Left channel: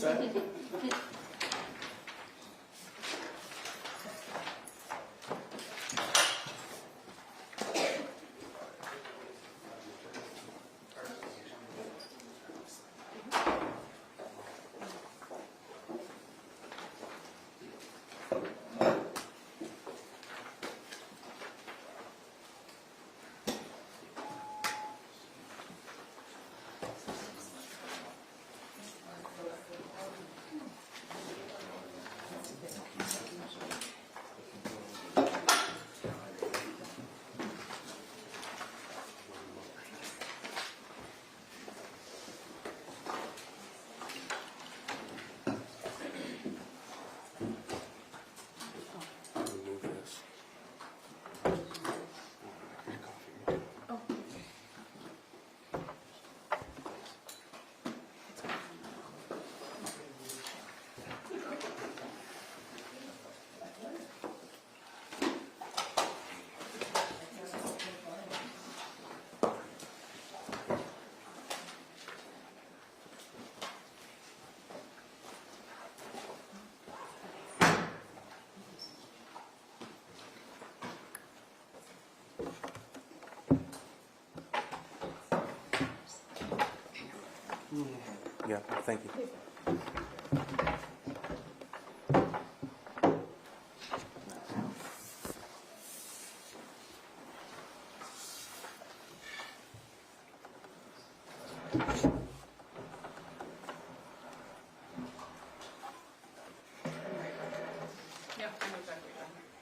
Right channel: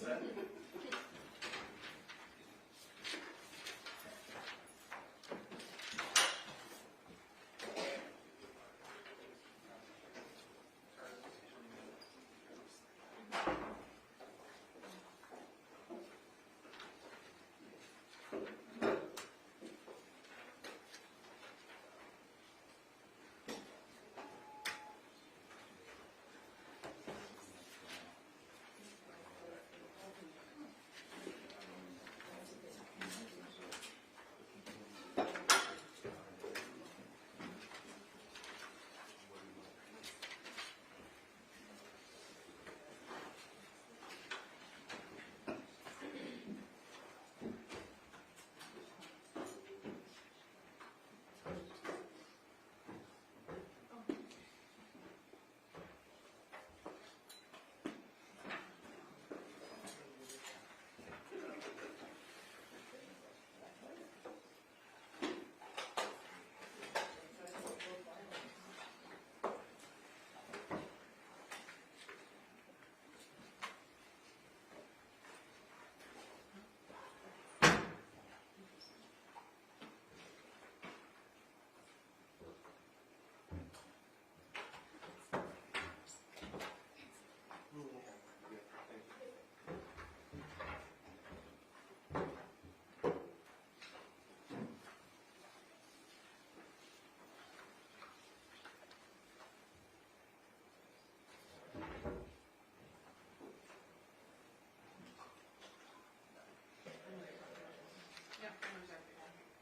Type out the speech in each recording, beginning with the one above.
What's that? Yeah, thank you. Yeah, I know exactly what you're doing.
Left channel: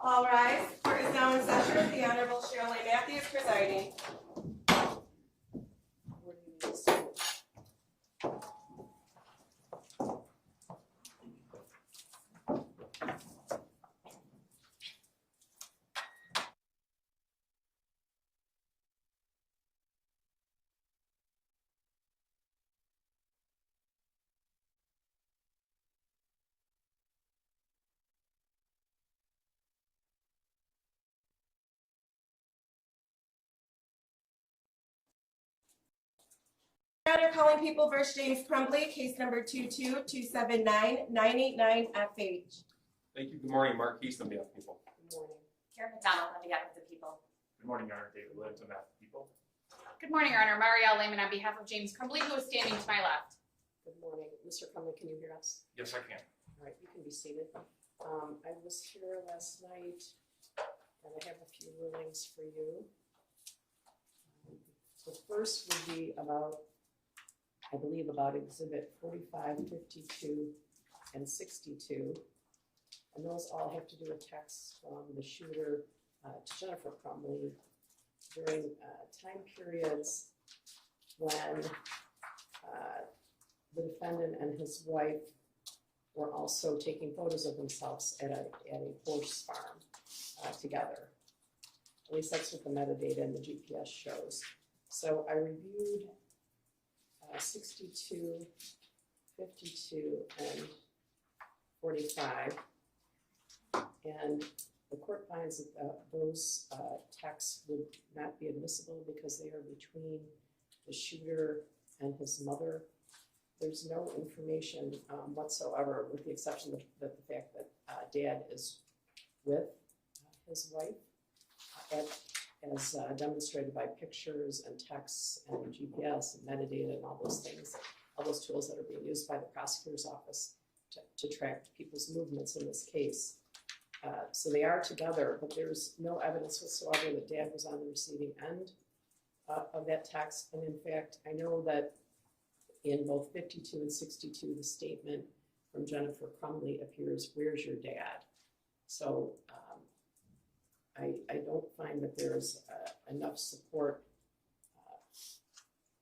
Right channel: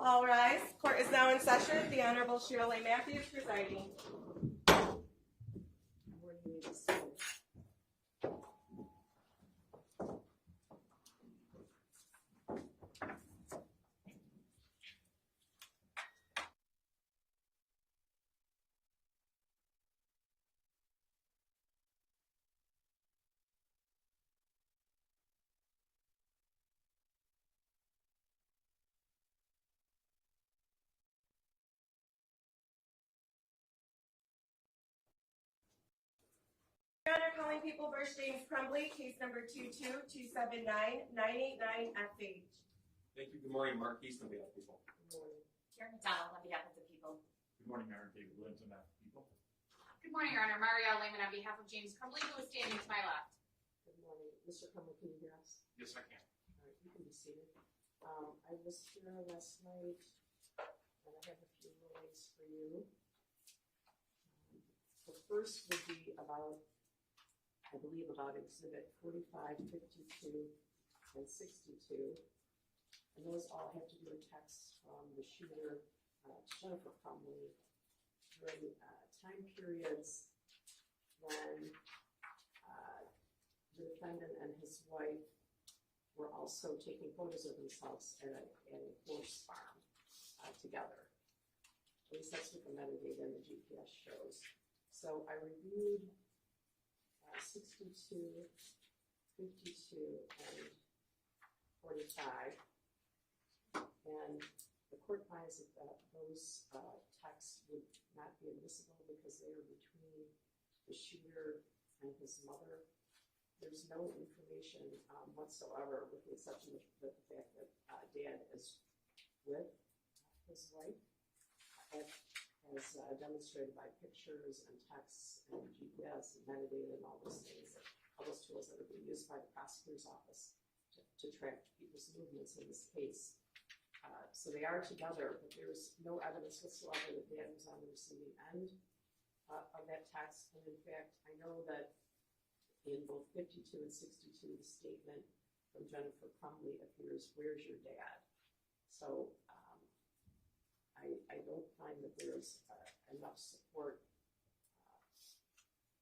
All rise. Court is now in session. The Honorable Cheryl A. Matthews presiding. Where do you need to start? Your Honor, calling People v. James Crumbley, case number 22279-989-FH. Thank you. Good morning, Mark East on behalf of people. Good morning. Karen McDonald on behalf of the people. Good morning, Your Honor. David Libbs on behalf of people. Good morning, Your Honor. Marielle Lehman on behalf of James Crumbley, who is standing to my left. Good morning. Mr. Crumbley, can you hear us? Yes, I can. All right, you can be seated. I was here last night, and I have a few rulings for you. The first would be about, I believe, about Exhibit 45, 52, and 62. And those all have to do with texts from the shooter to Jennifer Crumbley during time periods when the defendant and his wife were also taking photos of themselves at a horse farm together. At least that's what the metadata and the GPS shows. So I reviewed 62, 52, and 45. And the court finds that those texts would not be admissible because they are between the shooter and his mother. There's no information whatsoever, with the exception of the fact that Dad is with his wife, as demonstrated by pictures and texts and GPS and metadata and all those things, all those tools that are being used by the prosecutor's office to track people's movements in this case. So they are together, but there's no evidence whatsoever that Dad was on the receiving end of that text. And in fact, I know that in both 52 and 62, the statement from Jennifer Crumbley appears, "Where's your dad?" So I don't find that there's enough support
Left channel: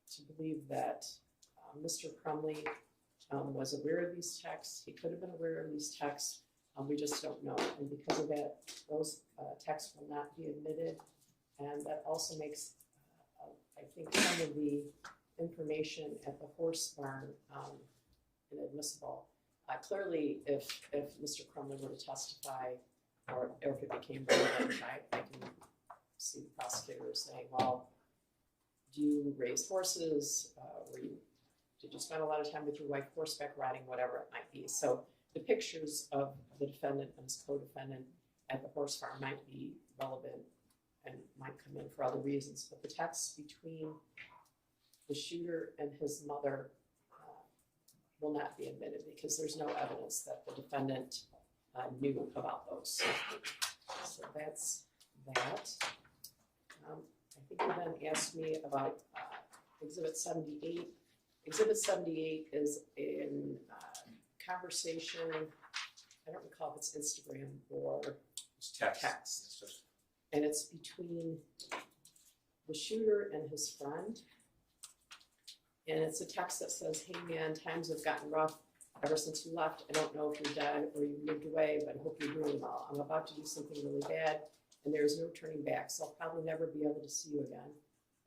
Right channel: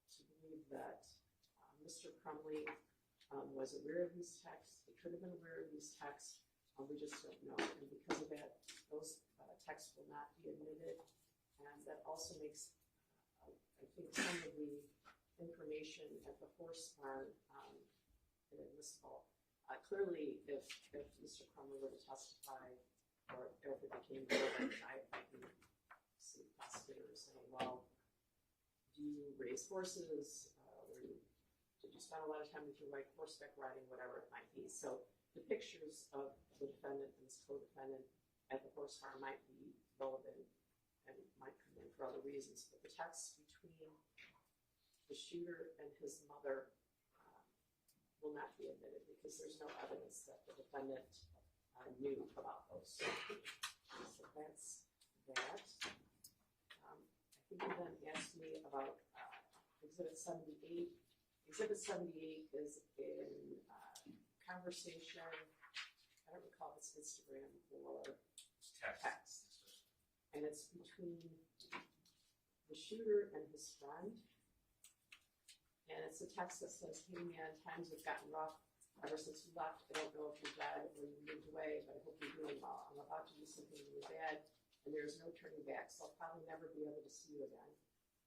to believe that Mr. Crumbley was aware of these texts. He could have been aware of these texts. We just don't know. And because of that, those texts will not be admitted. And that also makes, I think, some of the information at the horse barn inadmissible. Clearly, if Mr. Crumbley were to testify, or if it became relevant, I can see the prosecutor saying, well, do you raise horses? Did you spend a lot of time with your wife horseback riding, whatever it might be? So the pictures of the defendant and his co-defendant at the horse farm might be relevant and might come in for other reasons. But the texts between the shooter and his mother will not be admitted because there's no evidence that the defendant knew about those. So that's that. I think you then asked me about Exhibit 78. Exhibit 78 is in conversation, I don't recall if it's Instagram or It's text. text. It's just, And it's between the shooter and his friend. And it's a text that says, "Hey man, times have gotten rough ever since you left. I don't know if you're dead or you moved away, but I hope you're doing well. I'm about to do something really bad and there is no turning back, so I'll probably never be able to see you again.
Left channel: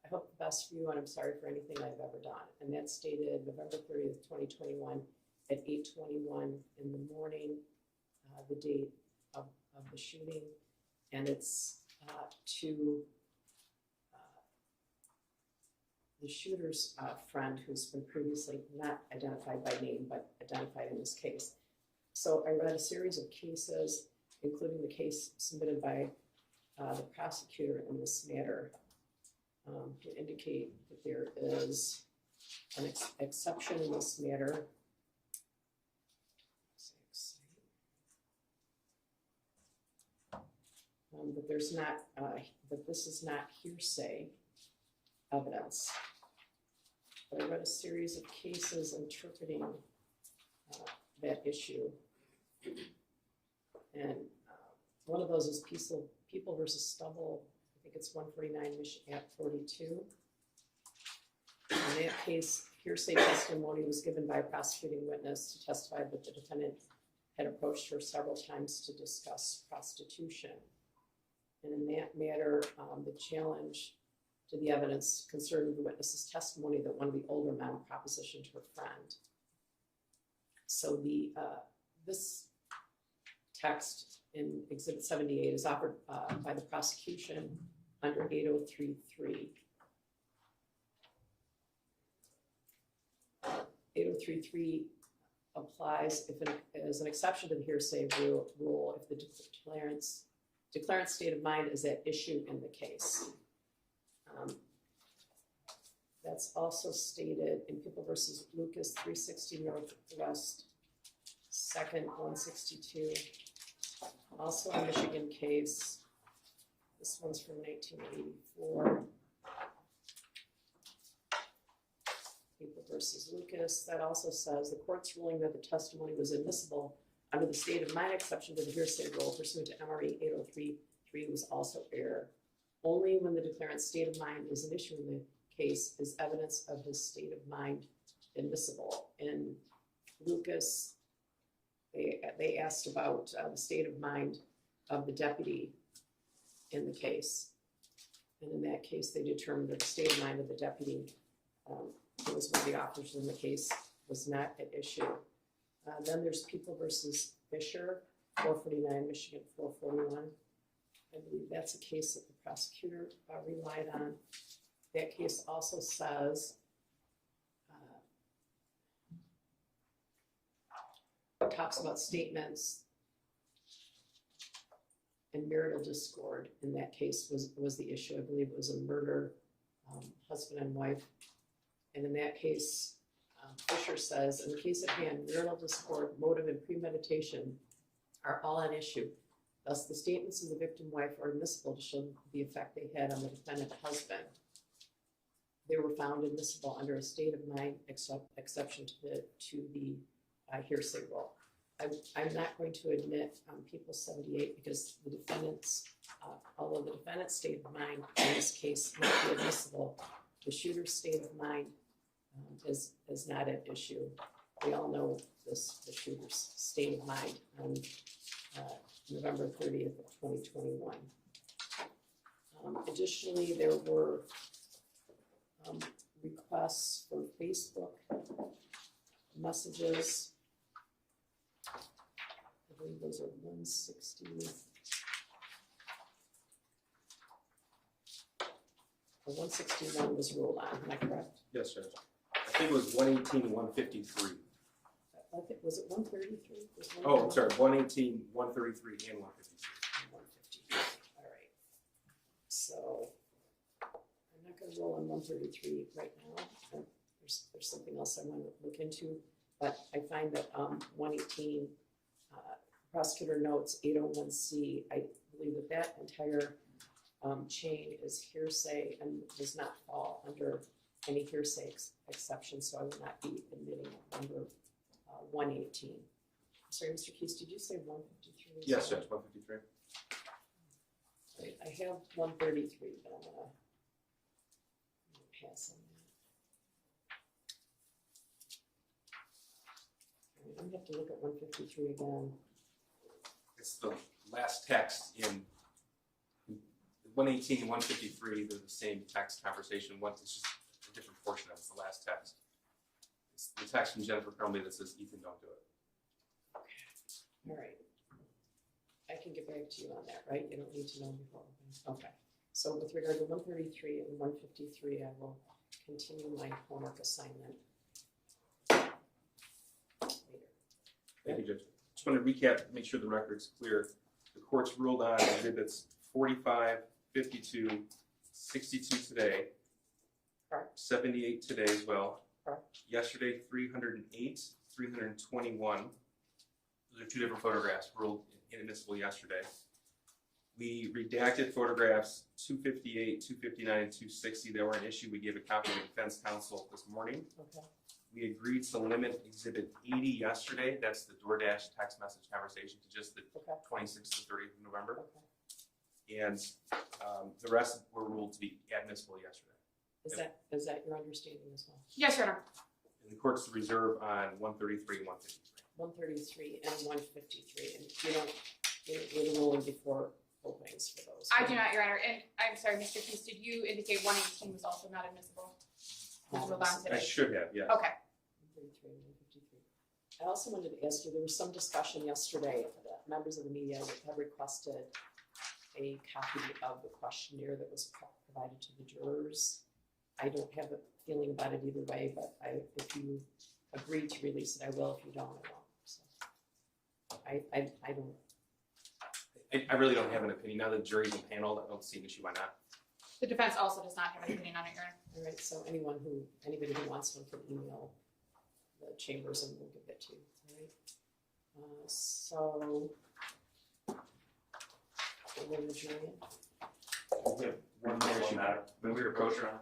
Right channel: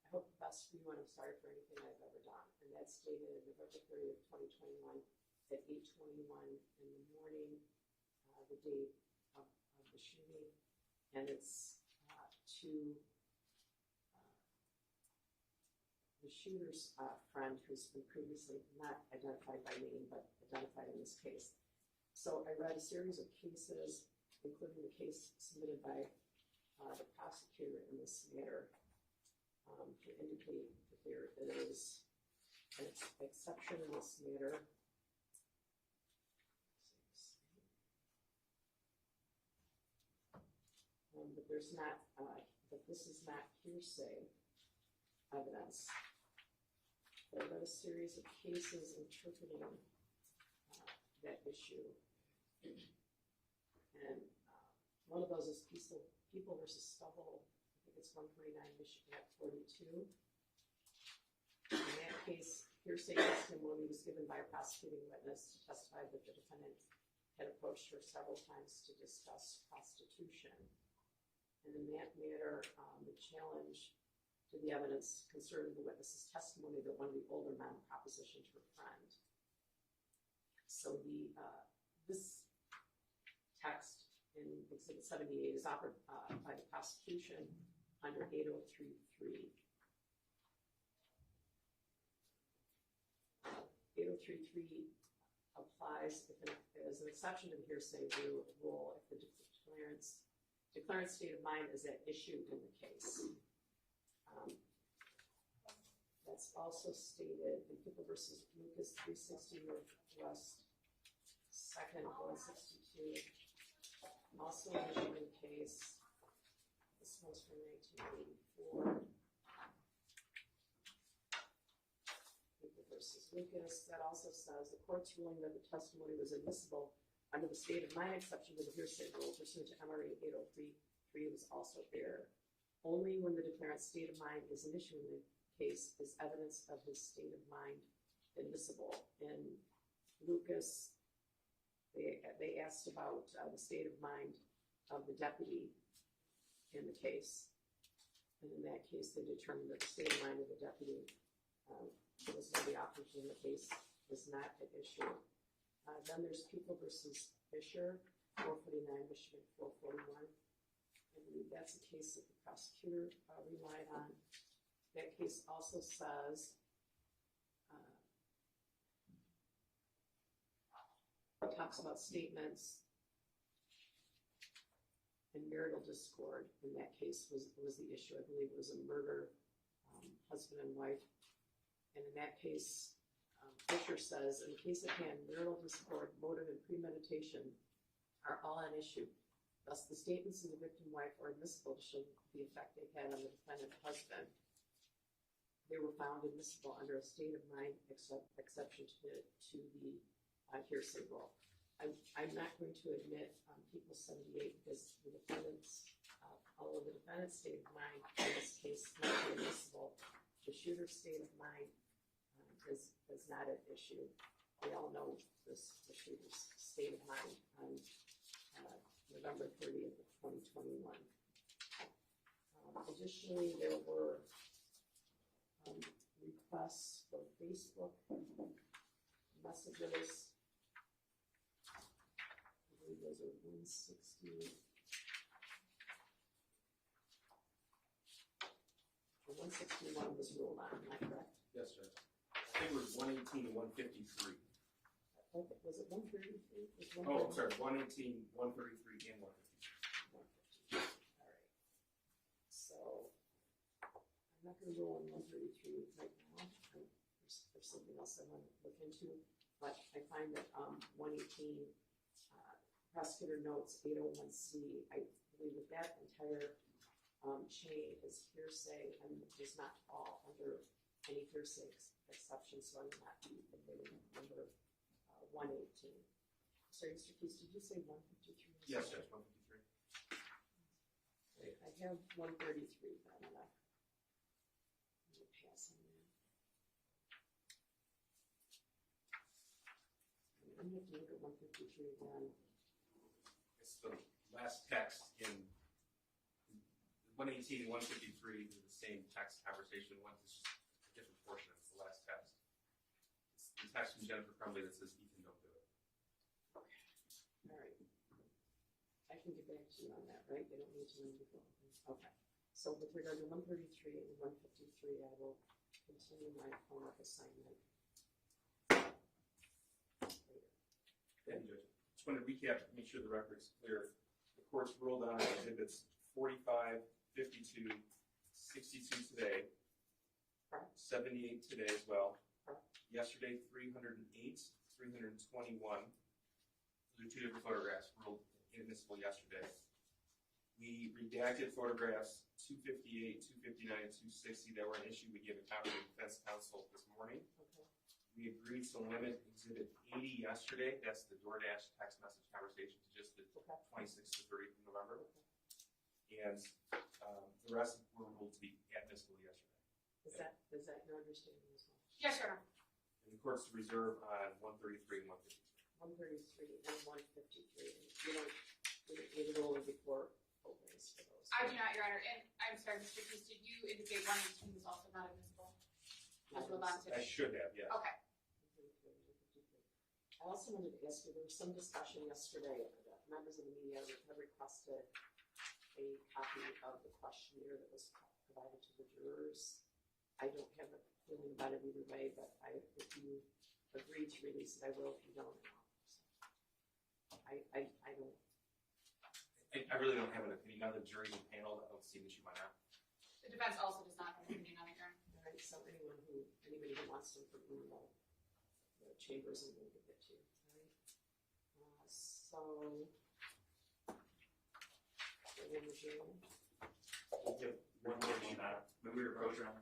I hope the best for you and I'm sorry for anything I've ever done." And that's dated November 30th, 2021 at 8:21 in the morning, the date of the shooting. And it's to the shooter's friend, who's been previously not identified by name, but identified in this case. So I read a series of cases, including the case submitted by the prosecutor in this matter, to indicate that there is an exception in this matter. That there's not, that this is not hearsay evidence. But I read a series of cases interpreting that issue. And One of those is People versus Stubble. I think it's 149 Mich at 42. In that case, hearsay testimony was given by a prosecuting witness to testify that the defendant had approached her several times to discuss prostitution. And in that matter, the challenge to the evidence concerned the witness's testimony that one of the older men propositioned her friend. So this text in Exhibit 78 is offered by the prosecution under 8033. 8033 applies as an exception to the hearsay rule if the declarant's state of mind is at issue in the case. That's also stated in People versus Lucas 360 Northwest 2nd 162. Also a Michigan case. This one's from 1984. People versus Lucas. That also says the court's ruling that the testimony was admissible under the state of mind exception to the hearsay rule pursuant to MRE 8033 was also error. Only when the declarant's state of mind is an issue in the case is evidence of his state of mind admissible. In Lucas, they asked about the state of mind of the deputy in the case. And in that case, they determined that the state of mind of the deputy, who was one of the officers in the case, was not at issue. Then there's People versus Fisher, 449 Michigan 441. I believe that's a case that the prosecutor relied on. That case also says it talks about statements and marital discord. In that case was the issue. I believe it was a murder, husband and wife. And in that case, Fisher says, in the case at hand, marital discord, motive, and premeditation are all an issue. Thus, the statements of the victim wife are admissible to show the effect they had on the defendant husband. They were found admissible under a state of mind exception to the hearsay rule. I'm not going to admit People 78 because the defendant's, although the defendant's state of mind in this case might be admissible, the shooter's state of mind is not at issue. We all know the shooter's state of mind on November 30th of 2021. Additionally, there were requests for Facebook messages. I believe those are 160. 161 was ruled on, am I correct? Yes, Judge. I think it was 118, 153. I think, was it 133? Oh, I'm sorry, 118, 133, and 153. 153, all right. So, I'm not gonna roll on 133 right now. There's something else I want to look into, but I find that 118, prosecutor notes 801C, I believe that entire chain is hearsay and does not fall under any hearsay exception, so I will not be admitting under 118. I'm sorry, Mr. Keys, did you say 153? Yes, Judge, 153. Right, I have 133, but I'm gonna pass on that. I'm gonna have to look at 153 again. It's the last text in 118, 153. They're the same text conversation. It's just a different portion of it. It's the last text. It's the text from Jennifer Crumbley that says, Ethan, don't do it. All right. I can get back to you on that, right? You don't need to know before. Okay. So with regard to 133 and 153, I will continue my homework assignment later. Thank you, Judge. Just want to recap, make sure the record's clear. The court's ruled on exhibits 45, 52, 62 today, Correct. 78 today as well. Correct. Yesterday, 308, 321. Those are two different photographs ruled inadmissible yesterday. We redacted photographs 258, 259, and 260. They were an issue. We gave a copy to the defense counsel this morning. Okay. We agreed to limit Exhibit 80 yesterday. That's the DoorDash text message conversation to just the Okay. 26th to 30th of November. Okay. And the rest were ruled to be admissible yesterday. Is that your understanding as well? Yes, Your Honor. And the court's reserve on 133 and 153. 133 and 153, and you don't, you're ruling before openings for those. I do not, Your Honor. And I'm sorry, Mr. Keys, did you indicate 118 was also not admissible? Was ruled on I today? should have, yes. Okay. 133 and 153. I also wanted to ask you, there was some discussion yesterday that members of the media have requested a copy of the questionnaire that was provided to the jurors. I don't have a feeling about it either way, but if you agree to release it, I will. If you don't, I won't. So I don't. I really don't have an opinion. Now that the jury's impaneled, I don't see an issue. Why not? The defense also does not have an opinion on it, Your Honor. All right, so anybody who wants one can email the chambers and we'll give it to you, all right? So, we'll adjourn. We have one more issue. When we approach her on.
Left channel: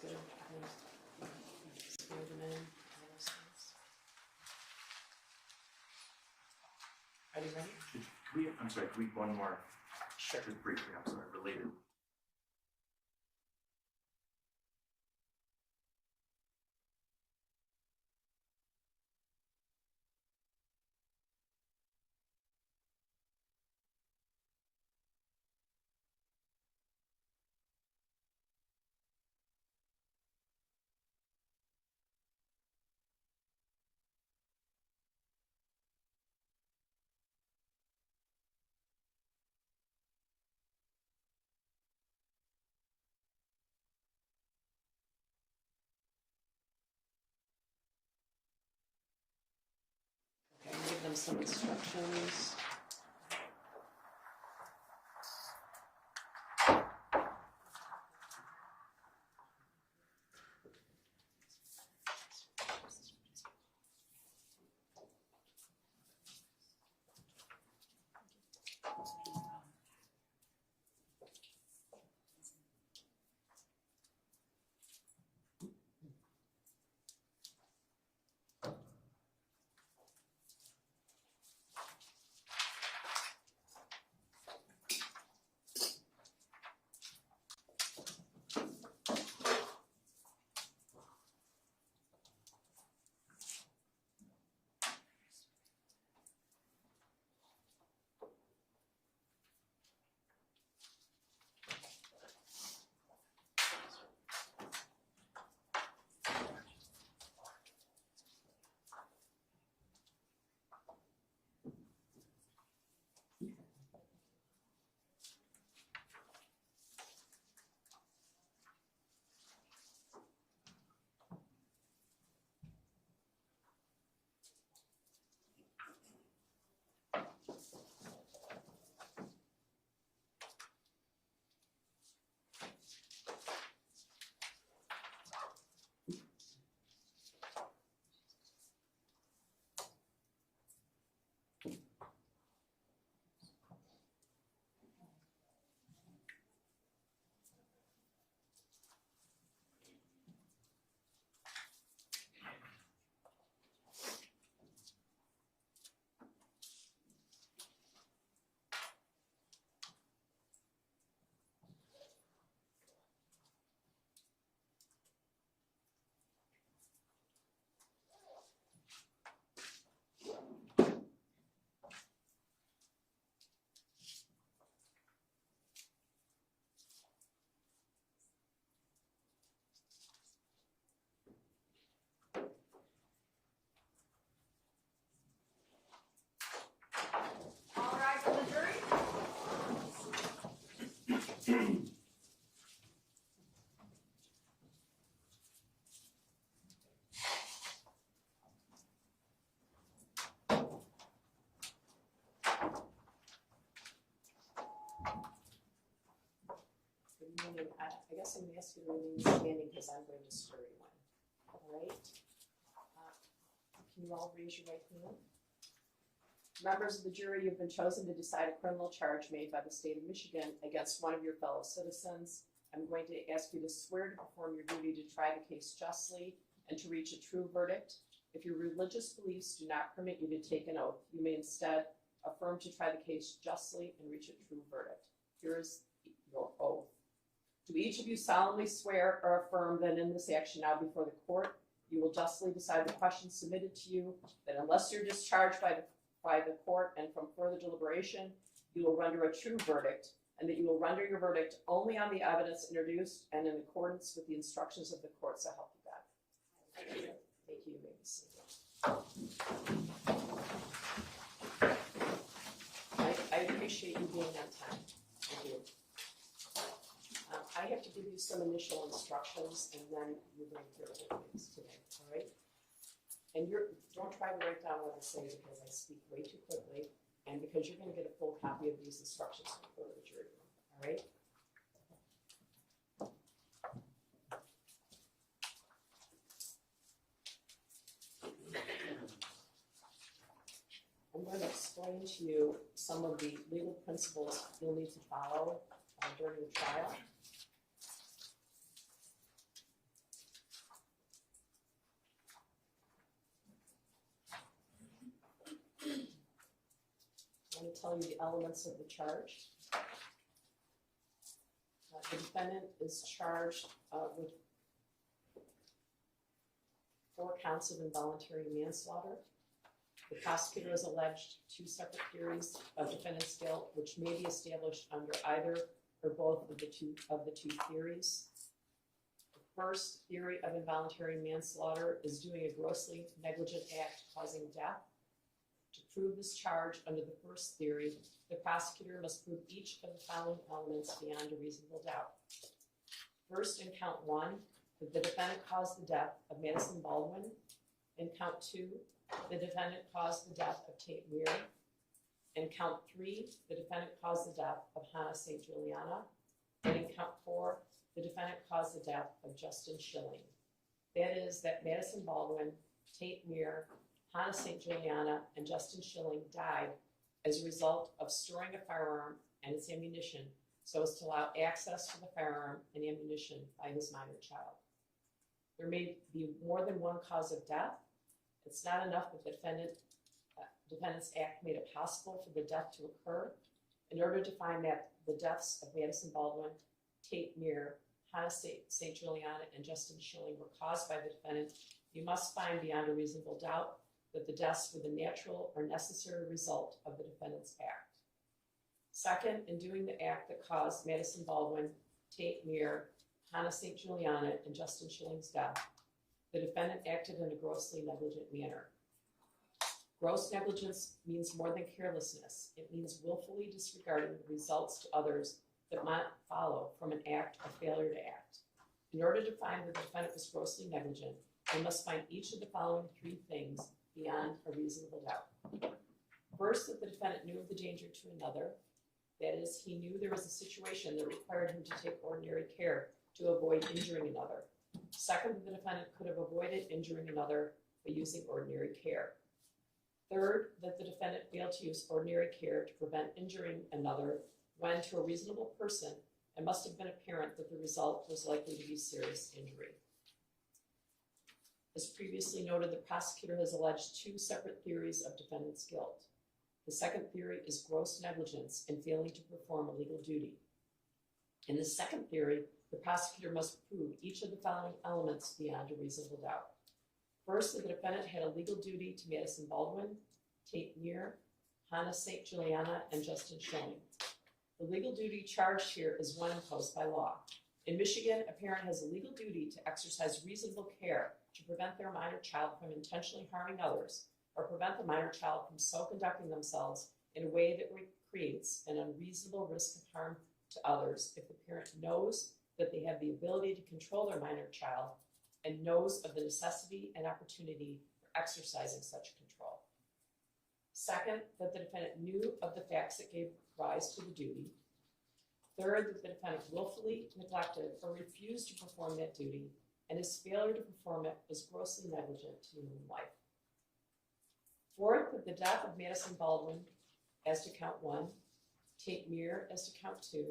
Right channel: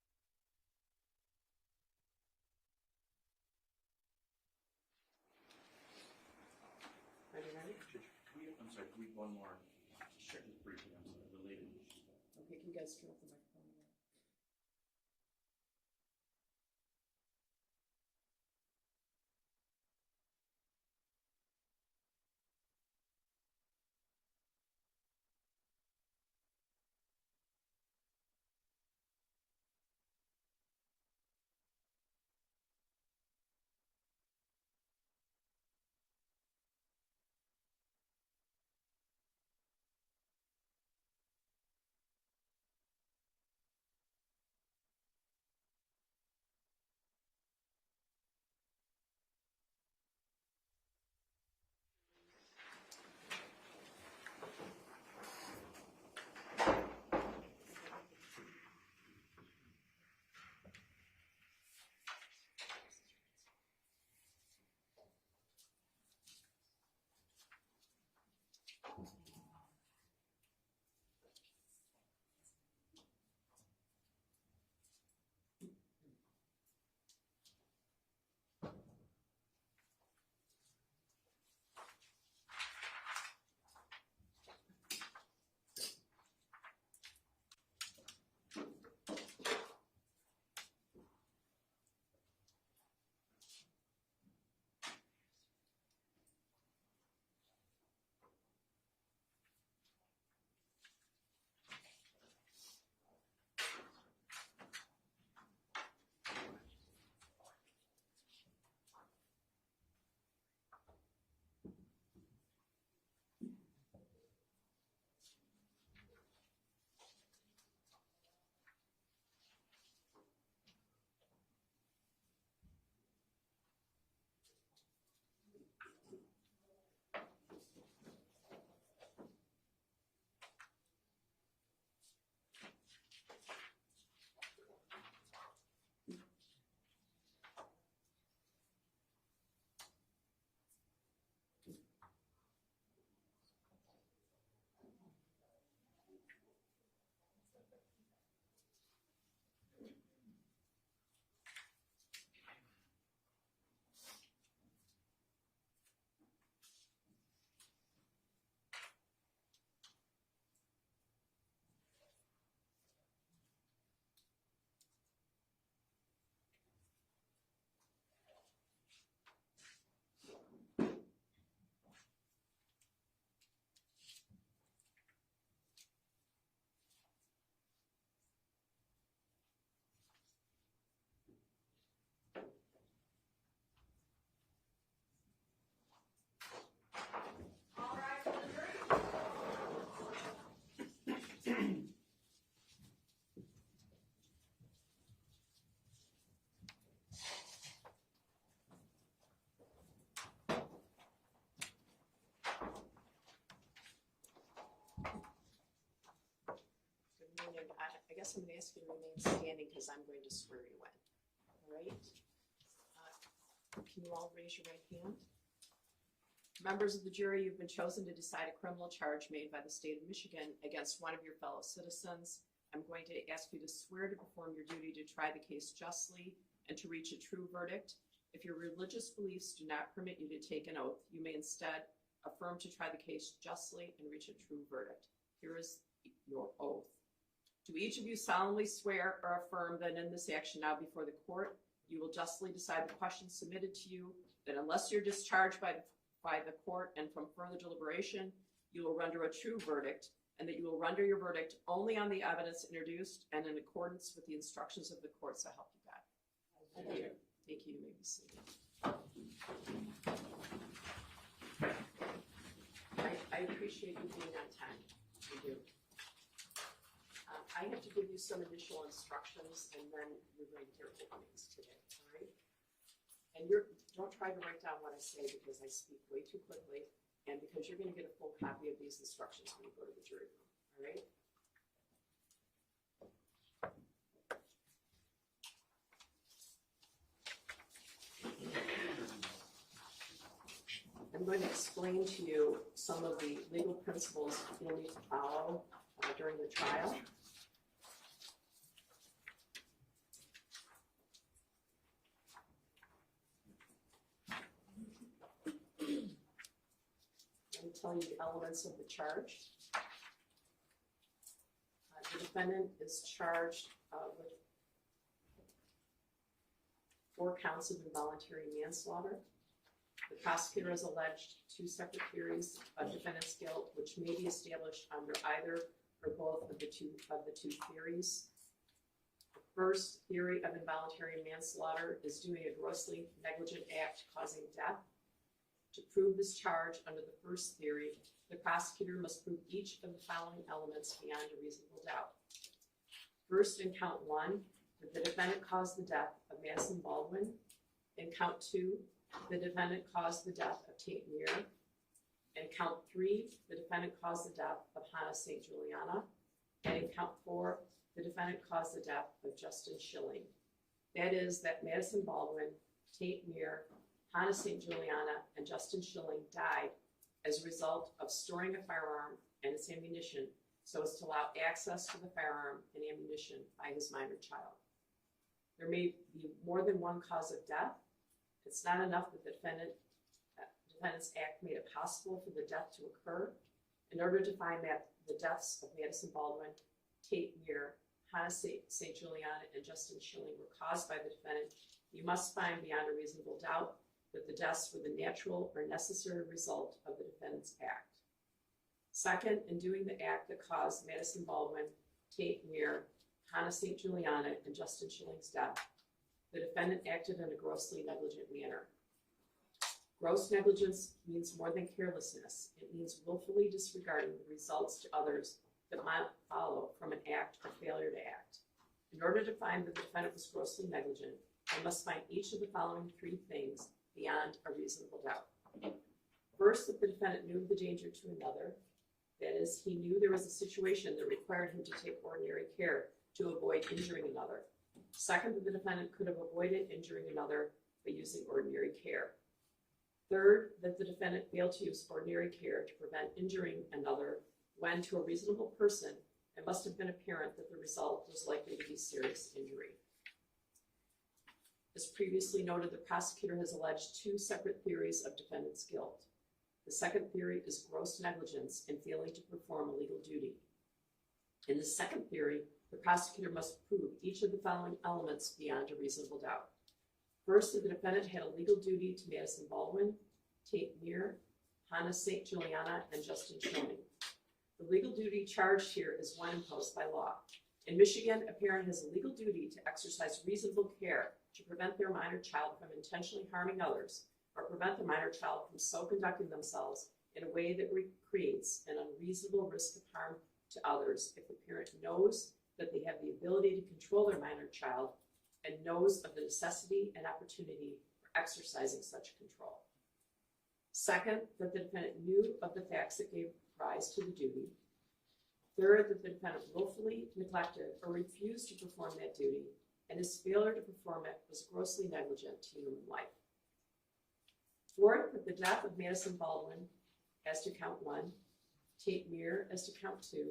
Good. Swear them in, all those things. Are you ready? I'm sorry, can we one more, Sure. just briefly, I'm sorry, related. Okay, can you guys turn off the microphone? Okay, I'll give them some instructions. guess I'm gonna ask you to remain standing because I'm going to swear you in. All right? Can you all raise your right hand? Members of the jury, you've been chosen to decide a criminal charge made by the state of Michigan against one of your fellow citizens. I'm going to ask you to swear to perform your duty to try the case justly and to reach a true verdict. If your religious beliefs do not permit you to take an oath, you may instead affirm to try the case justly and reach a true verdict. Here is your oath. Do each of you solemnly swear or affirm that in this action now before the court, you will justly decide the questions submitted to you, that unless you're discharged by the court and from further deliberation, you will render a true verdict, and that you will render your verdict only on the evidence introduced and in accordance with the instructions of the court, so help you God. Thank you. Thank you. You may be seated. I appreciate you being on time. I do. I have to give you some initial instructions, and then you're going to hear whole things today, all right? And don't try to write down what I say because I speak way too quickly, and because you're going to get a full copy of these instructions when you go to the jury room, all right? I'm going to explain to you some of the legal principles you'll need to follow during the trial. I'm going to tell you the elements of the charge. The defendant is charged with 4 counts of involuntary manslaughter. The prosecutor has alleged 2 separate theories of defendant's guilt, which may be established under either or both of the two theories. The first theory of involuntary manslaughter is doing a grossly negligent act causing death. To prove this charge under the first theory, the prosecutor must prove each of the following elements beyond a reasonable doubt. First, in count 1, that the defendant caused the death of Madison Baldwin. In count 2, the defendant caused the death of Tate Muir. In count 3, the defendant caused the death of Hannah St. Juliana. And in count 4, the defendant caused the death of Justin Schilling. That is, that Madison Baldwin, Tate Muir, Hannah St. Juliana, and Justin Schilling died as a result of storing a firearm and its ammunition so as to allow access to the firearm and ammunition by his minor child. There may be more than one cause of death. It's not enough that the defendant's act made it possible for the death to occur. In order to find that the deaths of Madison Baldwin, Tate Muir, Hannah St. Juliana, and Justin Schilling were caused by the defendant, you must find beyond a reasonable doubt that the deaths were the natural or necessary result of the defendant's act. Second, in doing the act that caused Madison Baldwin, Tate Muir, Hannah St. Juliana, and Justin Schilling's death, the defendant acted in a grossly negligent manner. Gross negligence means more than carelessness. It means willfully disregarding the results to others that might follow from an act or failure to act. In order to find that the defendant was grossly negligent, we must find each of the following 3 things beyond a reasonable doubt. First, that the defendant knew of the danger to another. That is, he knew there was a situation that required him to take ordinary care to avoid injuring another. Second, that the defendant could have avoided injuring another by using ordinary care. Third, that the defendant failed to use ordinary care to prevent injuring another when, to a reasonable person, it must have been apparent that the result was likely to be serious injury. As previously noted, the prosecutor has alleged 2 separate theories of defendant's guilt. The second theory is gross negligence in failing to perform a legal duty. In the second theory, the prosecutor must prove each of the following elements beyond a reasonable doubt. First, that the defendant had a legal duty to Madison Baldwin, Tate Muir, Hannah St. Juliana, and Justin Schilling. The legal duty charged here is one imposed by law. In Michigan, a parent has a legal duty to exercise reasonable care to prevent their minor child from intentionally harming others, or prevent the minor child from so conducting themselves in a way that creates an unreasonable risk of harm to others if the parent knows that they have the ability to control their minor child and knows of the necessity and opportunity for exercising such control. Second, that the defendant knew of the facts that gave rise to the duty. Third, that the defendant willfully neglected or refused to perform that duty, and his failure to perform it was grossly negligent to human life. Fourth, that the death of Madison Baldwin as to count 1, Tate Meir as to count 2,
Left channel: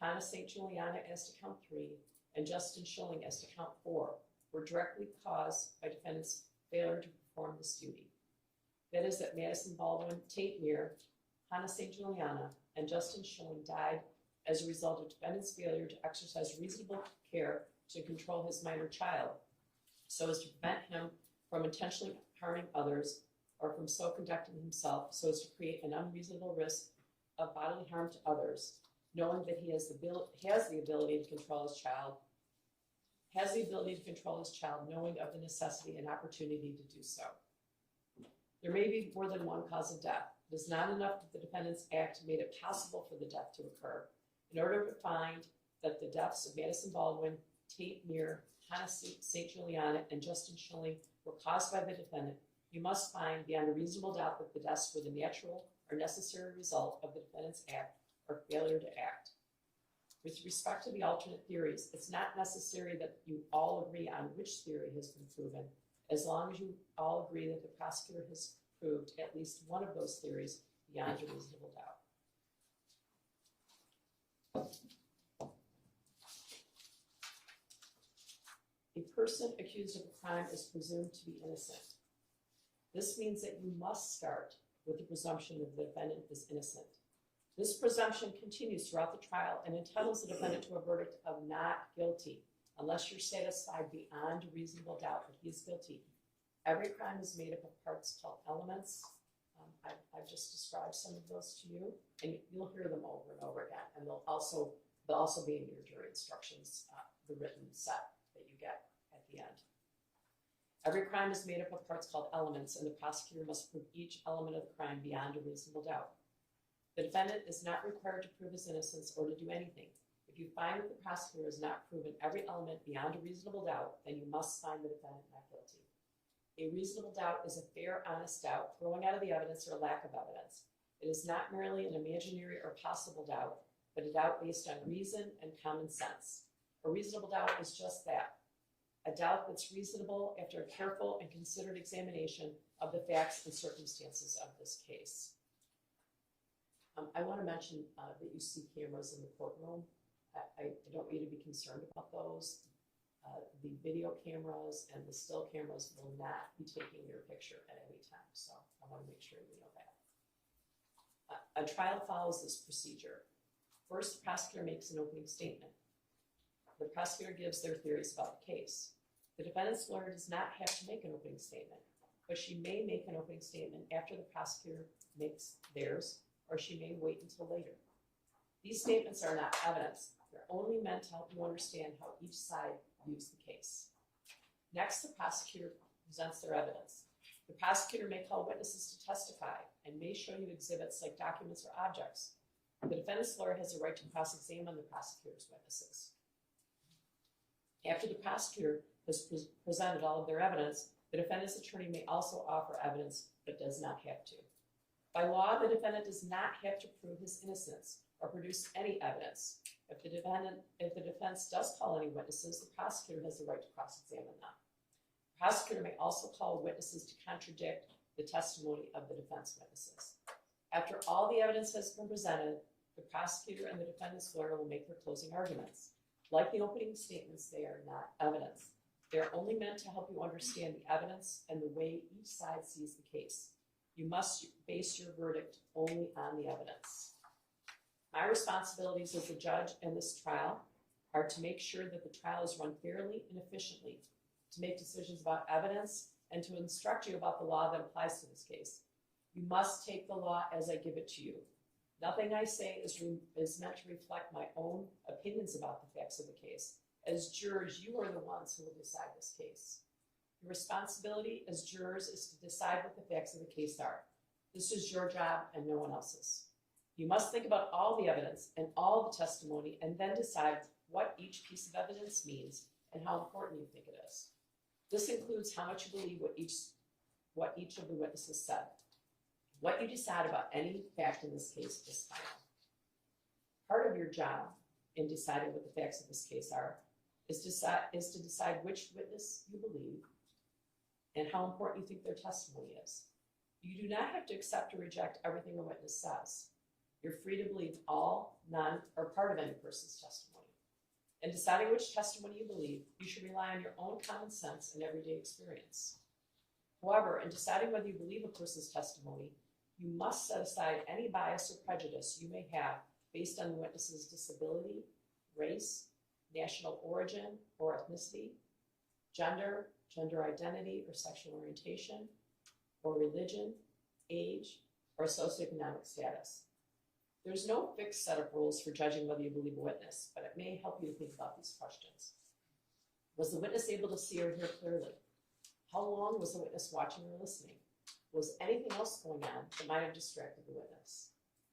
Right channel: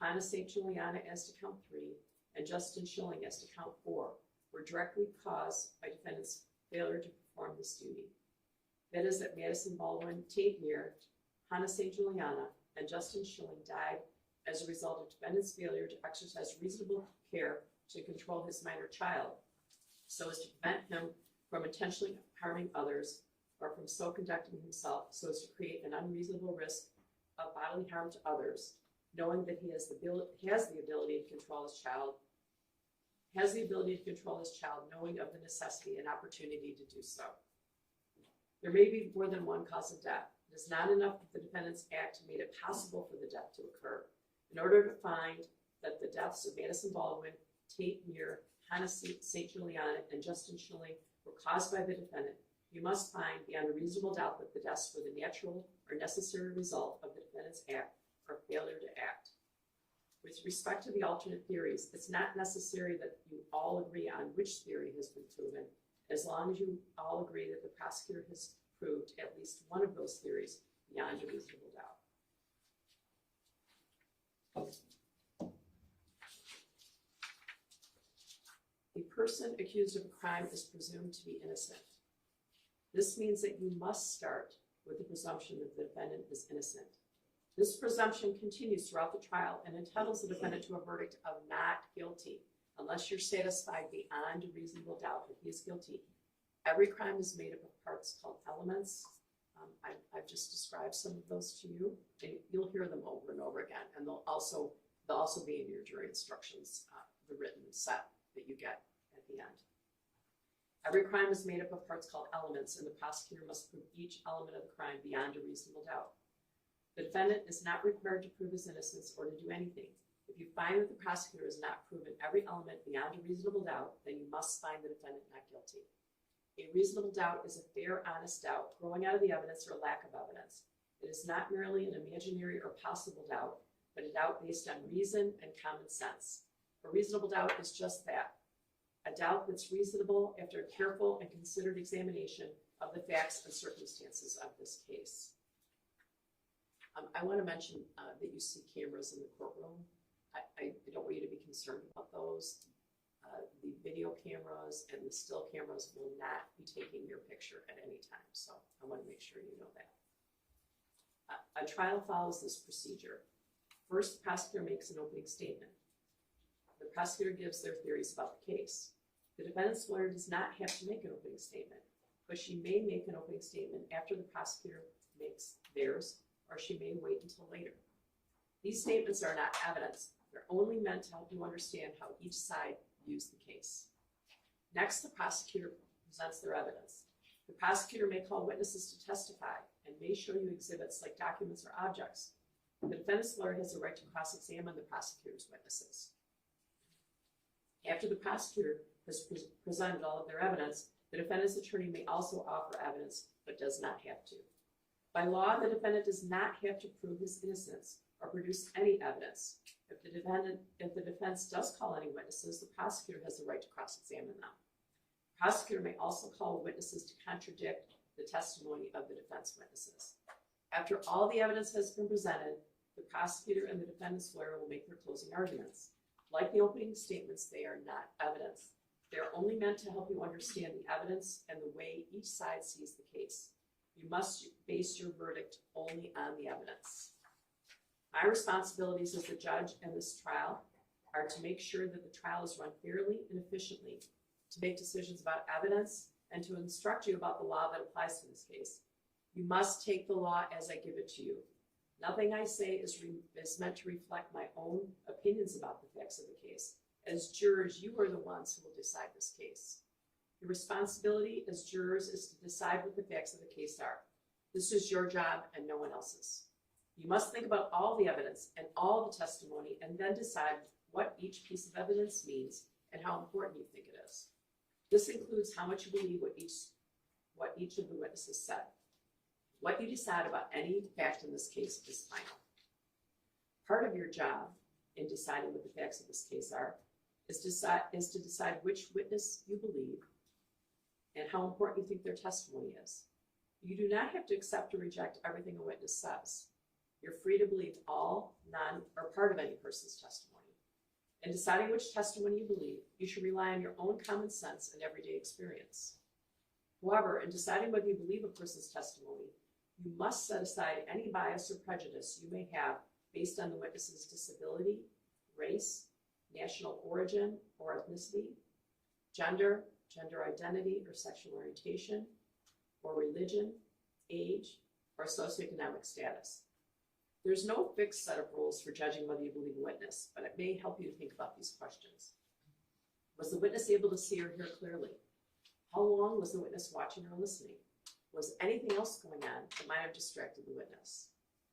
Hannah St. Juliana as to count 3, and Justin Schilling as to count 4 were directly caused by defendant's failure to perform this duty. That is, that Madison Baldwin, Tate Meir, Hannah St. Juliana, and Justin Schilling died as a result of defendant's failure to exercise reasonable care to control his minor child, so as to prevent him from intentionally harming others or from so conducting himself so as to create an unreasonable risk of bodily harm to others, knowing that he has the ability to control his child, knowing of the necessity and opportunity to do so. There may be more than one cause of death. It is not enough that the defendant's act made it possible for the death to occur. In order to find that the deaths of Madison Baldwin, Tate Meir, Hannah St. Juliana, and Justin Schilling were caused by the defendant, you must find beyond a reasonable doubt that the deaths were the natural or necessary result of the defendant's act or failure to act. With respect to the alternate theories, it's not necessary that you all agree on which theory has been proven, as long as you all agree that the prosecutor has proved at least one of those theories beyond a reasonable doubt. A person accused of a crime is presumed to be innocent. This means that you must start with the presumption that the defendant is innocent. This presumption continues throughout the trial and entitles the defendant to a verdict of not guilty, unless you're satisfied beyond a reasonable doubt that he is guilty. Every crime is made up of parts called elements. I've just described some of those to you, and you'll hear them over and over again, and they'll also be in your jury instructions, the written set that you get at the end. Every crime is made up of parts called elements, and the prosecutor must prove each element of the crime beyond a reasonable doubt. The defendant is not required to prove his innocence or to do anything. If you find that the prosecutor has not proven every element beyond a reasonable doubt, then you must find the defendant not guilty. A reasonable doubt is a fair, honest doubt growing out of the evidence or lack of evidence. It is not merely an imaginary or possible doubt, but a doubt based on reason and common sense. A reasonable doubt is just that, a doubt that's reasonable after a careful and considered examination of the facts and circumstances of this case. I want to mention that you see cameras in the courtroom. I don't want you to be concerned about those. The video cameras and the still cameras will not be taking your picture at any time, so I want to make sure you know that. A trial follows this procedure. First, the prosecutor makes an opening statement. The prosecutor gives their theories about the case. The defendant's lawyer does not have to make an opening statement, but she may make an opening statement after the prosecutor makes theirs, or she may wait until later. These statements are not evidence. They're only meant to help you understand how each side views the case. Next, the prosecutor presents their evidence. The prosecutor may call witnesses to testify and may show you exhibits like documents or objects. The defendant's lawyer has the right to cross-examine the prosecutor's witnesses. After the prosecutor has presented all of their evidence, the defendant's attorney may also offer evidence, but does not have to. By law, the defendant does not have to prove his innocence or produce any evidence. If the defense does call any witnesses, the prosecutor has the right to cross-examine them. The prosecutor may also call witnesses to contradict the testimony of the defense witnesses. After all the evidence has been presented, the prosecutor and the defendant's lawyer will make their closing arguments. Like the opening statements, they are not evidence. They are only meant to help you understand the evidence and the way each side sees the case. You must base your verdict only on the evidence. My responsibilities as the judge in this trial are to make sure that the trial is run fairly and efficiently, to make decisions about evidence, and to instruct you about the law that applies to this case. You must take the law as I give it to you. Nothing I say is meant to reflect my own opinions about the facts of the case. As jurors, you are the ones who will decide this case. Your responsibility as jurors is to decide what the facts of the case are. This is your job and no one else's. You must think about all the evidence and all the testimony and then decide what each piece of evidence means and how important you think it is. This includes how much you believe what each of the witnesses said. What you decide about any fact in this case is final. Part of your job in deciding what the facts of this case are is to decide which witness you believe and how important you think their testimony is. You do not have to accept or reject everything a witness says. You're free to believe all, none, or part of any person's testimony. In deciding which testimony you believe, you should rely on your own common sense and everyday experience. However, in deciding whether you believe a person's testimony, you must set aside any bias or prejudice you may have based on the witness's disability, race, national origin or ethnicity, gender, gender identity or sexual orientation, or religion, age, or socioeconomic status. There's no fixed set of rules for judging whether you believe a witness, but it may help you to think about these questions. Was the witness able to see or hear clearly? How long was the witness watching or listening? Was anything else going on that might have distracted the witness?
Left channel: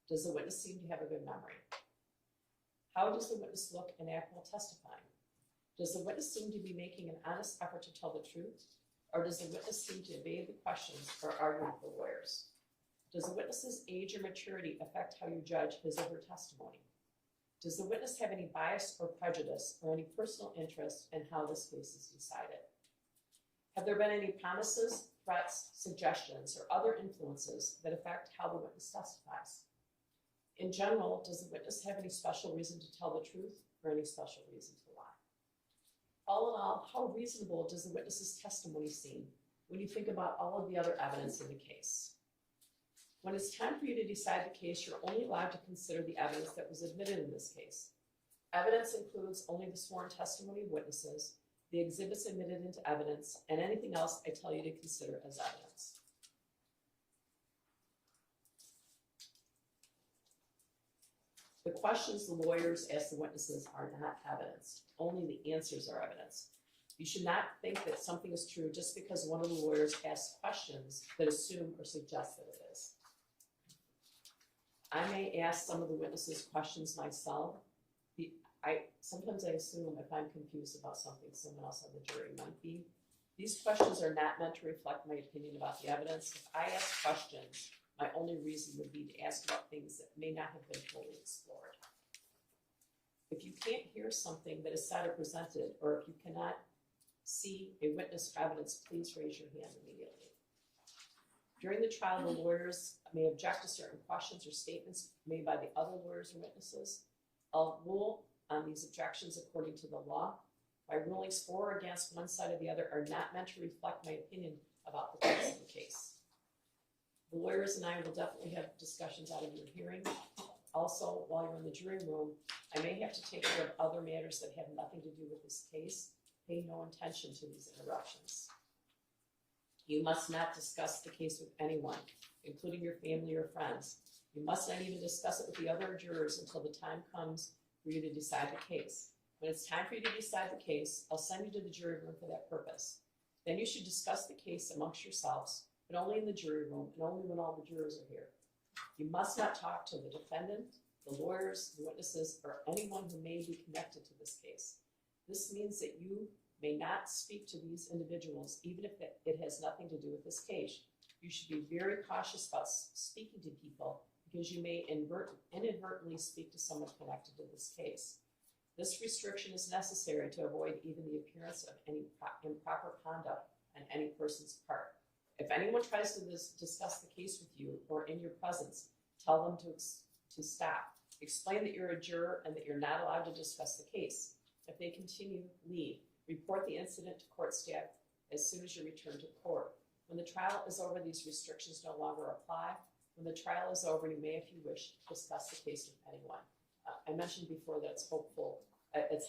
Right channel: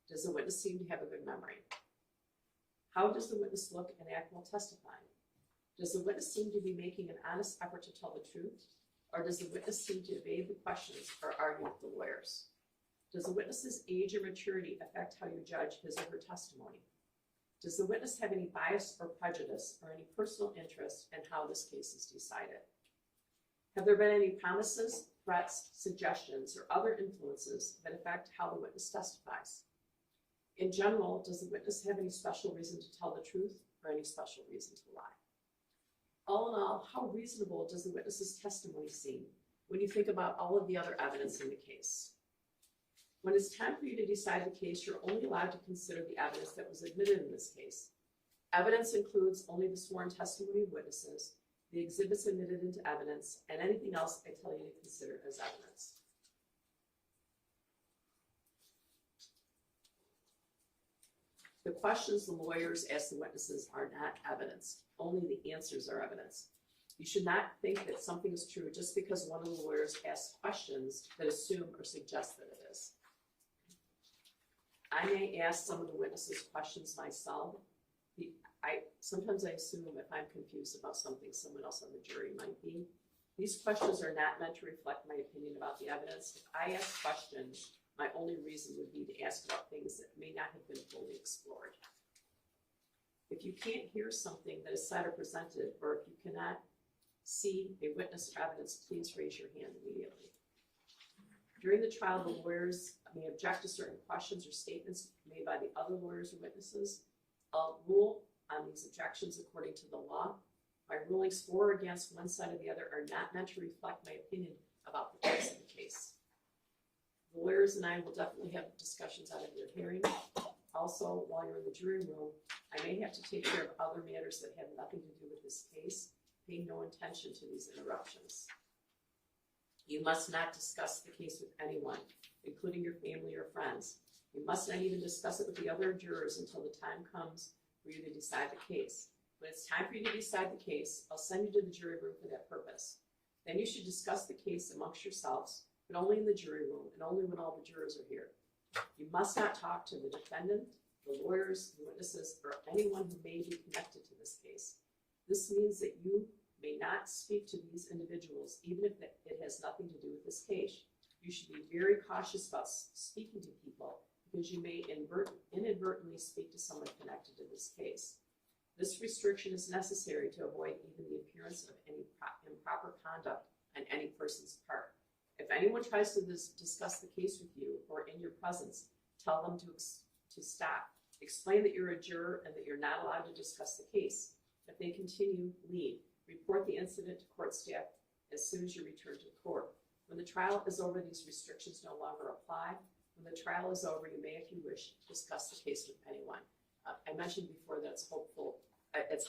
Does the witness seem to have a good memory? How does the witness look and act while testifying? Does the witness seem to be making an honest effort to tell the truth? Or does the witness seem to evade the questions or argue with the lawyers? Does the witness's age or maturity affect how you judge his or her testimony? Does the witness have any bias or prejudice or any personal interest in how this case is decided? Have there been any promises, threats, suggestions, or other influences that affect how the witness testifies? In general, does the witness have any special reason to tell the truth or any special reason to lie? All in all, how reasonable does the witness's testimony seem when you think about all of the other evidence in the case? When it's time for you to decide the case, you're only allowed to consider the evidence that was admitted in this case. Evidence includes only the sworn testimony of witnesses, the exhibits admitted into evidence, and anything else I tell you to consider as evidence. The questions the lawyers ask the witnesses are not evidence. Only the answers are evidence. You should not think that something is true just because one of the lawyers asks questions that assume or suggest that it is. I may ask some of the witnesses questions myself. Sometimes I assume if I'm confused about something, someone else on the jury might be. These questions are not meant to reflect my opinion about the evidence. If I ask questions, my only reason would be to ask about things that may not have been fully explored. If you can't hear something that is said or presented, or if you cannot see a witness or evidence, please raise your hand immediately. During the trial, the lawyers may object to certain questions or statements made by the other lawyers or witnesses. I'll rule on these objections according to the law. My rulings for or against one side or the other are not meant to reflect my opinion about the facts of the case. The lawyers and I will definitely have discussions out of your hearing. Also, while you're in the jury room, I may have to take care of other matters that have nothing to do with this case. Pay no attention to these interruptions. You must not discuss the case with anyone, including your family or friends. You must not even discuss it with the other jurors until the time comes for you to decide the case. When it's time for you to decide the case, I'll send you to the jury room for that purpose. Then you should discuss the case amongst yourselves, but only in the jury room and only when all the jurors are here. You must not talk to the defendant, the lawyers, the witnesses, or anyone who may be connected to this case. This means that you may not speak to these individuals, even if it has nothing to do with this case. You should be very cautious about speaking to people because you may inadvertently speak to someone connected to this case. This restriction is necessary to avoid even the appearance of any improper conduct on any person's part. If anyone tries to discuss the case with you or in your presence, tell them to stop. Explain that you're a juror and that you're not allowed to discuss the case. If they continue, leave. Report the incident to court staff as soon as you return to court. When the trial is over, these restrictions no longer apply. When the trial is over, you may, if you wish, discuss the case with anyone. I mentioned before that it's helpful. I guess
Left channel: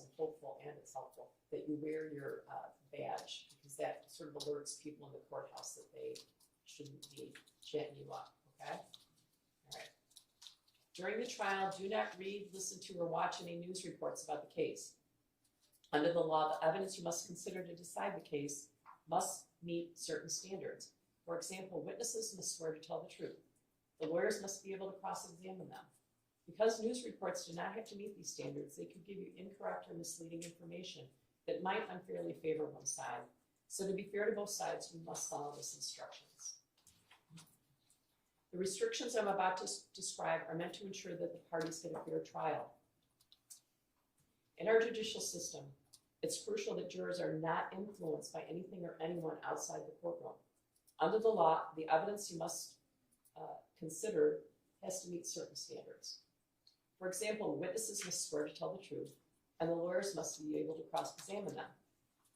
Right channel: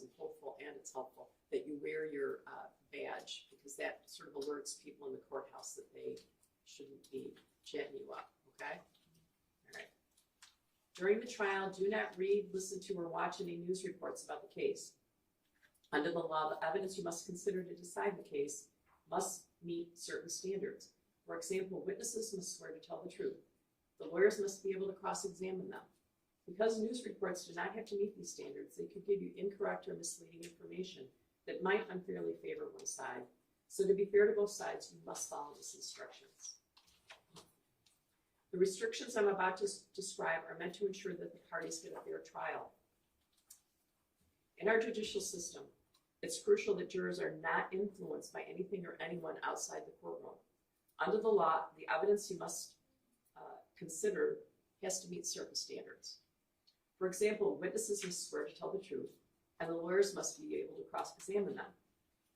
I'm hopeful and it's helpful that you wear your badge because that sort of alerts people in the courthouse that they shouldn't be chatting you up, okay? All right. During the trial, do not read, listen to, or watch any news reports about the case. Under the law, the evidence you must consider to decide the case must meet certain standards. For example, witnesses must swear to tell the truth. The lawyers must be able to cross-examine them. Because news reports do not have to meet these standards, they could give you incorrect or misleading information that might unfairly favor one side. So to be fair to both sides, you must follow these instructions. The restrictions I'm about to describe are meant to ensure that the parties get a fair trial. In our judicial system, it's crucial that jurors are not influenced by anything or anyone outside the courtroom. Under the law, the evidence you must consider has to meet certain standards. For example, witnesses must swear to tell the truth, and the lawyers must be able to cross-examine them.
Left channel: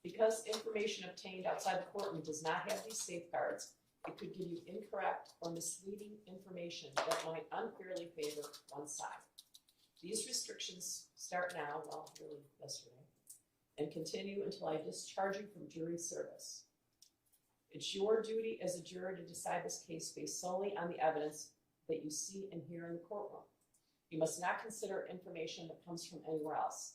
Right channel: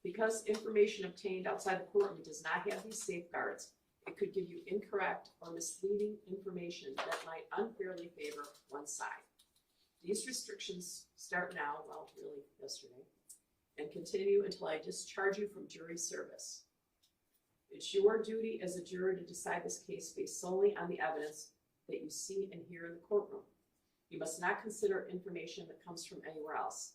Because information obtained outside the courtroom does not have these safeguards, it could give you incorrect or misleading information that might unfairly favor one side. These restrictions start now, well, really yesterday, and continue until I discharge you from jury service. It's your duty as a juror to decide this case based solely on the evidence that you see and hear in the courtroom. You must not consider information that comes from anywhere else.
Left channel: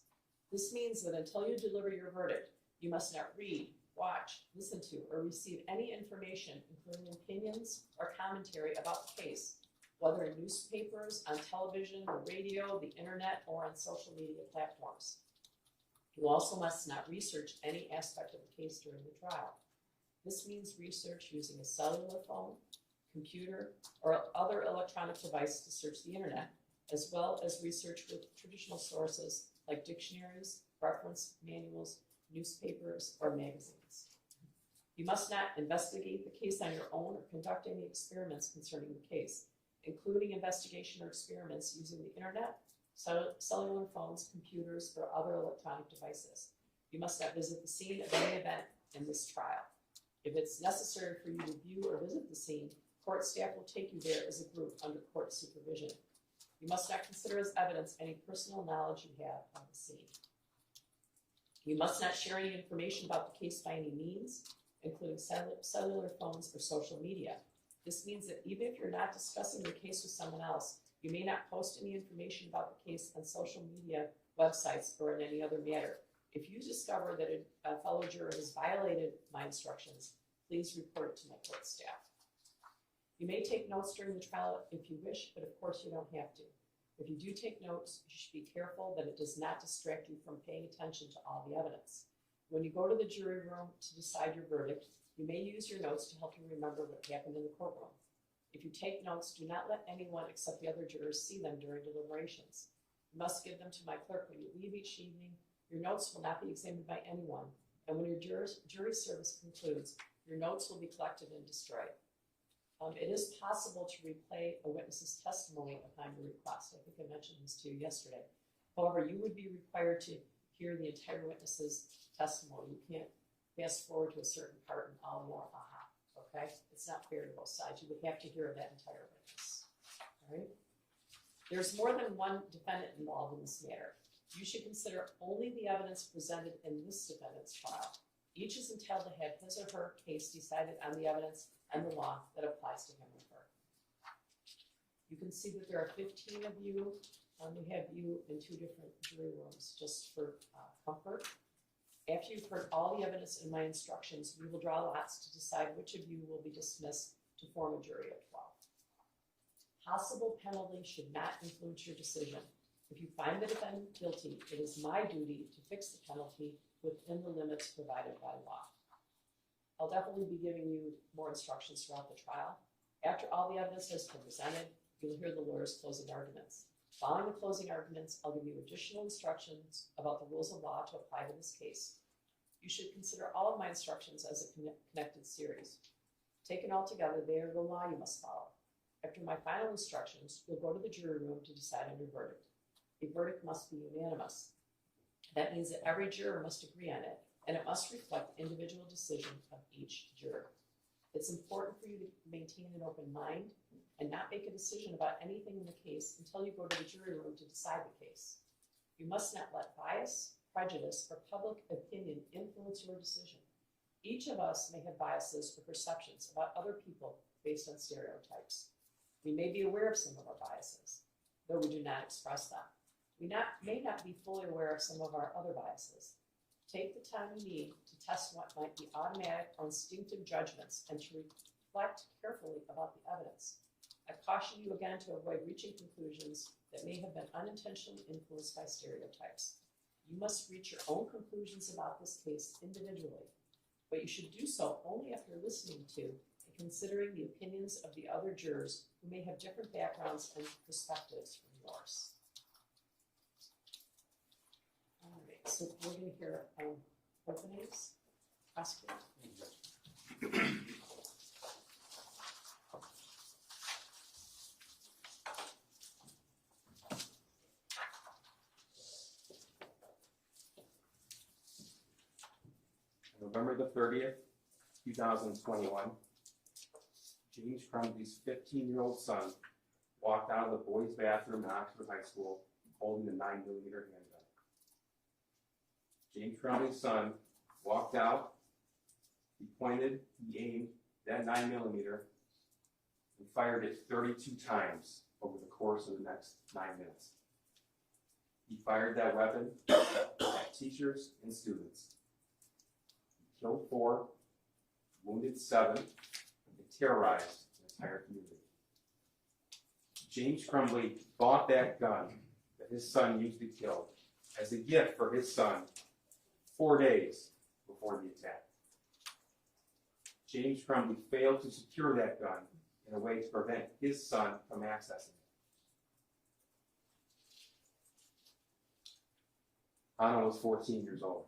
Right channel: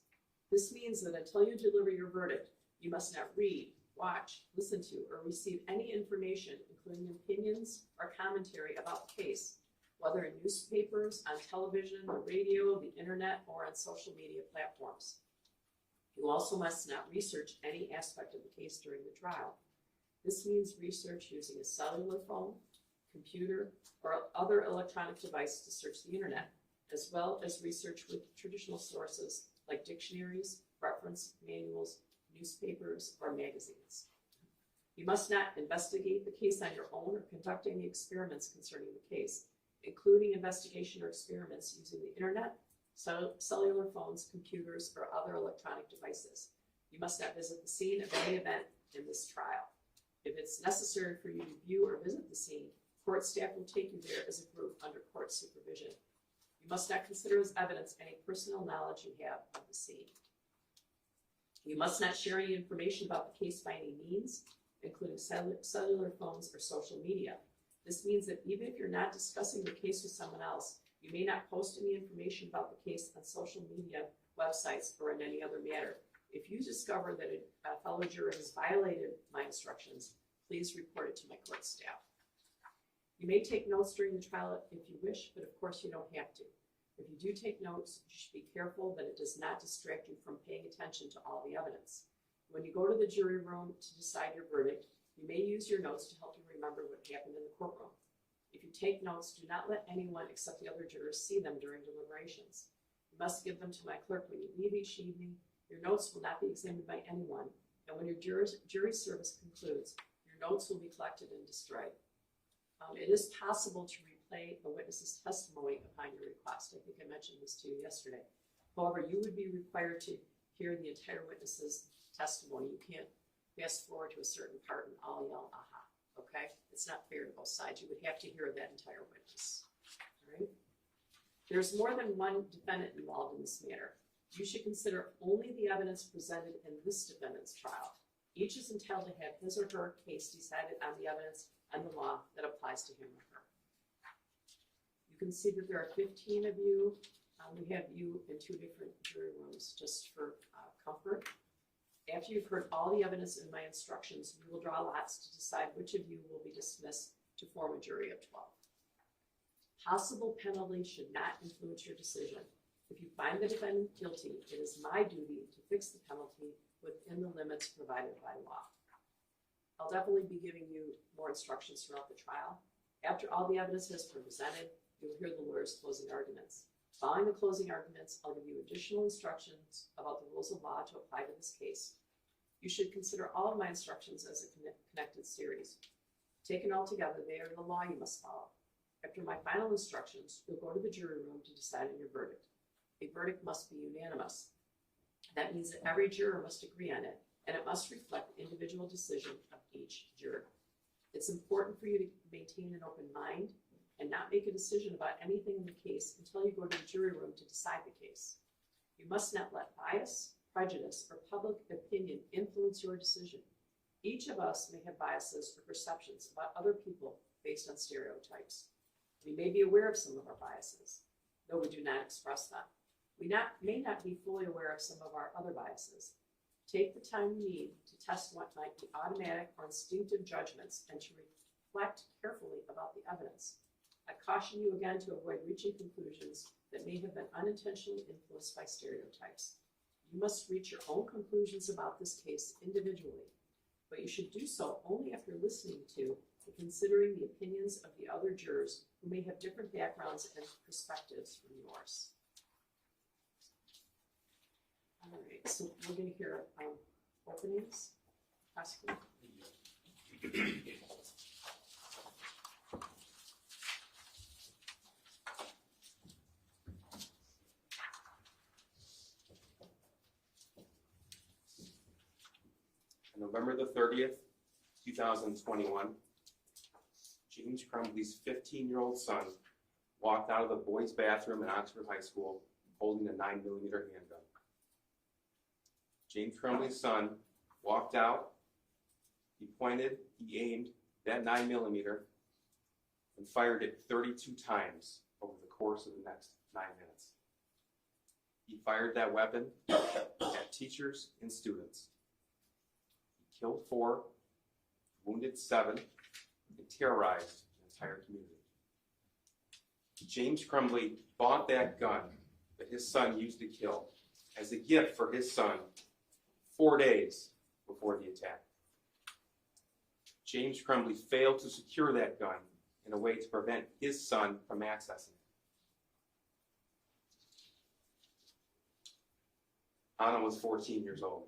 This means that until you deliver your verdict, you must not read, watch, listen to, or receive any information, including opinions or commentary about the case, whether in newspapers, on television, the radio, the internet, or on social media platforms. You also must not research any aspect of the case during the trial. This means research using a cellular phone, computer, or other electronic device to search the internet, as well as research with traditional sources like dictionaries, reference manuals, newspapers, or magazines. You must not investigate the case on your own or conduct any experiments concerning the case, including investigation or experiments using the internet, cellular phones, computers, or other electronic devices. You must not visit the scene of any event in this trial. If it's necessary for you to view or visit the scene, court staff will take you there as a group under court supervision. You must not consider as evidence any personal knowledge you have of the scene. You must not share any information about the case by any means, including cellular phones or social media. This means that even if you're not discussing the case with someone else, you may not post any information about the case on social media websites or in any other matter. If you discover that a fellow juror has violated my instructions, please report it to my court staff. You may take notes during the trial if you wish, but of course you don't have to. If you do take notes, you should be careful that it does not distract you from paying attention to all the evidence. When you go to the jury room to decide your verdict, you may use your notes to help you remember what happened in the courtroom. If you take notes, do not let anyone except the other jurors see them during deliberations. You must give them to my clerk when you leave each evening. Your notes will not be examined by anyone, and when your jury service concludes, your notes will be collected and destroyed. It is possible to replay a witness's testimony upon your request. I think I mentioned this to you yesterday. However, you would be required to hear the entire witness's testimony. You can't fast forward to a certain part and all yell, aha, okay? It's not fair to both sides. You would have to hear that entire witness, all right? There's more than one defendant involved in this matter. You should consider only the evidence presented in this defendant's trial. Each is entitled to have his or her case decided on the evidence and the law that applies to him or her. You can see that there are 15 of you. We have you in 2 different jury rooms just for comfort. After you've heard all the evidence in my instructions, we will draw lots to decide which of you will be dismissed to form a jury of 12. Possible penalty should not influence your decision. If you find the defendant guilty, it is my duty to fix the penalty within the limits provided by law. I'll definitely be giving you more instructions throughout the trial. After all the evidence has been presented, you'll hear the lawyer's closing arguments. Following the closing arguments, I'll give you additional instructions about the rules of law to apply to this case. You should consider all of my instructions as a connected series. Taken all together, they are the law you must follow. After my final instructions, you'll go to the jury room to decide on your verdict. A verdict must be unanimous. That means that every juror must agree on it, and it must reflect the individual decision of each juror. It's important for you to maintain an open mind and not make a decision about anything in the case until you go to the jury room to decide the case. You must not let bias, prejudice, or public opinion influence your decision. Each of us may have biases or perceptions about other people based on stereotypes. We may be aware of some of our biases, though we do not express them. We may not be fully aware of some of our other biases. Take the time you need to test what might be automatic or instinctive judgments and to reflect carefully about the evidence. I caution you again to avoid reaching conclusions that may have been unintentionally influenced by stereotypes. You must reach your own conclusions about this case individually, but you should do so only after listening to the considering the opinions of the other jurors who may have different backgrounds and perspectives from yours. All right, so we're going to hear openings. Prosecutor. November the 30th, 2021, James Crumbley's 15-year-old son walked out of the boys' bathroom in Oxford High School holding a 9mm handgun. James Crumbley's son walked out, he pointed, he aimed that 9mm and fired it 32 times over the course of the next 9 minutes. He fired that weapon at teachers and students. Killed 4, wounded 7, and terrorized the entire community. James Crumbley bought that gun that his son used to kill as a gift for his son 4 days before the attack. James Crumbley failed to secure that gun in a way to prevent his son from accessing it. Anna was 14 years old.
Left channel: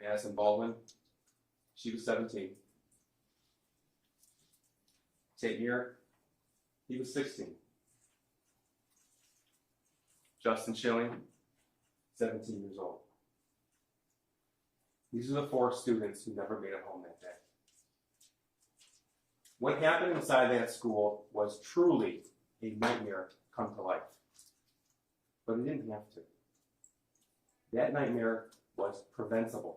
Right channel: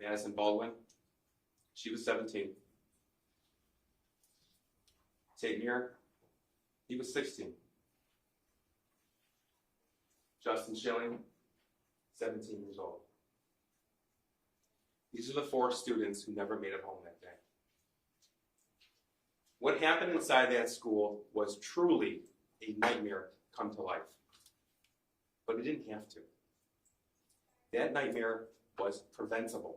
Madison Baldwin, she was 17. Tate Muir, he was 16. Justin Schilling, 17 years old. These are the 4 students who never made it home that day. What happened inside that school was truly a nightmare come to life. But it didn't have to. That nightmare was preventable.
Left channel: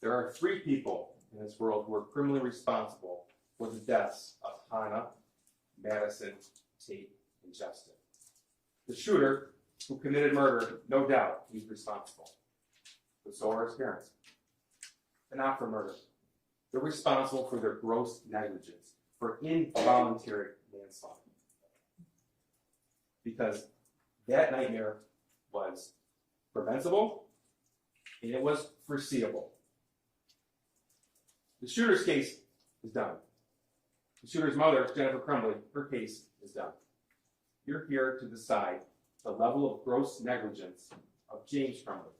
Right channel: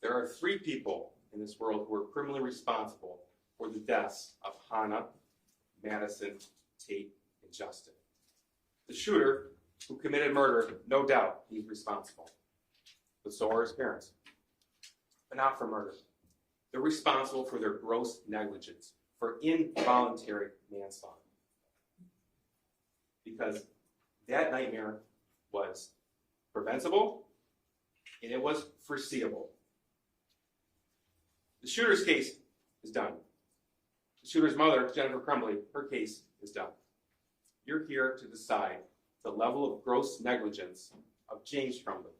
There are 3 people in this world who are criminally responsible for the deaths of Hannah, Madison, Tate, and Justin. The shooter who committed murder, no doubt he's responsible. But so are his parents. But not for murder. They're responsible for their gross negligence, for involuntary manslaughter. Because that nightmare was preventable and it was foreseeable. The shooter's case is done. The shooter's mother, Jennifer Crumbley, her case is done. You're here to decide the level of gross negligence of James Crumbley.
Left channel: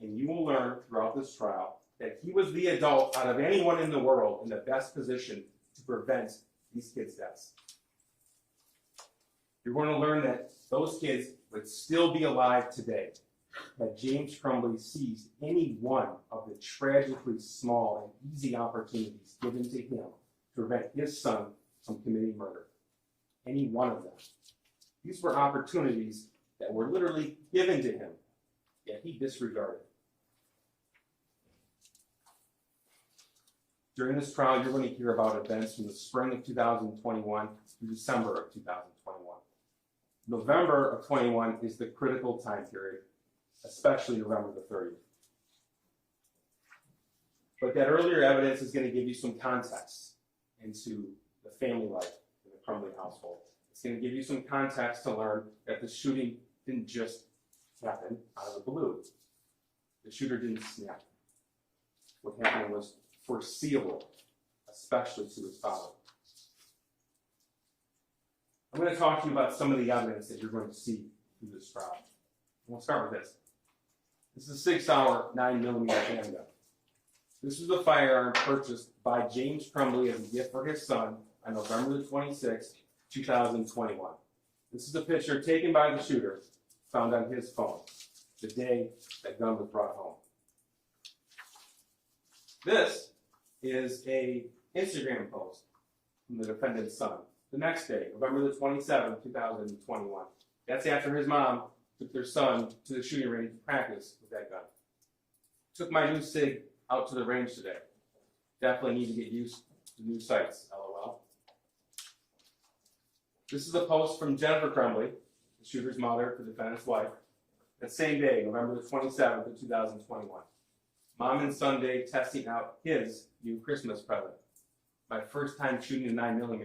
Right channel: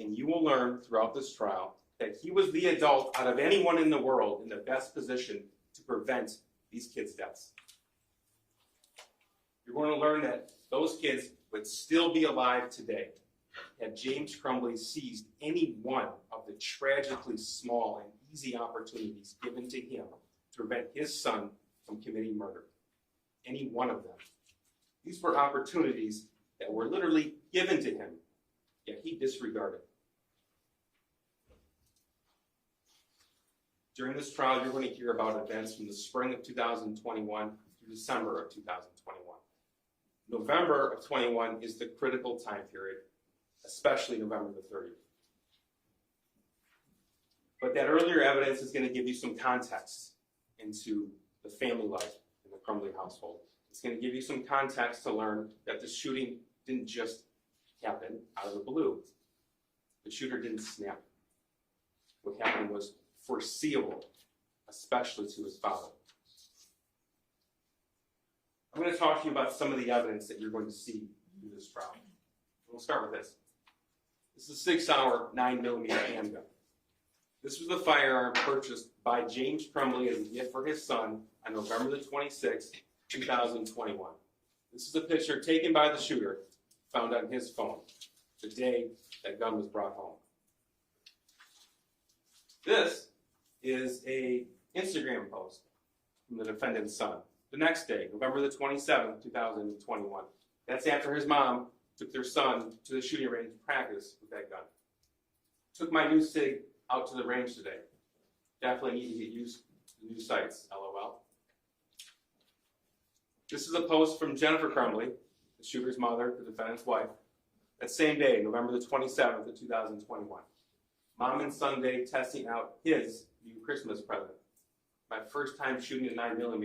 And you will learn throughout this trial that he was the adult out of anyone in the world in the best position to prevent these kids' deaths. You're going to learn that those kids would still be alive today had James Crumbley seized any one of the tragically small and easy opportunities given to him to prevent his son from committing murder. Any one of them. These were opportunities that were literally given to him, yet he disregarded. During this trial, you're going to hear about events from the spring of 2021 through December of 2021. November of 21 is the critical time period, especially November the 30th. But that earlier evidence is going to give you some context into the family life in the Crumbley household. It's going to give you some context to learn that the shooting didn't just happen out of the blue. The shooter didn't snap. What happened was foreseeable, especially to his father. I'm going to talk to you about some of the evidence that you're going to see through this trial. And we'll start with this. This is a 6-hour 9mm handgun. This was the firearm purchased by James Crumbley as a gift for his son on November the 26th, 2021. This is a picture taken by the shooter, found on his phone, the day that gun was brought home. This is an Instagram post from the defendant's son. The next day, November the 27th, 2021. That's after his mom took their son to the shooting range to practice with that gun. Took my new SIG out to the range today. Definitely need to get used to new sights, LOL. This is a post from Jennifer Crumbley, the shooter's mother, the defendant's wife. That same day, November the 27th of 2021. Mom and son day testing out his new Christmas present. My first time shooting a 9mm.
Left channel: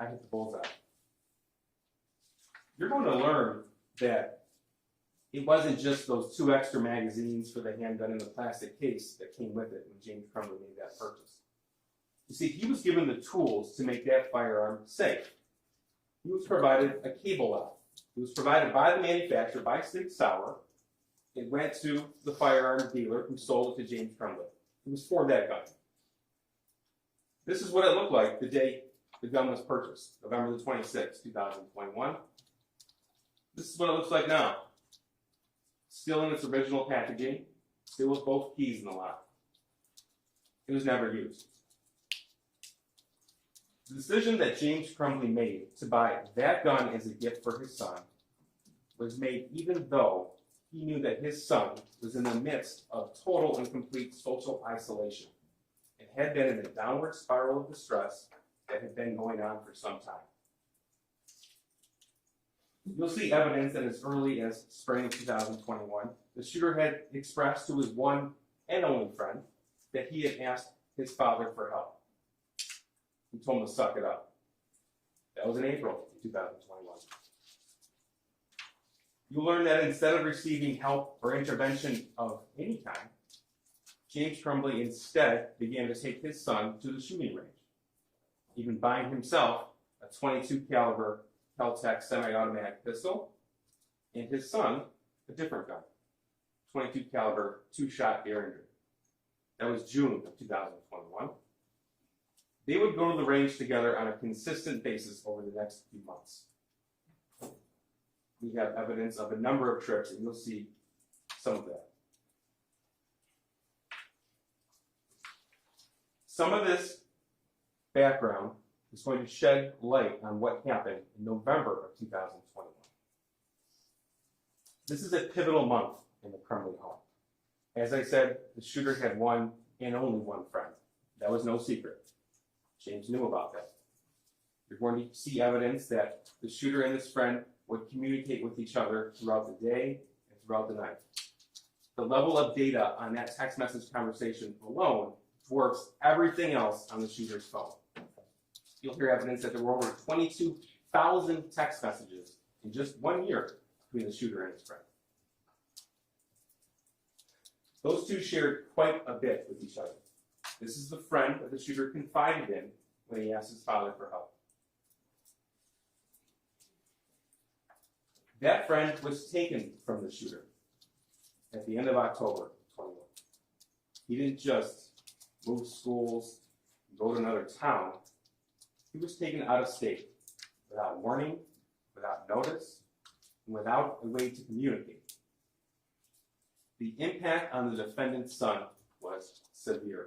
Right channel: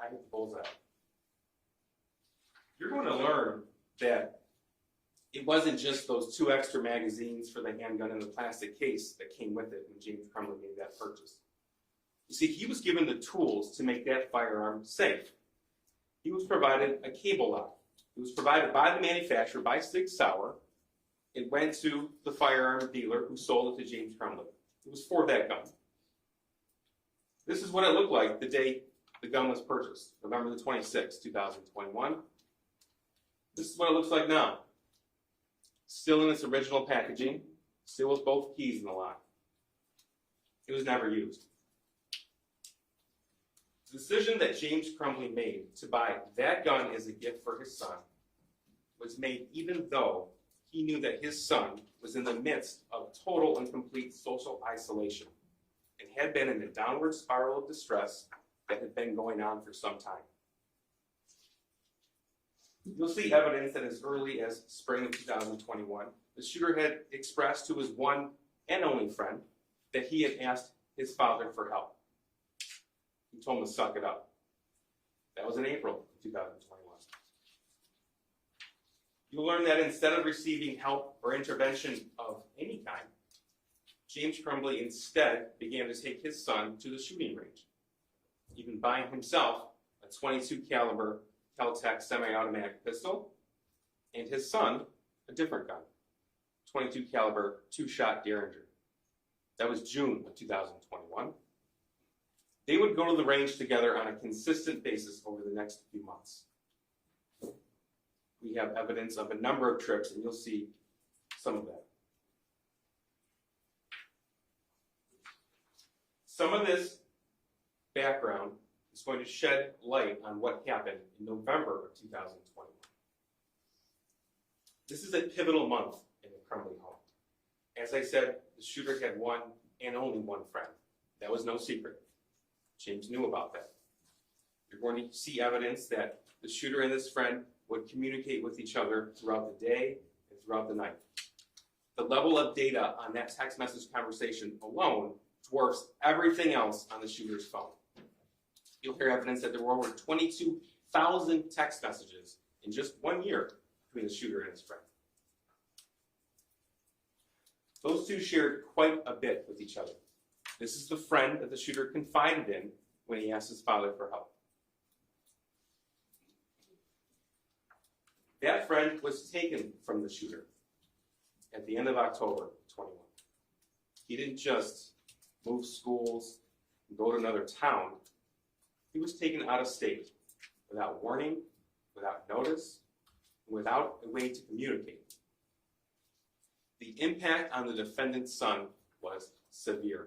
I hit the bullseye. You're going to learn that it wasn't just those 2 extra magazines for the handgun in the plastic case that came with it when James Crumbley made that purchase. You see, he was given the tools to make that firearm safe. He was provided a cable lock. It was provided by the manufacturer, by Sig Sauer. It went to the firearm dealer who sold it to James Crumbley. It was for that gun. This is what it looked like the day the gun was purchased, November the 26th, 2021. This is what it looks like now. Still in its original packaging, still with both keys in the lock. It was never used. The decision that James Crumbley made to buy that gun as a gift for his son was made even though he knew that his son was in the midst of total and complete social isolation and had been in a downward spiral of distress that had been going on for some time. You'll see evidence that as early as spring of 2021, the shooter had expressed to his one and only friend that he had asked his father for help. He told him to suck it up. That was in April of 2021. You'll learn that instead of receiving help or intervention of any kind, James Crumbley instead began to take his son to the shooting range, even buying himself a .22 caliber Kel-Tec semi-automatic pistol, and his son a different gun, .22 caliber 2-shot Derringer. That was June of 2021. They would go to the range together on a consistent basis over the next few months. We have evidence of a number of trips, and you'll see some of that. Some of this background is going to shed light on what happened in November of 2021. This is a pivotal month in the Crumbley home. As I said, the shooter had one and only one friend. That was no secret. James knew about that. You're going to see evidence that the shooter and his friend would communicate with each other throughout the day and throughout the night. The level of data on that text message conversation alone dwarfs everything else on the shooter's phone. You'll hear evidence that there were over 22,000 text messages in just 1 year between the shooter and his friend. Those two shared quite a bit with each other. This is the friend that the shooter confided in when he asked his father for help. That friend was taken from the shooter at the end of October 21. He didn't just move schools and go to another town. He was taken out of state without warning, without notice, and without a way to communicate. The impact on the defendant's son was severe.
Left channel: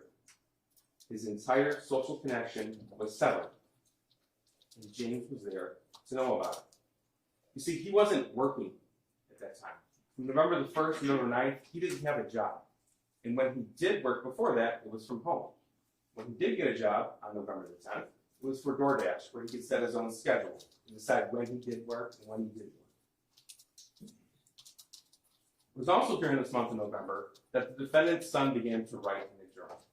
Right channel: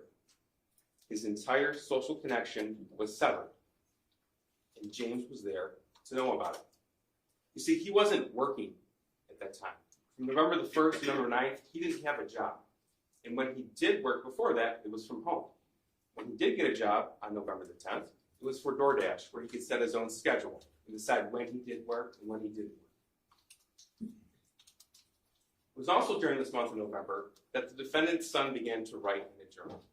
His entire social connection was severed, and James was there to know about it. You see, he wasn't working at that time. From November the 1st to November 9th, he didn't have a job. And when he did work before that, it was from home. When he did get a job on November the 10th, it was for DoorDash, where he could set his own schedule and decide when he did work and when he didn't work. It was also during this month of November that the defendant's son began to write in a journal.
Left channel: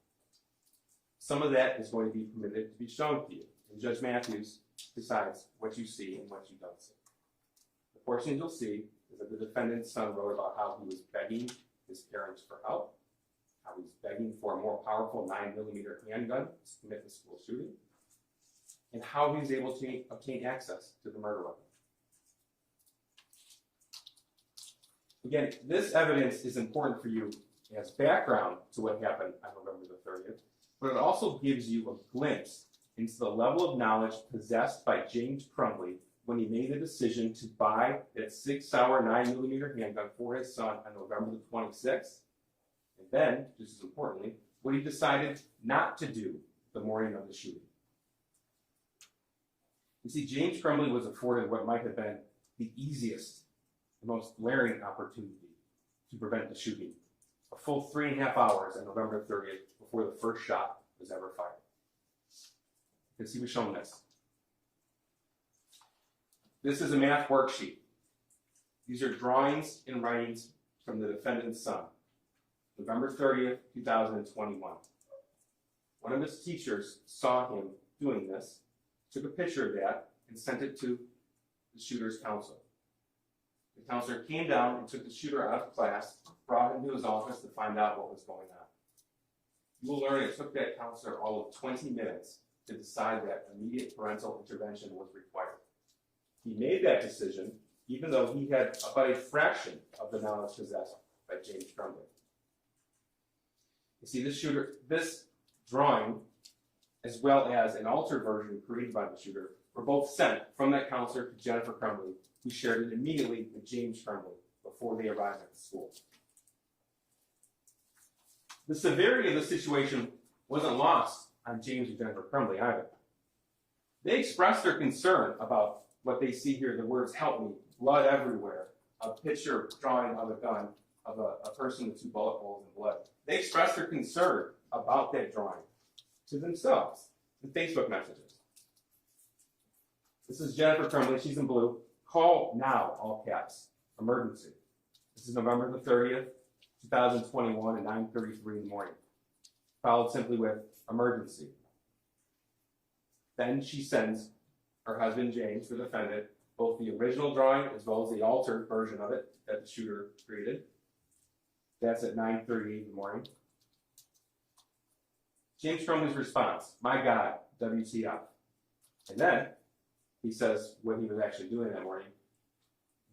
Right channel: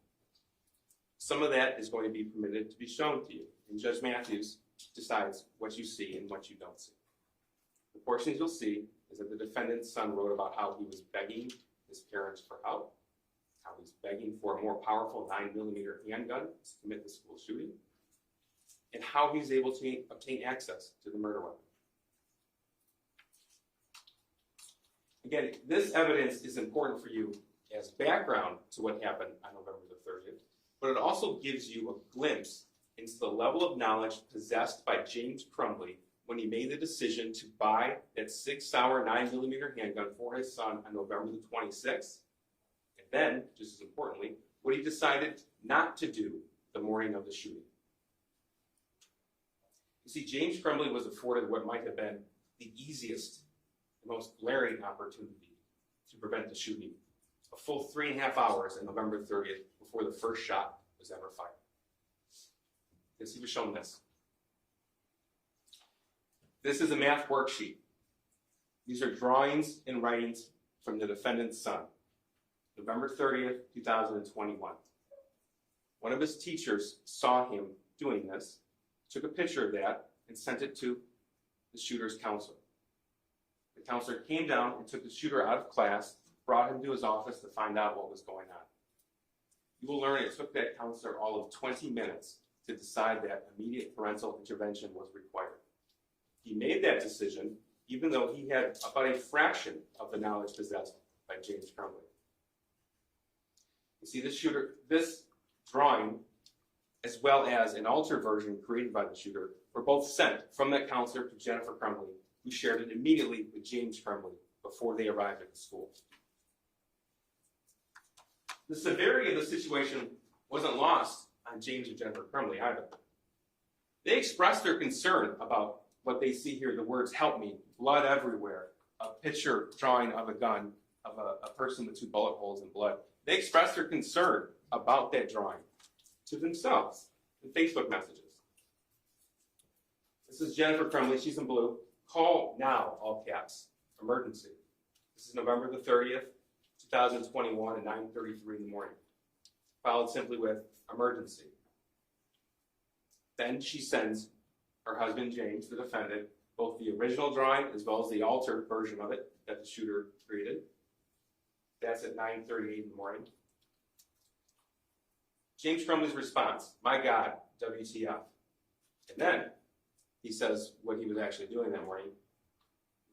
Some of that is going to be permitted to be shown to you, and Judge Matthews decides what you see and what you don't see. The portions you'll see is that the defendant's son wrote about how he was begging his parents for help, how he's begging for a more powerful 9mm handgun to commit the school shooting, and how he was able to obtain access to the murder weapon. Again, this evidence is important for you as background to what happened on November the 30th, but it also gives you a glimpse into the level of knowledge possessed by James Crumbley when he made the decision to buy that Sig Sauer 9mm handgun for his son on November the 26th, and then, just as importantly, what he decided not to do the morning of the shooting. You see, James Crumbley was afforded what might have been the easiest, the most glaring opportunity to prevent the shooting, a full 3.5 hours on November 30th before the first shot was ever fired. Because he was shown this. This is a math worksheet. These are drawings and writings from the defendant's son, November 30th, 2021. One of his teachers saw him doing this, took a picture of that, and sent it to the shooter's counselor. The counselor came down and took the shooter out of class, brought him to his office to find out what was going on. You will learn it took that counselor all of 20 minutes to decide that immediate parental intervention was required. He made that decision even though he had about a fraction of the knowledge possessed by James Crumbley. You see, this drawing, as well as an altered version created by the shooter, were both sent from that counselor to Jennifer Crumbley, who shared it immediately with James Crumbley before they arrived at the school. The severity of the situation wasn't lost on James and Jennifer Crumbley either. They expressed their concern about what they see here, the words "help me," blood everywhere, a picture drawing of a gun, of a person with 2 bullet holes in blood. They expressed their concern about that drawing to themselves in Facebook messages. This is Jennifer Crumbley, she's in blue. Call now, all caps, emergency. This is November the 30th, 2021 at 9:33 in the morning. Followed simply with emergency. Then she sends her husband, James, the defendant, both the original drawing as well as the altered version of it that the shooter created. That's at 9:38 in the morning. James Crumbley's response, "My God, WTF." And then he says what he was actually doing that morning.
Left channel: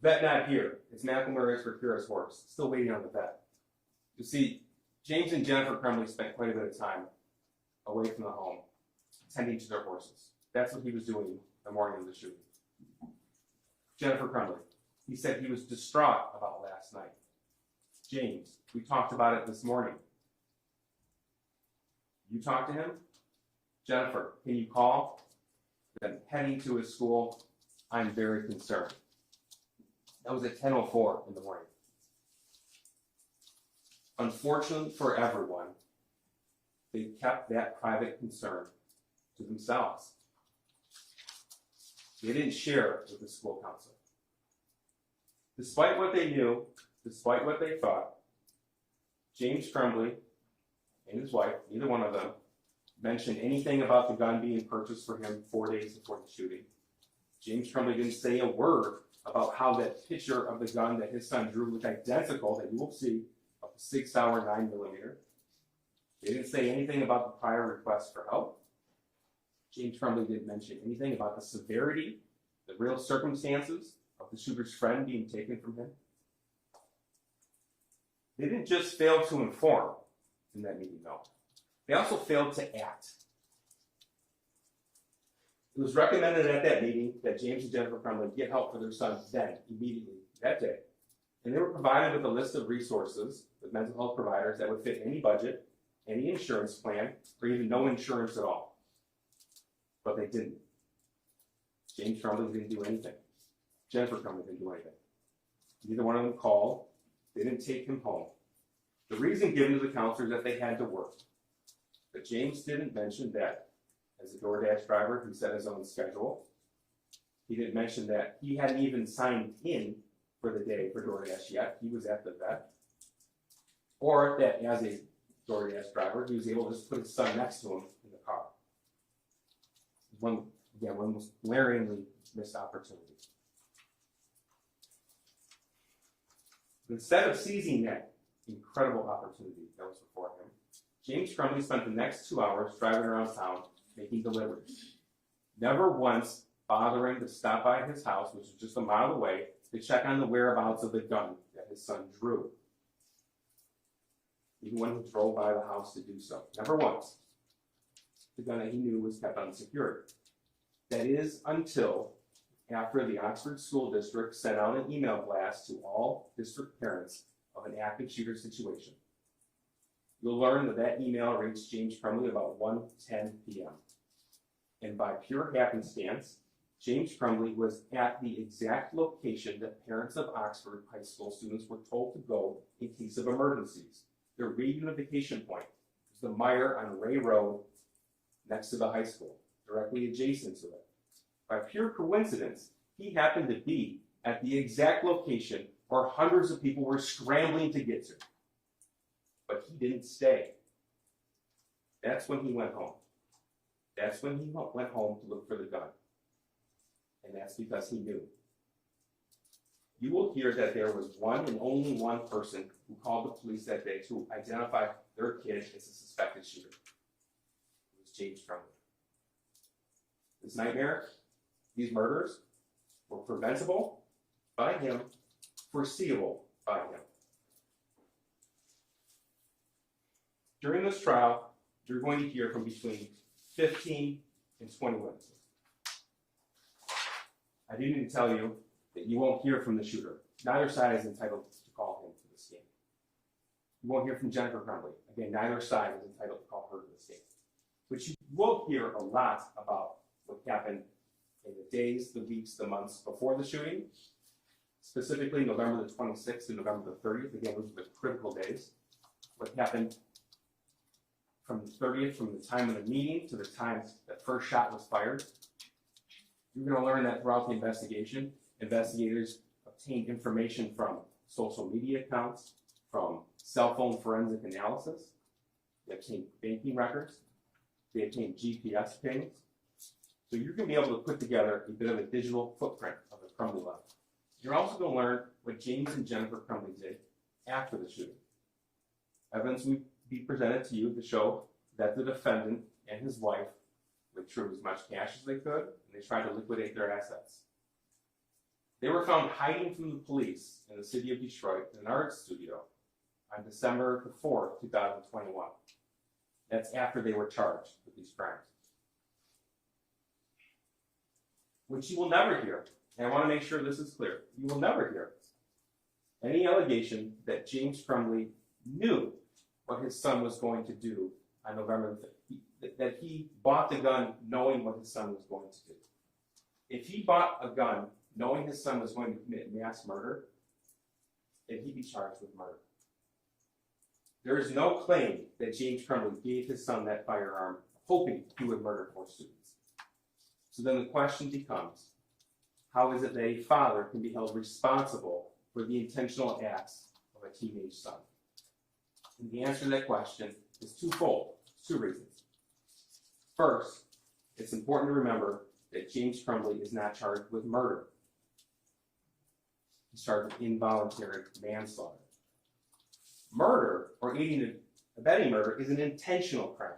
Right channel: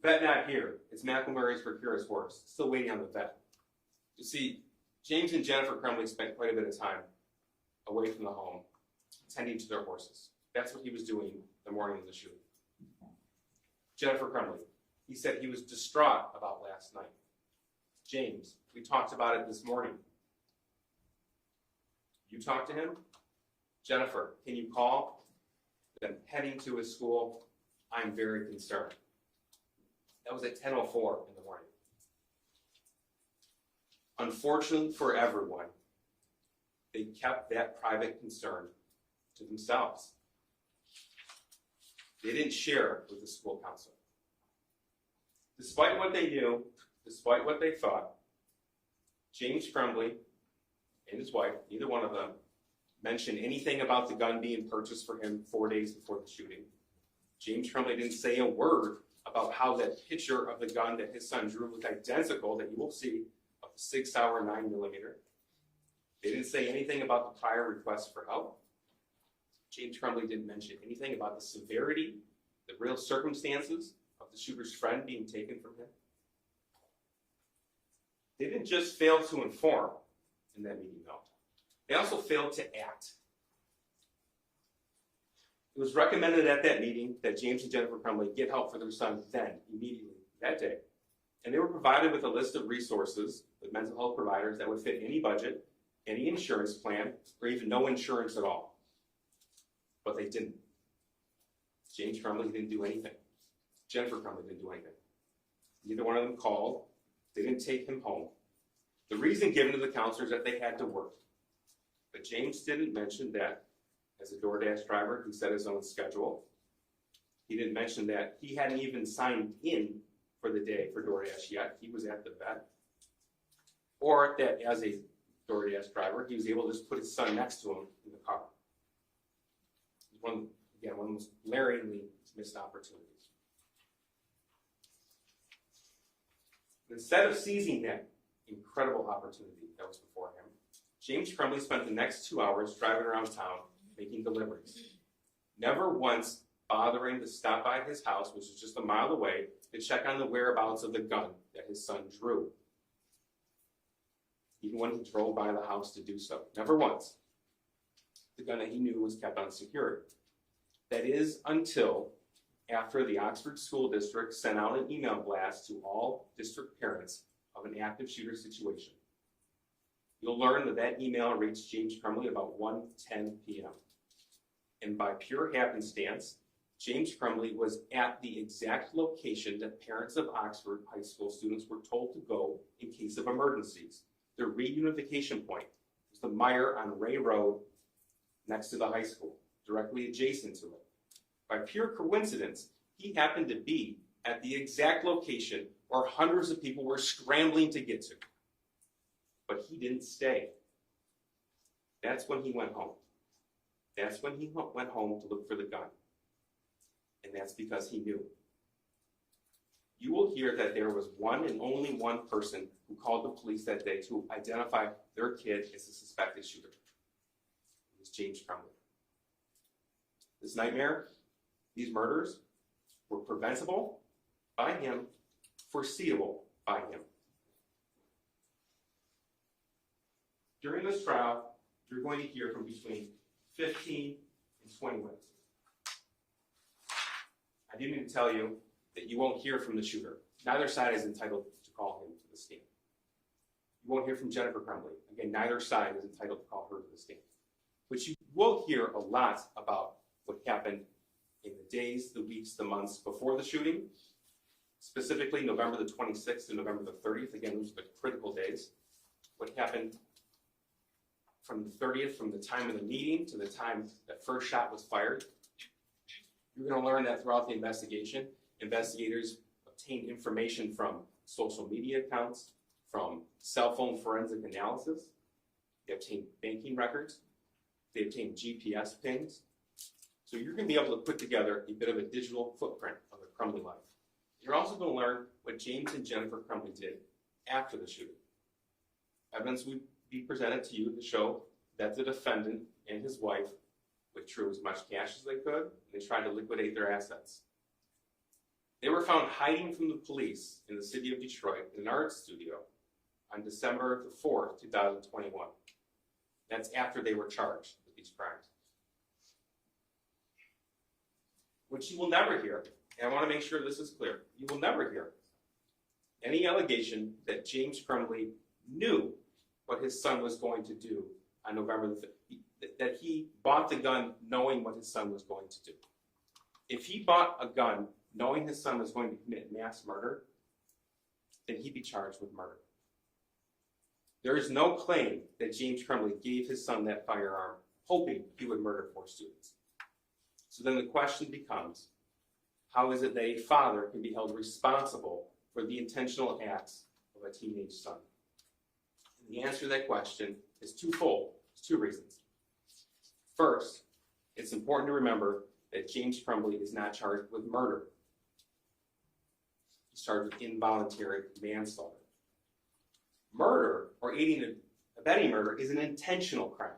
"Vet not here. It's McElmurray's for Curious Horse. Still waiting on the vet." You see, James and Jennifer Crumbley spent quite a bit of time away from the home, tending to their horses. That's what he was doing the morning of the shooting. Jennifer Crumbley, he said he was distraught about last night. James, we talked about it this morning. You talked to him? Jennifer, can you call? Then heading to his school, I'm very concerned. That was at 10:04 in the morning. Unfortunately for everyone, they kept that private concern to themselves. They didn't share it with the school counselor. Despite what they knew, despite what they thought, James Crumbley and his wife, neither one of them, mentioned anything about the gun being purchased for him 4 days before the shooting. James Crumbley didn't say a word about how that picture of the gun that his son drew looked identical, that you will see, of the 6 Sauer 9mm. They didn't say anything about the prior request for help. James Crumbley didn't mention anything about the severity, the real circumstances of the shooter's friend being taken from him. They didn't just fail to inform in that meeting, though. They also failed to act. It was recommended at that meeting that James and Jennifer Crumbley get help for their son then, immediately, that day. And they were provided with a list of resources with mental health providers that would fit any budget, any insurance plan, or even no insurance at all. But they didn't. James Crumbley didn't do anything. Jennifer Crumbley didn't do anything. Neither one of them called. They didn't take him home. The reason given to the counselor is that they had to work. But James didn't mention that as a DoorDash driver, he set his own schedule. He didn't mention that he hadn't even signed in for the day for DoorDash yet. He was at the vet. Or that as a DoorDash driver, he was able to just put his son next to him in the car. One of the most glaringly missed opportunities. Instead of seizing that incredible opportunity that was before him, James Crumbley spent the next 2 hours driving around town making deliveries, never once bothering to stop by his house, which was just a mile away, to check on the whereabouts of the gun that his son drew. Even when he drove by the house to do so, never once. The gun that he knew was kept unsecured. That is until after the Oxford School District sent out an email blast to all district parents of an active shooter situation. You'll learn that that email reached James Crumbley about 1:10 p.m. And by pure happenstance, James Crumbley was at the exact location that parents of Oxford high school students were told to go in case of emergencies. Their reunification point was the mire on Ray Road next to the high school, directly adjacent to it. By pure coincidence, he happened to be at the exact location where hundreds of people were scrambling to get to. But he didn't stay. That's when he went home. That's when he went home to look for the gun. And that's because he knew. you will hear that there was one and only one person who called the police that day to identify their kid as the suspected shooter. It was James Crumbley. This nightmare, these murders, were preventable by him, foreseeable by him. During this trial, you're going to hear from between 15 and 20 witnesses. I do need to tell you that you won't hear from the shooter. Neither side is entitled to call him to the stand. You won't hear from Jennifer Crumbley. Again, neither side is entitled to call her to the stand. But you will hear a lot about what happened in the days, the weeks, the months before the shooting, specifically November the 26th to November the 30th. Again, those are the critical days. What happened from the 30th, from the time of the meeting to the time that first shot was fired. You're going to learn that throughout the investigation, investigators obtained information from social media accounts, from cell phone forensic analysis. They obtained banking records. They obtained GPS pings. So you're going to be able to put together a bit of a digital footprint of the Crumbley life. You're also going to learn what James and Jennifer Crumbley did after the shooting. Evidence will be presented to you to show that the defendant and his wife withdrew as much cash as they could, and they tried to liquidate their assets. They were found hiding from the police in the city of Detroit in an art studio on December the 4th, 2021. That's after they were charged with these crimes. Which you will never hear, and I want to make sure this is clear, you will never hear any allegation that James Crumbley knew what his son was going to do on November the 5th, that he bought the gun knowing what his son was going to do. If he bought a gun knowing his son was going to commit mass murder, then he'd be charged with murder. There is no claim that James Crumbley gave his son that firearm hoping he would murder 4 students. So then the question becomes, how is it that a father can be held responsible for the intentional acts of a teenage son? And the answer to that question is twofold. There's 2 reasons. First, it's important to remember that James Crumbley is not charged with murder. He's charged with involuntary manslaughter. Murder, or aiding and abetting murder, is an intentional crime.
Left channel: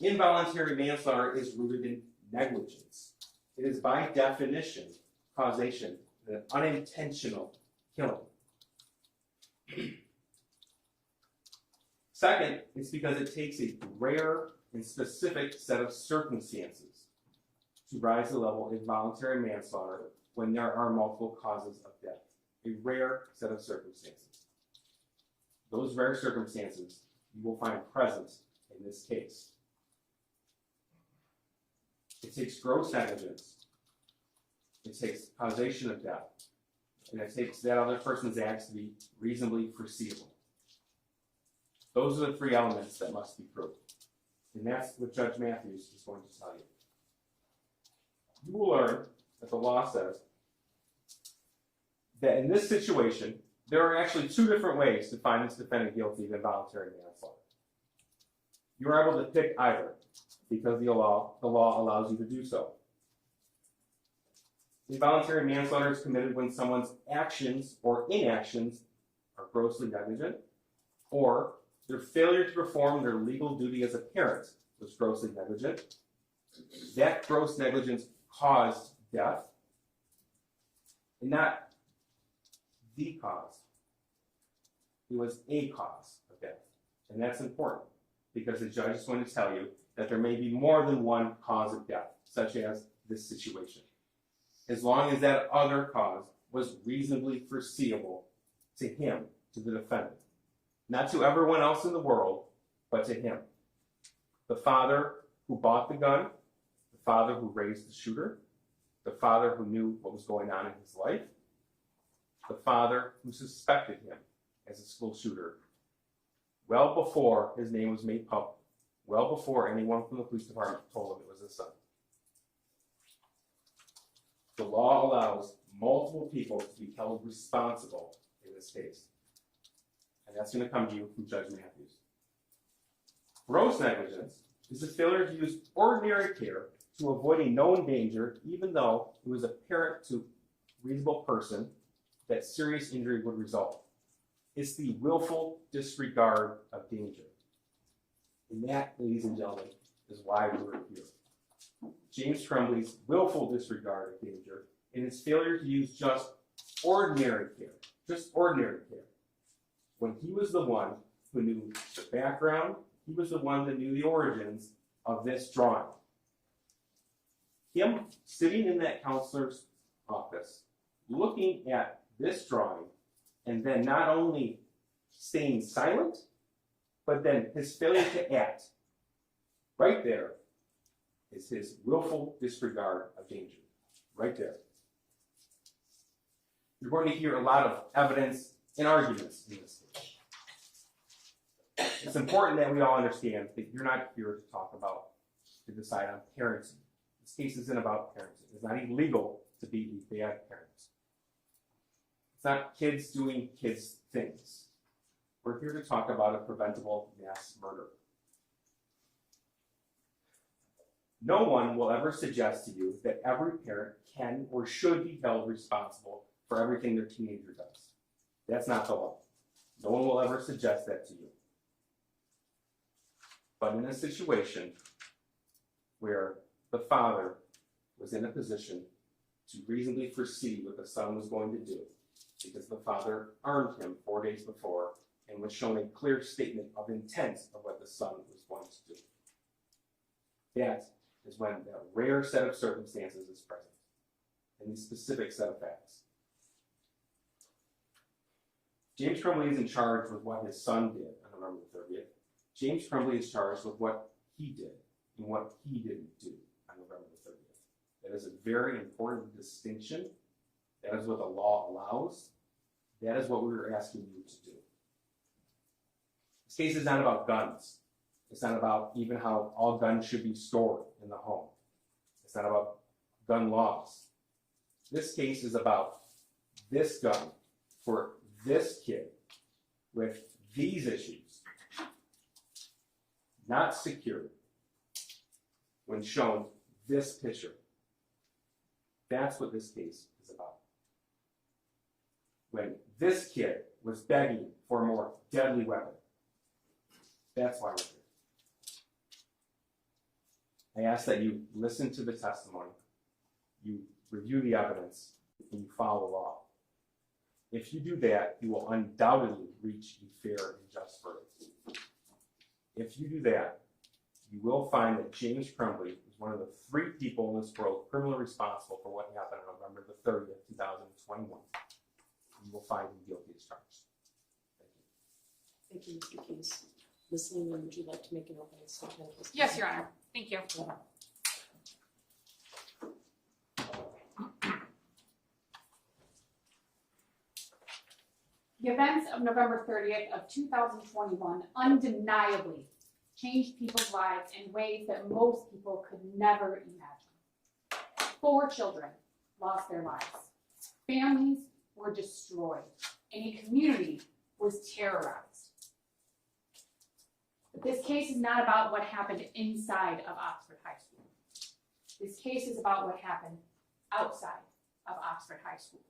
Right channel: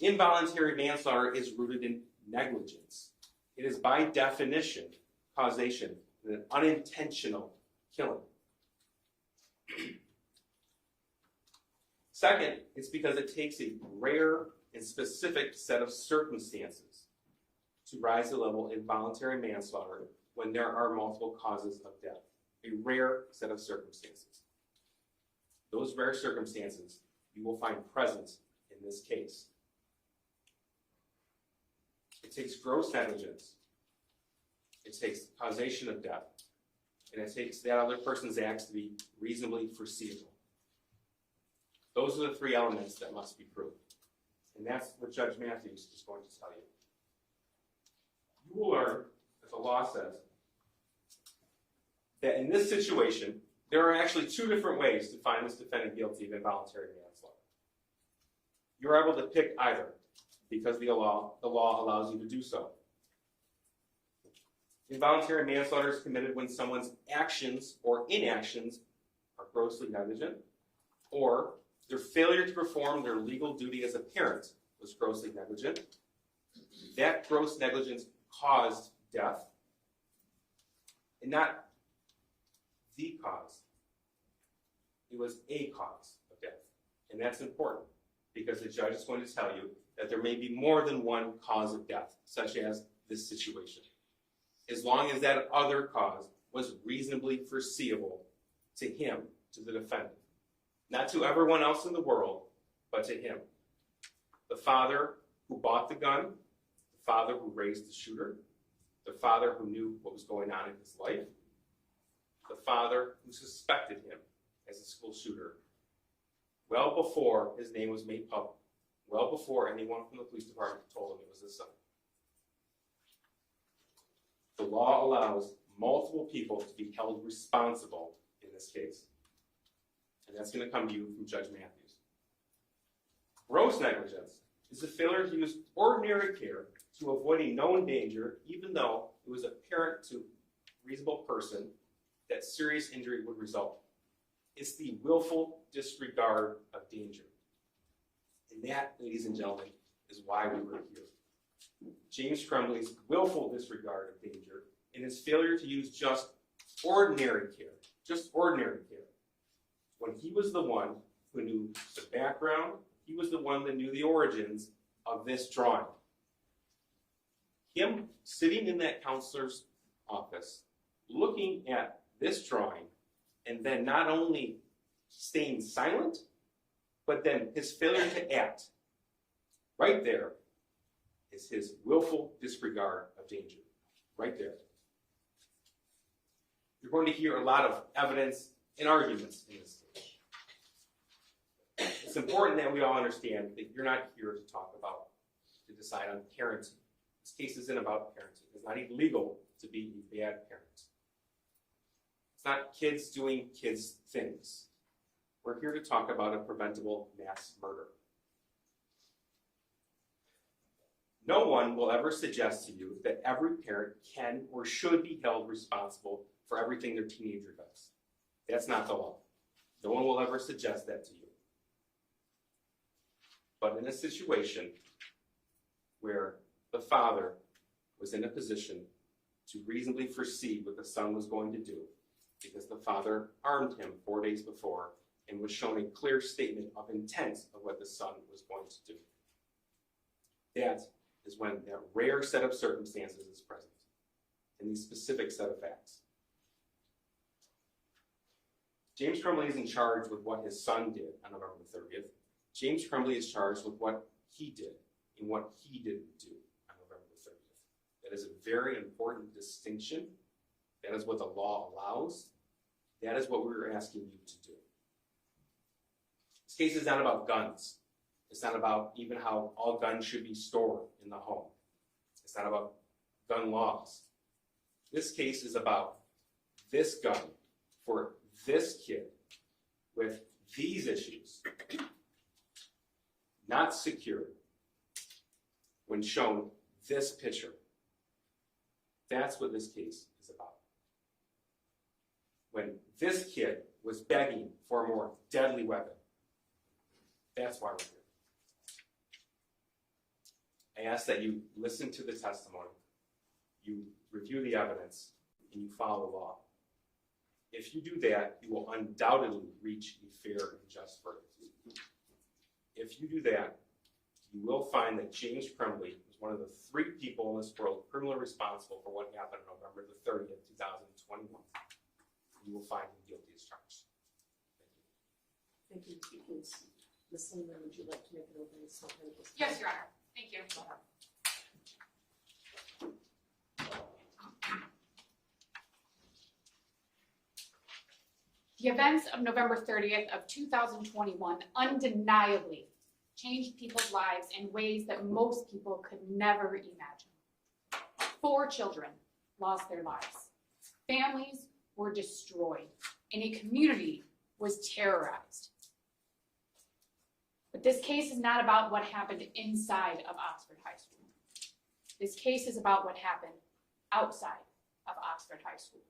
Involuntary manslaughter is rooted in negligence. It is by definition, causation, an unintentional killing. Second, it's because it takes a rare and specific set of circumstances to rise to the level of involuntary manslaughter when there are multiple causes of death. A rare set of circumstances. Those rare circumstances you will find present in this case. It takes gross negligence. It takes causation of death. And it takes that other person's acts to be reasonably foreseeable. Those are the 3 elements that must be proved. And that's what Judge Matthews is going to tell you. You will learn that the law says that in this situation, there are actually 2 different ways to find this defendant guilty of involuntary manslaughter. You're able to pick either, because the law allows you to do so. Involuntary manslaughter is committed when someone's actions or inactions are grossly negligent, or their failure to perform their legal duty as a parent was grossly negligent. That gross negligence caused death, and not the cause. It was a cause of death. And that's important, because the judge is going to tell you that there may be more than one cause of death, such as this situation, as long as that other cause was reasonably foreseeable to him, to the defendant. Not to everyone else in the world, but to him. The father who bought the gun, the father who raised the shooter, the father who knew what was going on in his life, the father who suspected him as a school shooter, well before his name was made public, well before anyone from the police department told him it was his son. The law allows multiple people to be held responsible in this case. And that's going to come to you from Judge Matthews. Gross negligence is the failure to use ordinary care to avoid a known danger, even though it was apparent to a reasonable person that serious injury would result. It's the willful disregard of danger. And that, ladies and gentlemen, is why we were here. James Crumbley's willful disregard of danger and his failure to use just ordinary care, when he was the one who knew the background, he was the one that knew the origins of this drawing. Him sitting in that counselor's office, looking at this drawing, and then not only staying silent, but then his failure to act. Right there is his willful disregard of danger. Right there. You're going to hear a lot of evidence and arguments in this case. It's important that we all understand that you're not here to decide on parenting. This case isn't about parenting. It's not illegal to be a bad parent. It's not kids doing kids things. We're here to talk about a preventable mass murder. No one will ever suggest to you that every parent can or should be held responsible for everything their teenager does. That's not the law. No one will ever suggest that to you. But in a situation where the father was in a position to reasonably foresee what the son was going to do, because the father armed him 4 days before and was shown a clear statement of intent of what the son was going to do. That is when that rare set of circumstances is present, in these specific set of facts. James Crumbley is in charge with what his son did on November the 30th. James Crumbley is charged with what he did and what he didn't do on November the 30th. That is a very important distinction. That is what the law allows. That is what we were asking you to do. This case is not about guns. It's not about even how all guns should be stored in the home. It's not about gun laws. This case is about this gun for this kid with these issues, not secured, when shown this picture. That's what this case is about. When this kid was begging for a more deadly weapon. That's why we're here. I ask that you listen to the testimony, you review the evidence, and you follow the law. If you do that, you will undoubtedly reach a fair and just verdict. If you do that, you will find that James Crumbley is one of the 3 people in this world criminally responsible for what happened on November the 30th, 2021. You will find him guilty as charged. Thank you, Mr. Case. Ms. Lehman, would you like to make an opening statement? Yes, Your Honor. Thank you. The events of November 30th of 2021 undeniably changed people's lives in ways that most people could never imagine. 4 children lost their lives. Families were destroyed, and a community was terrorized. But this case is not about what happened inside of Oxford High School. This case is about what happened outside of Oxford High School.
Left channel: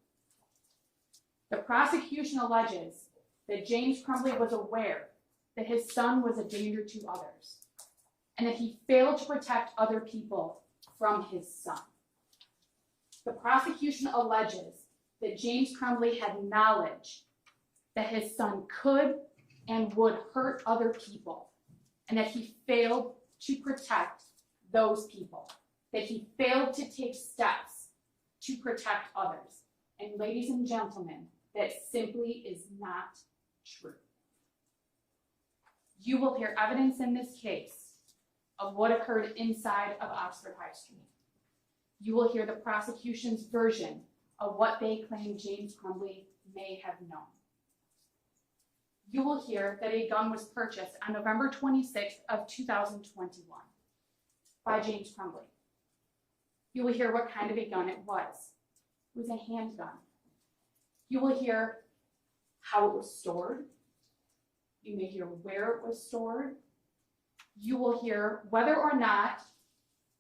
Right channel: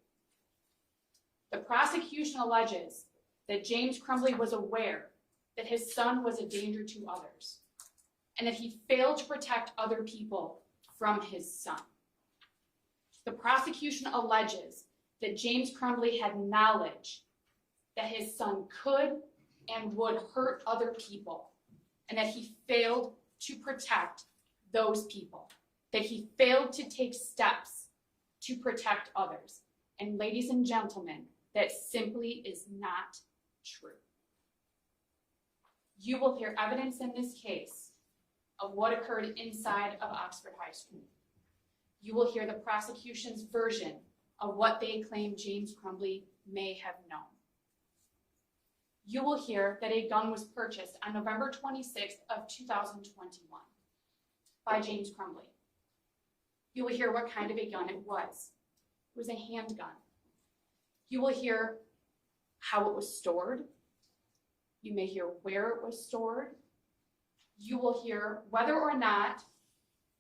The prosecution alleges that James Crumbley was aware that his son was a danger to others, and that he failed to protect other people from his son. The prosecution alleges that James Crumbley had knowledge that his son could and would hurt other people, and that he failed to protect those people, that he failed to take steps to protect others. And ladies and gentlemen, that simply is not true. You will hear evidence in this case of what occurred inside of Oxford High School. You will hear the prosecution's version of what they claim James Crumbley may have known. You will hear that a gun was purchased on November 26th of 2021 by James Crumbley. You will hear what kind of a gun it was. It was a handgun. You will hear how it was stored. You may hear where it was stored. You will hear whether or not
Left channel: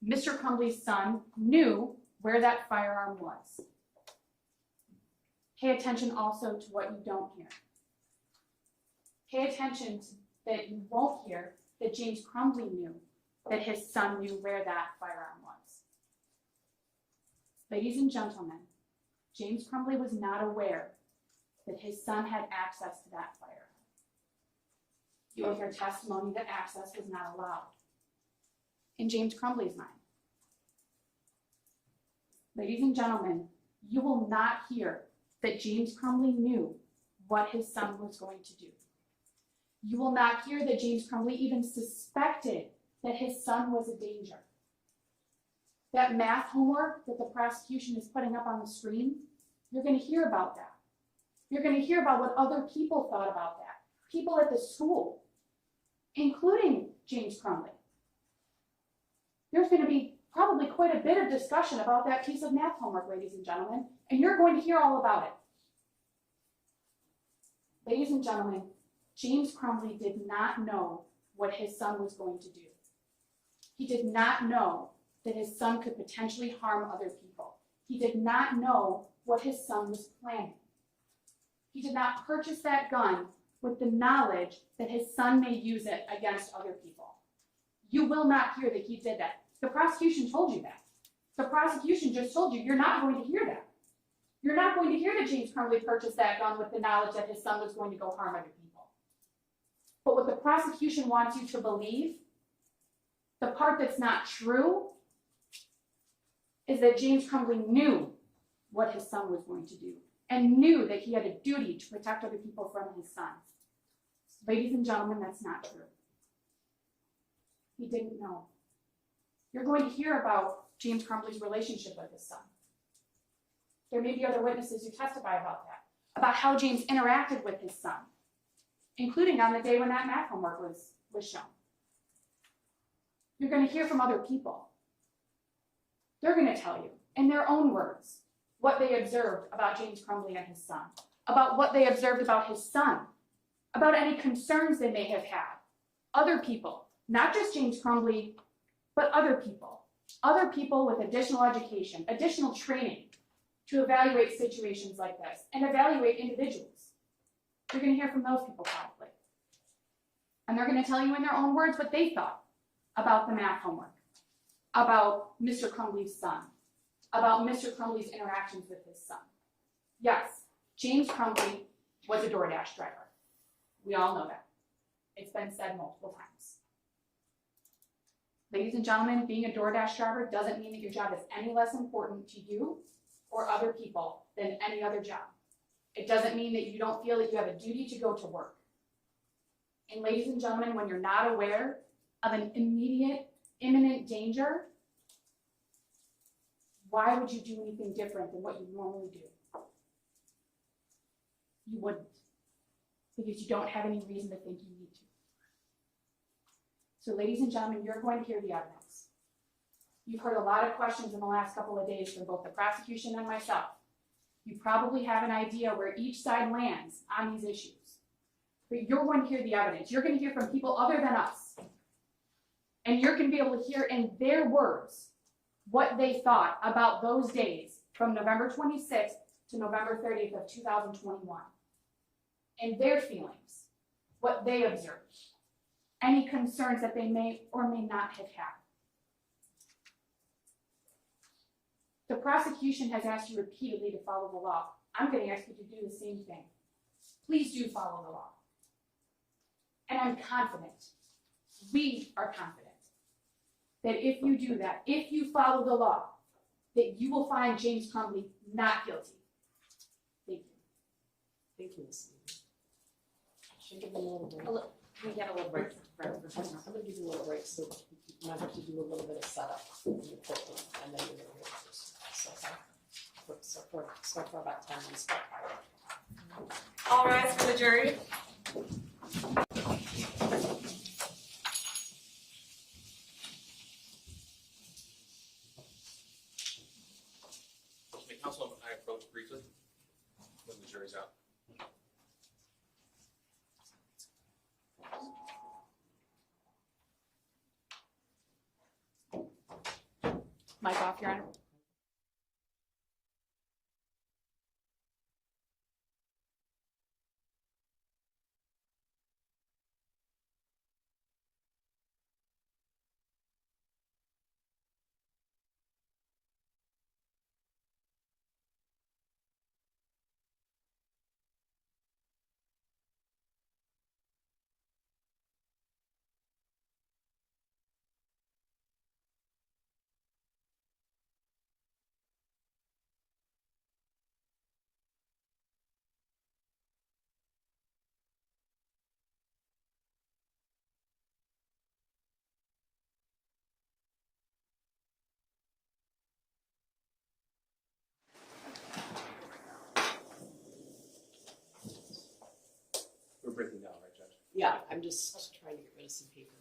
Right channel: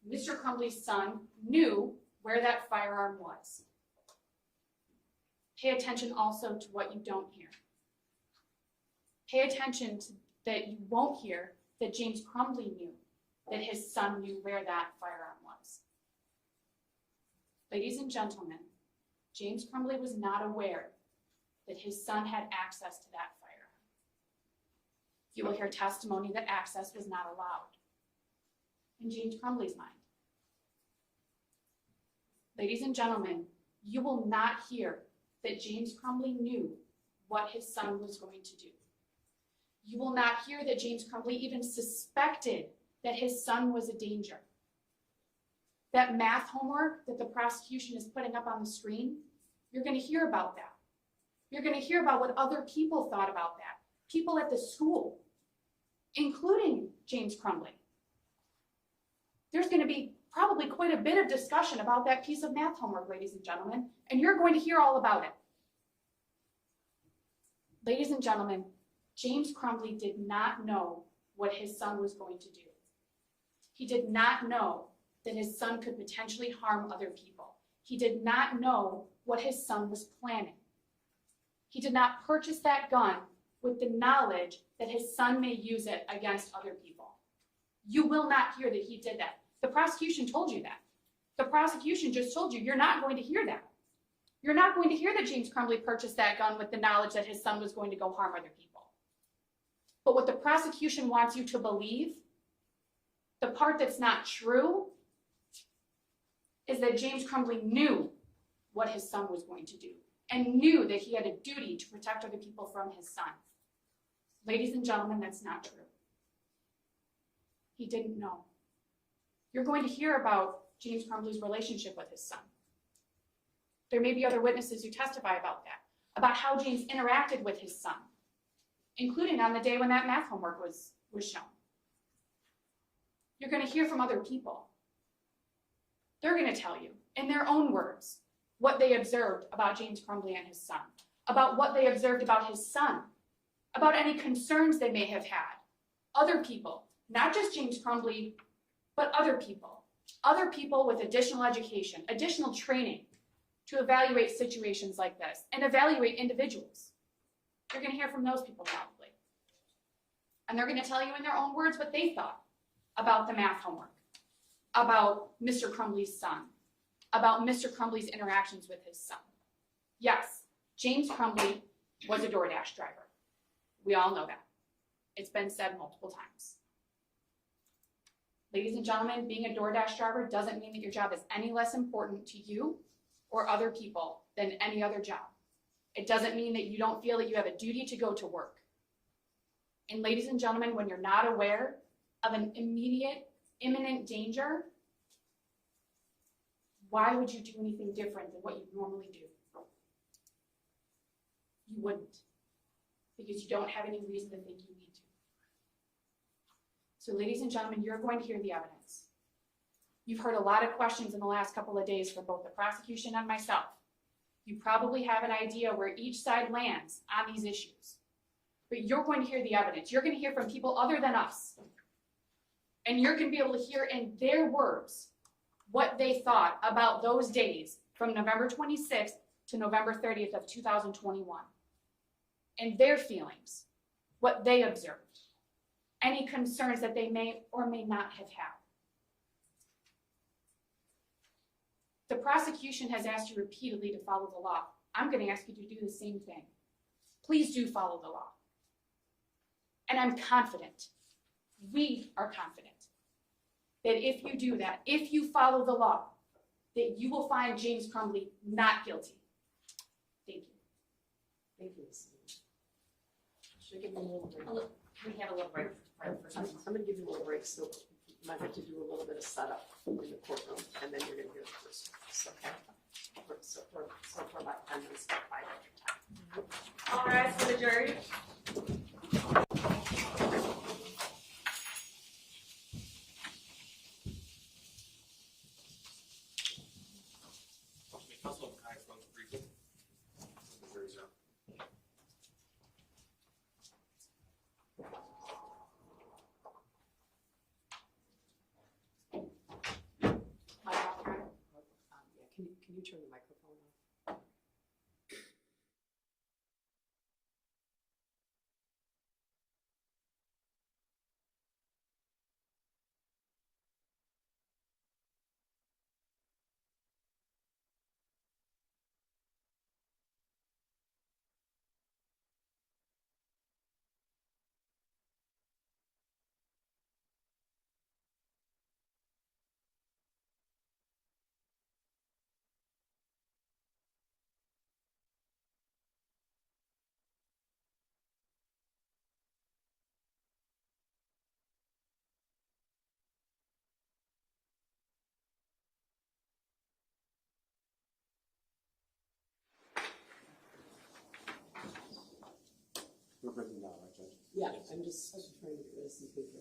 Mr. Crumbley's son knew where that firearm was. Pay attention also to what you don't hear. Pay attention to that you won't hear that James Crumbley knew that his son knew where that firearm was. Ladies and gentlemen, James Crumbley was not aware that his son had access to that firearm. You will hear testimony that access was not allowed in James Crumbley's mind. Ladies and gentlemen, you will not hear that James Crumbley knew what his son was going to do. You will not hear that James Crumbley even suspected that his son was a danger. That math homework that the prosecution is putting up on the screen, you're going to hear about that. You're going to hear about what other people thought about that. People at the school, including James Crumbley. There's going to be probably quite a bit of discussion about that piece of math homework, ladies and gentlemen, and you're going to hear all about it. Ladies and gentlemen, James Crumbley did not know what his son was going to do. He did not know that his son could potentially harm other people. He did not know what his son was planning. He did not purchase that gun with the knowledge that his son may use it against other people. You will not hear that he did that. The prosecution told you that. The prosecution just told you you're not going to hear that. You're not going to hear that James Crumbley purchased that gun with the knowledge that his son was going to go harm other people. But what the prosecution wants you to believe, the part that's not true, is that James Crumbley knew what his son was going to do and knew that he had a duty to protect other people from his son. Ladies and gentlemen, that's not true. He didn't know. You're going to hear about James Crumbley's relationship with his son. There may be other witnesses who testify about that, about how James interacted with his son, including on the day when that math homework was shown. You're going to hear from other people. They're going to tell you, in their own words, what they observed about James Crumbley and his son, about what they observed about his son, about any concerns they may have had. Other people, not just James Crumbley, but other people with additional education, additional training to evaluate situations like this and evaluate individuals. You're going to hear from those people probably. And they're going to tell you in their own words what they thought about the math homework, about Mr. Crumbley's son, about Mr. Crumbley's interactions with his son. Yes, James Crumbley was a DoorDash driver. We all know that. It's been said multiple times. Ladies and gentlemen, being a DoorDash driver doesn't mean that your job is any less important to you or other people than any other job. It doesn't mean that you don't feel that you have a duty to go to work. And ladies and gentlemen, when you're not aware of an immediate, imminent danger, why would you do anything different than what you normally do? You wouldn't, because you don't have any reason to think you need to. So ladies and gentlemen, you're going to hear the evidence. You've heard a lot of questions in the last couple of days from both the prosecution and myself. You probably have an idea where each side lands on these issues. But you're going to hear the evidence. You're going to hear from people other than us. And you're going to be able to hear in their words what they thought about those days from November 26th to November 30th of 2021. And their feelings, what they observed, any concerns that they may or may not have had. The prosecution has asked you repeatedly to follow the law. I'm going to ask you to do the same thing. Please do follow the law. And I'm confident, we are confident, that if you do that, if you follow the law, that you will find James Crumbley not guilty. Thank you. Thank you, Ms. Lee. Should I give them a little break? We have a little break. I'm going to give you a little break, so you might have to do a little bit of setup in the courtroom, and then you're going to hear the first. So for about 10 minutes, about 5 minutes. All rise for the jury. May counsel I approach briefly when the jury's out. Mic off, Your Honor. Yeah, can you turn the microphone on? Yeah, I'm just trying to get rid of some paper.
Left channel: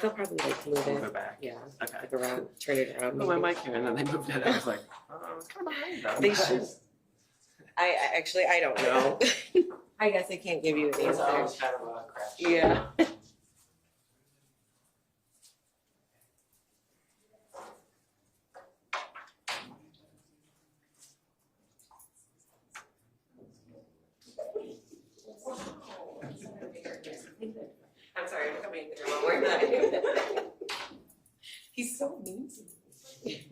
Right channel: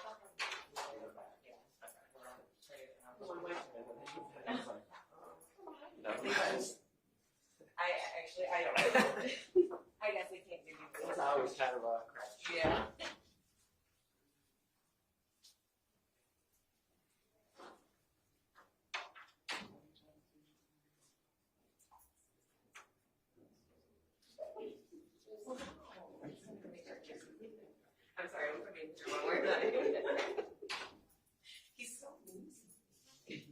They'll probably like move Move it. it back. Yeah, Okay. like around, turn it around. Oh, my maybe. mic came in and they moved it. I was like, oh, it's kind of behind them. They should. I actually, I don't know. I guess I can't give you an It's answer. always kind of a crash. Yeah. I'm sorry, I'm coming through one more time. He's so mean to me.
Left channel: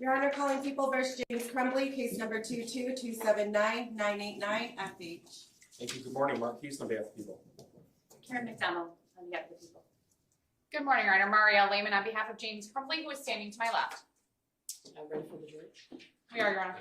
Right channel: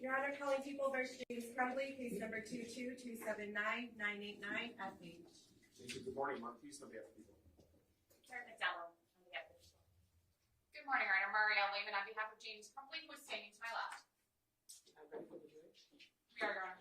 Your Honor, calling People versus James Crumbley, case number 222799989 FH. Thank you. Good morning, Marquise, on behalf of people. Karen McDonald, on behalf of the people. Good morning, Your Honor. Marielle Lehman on behalf of James Crumbley, who is standing to my left. I'm ready for the jury. We are, Your Honor.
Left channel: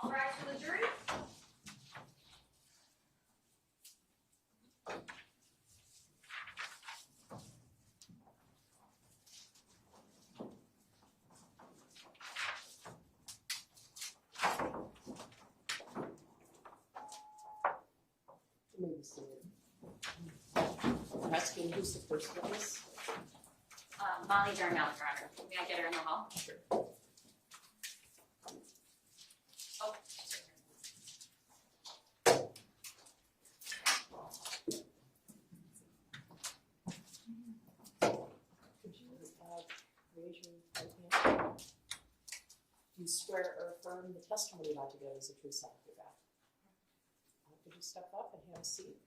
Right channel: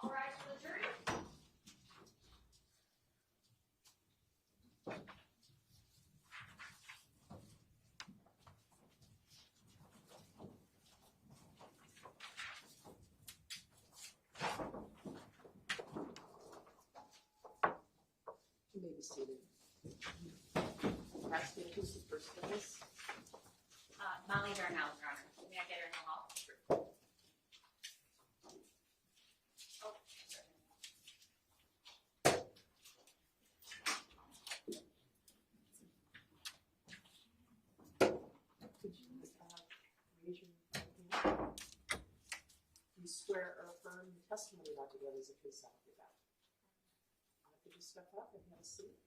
All rise for the jury. You may be seated. I'm asking who's the first witness? Molly Darnell, Your Honor. May I get her in the hall? Sure. Oh. Could you raise your right hand? Do you swear or affirm the testimony about to give is the truth, so help you God? Could you step up and have a seat?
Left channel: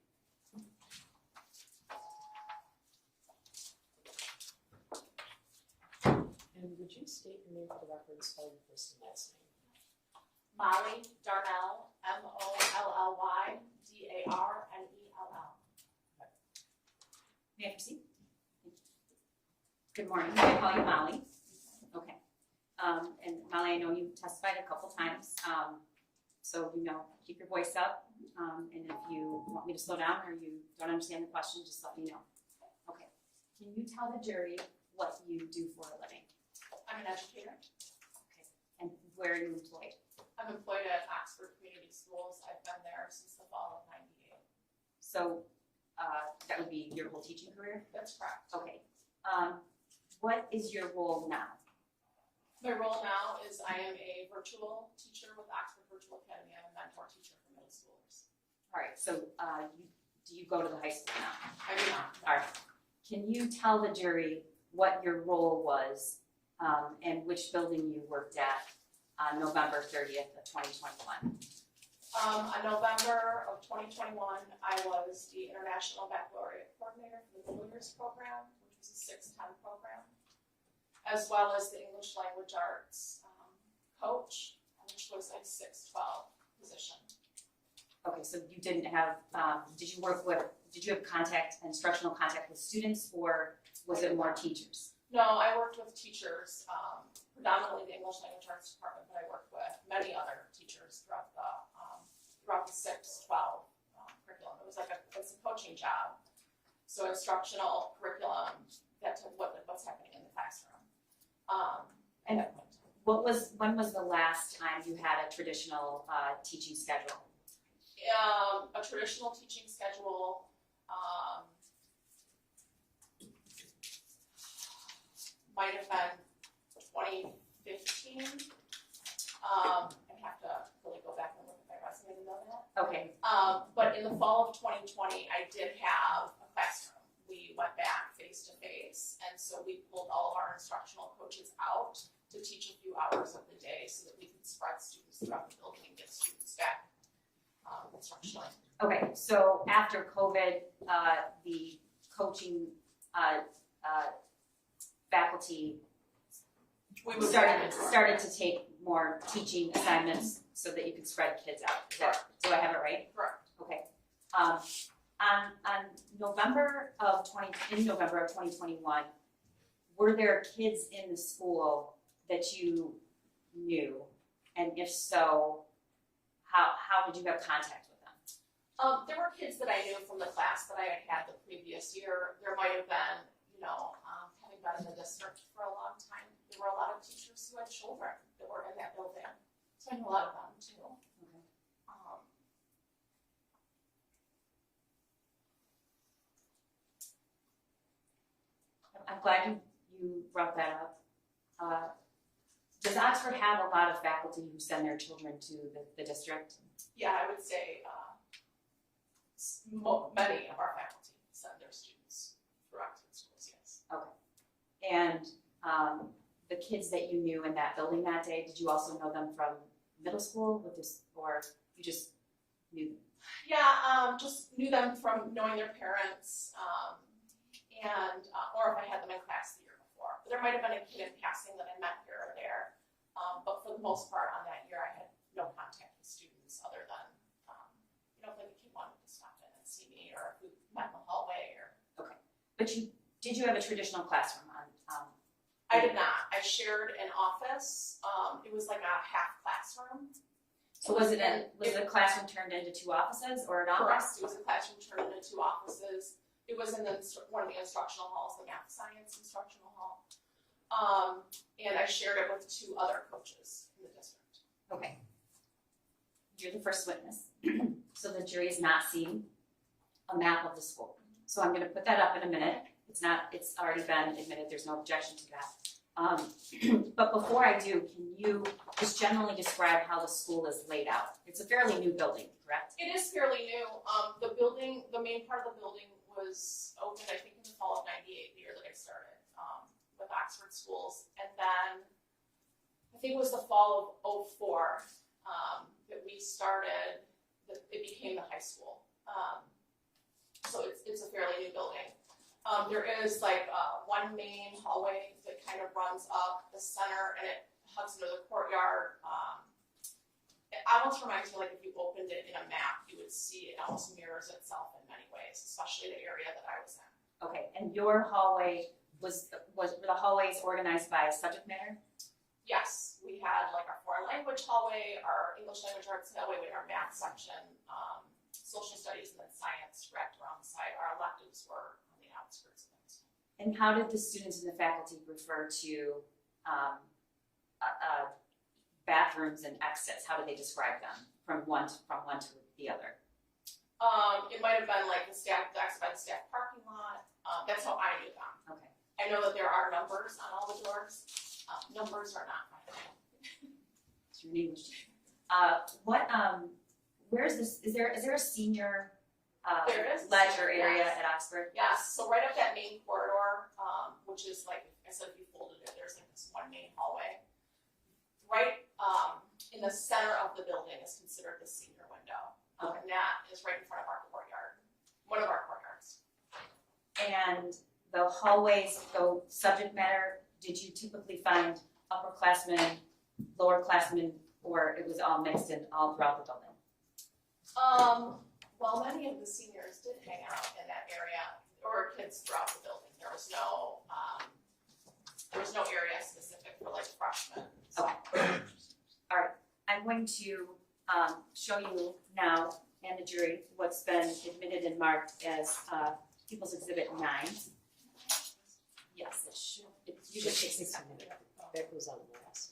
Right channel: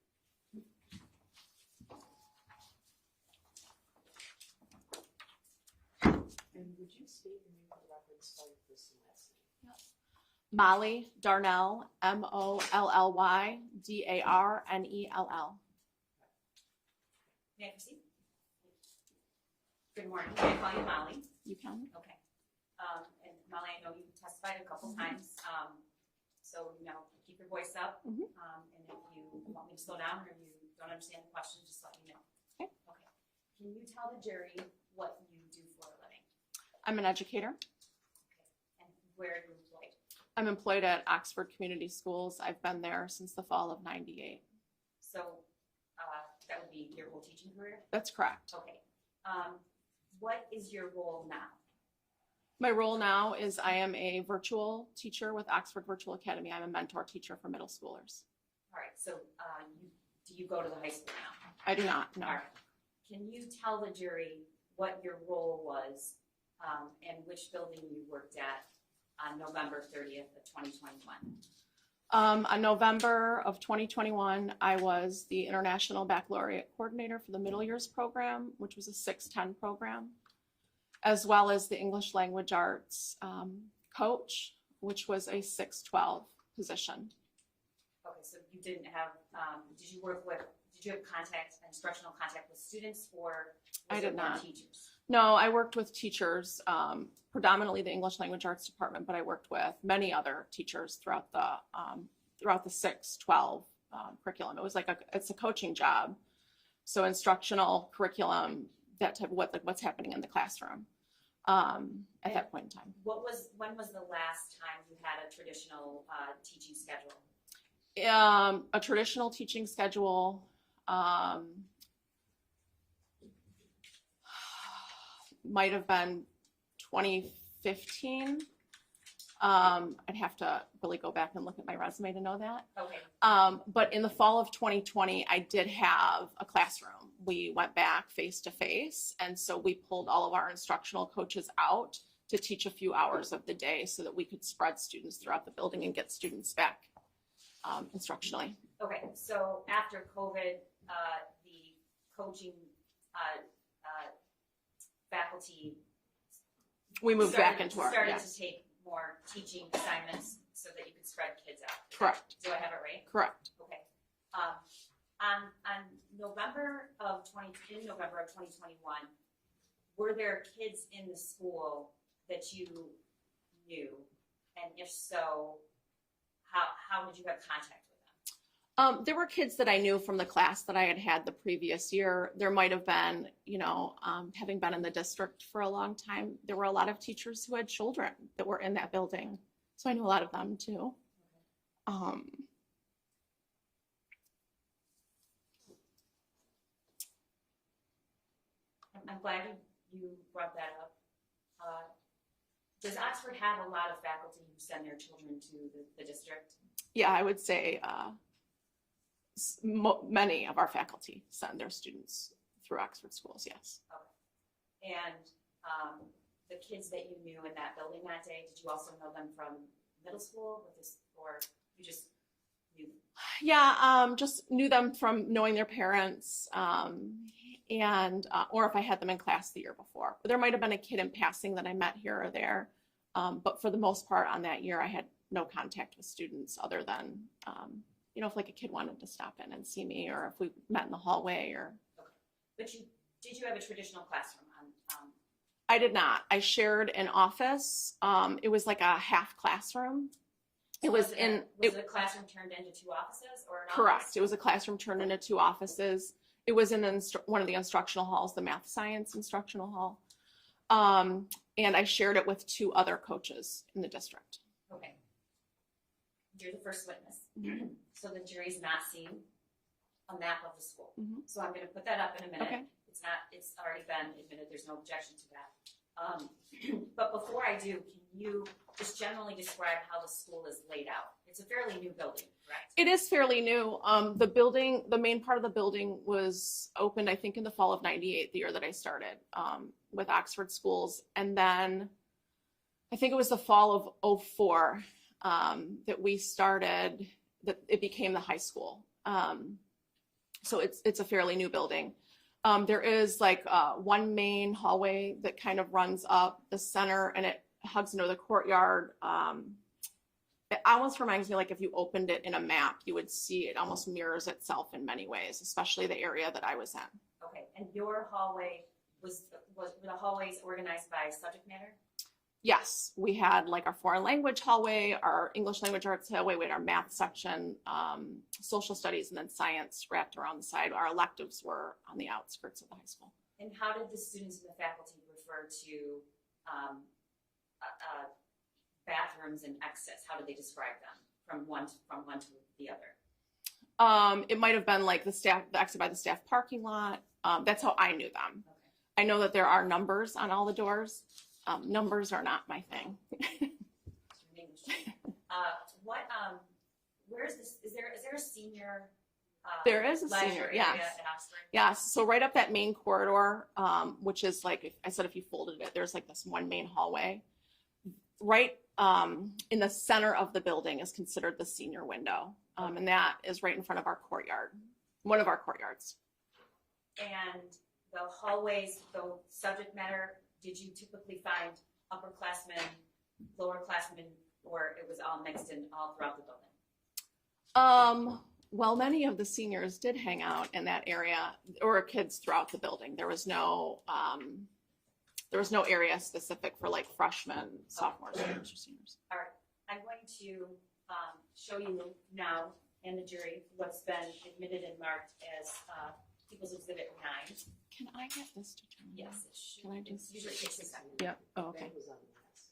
And would you state your name for the record and spell your first and last name? Molly Darnell, Mollydarnell. May I proceed? Good morning. May I call you Molly? You can. Okay. And Molly, I know you testified a couple times, so keep your voice up. Mhm. And if you want me to slow down or you don't understand the question, just let me know. Okay. Okay. Can you tell the jury what you do for a living? I'm an educator. Okay. And where are you employed? I'm employed at Oxford Community Schools. I've been there since the fall of '98. So that would be your whole teaching career? That's correct. Okay. What is your role now? My role now is I am a virtual teacher with Oxford Virtual Academy. I'm a mentor teacher for middle schoolers. All right. So do you go to the high school now? I do not, no. All right. Can you tell the jury what your role was and which building you worked at on November 30th of 2021? On November of 2021, I was the International Baccalaureate Coordinator for the Middle Years program, which was a 610 program, as well as the English Language Arts coach, which was a 612 position. Okay, so you didn't have, did you have instructional contact with students, or was I it did more not. teachers? No, I worked with teachers, predominantly the English Language Arts department, but I worked with many other teachers throughout the 612 curriculum. It was it's a coaching job, so instructional curriculum, that type of what's happening in the classroom at that point in time. When was the last time you had a traditional teaching schedule? A traditional teaching schedule might have been 2015. I'd have to really go back and look at my resume to know that. Okay, But in the fall of 2020, I did have a classroom. We went back face to face, and so we pulled all of our instructional coaches out to teach a few hours of the day so that we could spread students throughout the building and get students back instructionally. okay, so after COVID, the coaching, faculty We moved back into our started to take more teaching assignments so that you could spread kids out. Is that- Correct. Do I have it right? Correct. Okay. On November of 2021, were there kids in the school that you knew? And if so, how did you have contact with them? There were kids that I knew from the class that I had had the previous year. There might have been, having been in the district for a long time, there were a lot of teachers who had children that were in that building. So I know a lot of them too. Okay. I'm glad you brought that up. Does Oxford have a lot of faculty who send their children to the district? Yeah, I would say many of our faculty send their students through Oxford schools, yes. Okay. And the kids that you knew in that building that day, did you also know them from middle school with this, or you just knew them? Yeah, just knew them from knowing their parents, and or if I had them in class the year before. But there might have been a kid in passing that I met here or there, but for the most part on that year, I had no contact with students other than, if like a kid wanted to stop in and see me, or if we met in the hallway, or. Okay. But did you have a traditional classroom on? I did not. I shared an office. It was like a half classroom. So was the classroom turned into two offices or an office? Correct. It was a classroom turned into two offices. It was in one of the instructional halls, the math science instructional hall. And I shared it with two other coaches in the district. Okay. You're the first witness. So the jury's not seen a map of the school. Mhm. So I'm going to put that up in a minute. Okay. It's already been admitted. There's no objection to that. But before I do, can you just generally describe how the school is laid out? It's a fairly new building, correct? It is fairly new. The main part of the building was opened, I think, in the fall of '98, the year that I started with Oxford Schools. And then I think it was the fall of '04 that we started, that it became the high school. So it's a fairly new building. There is like one main hallway that kind of runs up the center, and it hugs into the courtyard. It almost reminds me, like if you opened it in a map, you would see it almost mirrors itself in many ways, especially the area that I was in. Okay, and your hallway were the hallways organized by subject matter? Yes, we had like our foreign language hallway, our English language arts hallway, we had our math section, social studies, and then science wrapped around the side. Our electives were on the outskirts of the high school. And how did the students and the faculty refer to bathrooms and exits? How did they describe them from one to the other? It might have been like the exit by the staff parking lot. That's how I knew them. Okay. I know that there are numbers on all the doors. Numbers are not my thing. It's your English. Where is this? Is there a senior There is a leisure senior, area yes. at Oxford? Yes, so right up that main corridor, which is like, if you folded it, there's like this one main hallway. Right in the center of the building is considered the senior window, and that is right in front of our courtyard, one of our courtyards. And the hallways go subject matter. Did you typically find upperclassmen, lowerclassmen, or it was all mixed in all throughout the building? Well, many of the seniors did hang out in that area, or kids throughout the building. There was no area specific for like freshmen, sophomores, or seniors. All right, I'm going to show you now and the jury what's been admitted and marked as People's Exhibit 9. Can I get this to turn? Yes, it should. Can I do You just take 6 seconds. Yep. Oh, okay. That was on last.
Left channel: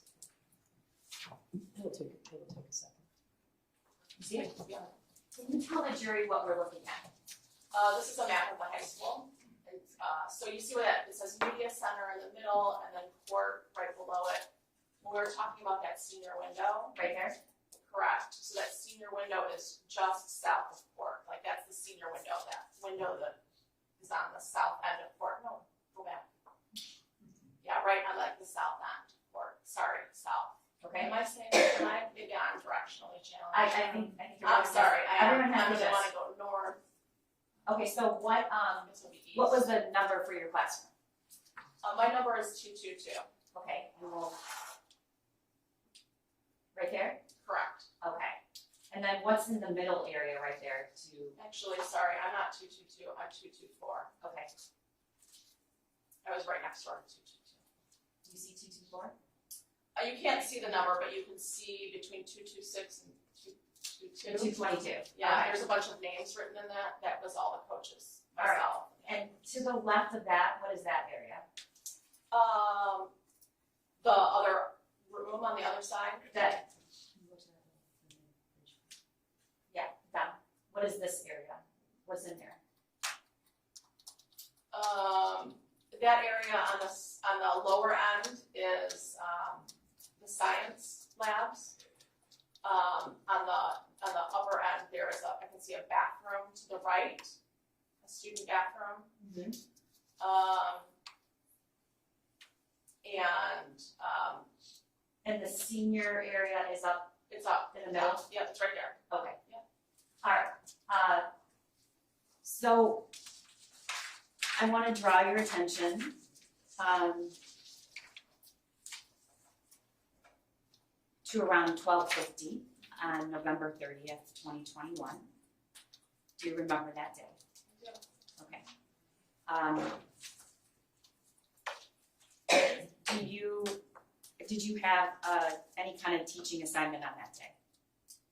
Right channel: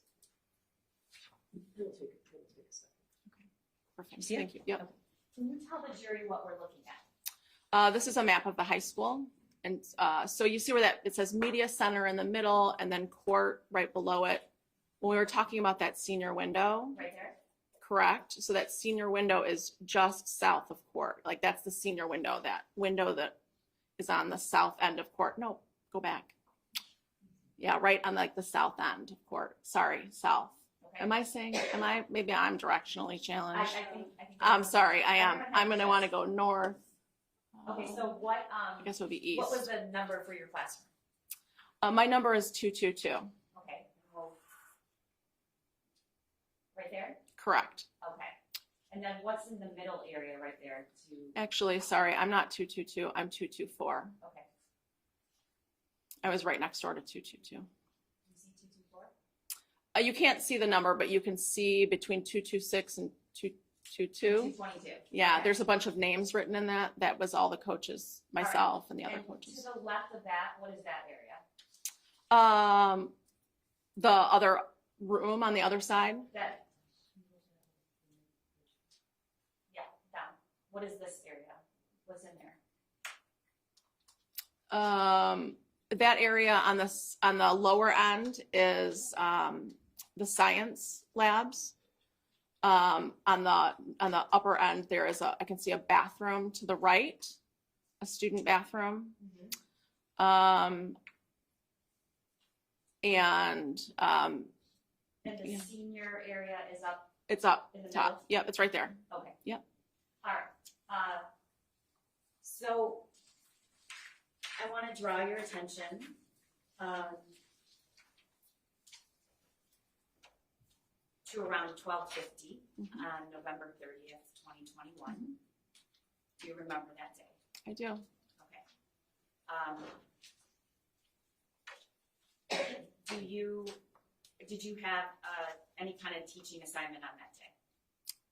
It'll take a second. Perfect. See it? Thank you. Yep. Can you tell the jury what we're looking at? This is a map of the high school. And so you see where it says media center in the middle, and then court right below it. when we were talking about that senior window, Right there? correct? So that senior window is just south of court. Like that's the senior window, that window that is on the south end of court. No, go back. Yeah, right on like the south end of court. Sorry, south. Okay. Maybe I'm directionally challenged. I think. I'm sorry, I am. Everyone has I'm gonna this. wanna go north. Okay, so what, I guess it would be east. what was the number for your classroom? My number is 222, Okay, and we'll. Right there? correct. Okay. And then what's in the middle area right there to, Actually, sorry, I'm not 222, I'm 224. okay, I was right next door to 222. do you see 224? You can't see the number, but you can see between 226 and 222. 222. Yeah, Okay. there's a bunch of names written in that. That was all the coaches, right. myself and the other And coaches. to the left of that, what is that area? The other room on the other side. That. Yeah, that. What is this area? What's in there? That area on the lower end is the science labs. On the upper end, there is I can see a bathroom to the right, a student bathroom. And the senior area is up it's up in the top. middle? Yeah, it's right there. Okay. Yep. All right. So I want to draw your attention to around 12:50 on November 30th, 2021. Do you remember that day? I do. Okay. Did you have any kind of teaching assignment on that day?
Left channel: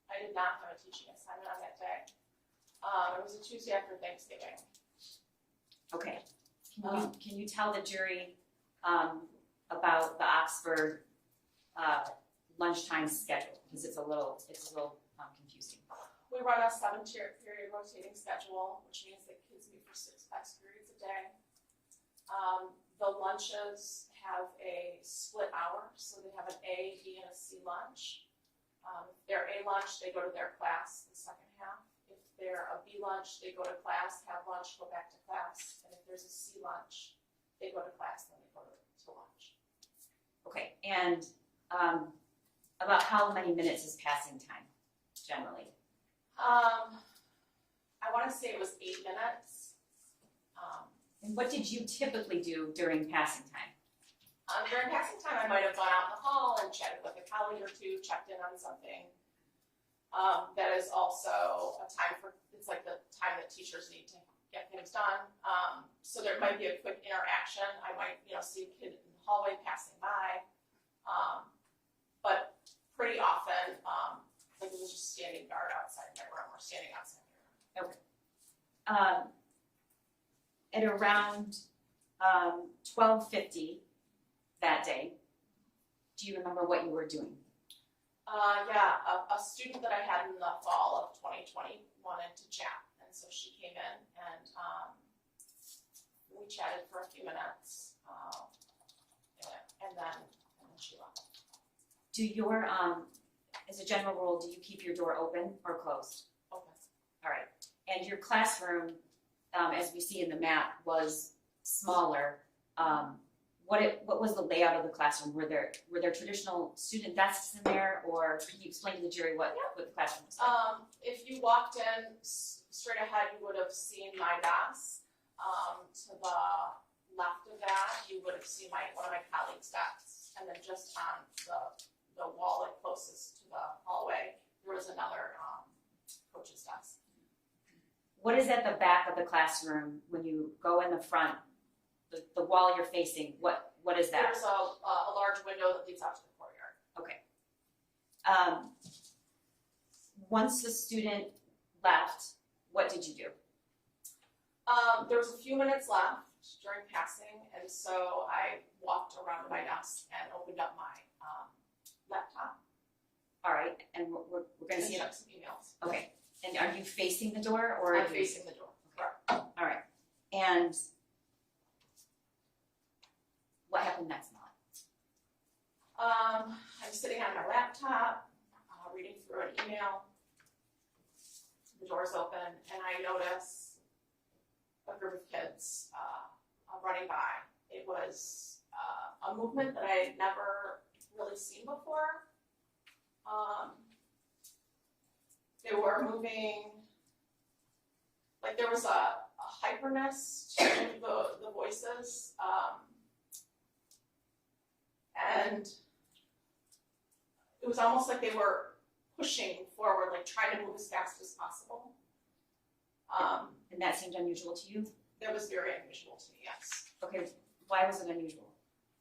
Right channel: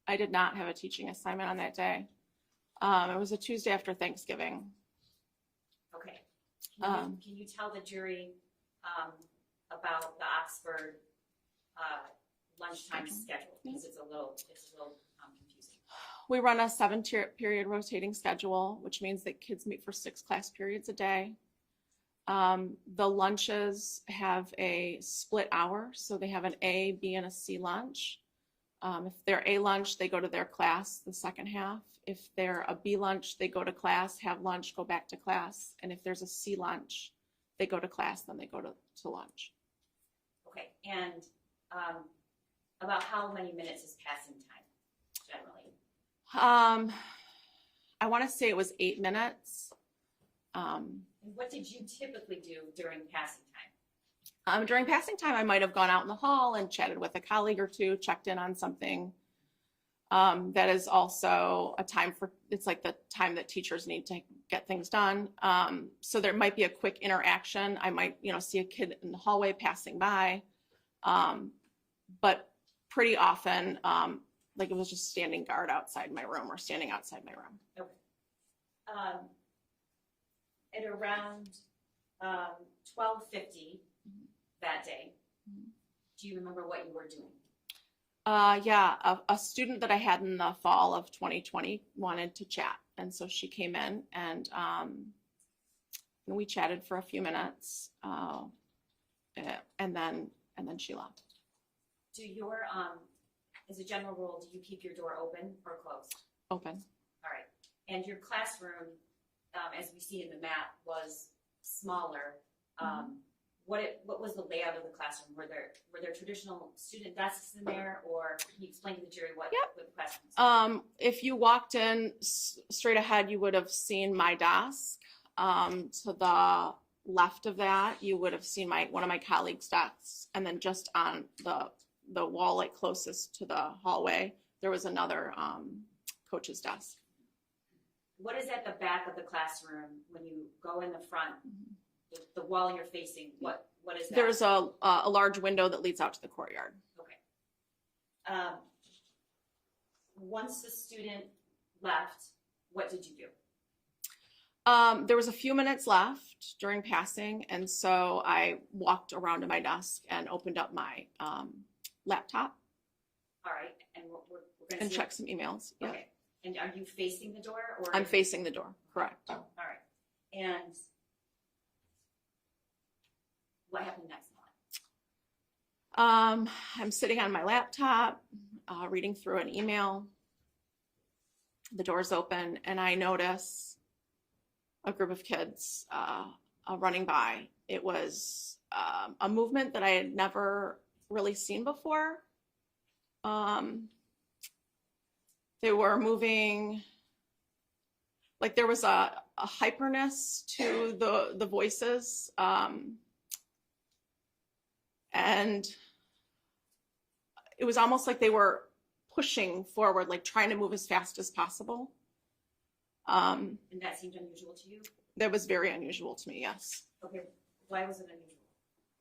I did not have a teaching assignment on that day. It was a Tuesday after Thanksgiving. Okay. Can you tell the jury about the Oxford lunchtime schedule? Because it's a little confusing. We run a 7-period rotating schedule, which means that kids meet for 6 class periods a day. The lunches have a split hour, so they have an A, B, and a C lunch. If they're A lunch, they go to their class the second half. If they're a B lunch, they go to class, have lunch, go back to class. And if there's a C lunch, they go to class, then they go to lunch. Okay, and about how many minutes is passing time, generally? I want to say it was 8 minutes. And what did you typically do during passing time? During passing time, I might have gone out in the hall and chatted with a colleague or two, checked in on something. That is also a time it's like the time that teachers need to get things done. So there might be a quick interaction. I might, see a kid in the hallway passing by. But pretty often, like it was just standing guard outside my room or standing outside my room. Okay. At around 12:50 that day, do you remember what you were doing? Yeah, a student that I had in the fall of 2020 wanted to chat, and so she came in and we chatted for a few minutes, and then she left. Do your as a general rule, do you keep your door open or closed? Open. All right. And your classroom, as we see in the map, was smaller. What was the layout of the classroom? Were there traditional student desks in there, or can you explain to the jury what the classroom was? If you walked in straight ahead, you would have seen my desk. To the left of that, you would have seen one of my colleagues' desks, and then just on the wall, like closest to the hallway, there was another coach's desk. What is at the back of the classroom when you go in the front? The wall you're facing, what is that? There's a large window that leads out to the courtyard. Okay. Once the student left, what did you do? There was a few minutes left during passing, and so I walked around to my desk and opened up my laptop. All right, and we're going to and see check some emails. Yeah. Okay, and are you facing the door, or I'm facing the door. Correct. All right, and what happened next, I'm sitting on my laptop, reading through an email. The door's open, and I notice a group of kids running by. It was a movement that I had never really seen before. They were moving, like there was a hyperness to the voices, and it was almost like they were pushing forward, like trying to move as fast as possible. And that seemed unusual to you? That was very unusual to me, yes. Okay, why was it unusual?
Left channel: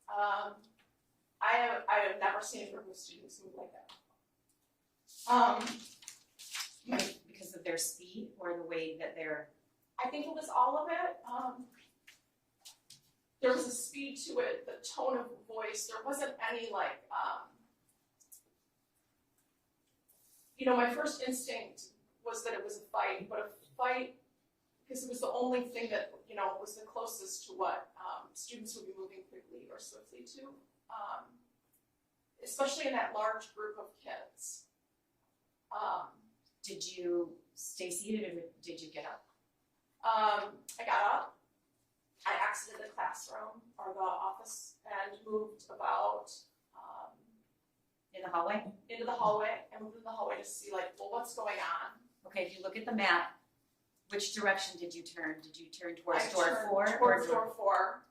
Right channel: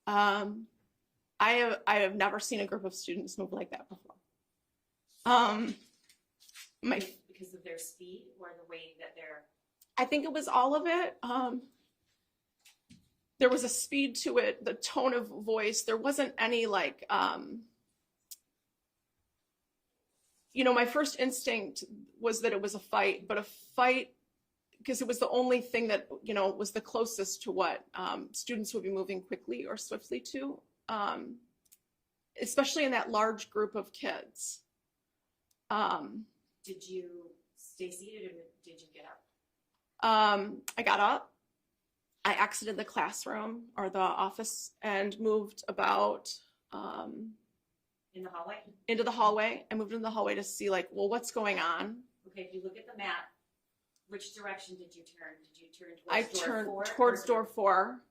I have never seen a group of students move like that before. Because of their speed or the way that they're... I think it was all of it. There was a speed to it, the tone of voice. There wasn't any like, my first instinct was that it was a fight, but a fight, because it was the only thing that, was the closest to what students would be moving quickly or swiftly to, especially in that large group of kids. Did you stay seated or did you get up? I got up. I exited the classroom or the office and moved about In the hallway? into the hallway. I moved into the hallway to see what's going on. Okay, if you look at the map, which direction did you turn? Did you turn I towards door turned 4? towards door 4.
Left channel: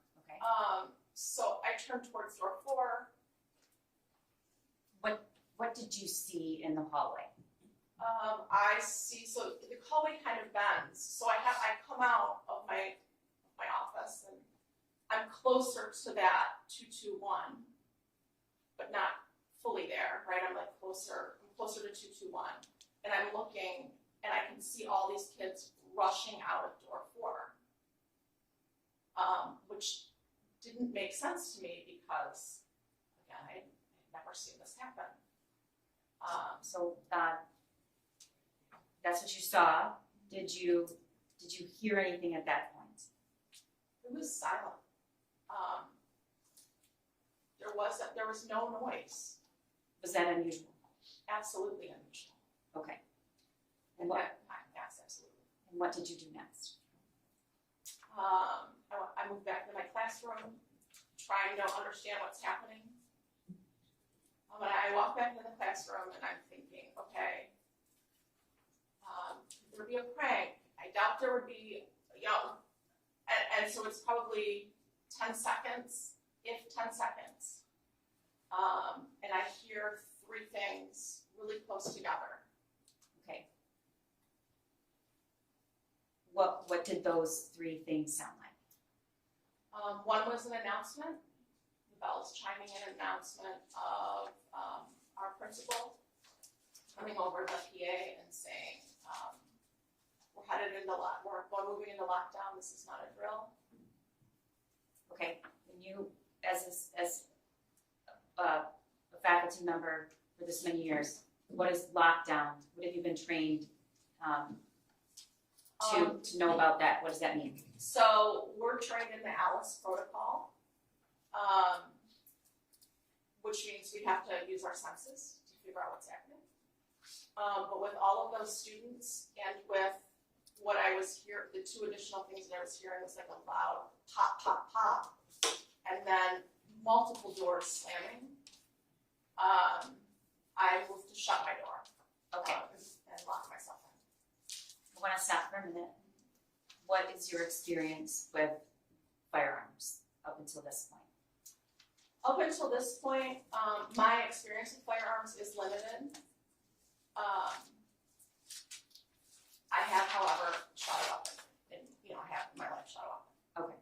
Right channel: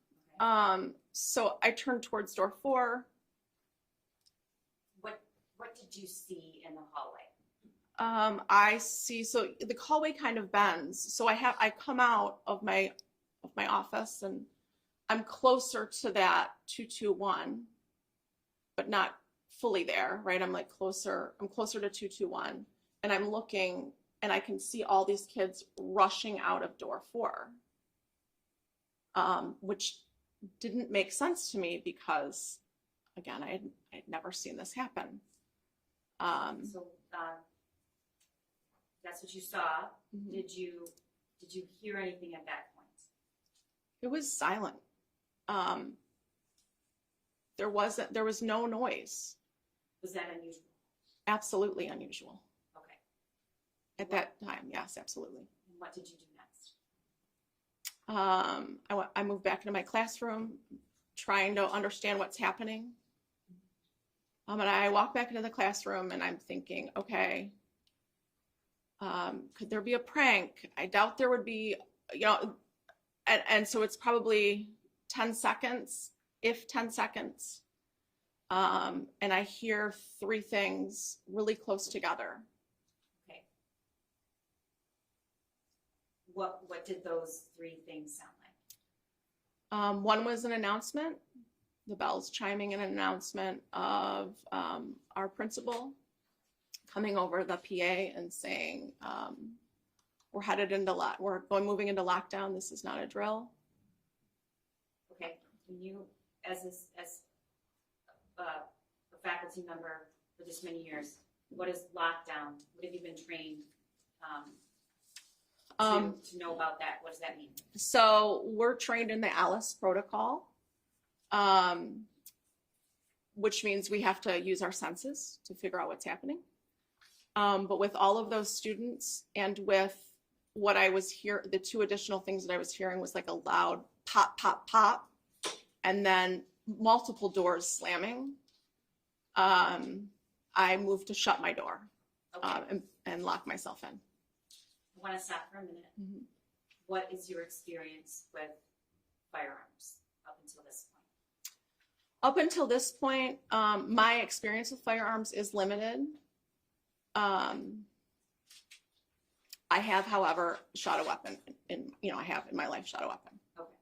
Okay. So I turned towards door 4. What did you see in the hallway? I see, so the hallway kind of bends. So I come out of my office and I'm closer to that 221, but not fully there, right? I'm closer to 221, and I'm looking and I can see all these kids rushing out of door 4, which didn't make sense to me because, again, I'd never seen this happen. So that's what you saw. Mhm. Did you hear anything at that point? It was silent. There was no noise. Was that unusual? Absolutely unusual. Okay. At that time, yes, absolutely. And what did you do next? I moved back into my classroom, trying to understand what's happening. And I walk back into the classroom and I'm thinking, okay, could there be a prank? I doubt there would be, and so it's probably 10 seconds, if 10 seconds. And I hear 3 things really close together. Okay. What did those 3 things sound like? One was an announcement, the bells chiming, an announcement of our principal coming over the PA and saying, we're moving into lockdown. This is not a drill. Okay. And you, as a faculty member for this many years, what is lockdown? What have you been trained to know about that? What does that mean? So we're trained in the Alice protocol, which means we have to use our senses to figure out what's happening. But with all of those students and with what I was hearing, the 2 additional things that I was hearing was like a loud pop, pop, pop, and then multiple doors slamming. I moved to shut my door and lock myself in. I want to stop for a minute. Mhm. What is your experience with firearms up until this point? Up until this point, my experience with firearms is limited. I have, however, shot a weapon, I have in my life shot a weapon. Okay.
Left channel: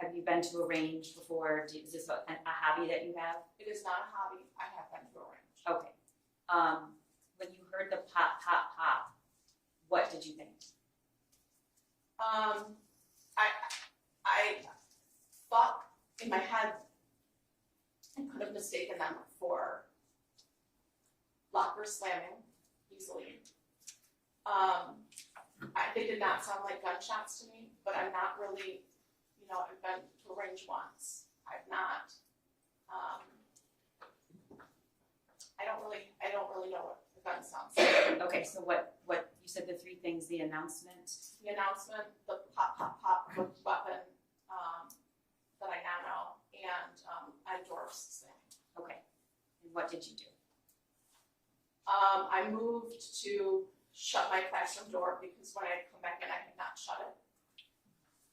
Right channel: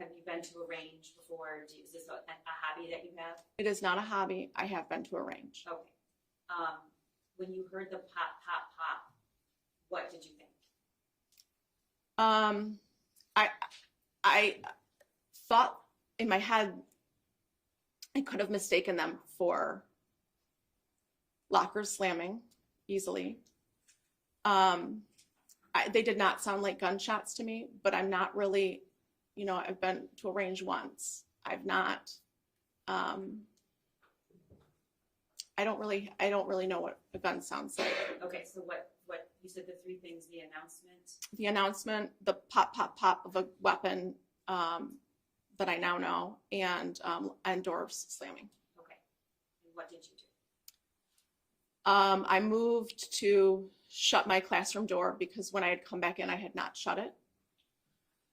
Have you been to a range before? Is this a hobby that you have? It is not a hobby. I have been to a range. Okay. When you heard the pop, pop, pop, what did you think? I thought in my head I could have mistaken them for lockers slamming easily. They did not sound like gunshots to me, but I'm not really, I've been to a range once. I've not I don't really know what a gun sounds like. Okay, so what, you said the three things, the announcement, The announcement, the pop, pop, pop of a weapon that I now know, and doors slamming. okay. And what did you do? I moved to shut my classroom door because when I had come back in, I had not shut it.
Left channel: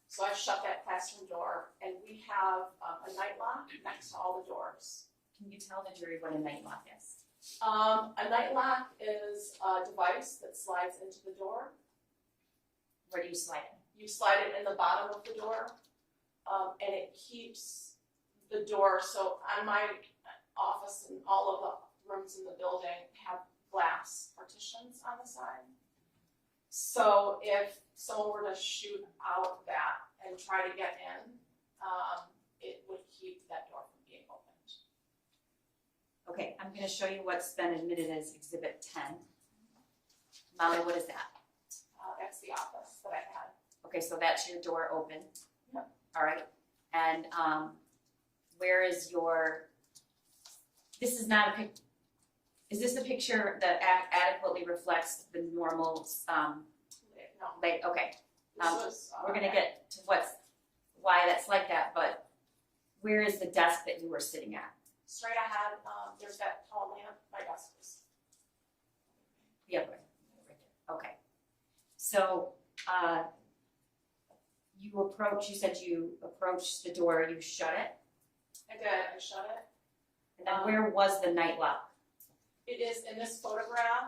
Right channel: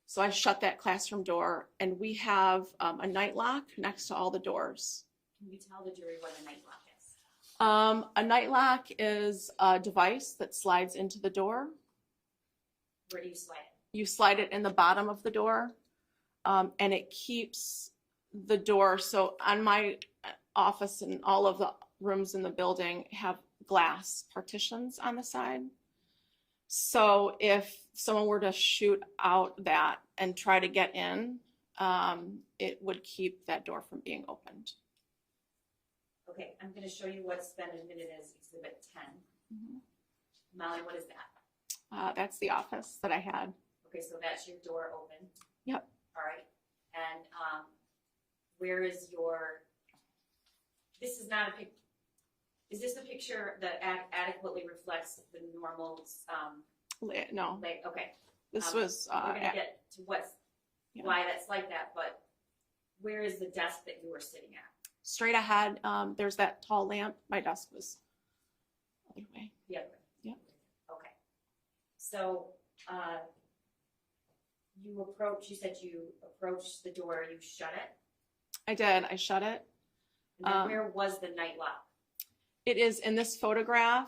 So I shut that classroom door, and we have a night lock next to all the doors. Can you tell the jury what a night lock is? A night lock is a device that slides into the door. Where do you slide it? You slide it in the bottom of the door, and it keeps the door. So on my office and all of the rooms in the building have glass partitions on the side. So if someone were to shoot out that and try to get in, it would keep that door from being opened. Okay, I'm gonna show you what's been admitted as Exhibit 10. Molly, what is that? That's the office that I had. Okay, so that's your door open. Yep. All right, and where is your, this is not a pic, is this a picture that adequately reflects the normal, No, like, okay, this was. we're gonna get to why that's like that, but where is the desk that you were sitting at? Straight ahead. There's that tall lamp. My desk was the other way. The other way? Yep. Right there. Okay. So, you said you approached the door, you shut it, I did. I shut it. and then where was the night lock? It is in this photograph.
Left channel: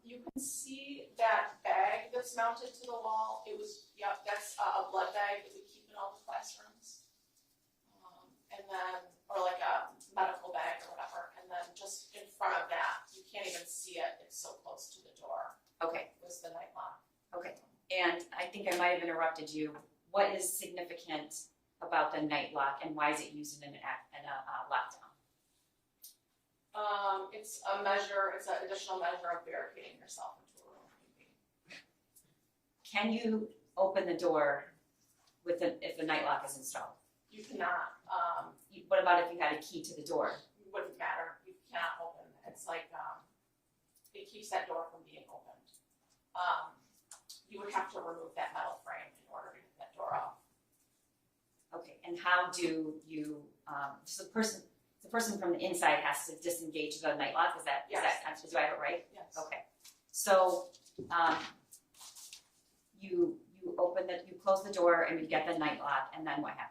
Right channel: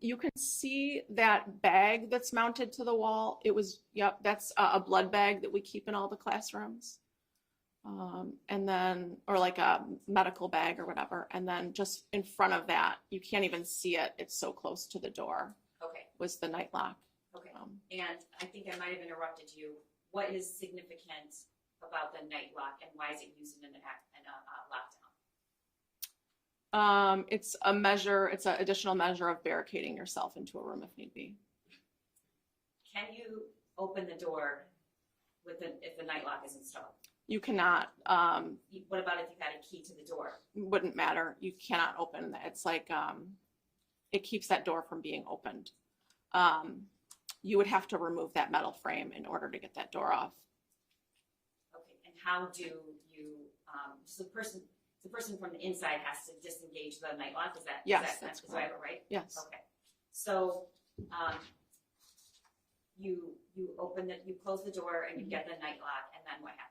You can see that bag that's mounted to the wall. It was, yep, that's a blood bag that we keep in all the classrooms. And then, or like a medical bag or whatever. And then just in front of that, you can't even see it. It's so close to the door, Okay, was the night lock. okay. And I think I might have interrupted you. What is significant about the night lock, and why is it used in a lockdown? It's a measure, it's an additional measure of barricading yourself into a room if need be. Can you open the door if the night lock is installed? You cannot, What about if you had a key to the door? wouldn't matter. You cannot open that. It's like, it keeps that door from being opened. You would have to remove that metal frame in order to get that door off. Okay, and how do you, so the person from the inside has to disengage the night lock, is that, Yes, do I have it right? Yes. Okay, so, you close the door and you get the night lock, and then what happens?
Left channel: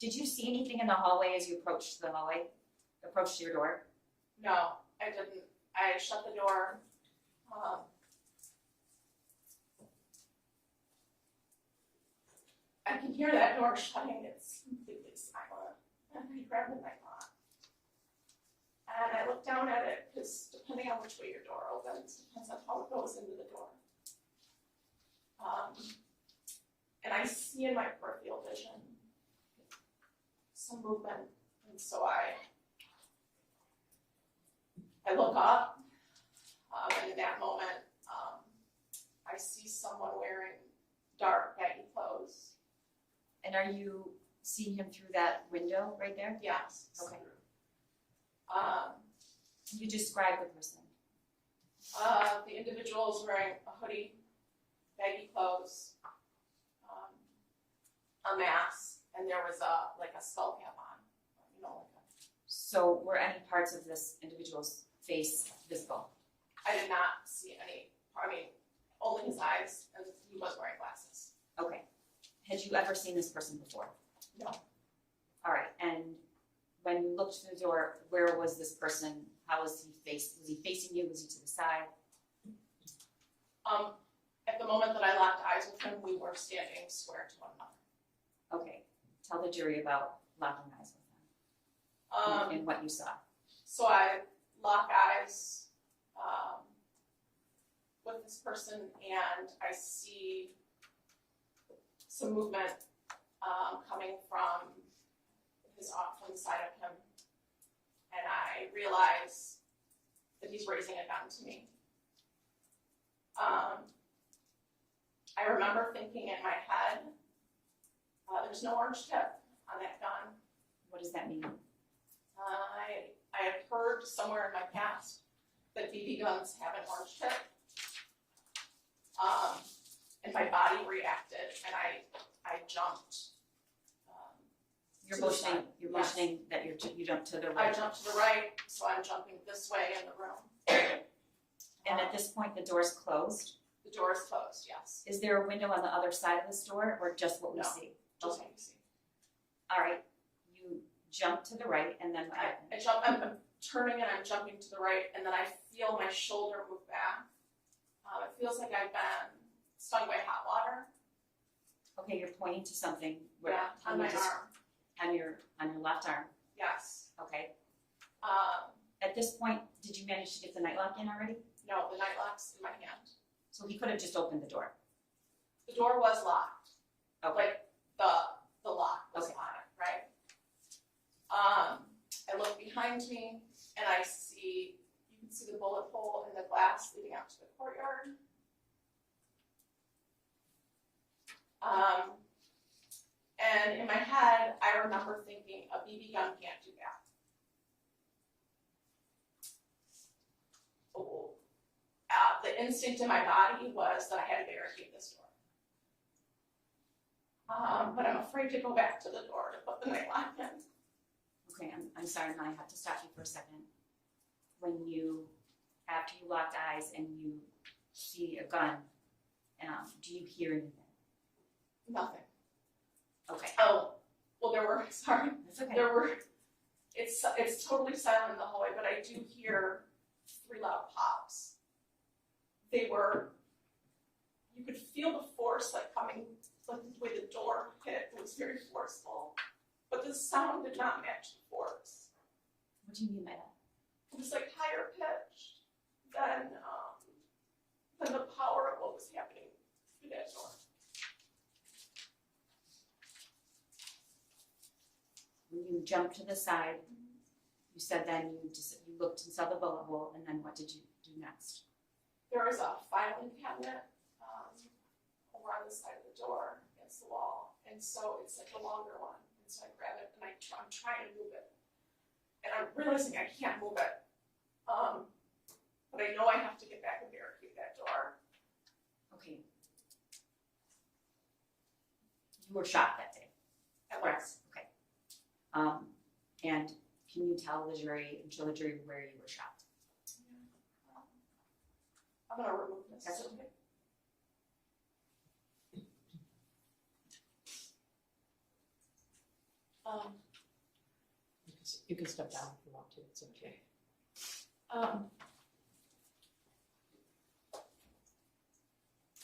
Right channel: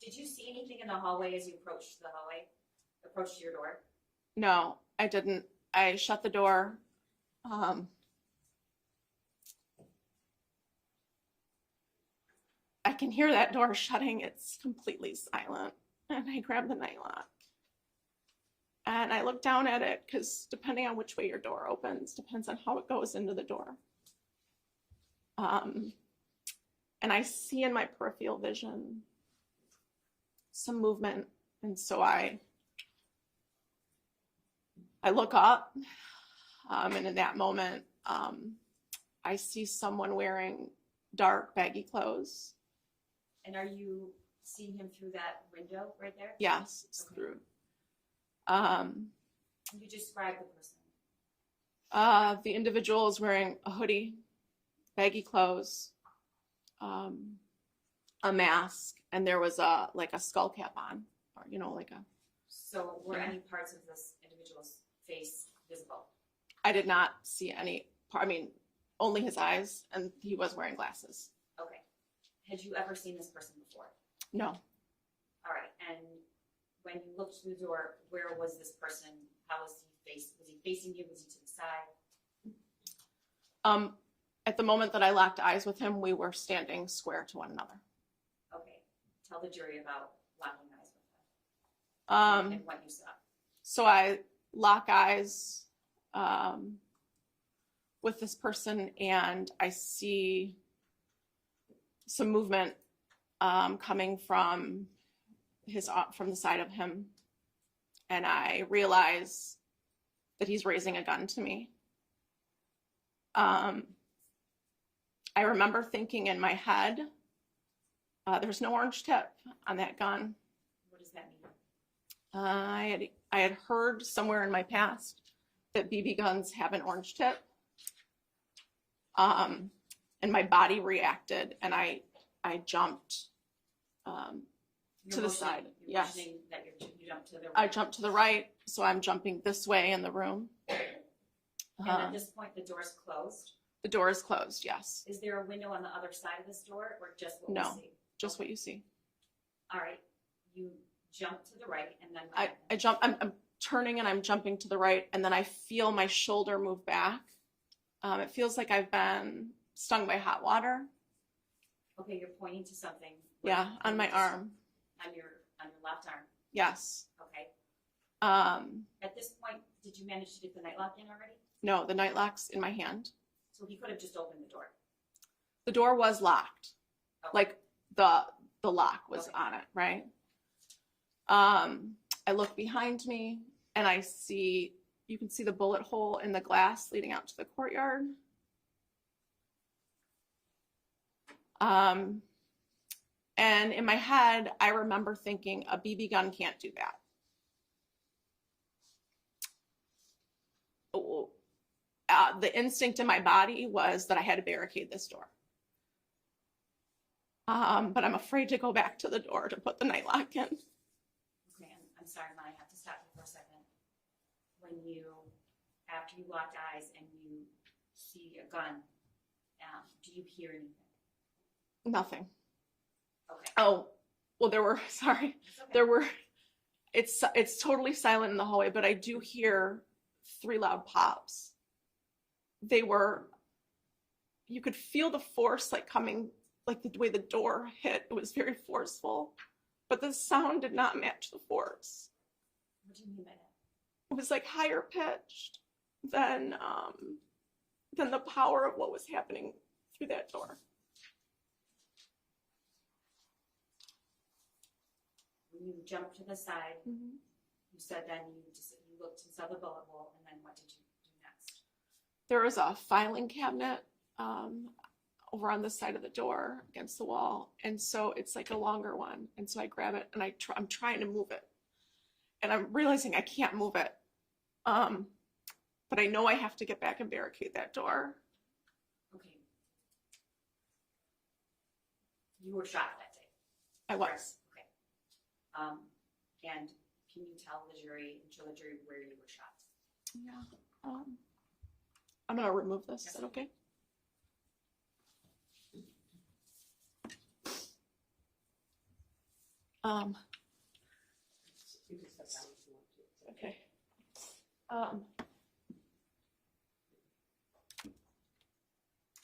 Did you see anything in the hallway as you approached your door? No, I didn't. I shut the door. I can hear that door shutting. It's completely silent. And I grab the night lock. And I look down at it because depending on which way your door opens, depends on how it goes into the door. And I see in my peripheral vision some movement. And so I look up, and in that moment, I see someone wearing dark, baggy clothes. And are you seeing him through that window right there? Yes, it's Okay. through. You describe the person. The individual is wearing a hoodie, baggy clothes, a mask, and there was a skull cap on, or So were any parts of this individual's face visible? I did not see any part. I mean, only his eyes, and he was wearing glasses. Okay. Had you ever seen this person before? No. All right. And when you looked through the door, where was this person? How was he faced? Was he facing you? Was he to the side? At the moment that I locked eyes with him, we were standing square to one another. Okay. Tell the jury about locking eyes with him and what you saw. So I lock eyes with this person, and I see some movement coming from the side of him, and I realize that he's raising a gun to me. I remember thinking in my head, there's no orange tip on that gun. What does that mean? I had heard heard somewhere in my past that BB guns have an orange tip. And my body reacted, and I jumped You're to the motioning, side. you're Yes. motioning that you jump to the I right. jumped to the right, so I'm jumping this way in the room. And at this point, the door's closed. The door is closed, yes, Is there a window on the other side of this door, or just what we No. see? just Okay. what you see. All right, you jump to the right, and then what I happened? jump, I'm turning and I'm jumping to the right, and then I feel my shoulder move back. It feels like I've been stung by hot water. Okay, you're pointing to something. Yeah, Can on you my just- arm, On your left arm, yes. okay. At this point, did you manage to get the nightlock in already? No, the night lock's in my hand. So he could have just opened the door. The door was locked. Okay. Like the lock was Okay. on it, right? I look behind me and I see, you can see the bullet hole in the glass leading out to the courtyard. And in my head, I remember thinking a BB gun can't do that. The instinct in my body was that I had to barricade this door. But I'm afraid to go back to the door to put the night lock in. Okay, I'm sorry, I have to stop you for a second. After you locked eyes and you see a gun, do you hear anything? Nothing. Okay, Oh, well, sorry, it's okay. there were, it's totally silent in the hallway, but I do hear 3 loud pops. You could feel the force like coming, like the way the door hit, it was very forceful, but the sound did not match the force. What do you mean by that? It was like higher pitched than the power of what was happening through that door. When you jumped to the side, you said then you looked and saw the bullet hole, and then what did you do next? There was a filing cabinet over on this side of the door against the wall, and so it's like a longer one, and so I grab it and I'm trying to move it, and I'm realizing I can't move it, but I know I have to get back and barricade that door. Okay. You were shot that day. I was. Okay. And can you tell the jury and show the jury where you were shot? Yeah. I'm gonna remove this. Is That's that okay? You can step down if you want to, it's okay. Okay.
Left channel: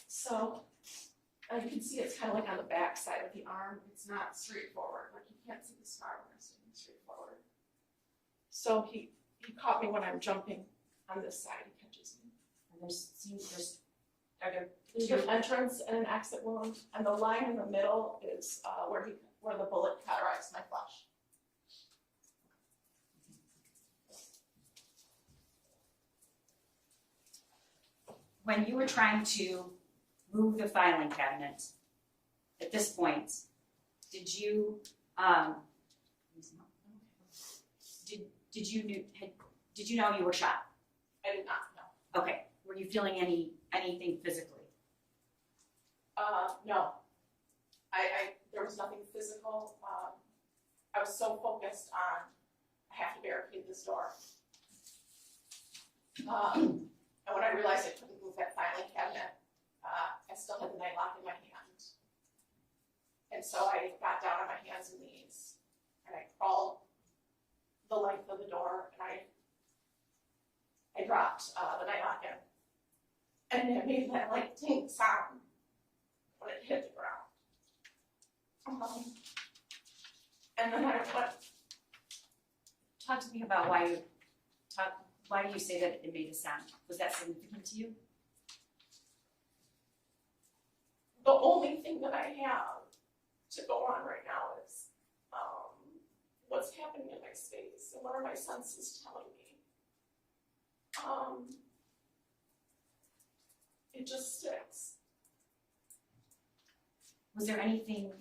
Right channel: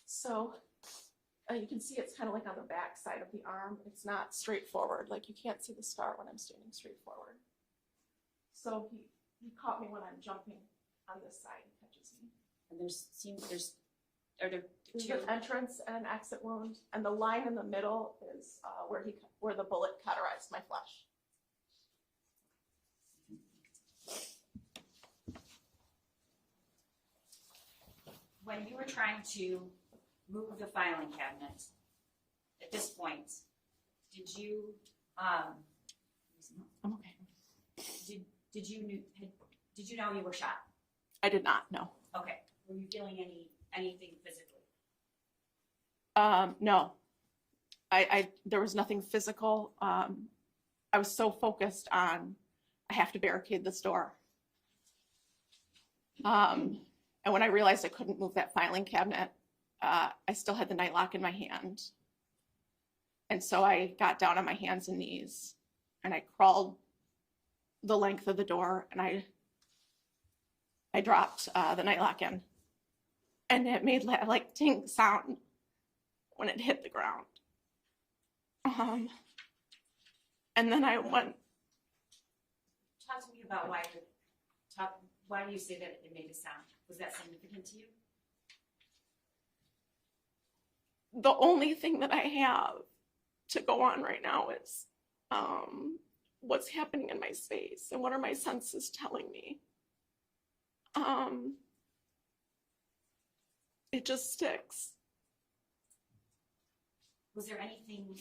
So you can see it's kind of like on the back side of the arm. It's not straightforward. Like you can't see the scar when I'm standing straight forward. So he caught me when I'm jumping on this side. He catches me. And are there There's two? an entrance and an exit wound, and the line in the middle is where the bullet cauterized my flesh. When you were trying to move the filing cabinet, at this point, did you I'm okay. did you know you were shot? I did not know. Okay. Were you feeling anything physically? No. There was nothing physical. I was so focused on, I have to barricade this door. And when I realized I couldn't move that filing cabinet, I still had the night lock in my hand. And so I got down on my hands and knees and I crawled the length of the door and I dropped the night lock in. And it made that like ting sound when it hit the ground. And then I went. Talk to me about why do you say that it made a sound? Was that significant to you? The only thing that I have to go on right now is what's happening in my space and what are my senses telling me. It just sticks. Was there anything,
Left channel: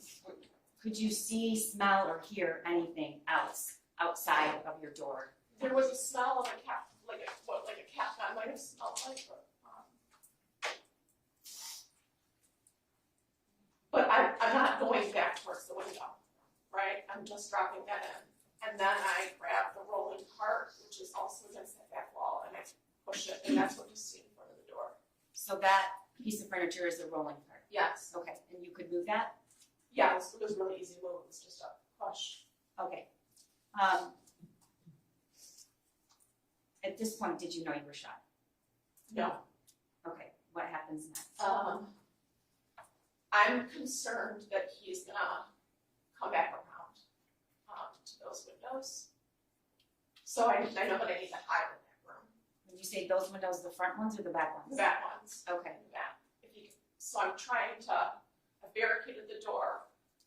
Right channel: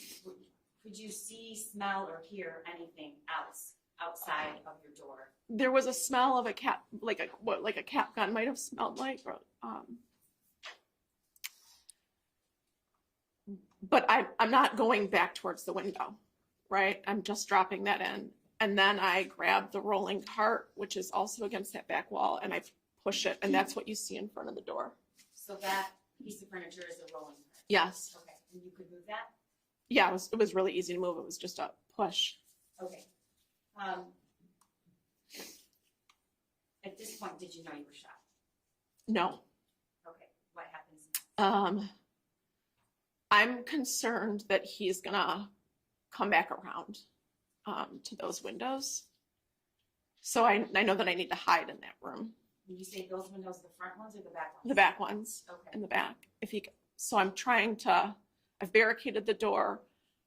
could you see, smell, or hear anything else outside of your door there was a smell of a cat, like a cat gun might have smelled like, or, but I'm not going back towards the window, right? I'm just dropping that in. And then I grab the rolling cart, which is also against that back wall, and I push it, and that's what you see in front of the door. So that piece of furniture is the rolling cart? Yes. Okay, and you could move that? Yeah, it was really easy to move. It was just a push. Okay. At this point, did you know you were shot? No. Okay, what happens next? I'm concerned that he's gonna come back around to those windows. So I know that I need to hide in that room. When you say those windows, the front ones or the back ones? The back ones. Okay. In the back. So I've barricaded the door.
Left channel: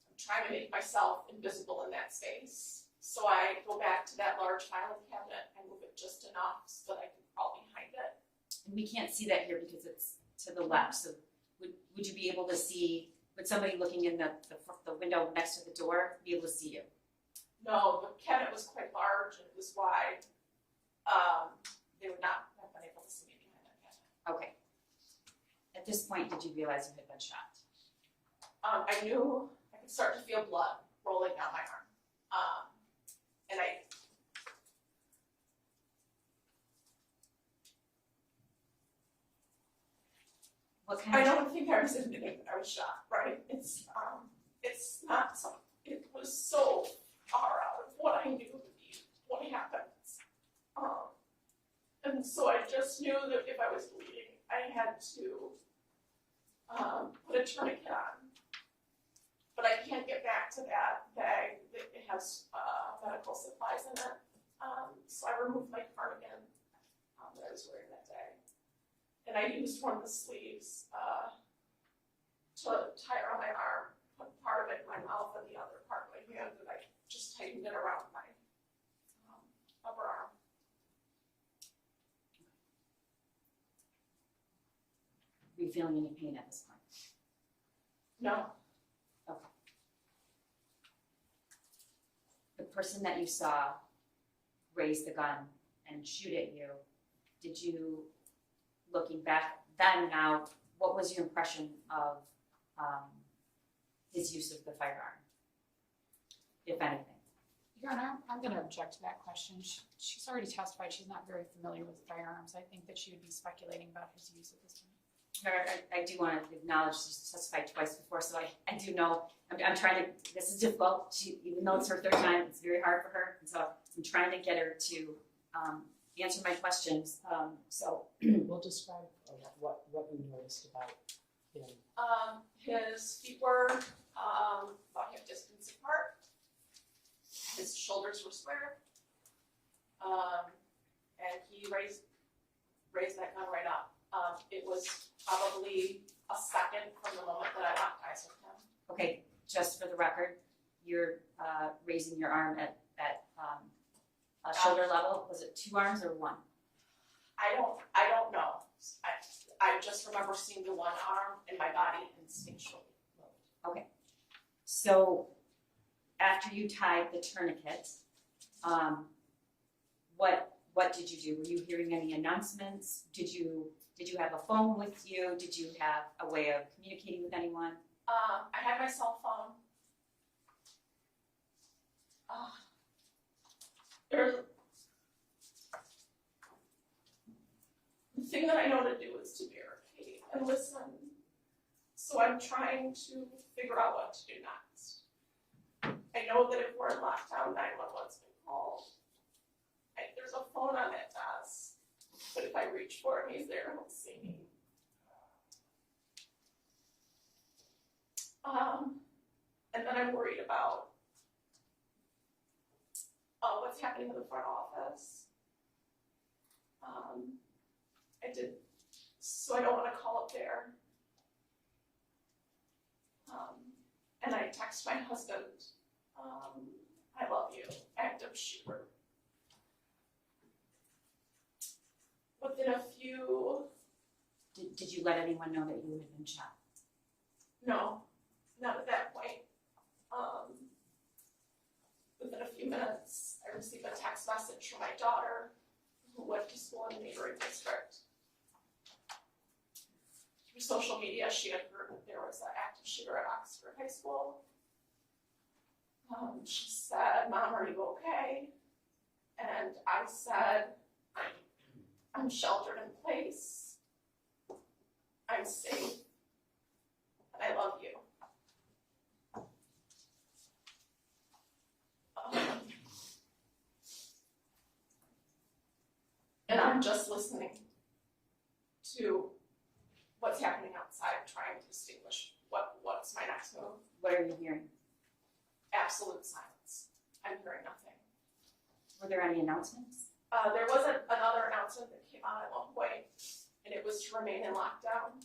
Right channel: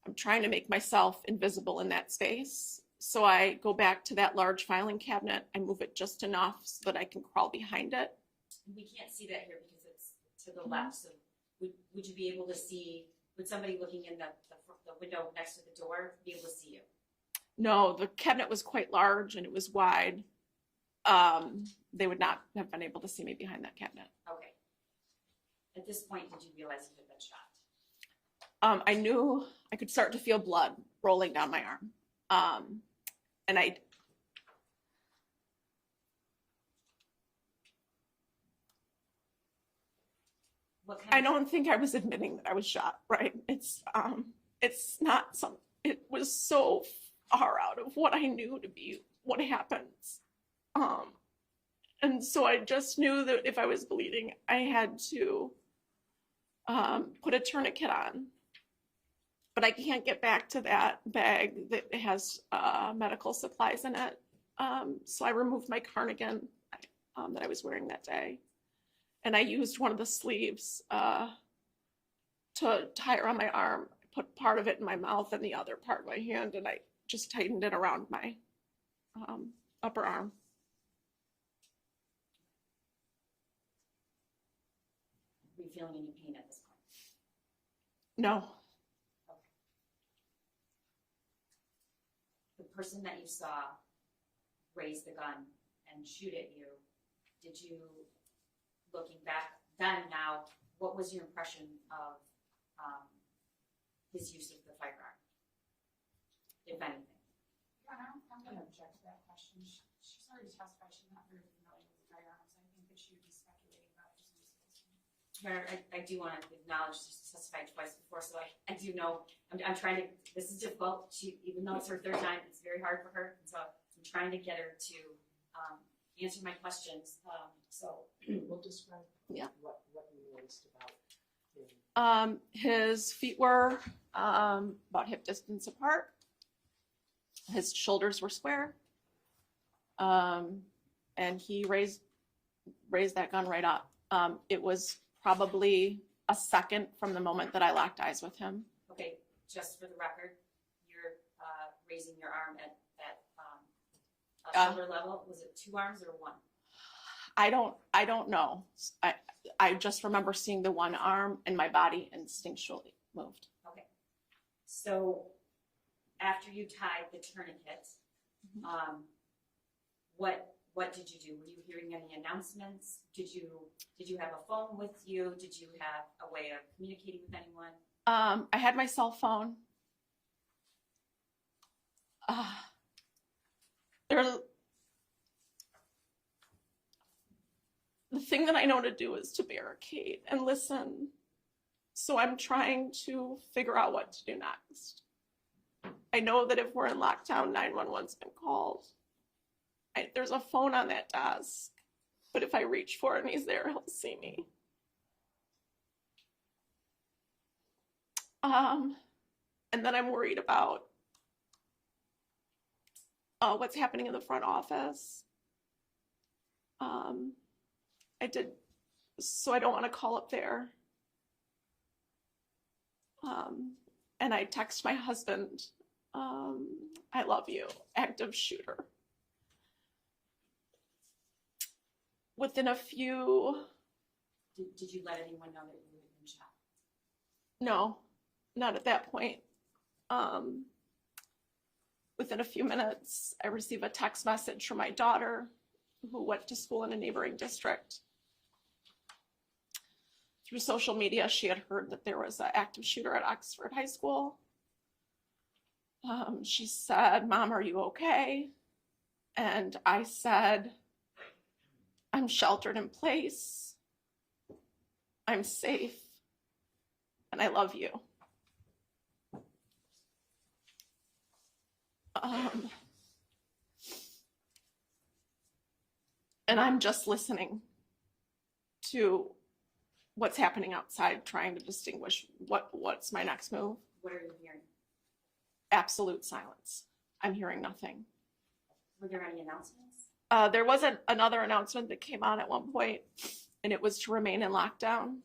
I'm trying to make myself invisible in that space. So I go back to that large filing cabinet and move it just enough so that I can crawl behind it. And we can't see that here because it's to the left, so would you be able to see, would somebody looking in the window next to the door be able to see you? No, the cabinet was quite large and it was wide. They would not have been able to see me behind that cabinet. Okay. At this point, did you realize you had been shot? I knew I could start to feel blood rolling down my arm. And What kind I of don't think I was admitting that I was shot, right? It's not it was so far out of what I knew to be what happens. And so I just knew that if I was bleeding, I had to put a tourniquet on. But I can't get back to that bag that has medical supplies in it. So I removed my cardigan that I was wearing that day. And I used one of the sleeves to tie around my arm, put part of it in my mouth and the other part in my hand, and I just tightened it around my upper arm. Are you feeling any pain at this point? No. Okay. The person that you saw raise the gun and shoot at you, did you, looking back then now, what was your impression of his use of the firearm, if anything? Your Honor, I'm going to object to that question. She's already testified she's not very familiar with firearms. I think that she would be speculating about his use at this point. I do want to acknowledge she's testified twice before, so I do know, I'm trying to, this is difficult. Even though it's her third time, it's very hard for her, and so I'm trying to get her to answer my questions. We'll describe what you noticed about him. His feet were about hip distance apart. His shoulders were square. And he raised that gun right up. It was probably a second from the moment that I locked eyes with him. Okay, just for the record, you're raising your arm at shoulder level. Was it 2 arms or 1? I don't know. I just remember seeing the one arm and my body instinctually moved. Okay. So after you tied the tourniquet, what did you do? Were you hearing any announcements? Did you have a phone with you? Did you have a way of communicating with anyone? I had my cell phone. The thing that I know to do is to barricade and listen. So I'm trying to figure out what to do next. I know that if we're in lockdown, 911's been called. There's a phone on that desk, but if I reach for him, he's there, he'll see me. And then I'm worried about what's happening in the front office. So I don't want to call up there. And I text my husband, I love you, active shooter. Within a few... Did you let anyone know that you had been shot? No, not at that point. within a few minutes, I receive a text message from my daughter who went to school in a neighboring district. Through social media, she had heard that there was an active shooter at Oxford High School. She said, "Mom, are you okay?" And I said, "I'm sheltered in place. I'm safe. And I love you." And I'm just listening to what's happening outside, trying to distinguish what's my next move. What are you hearing? Absolute silence. I'm hearing nothing. Were there any announcements? There was another announcement that came on at one point, and it was to remain in lockdown.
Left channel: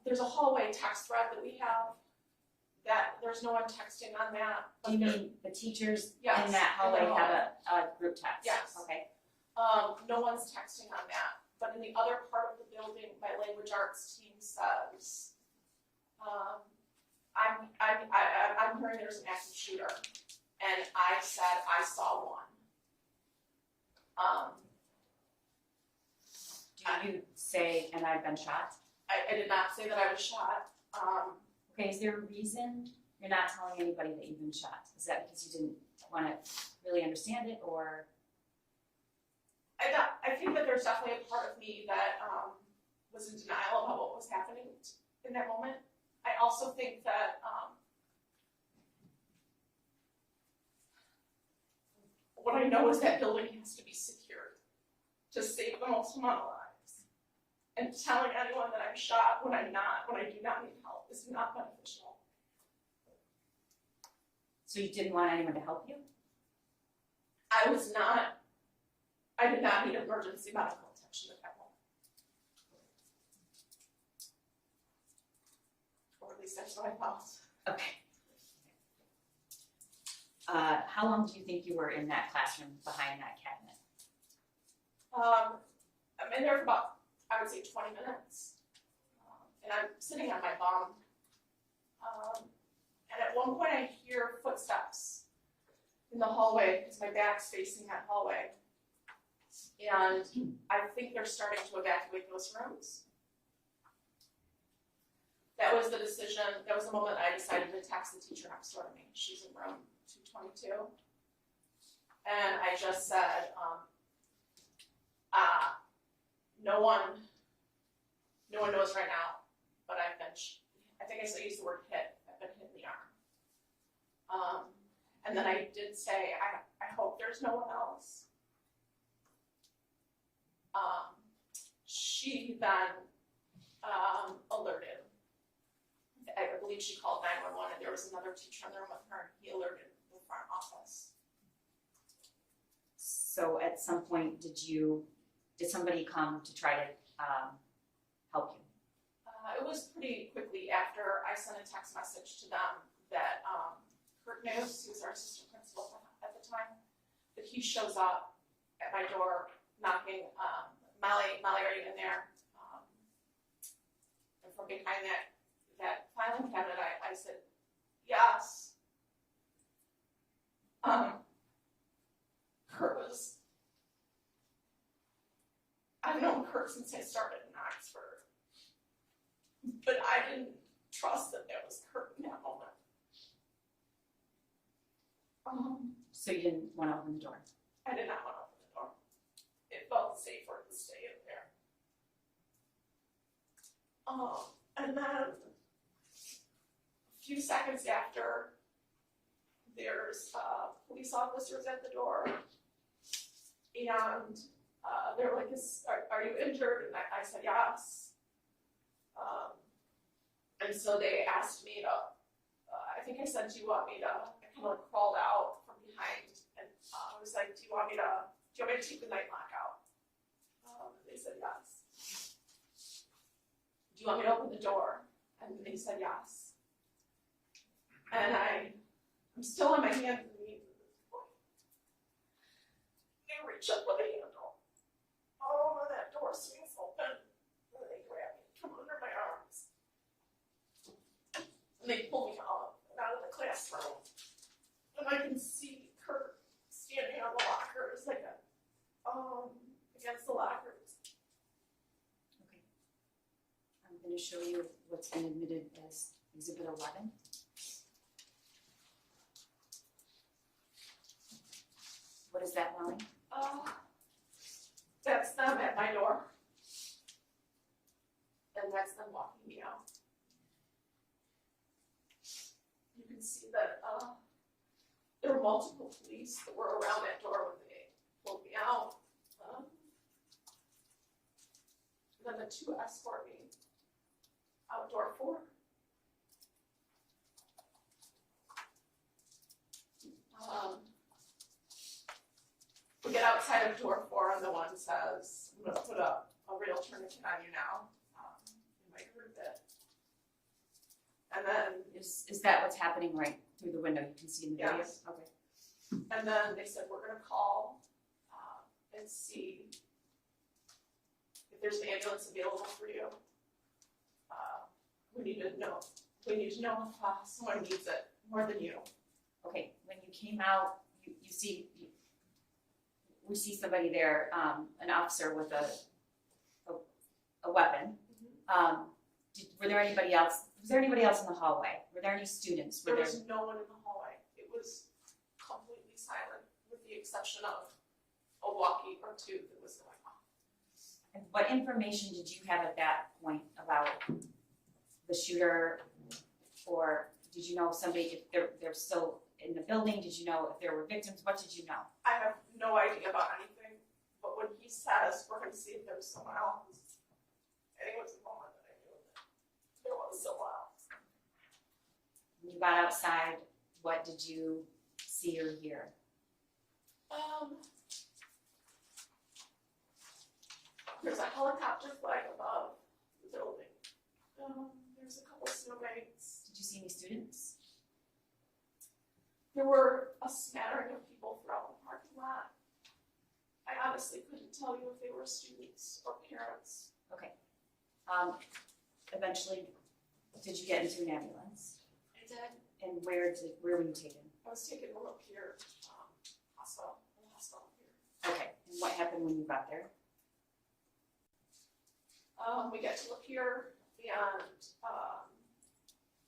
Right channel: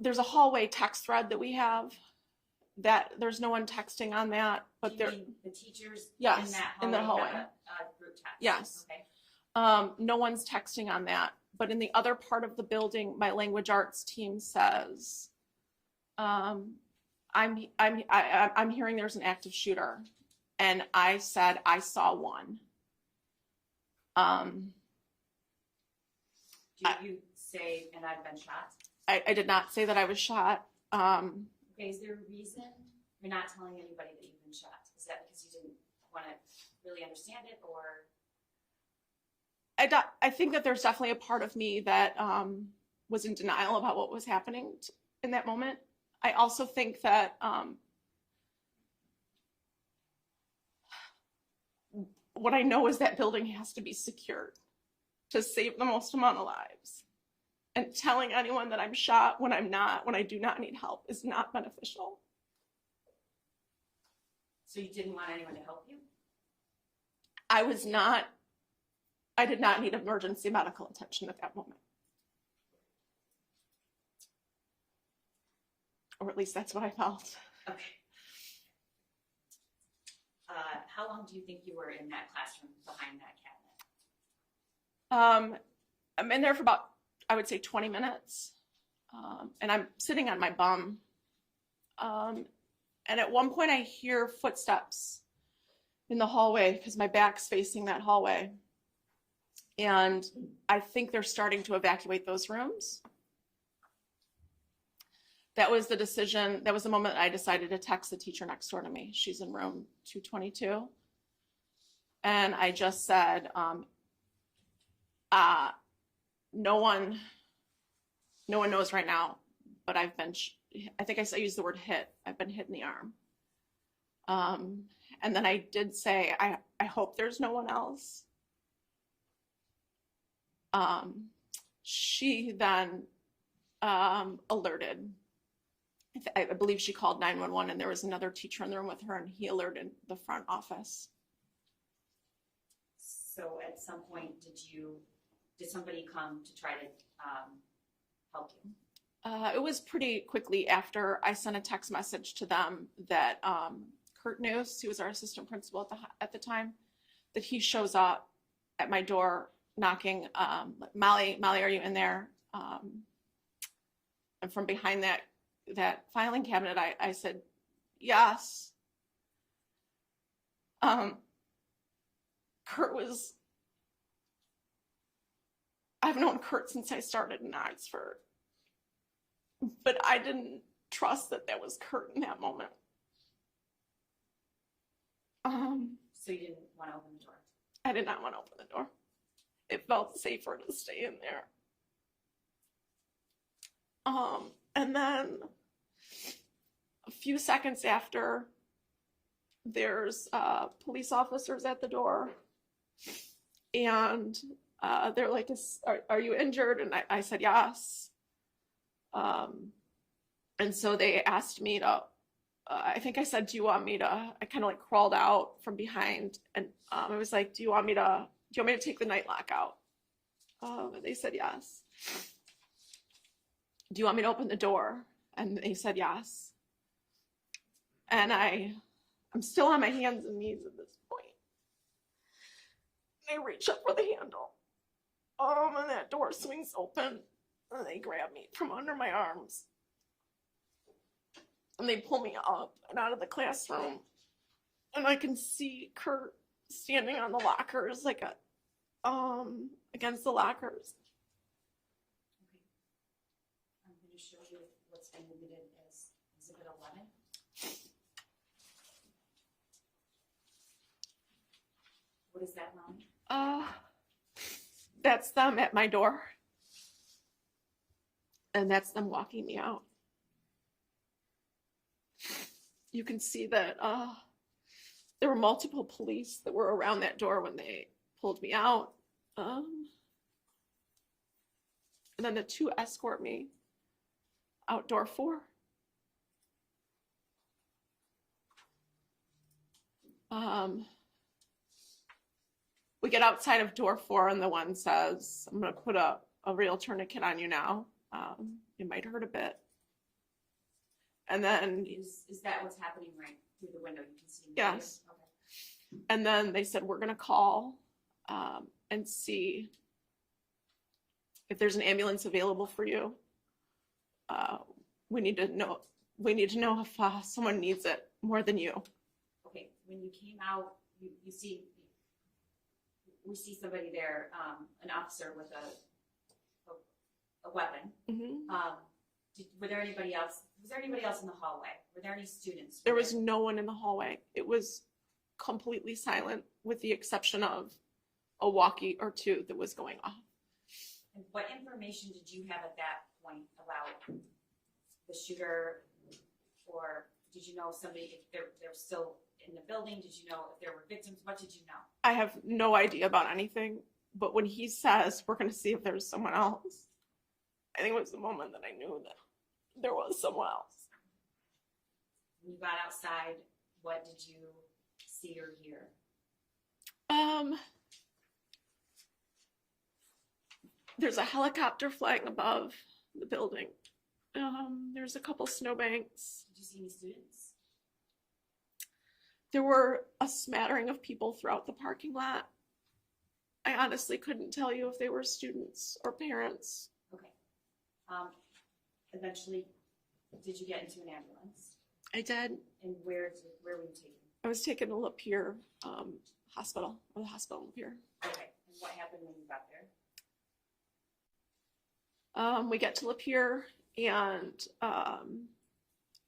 There's a hallway text thread that we have. That there's no one texting on that, but You there. mean the teachers Yes, in that in the hallway have hallway. a group text? Yes. Okay. No one's texting on that, but in the other part of the building, my language arts team says, I'm hearing there's an active shooter, and I said I saw one. Do you say, "and I've been shot"? I did not say that I was shot. Okay, is there a reason you're not telling anybody that you've been shot? Is that because you didn't want to really understand it, or? I think that there's definitely a part of me that was in denial about what was happening in that moment. I also think that what I know is that building has to be secured to save the most amount of lives. And telling anyone that I'm shot when I'm not, when I do not need help, is not beneficial. So you didn't want anyone to help you? I did not need emergency medical attention at that moment. Or at least that's what I felt. Okay. How long do you think you were in that classroom behind that cabinet? I'm in there for about, I would say 20 minutes. And I'm sitting on my bum. And at one point I hear footsteps in the hallway because my back's facing that hallway. And I think they're starting to evacuate those rooms. That was the decision, that was the moment I decided to text the teacher next door to me. She's in room 222. And I just said, no one knows right now, but I've been, I think I used the word hit. I've been hit in the arm. And then I did say, I hope there's no one else. She then alerted. I believe she called 911, and there was another teacher in the room with her, and he alerted the front office. So at some point, did somebody come to try to help you? It was pretty quickly after I sent a text message to them that Kurt News, who was our assistant principal at the time, that he shows up at my door knocking, Molly, are you in there? And from behind that filing cabinet, I said, yes. I've known Kurt since I started in Oxford, but I didn't trust that was Kurt in that moment. So you didn't want to open the door? I did not want to open the door. It felt safer to stay in there. And then a few seconds after, there's police officers at the door, and they're like, are you injured? And I said yes. And so they asked me to, I think I said, do you want me to, I kind of like crawled out from behind, and I was like, do you want me to take the night lock out? And they said yes. Do you want me to open the door? And they said yes. And I'm still on my hands and knees at this point. They reach up for the handle. And that door swings open, and they grab me from under my arms. and they pull me up and out of the classroom, and I can see Kurt standing on the lockers, like against the lockers. Okay. I'm gonna show you what's been admitted as Exhibit 11. What is that, Molly? That's them at my door. And that's them walking me out. You can see that there were multiple police that were around that door when they pulled me out. And then the two escort me out door 4. We get outside of door 4 and the one says, I'm gonna put a real tourniquet on you now. It might hurt a bit. And then, Is that what's happening right through the window? You can see in the video? Yes. Okay. and then they said, we're gonna call and see if there's an ambulance available for you. We need to know if someone needs it more than you. Okay, when you came out, we see somebody there, an officer with a weapon. Mm-hmm. Was there anybody else in the hallway? Were there any students? There was no one in the hallway. It was completely silent with the exception of a walkie or two that was going off. And what information did you have at that point about the shooter, or did you know if somebody, if they're still in the building? Did you know if there were victims? What did you know? I have no idea about anything, but when he says, we're gonna see if there's someone else, I think it was the moment that I knew that there was someone else. When you got outside, what did you see or hear? There's a helicopter flying above the building. There's a couple snowbanks. Did you see any students? There were a smattering of people throughout the parking lot. I honestly couldn't tell you if they were students or parents. Okay. Eventually, did you get into an ambulance? I did. And where were you taken? I was taken to Lapeer Hospital, or the hospital in Lapeer. Okay. And what happened when you got there? We get to Lapeer, and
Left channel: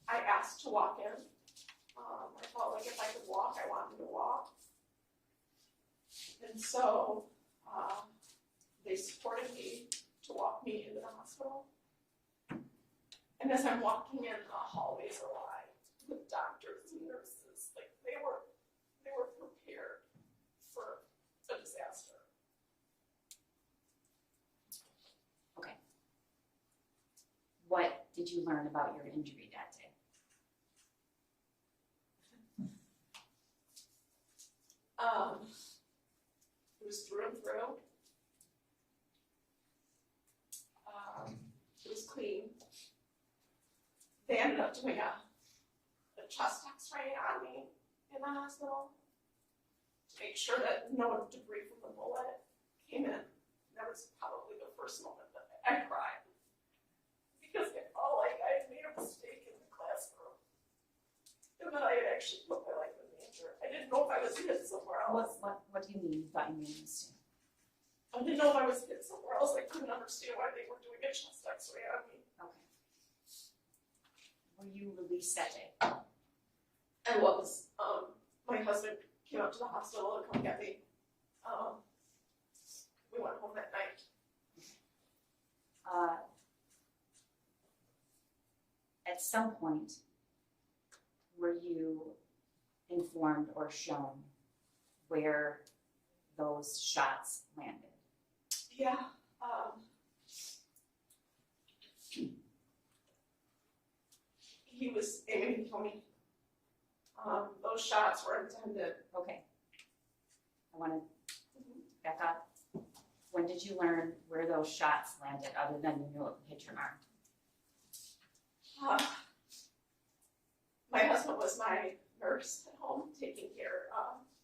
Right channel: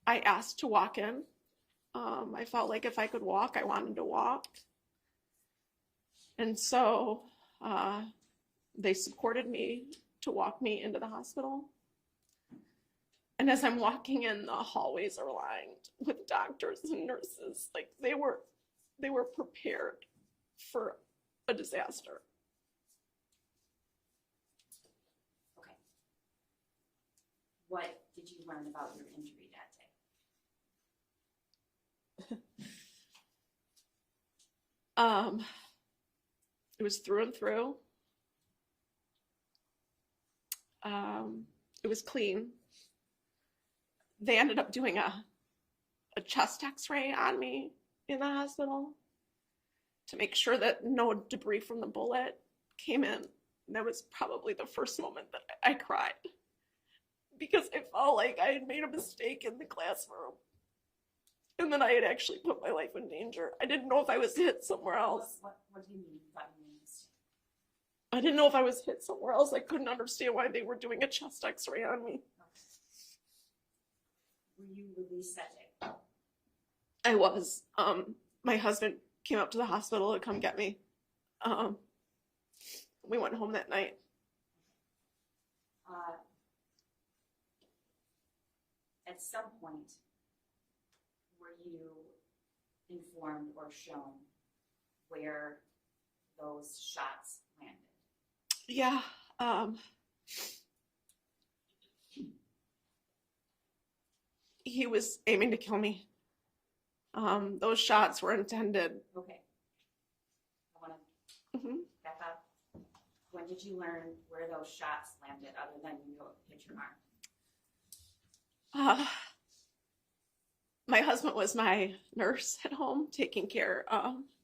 I asked to walk in. I felt like if I could walk, I wanted to walk. And so they supported me to walk me into the hospital. And as I'm walking in, the hallways are lined with doctors and nurses. Like they were prepared for a disaster. Okay. What did you learn about your injury that day? It was through and through. It was clean. They ended up doing a chest x-ray on me in the hospital to make sure that no debris from the bullet came in. And that was probably the first moment that I cried, because it felt like I had made a mistake in the classroom. And then I had actually put my life in danger. I didn't know if I was hit somewhere else. What do you mean you thought you made a mistake? I didn't know if I was hit somewhere else. I couldn't understand why they were doing a chest x-ray on me. Okay. Were you released that day? I was. My husband came up to the hospital to come get me. We went home that night. At some point, were you informed or shown where those shots landed? Yeah. He was aiming to kill me. Those shots were intended. Okay. I want to back up. When did you learn where those shots landed, other than you knew it hit your arm? My husband was my nurse at home, taking care,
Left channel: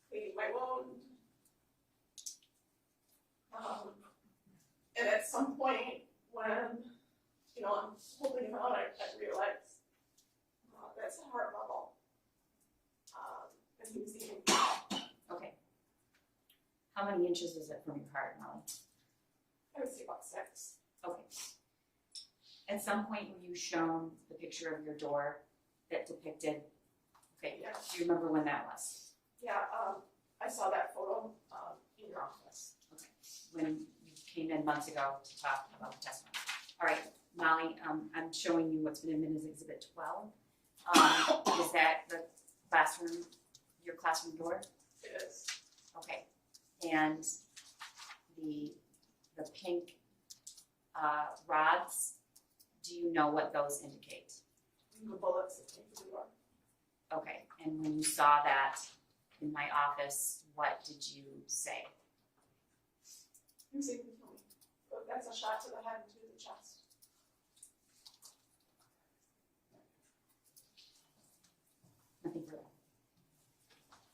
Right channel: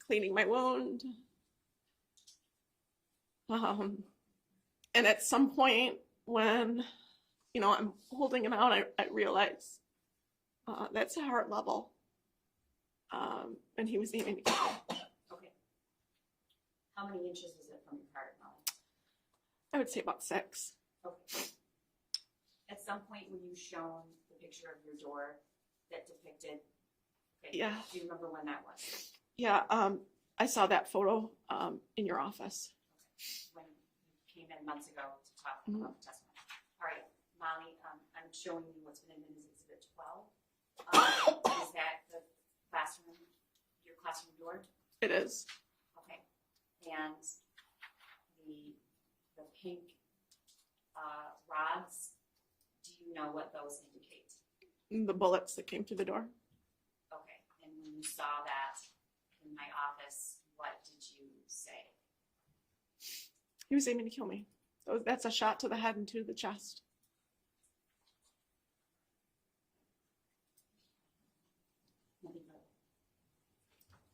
cleaning my wound. And at some point when, I'm holding him out, I realized That's a heart level. And he was aiming to kill me. Okay. How many inches is it from your heart, Molly? I would say about 6. Okay. At some point, were you shown the picture of your door that depicted? Okay. Yeah. Do you remember when that was? Yeah, I saw that photo in your office. Okay. When you came in months ago to talk about the testimony. All right, Molly, I'm showing you what's been admitted as Exhibit 12. Is that the classroom, your classroom door? It is. Okay. And the pink rods, do you know what those indicate? The bullets that came through the door. Okay. And when you saw that in my office, what did you say? He was aiming to kill me. That's a shot to the head and to the chest. Nothing further.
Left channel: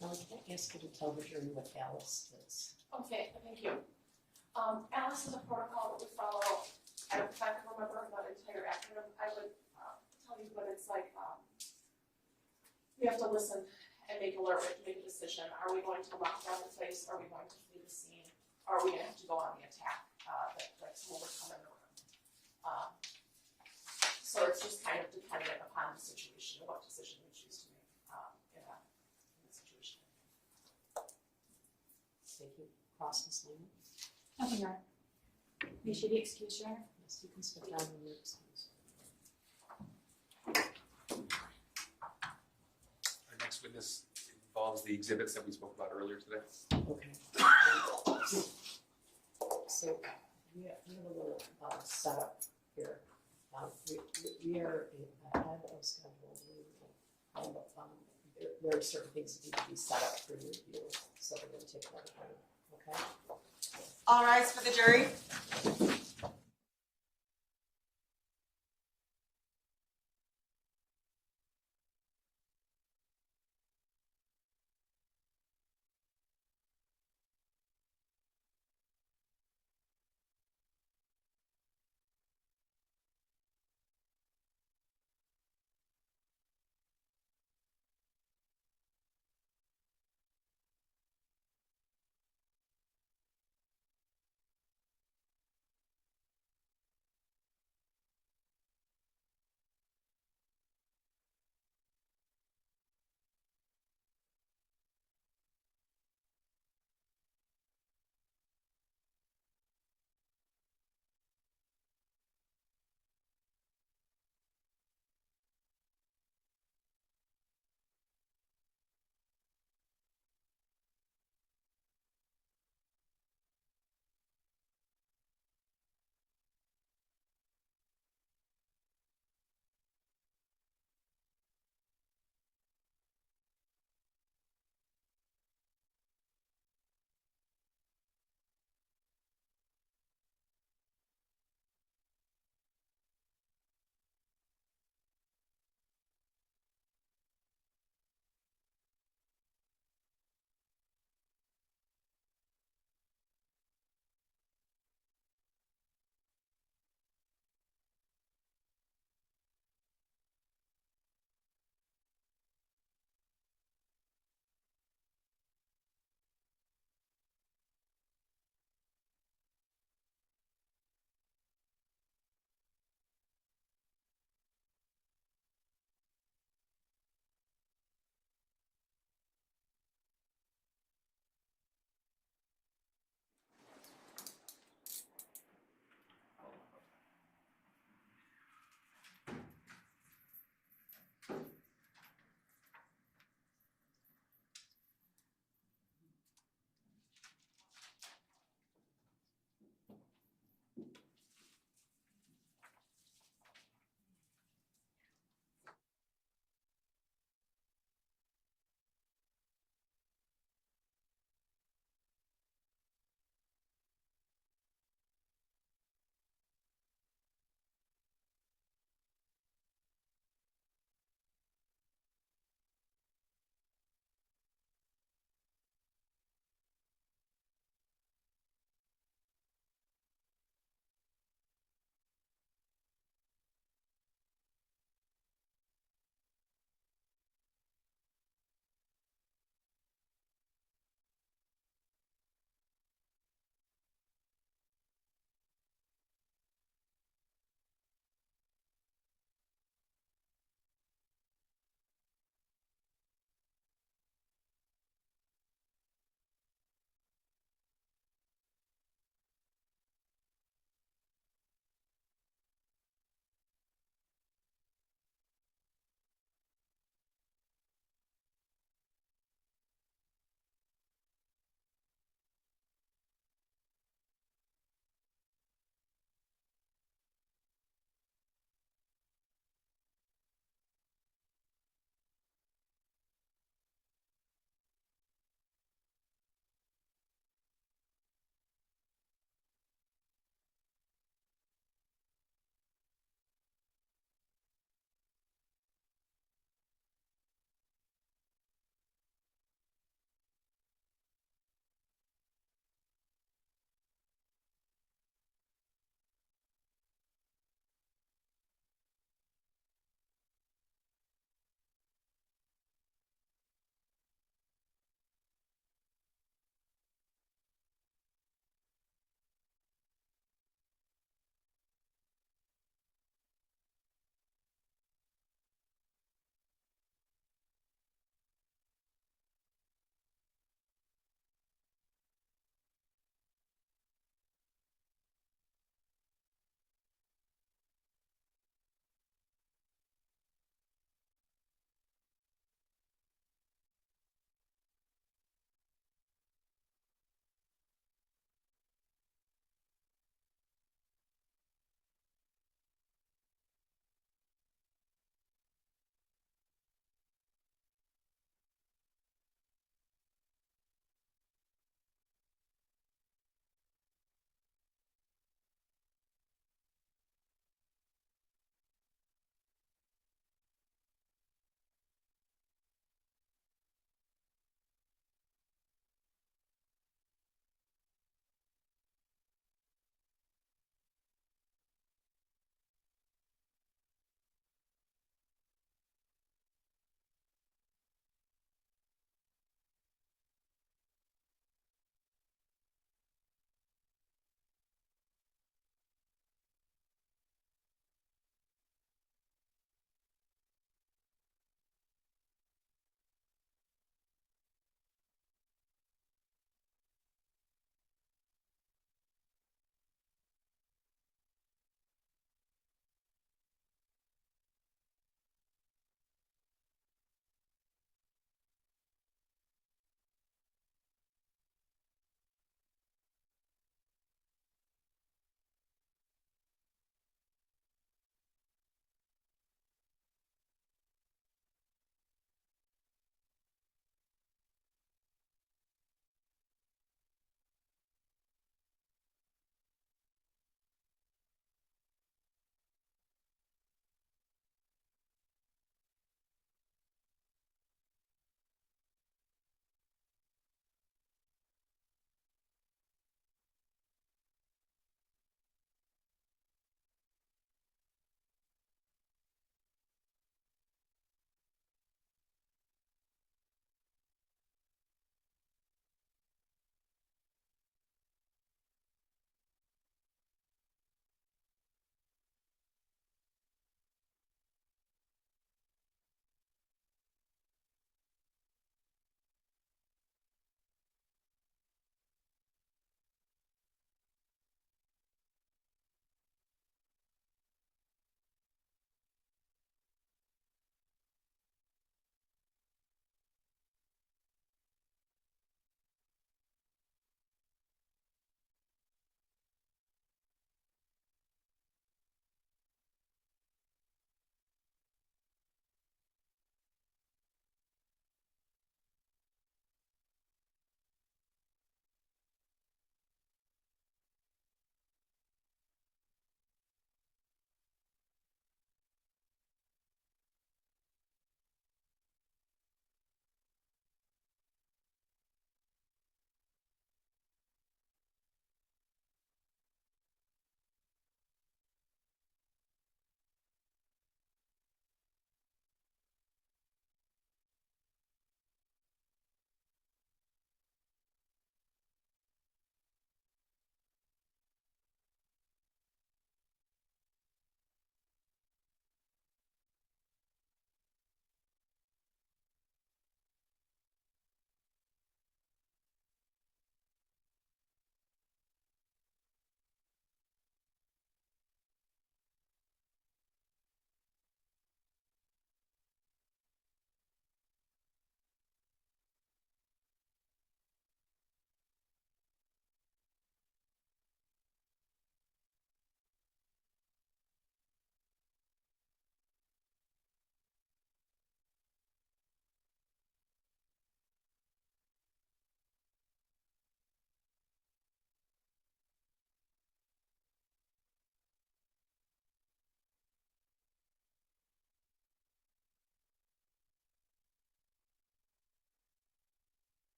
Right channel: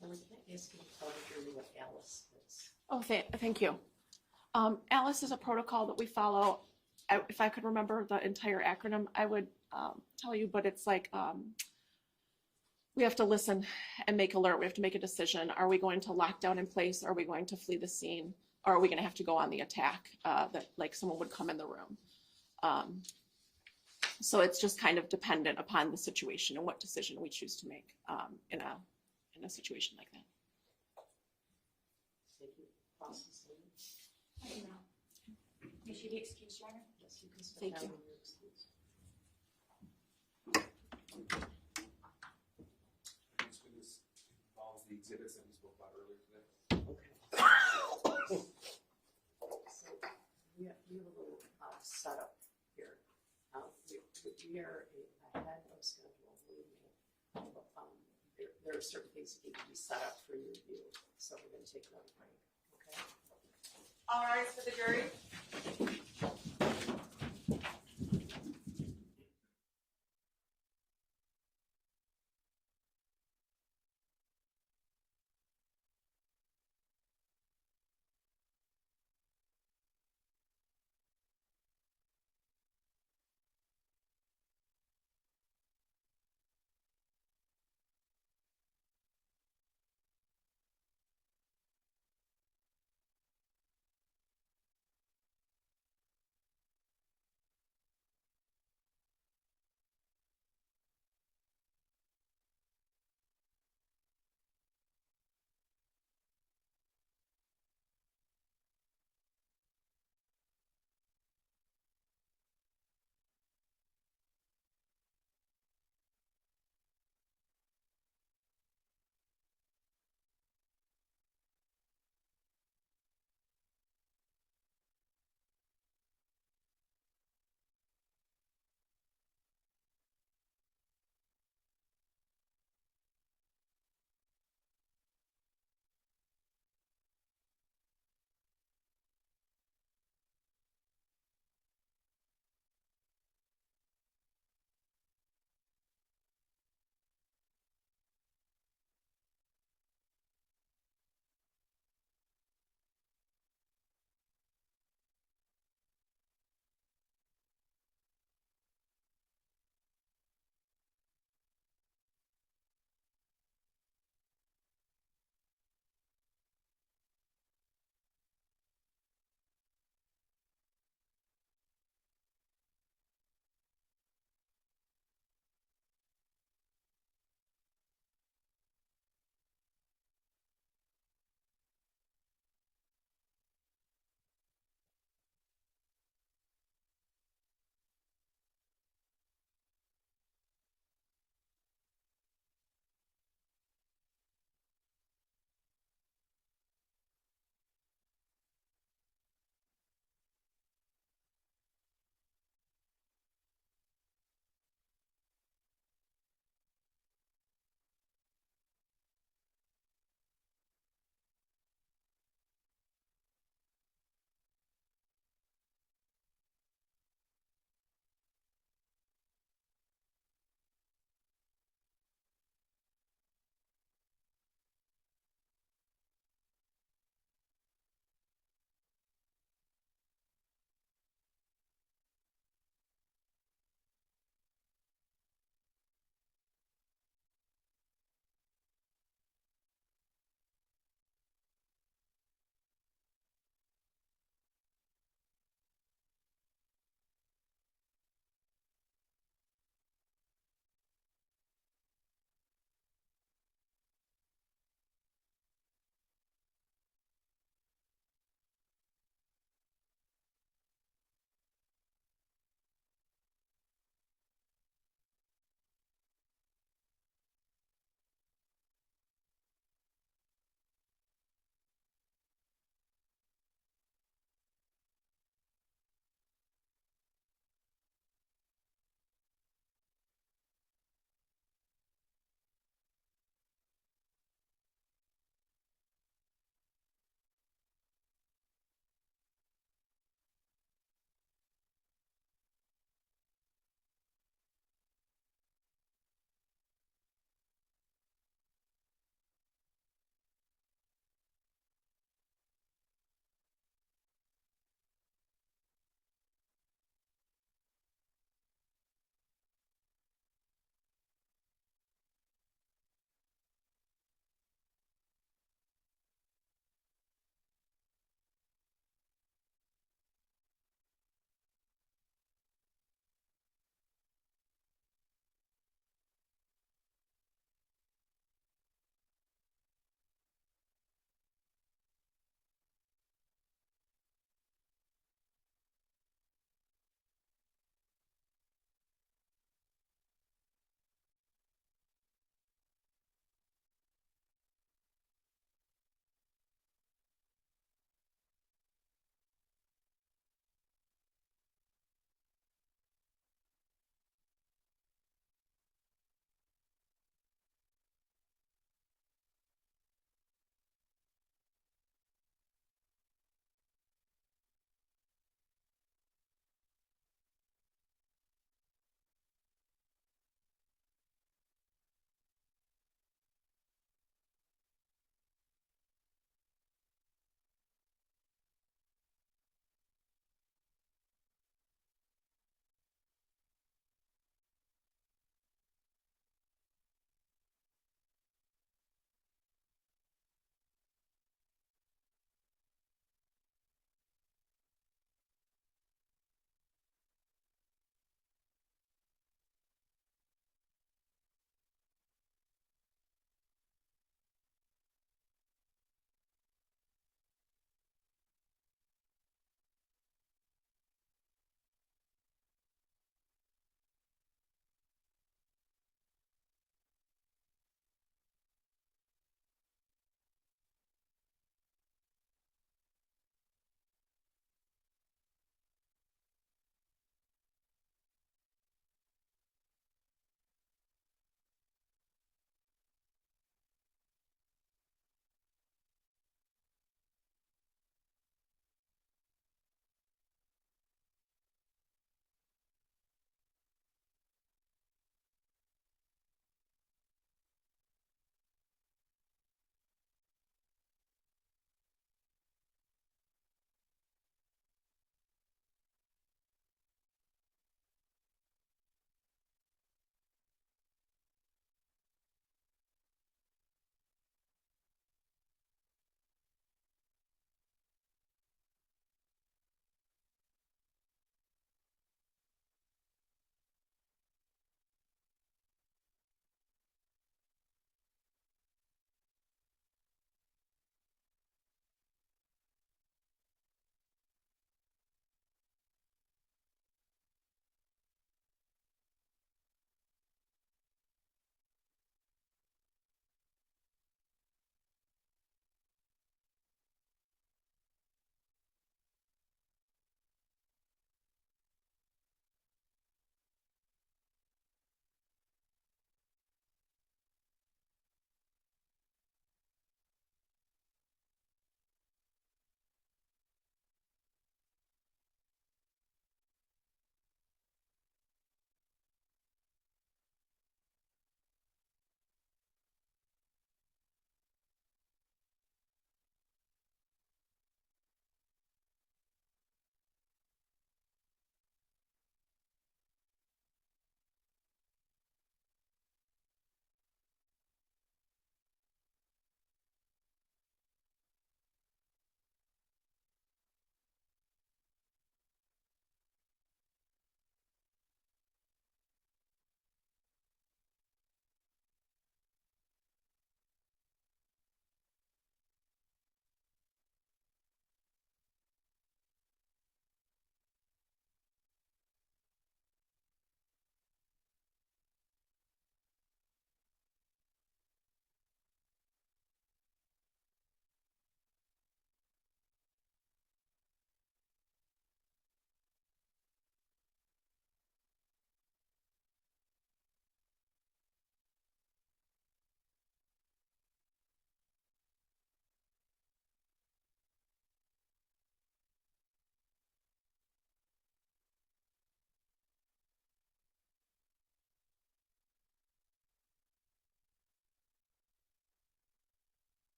Now, can I ask you to tell the jury what Alice is? Oh, thank you. Alice is a protocol that we follow. If I could remember the entire acronym, I would tell you, but it's like we have to listen and make alert. We have to make a decision. Are we going to lock down in place? Are we going to flee the scene? Or are we going to have to go on the attack that like someone would come in the room? So it's just kind of dependent upon the situation and what decision we choose to make in a situation like that. Thank you. Cross line. Nothing wrong. You should be excused, Your Honor. Yes, you can step Thank down you. when you're excused. Our next witness involves the exhibits that we spoke about earlier today. Okay. So we have a little setup here. We are ahead of schedule. There are certain things that need to be set up for your review, so we're going to take another break. Okay. All rise for the jury.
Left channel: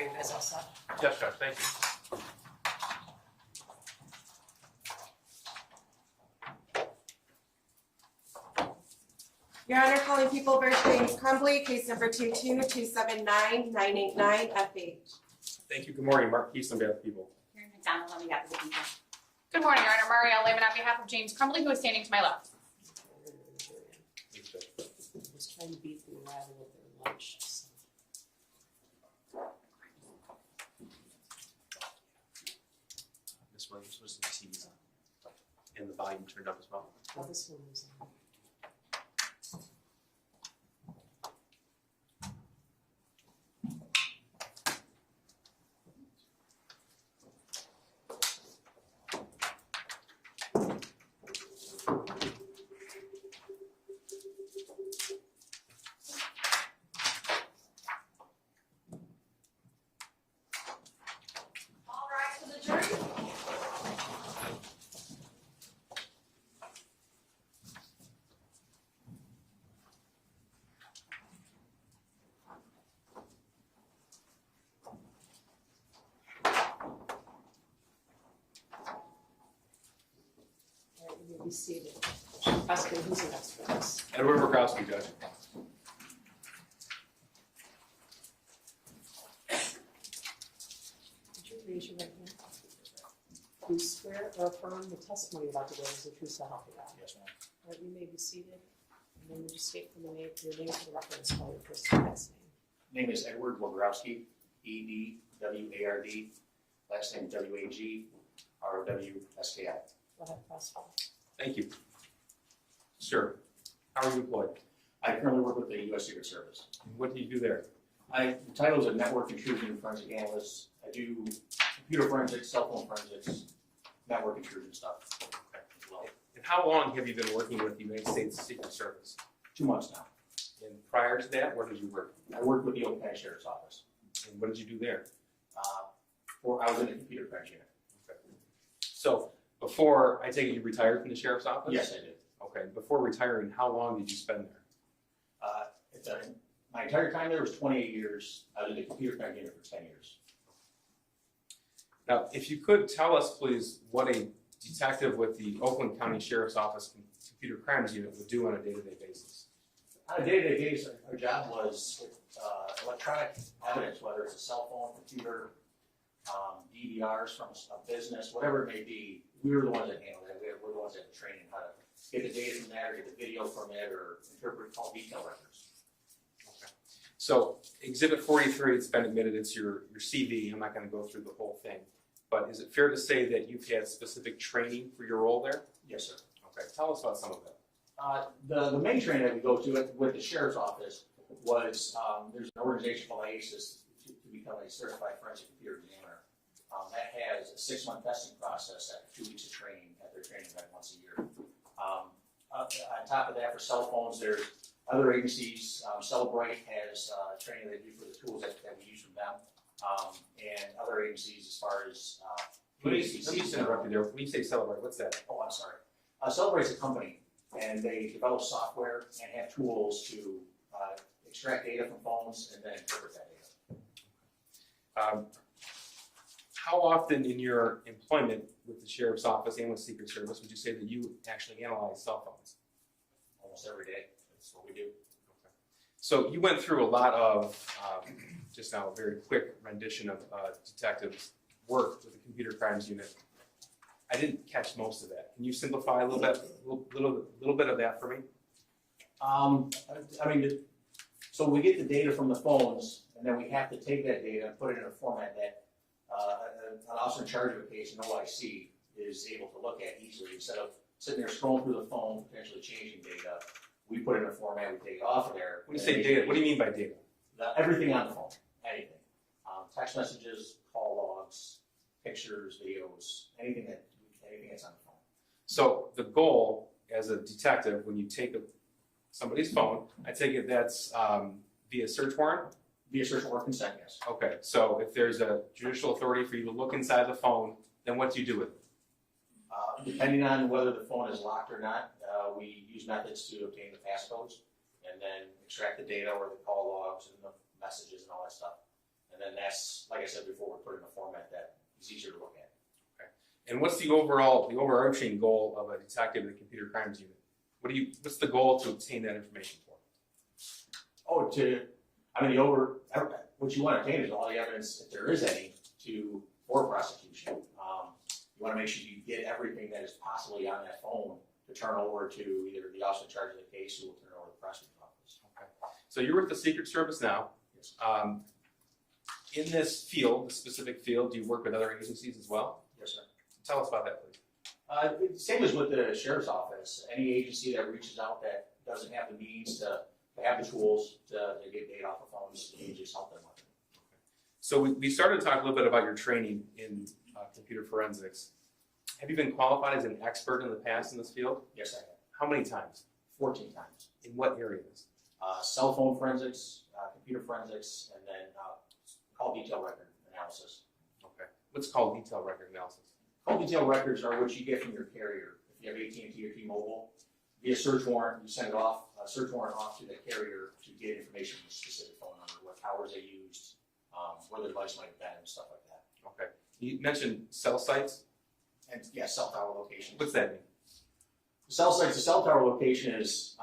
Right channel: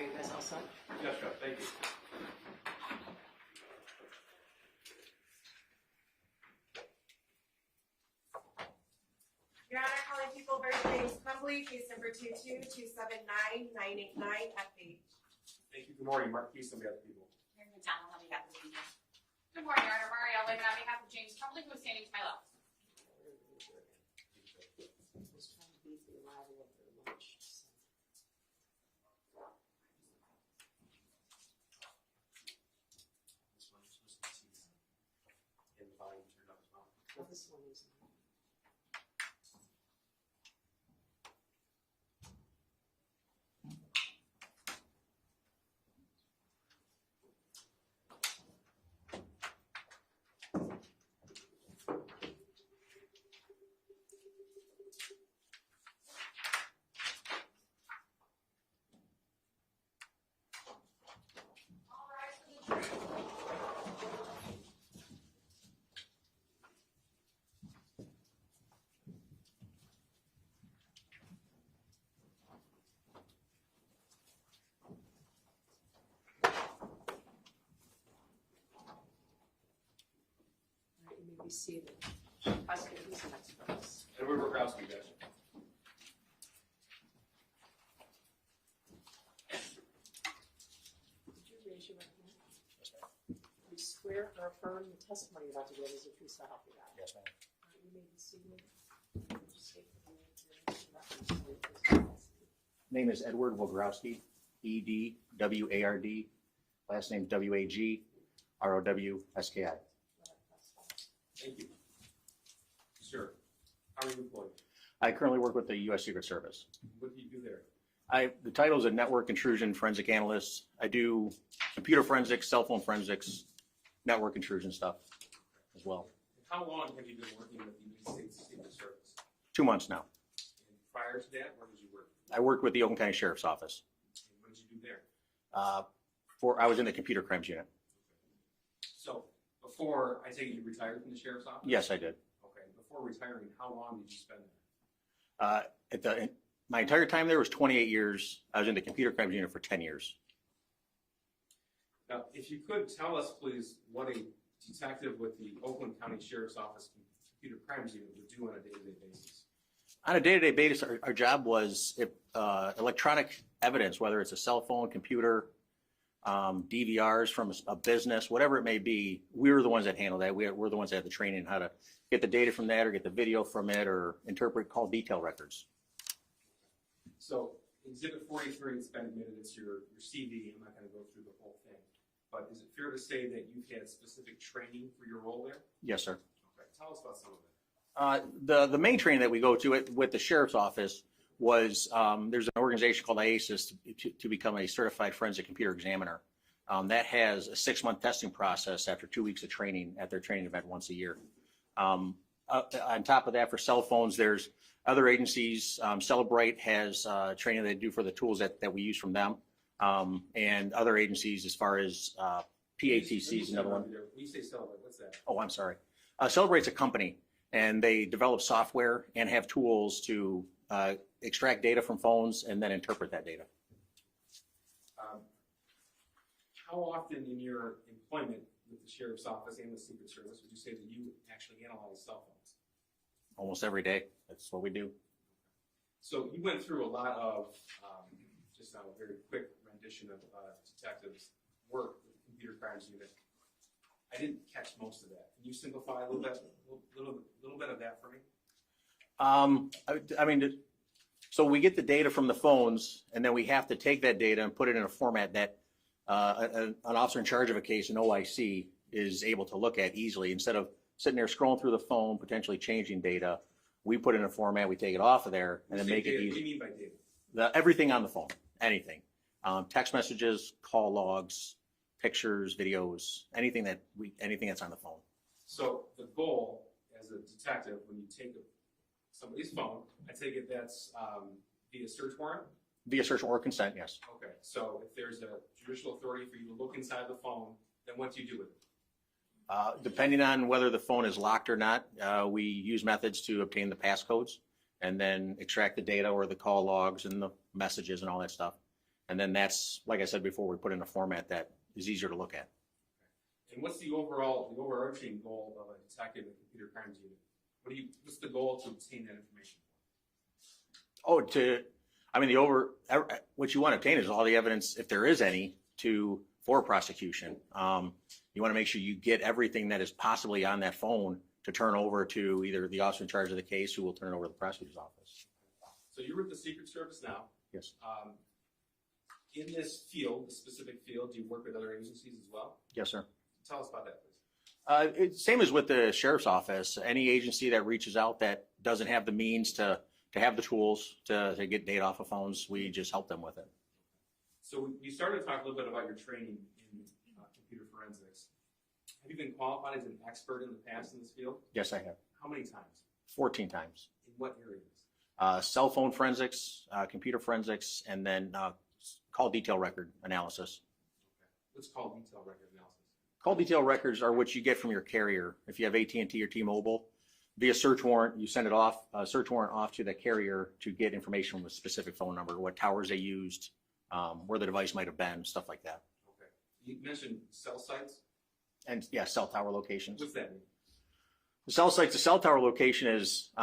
Are you guys all set? Yes, Judge, thank you. Your Honor, calling People v. James Crumbley, case number 22-279-989-FH. Thank you. Good morning. Mark Keese on behalf of people. Karen McDonald on behalf of the people. Good morning, Your Honor. Marielle Lehman on behalf of James Crumbley, who is standing to my left. Just trying to beat the arrival of their lunch. So. Ms. Williams was in the TV's on, and the volume turned up as well. Oh, this one is on. All rise for the jury. All right, you may be seated. Prosecutor, who's the next witness? Edward Murkowski, Judge. Could you raise your right hand? Do you swear or affirm the testimony you're about to give is the truth so help you God? Yes, ma'am. All right, you may be seated. And then you just state your name for the record and spell your first and last name. Name is Edward Wogrowski, E-D-W-A-R-D. Last name is W-A-G-R-O-W-S-K-I. Go ahead, prosecutor. Thank you. Sir, how are you employed? I currently work with the U.S. Secret Service. What do you do there? The title is a network intrusion forensic analyst. I do computer forensics, cell phone forensics, network intrusion stuff as well. And how long have you been working with the United States Secret Service? 2 months now. And prior to that, where did you work? I work with the Oakland County Sheriff's Office. And what did you do there? I was in the computer crimes unit. So before, I take it you retired from the Sheriff's Office? Yes, I did. Okay, before retiring, how long did you spend there? My entire time there was 28 years. I was in the computer crimes unit for 10 years. Now, if you could tell us, please, what a detective with the Oakland County Sheriff's Office Computer Crimes Unit would do on a day-to-day basis. On a day-to-day basis, our job was electronic evidence, whether it's a cell phone, computer, DVRs from a business, whatever it may be. We were the ones that handled that. We're the ones that had the training how to get the data from that or get the video from it or interpret call detail records. So Exhibit 43, it's been admitted, it's your CV. I'm not going to go through the whole thing. But is it fair to say that you've had specific training for your role there? Yes, sir. Okay, tell us about some of that. The main training that we go to with the Sheriff's Office was there's an organization called IASIS to become a certified forensic computer examiner. That has a 6-month testing process after 2 weeks of training at their training event once a year. On top of that, for cell phones, there's other agencies. Celebrate has training they do for the tools that we use from them, and other agencies as far as PACC. Let me interrupt you there. When you say Celebrate, what's that? Oh, I'm sorry. Celebrate's a company, and they develop software and have tools to extract data from phones and then interpret that data. How often in your employment with the Sheriff's Office and with Secret Service would you say that you actually analyze cell phones? Almost every day. That's what we do. Okay. So you went through a lot of, just now a very quick rendition of detectives' work with the Computer Crimes Unit. I didn't catch most of that. Can you simplify a little bit of that for me? I mean, so we get the data from the phones, and then we have to take that data and put it in a format that an officer in charge of a case, an OIC, is able to look at easily. Instead of sitting there scrolling through the phone, potentially changing data, we put it in a format, we take it off of there. When you say data, what do you mean by data? Everything on the phone, anything. Text messages, call logs, pictures, videos, anything that's on the phone. So the goal as a detective, when you take somebody's phone, I take it that's via search warrant? Via search or consent, yes. Okay, so if there's a judicial authority for you to look inside the phone, then what do you do with it? Depending on whether the phone is locked or not, we use methods to obtain the passcodes and then extract the data or the call logs and the messages and all that stuff. And then that's, like I said before, we put in a format that is easier to look at. And what's the overarching goal of a detective in the computer crimes unit? What's the goal to obtain that information for? What you want to obtain is all the evidence, if there is any, for prosecution. You want to make sure you get everything that is possibly on that phone to turn over to either the officer in charge of the case, who will turn it over to the prosecutor's office. Okay. So you're with the Secret Service now. Yes. In this field, this specific field, do you work with other agencies as well? Yes, sir. Tell us about that, please. Same as with the sheriff's office. Any agency that reaches out that doesn't have the means to have the tools to get data off of phones, we just help them with it. So we started to talk a little bit about your training in computer forensics. Have you been qualified as an expert in the past in this field? Yes, I have. How many times? 14 times. In what areas? Cell phone forensics, computer forensics, and then call detail record analysis. Okay. What's called detail record analysis? Call detail records are what you get from your carrier. If you have AT&T or T-Mobile, via search warrant, you send it off, search warrant off to the carrier to get information from a specific phone number, what towers they used, where the device might have been, stuff like that. Okay. You mentioned cell sites. And yeah, cell tower locations. What's that mean? The cell site, the cell tower location is,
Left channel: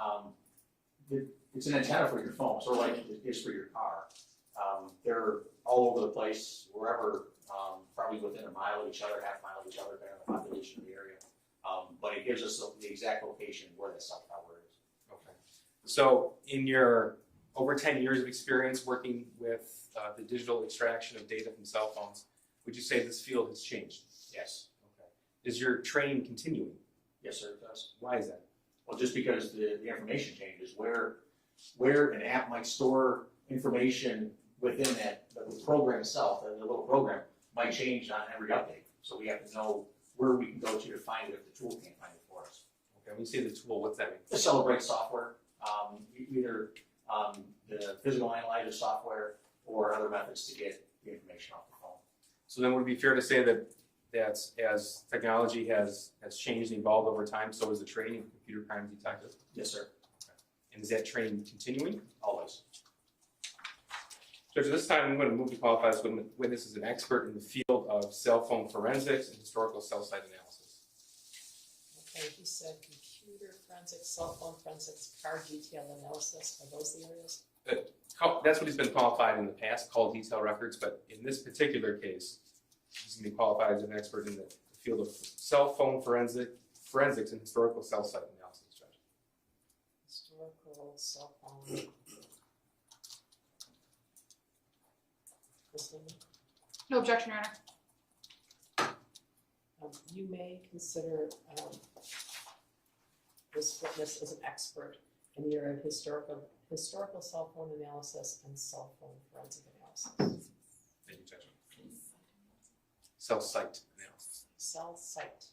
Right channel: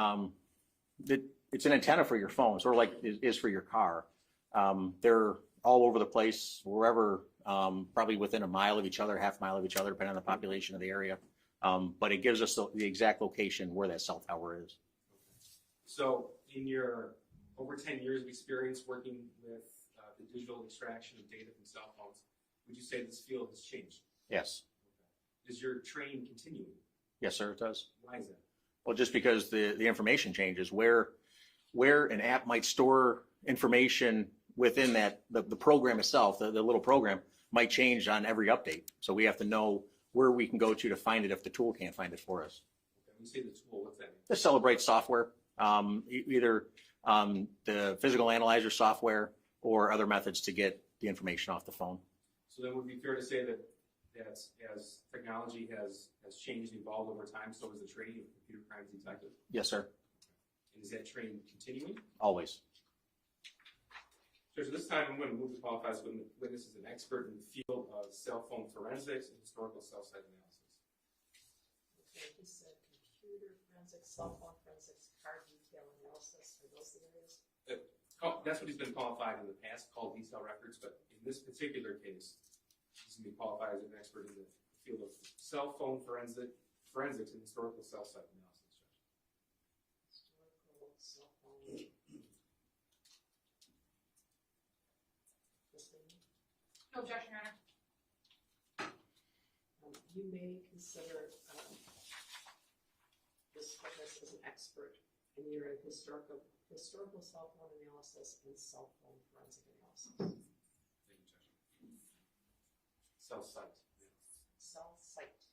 it's an antenna for your phone, sort of like it is for your car. They're all over the place, wherever, probably within a mile of each other, half mile of each other, depending on the population of the area. But it gives us the exact location where that cell tower is. Okay. So in your over 10 years of experience working with the digital extraction of data from cell phones, would you say this field has changed? Yes. Okay. Is your training continuing? Yes, sir, it does. Why is that? Well, just because the information changes, where an app might store information within that, the program itself, the little program, might change on every update. So we have to know where we can go to find it if the tool can't find it for us. Okay, when you say the tool, what's that mean? The Celebrate software, either the physical analyzer software or other methods to get the information off the phone. So then would it be fair to say that as technology has changed and evolved over time, so is the training of computer crimes detectives? Yes, sir. Okay. And is that training continuing? Always. Judge, this time I'm going to move to qualify this witness as an expert in the field of cell phone forensics and historical cell site analysis. Okay, he said computer forensics, cell phone forensics, car detail analysis. Are those the areas? That's what he's been qualified in the past, called detail records, but in this particular case, he's going to be qualified as an expert in the field of cell phone forensics and historical cell site analysis, Judge. Historical cell phone. No objection, Your Honor. You may consider this witness as an expert in the area of historical cell phone analysis and cell phone forensic analysis. Thank you, Judge. Cell site analysis. Cell site.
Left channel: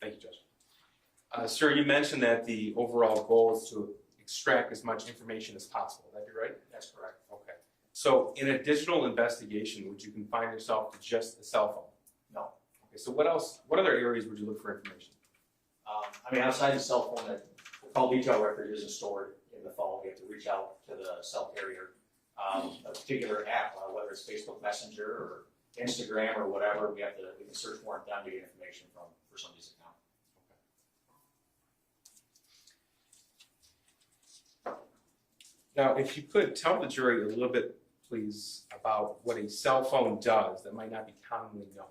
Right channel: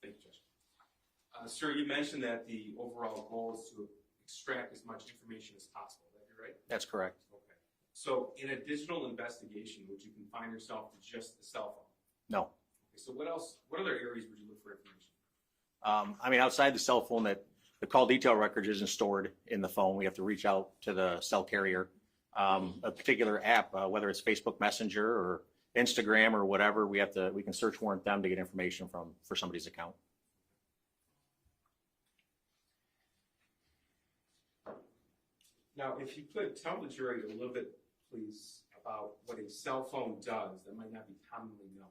Thank you, Judge. Sir, you mentioned that the overall goal is to extract as much information as possible. Would that be right? That's correct. Okay. So in a digital investigation, would you confine yourself to just the cell phone? No. Okay, so what else, what other areas would you look for information? Outside the cell phone, the call detail record isn't stored in the phone. We have to reach out to the cell carrier. A particular app, whether it's Facebook Messenger or Instagram or whatever, we can search warrant them to get information for somebody's account. Now, if you could tell the jury a little bit, please, about what a cell phone does that might not be commonly known.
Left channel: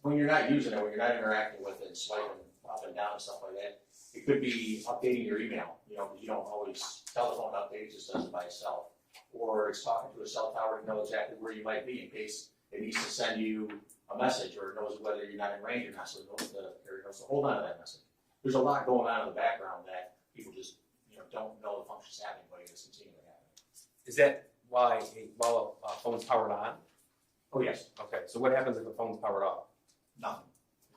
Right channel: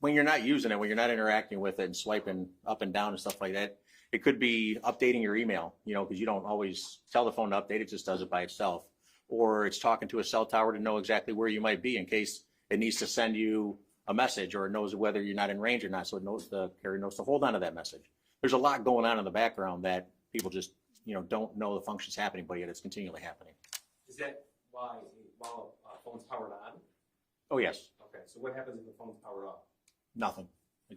When you're not using it, when you're not interacting with it and swiping up and down and stuff like that, it could be updating your email, because you don't always tell the phone to update, it just does it by itself. Or it's talking to a cell tower to know exactly where you might be in case it needs to send you a message, or it knows whether you're not in range or not, so the carrier knows to hold on to that message. There's a lot going on in the background that people just don't know the function's happening, but yet it's continually happening. Is that while a phone's powered on? Oh, yes. Okay, so what happens if the phone's powered off? Nothing.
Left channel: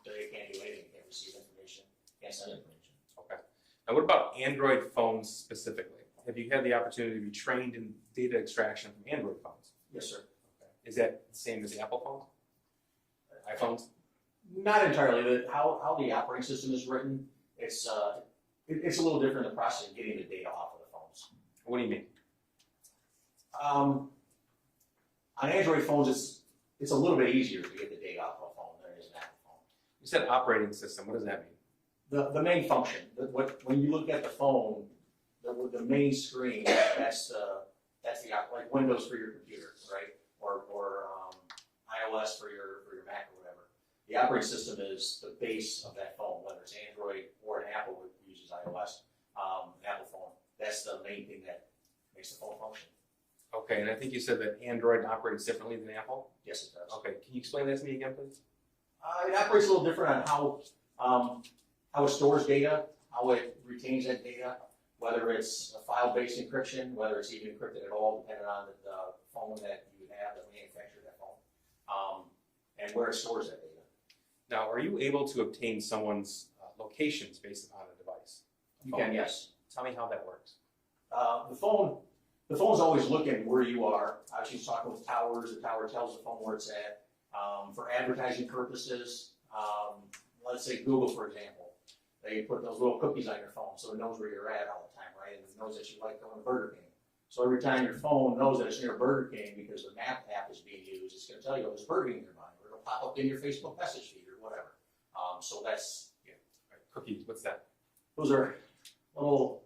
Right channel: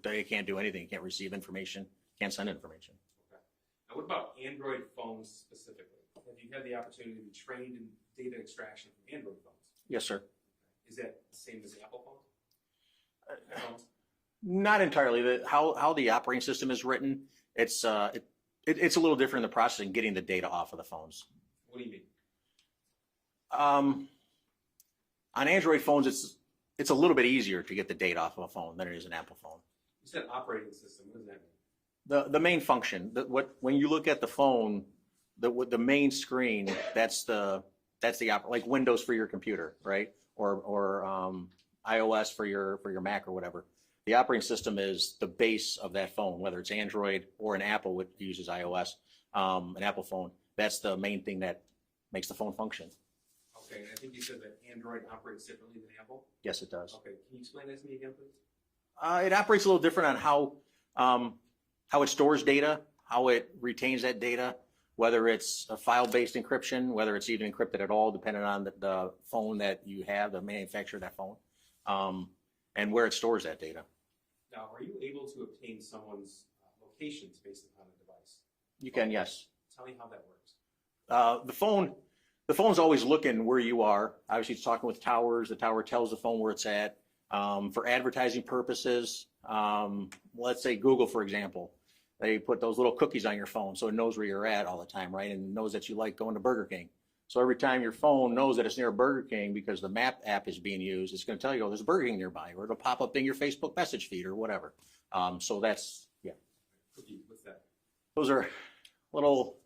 It can't do anything. It can't receive information, can't send information. Okay. Now what about Android phones specifically? Have you had the opportunity to be trained in data extraction from Android phones? Yes, sir. Okay. Is that the same as Apple phones? iPhones? Not entirely. How the operating system is written, it's a little different in the process in getting the data off of the phones. What do you mean? On Android phones, it's a little bit easier to get the data off of a phone than it is an Apple phone. You said operating system. What does that mean? The main function, when you look at the phone, the main screen, that's the like Windows for your computer, right? Or iOS for your Mac or whatever. The operating system is the base of that phone, whether it's Android or an Apple, which uses iOS, an Apple phone. That's the main thing that makes the phone function. Okay, and I think you said that Android operates differently than Apple? Yes, it does. Okay, can you explain that to me again, please? It operates a little different on how it stores data, how it retains that data, whether it's a file-based encryption, whether it's even encrypted at all, depending on the phone that you have, the manufacturer of that phone, and where it stores that data. Now, are you able to obtain someone's locations based upon a device? You can, yes. Tell me how that works. The phone's always looking where you are. Obviously, it's talking with towers. The tower tells the phone where it's at. For advertising purposes, let's say Google, for example, they put those little cookies on your phone so it knows where you're at all the time, right? And it knows that you like going to Burger King. So every time your phone knows that it's near Burger King because the map app is being used, it's going to tell you, oh, there's a Burger King nearby, or it'll pop up in your Facebook message feed or whatever. So that's, yeah. Cookies, what's that? Those are little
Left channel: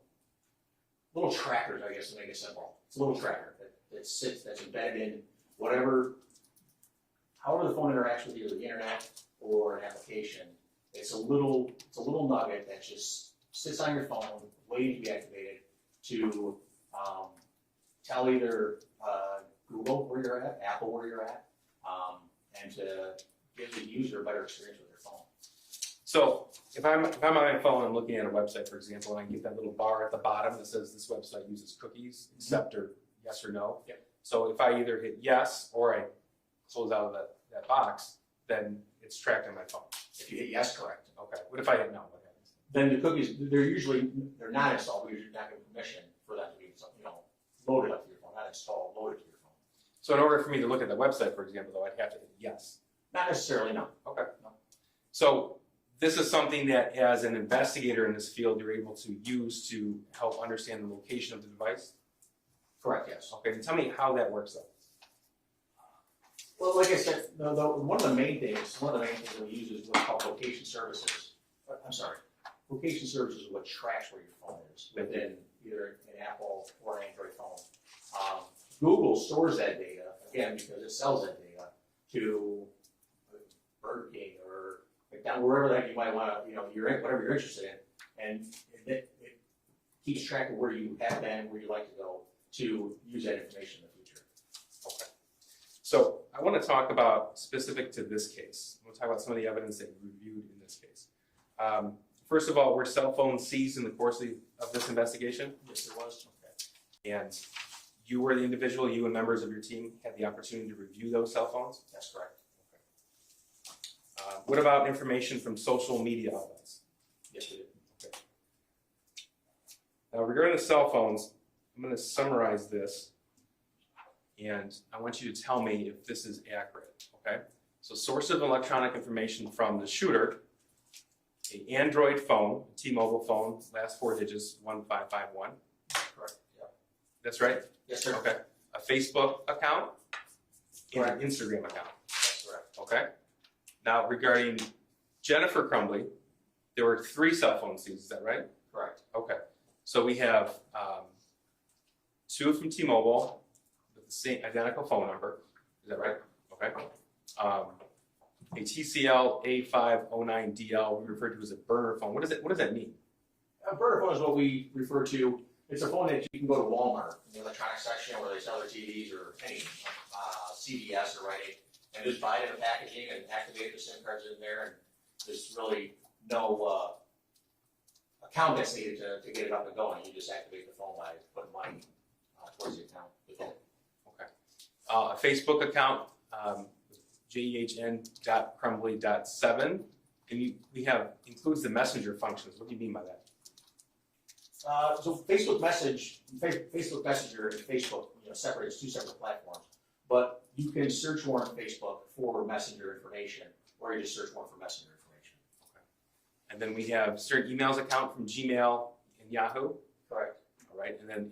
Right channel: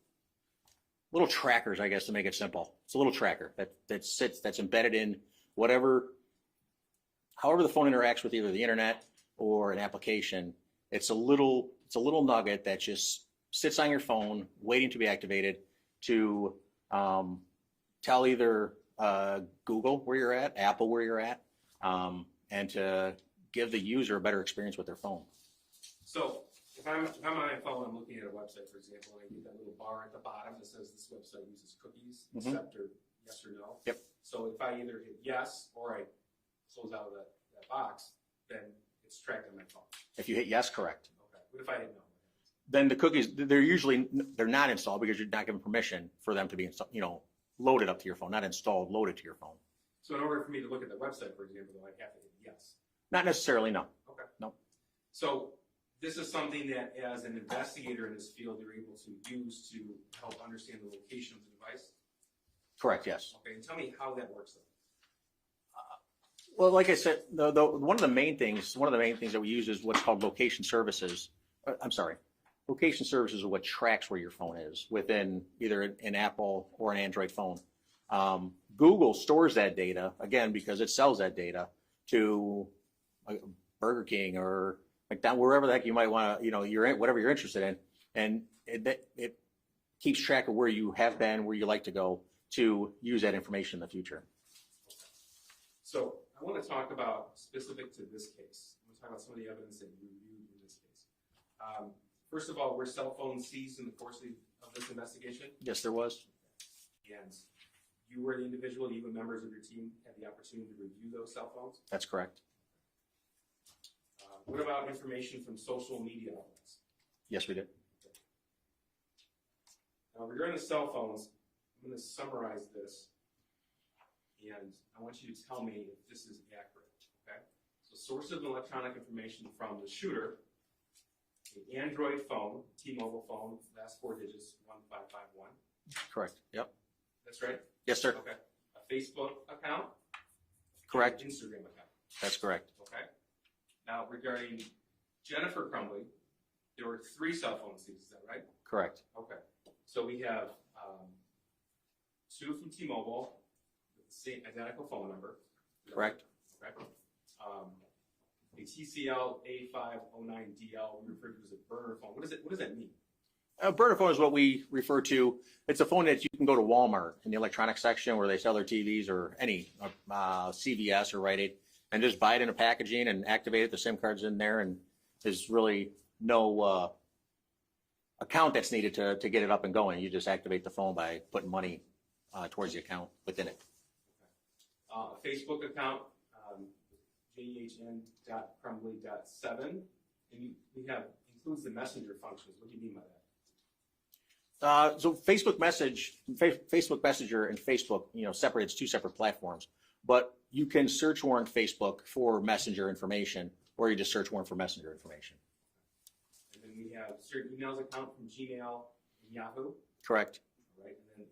trackers, I guess, to make it simple. It's a little tracker that's embedded in however the phone interacts with either the internet or an application. It's a little nugget that just sits on your phone, waiting to be activated to tell either Google where you're at, Apple where you're at, and to give the user a better experience with their phone. So if I'm on my phone and looking at a website, for example, and I can get that little bar at the bottom that says this website uses cookies, accept or yes or no. Yep. So if I either hit yes or I close out of that box, then it's tracked on my phone. If you hit yes, correct. Okay. What if I hit no? What happens? Then the cookies, they're not installed because you're not giving permission for them to be loaded up to your phone, not installed, loaded to your phone. So in order for me to look at the website, for example, though, I'd have to hit yes. Not necessarily, no. Okay. No. So this is something that, as an investigator in this field, you're able to use to help understand the location of the device? Correct, yes. Okay, and tell me how that works, though. Well, like I said, one of the main things that we use is what's called location services. Location services are what tracks where your phone is within either an Apple or an Android phone. Google stores that data, again, because it sells that data to Burger King or McDonald's, wherever the heck you might want to, you're in, whatever you're interested in. And it keeps track of where you have been, where you like to go to use that information in the future. Okay. So I want to talk about, specific to this case, I want to talk about some of the evidence that you reviewed in this case. First of all, were cell phones seized in the course of this investigation? Yes, there was. Okay. And you were the individual, you and members of your team had the opportunity to review those cell phones? That's correct. What about information from social media outlets? Yes, we did. Okay. Now, regarding the cell phones, I'm going to summarize this, and I want you to tell me if this is accurate, okay? So source of electronic information from the shooter, an Android phone, T-Mobile phone, last four digits, 1551. Correct. Yep. That's right? Yes, sir. Okay. A Facebook account? Correct. An Instagram account? That's correct. Okay. Now, regarding Jennifer Crumbley, there were 3 cell phone seized, is that right? Correct. Okay. So we have 2 from T-Mobile with the same identical phone number. Is that right? Okay. A TCL A509DL we refer to as a burner phone. What does that mean? A burner phone is what we refer to. It's a phone that you can go to Walmart in the electronics section where they sell their TVs or any CVS or Rite Aid and just buy it in a packaging and activate it. The SIM card's in there, and there's really no account that's needed to get it up and going. You just activate the phone by putting money towards the account within it. Okay. A Facebook account, jehn.crumbley.7, and includes the messenger functions. What do you mean by that? So Facebook Messenger and Facebook, separates 2 separate platforms. But you can search warrant Facebook for Messenger information, or you just search warrant for Messenger information. Okay. And then we have certain emails account from Gmail and Yahoo. Correct. All right, and then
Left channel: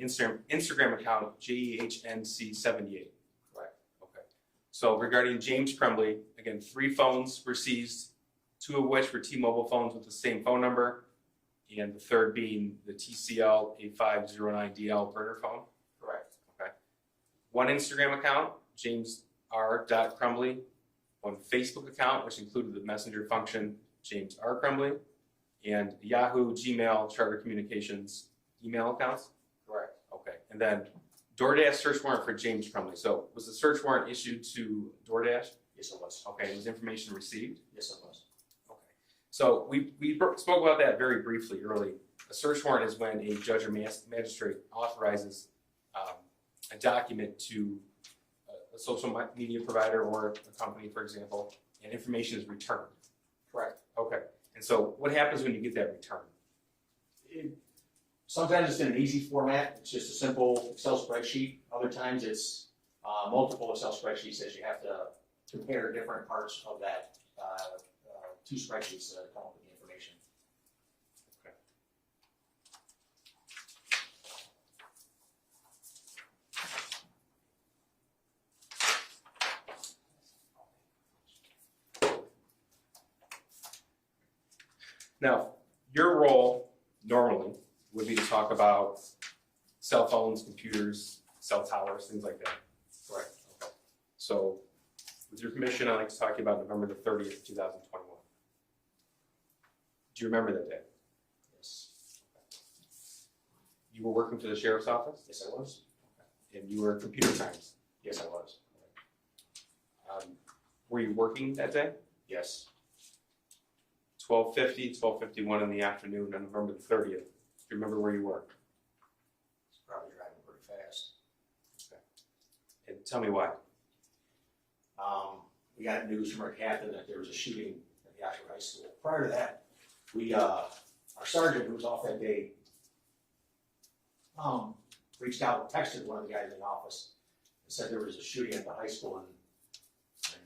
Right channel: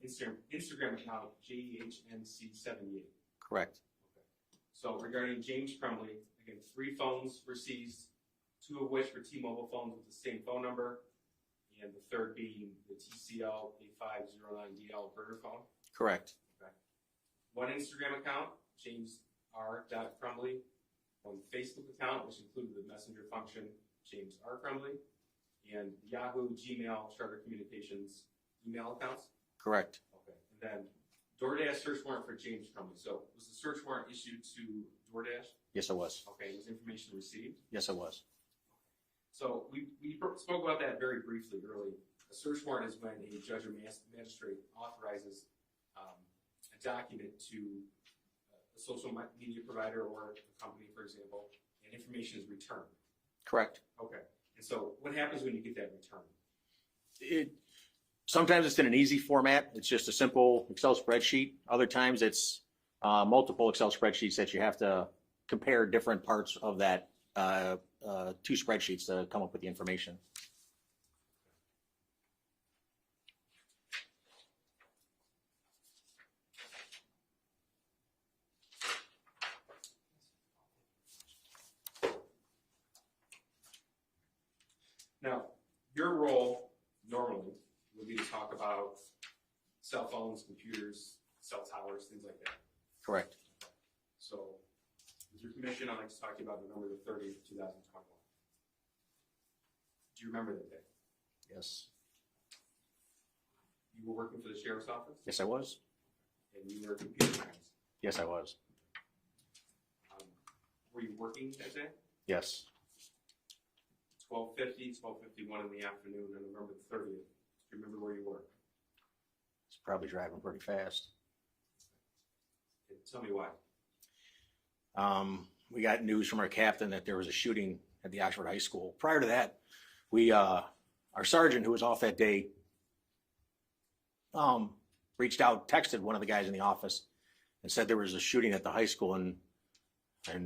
Instagram account JEHNC78. Correct. Okay. So regarding James Crumbley, again, 3 phones were seized, 2 of which were T-Mobile phones with the same phone number, and the third being the TCL 8509DL burner phone. Correct. Okay. 1 Instagram account, James R. Crumbley. 1 Facebook account, which included the messenger function, James R. Crumbley, and Yahoo, Gmail, Charter Communications email accounts. Correct. Okay, and then DoorDash search warrant for James Crumbley. So was the search warrant issued to DoorDash? Yes, it was. Okay, was information received? Yes, it was. Okay. So we spoke about that very briefly early. A search warrant is when a judge or magistrate authorizes a document to a social media provider or a company, for example, and information is returned. Correct. Okay, and so what happens when you get that return? Sometimes it's in an easy format. It's just a simple Excel spreadsheet. Other times it's multiple Excel spreadsheets that you have to compare different parts of that 2 spreadsheets to come up with the information. Now, your role normally would be to talk about cell phones, computers, cell towers, things like that. Correct. Okay. So, with your permission, I'd like to talk to you about November the 30th, 2021. Do you remember that day? Yes. You were working for the sheriff's office? Yes, I was. And you were computer crimes? Yes, I was. Were you working that day? Yes. 12:50, 12:51 in the afternoon on November the 30th. Do you remember where you were? It's probably driving pretty fast. Okay. And tell me why. We got news from our captain that there was a shooting at the Oxford High School. Prior to that, we, our sergeant who was off that day, reached out, texted one of the guys in the office and said there was a shooting at the high school, and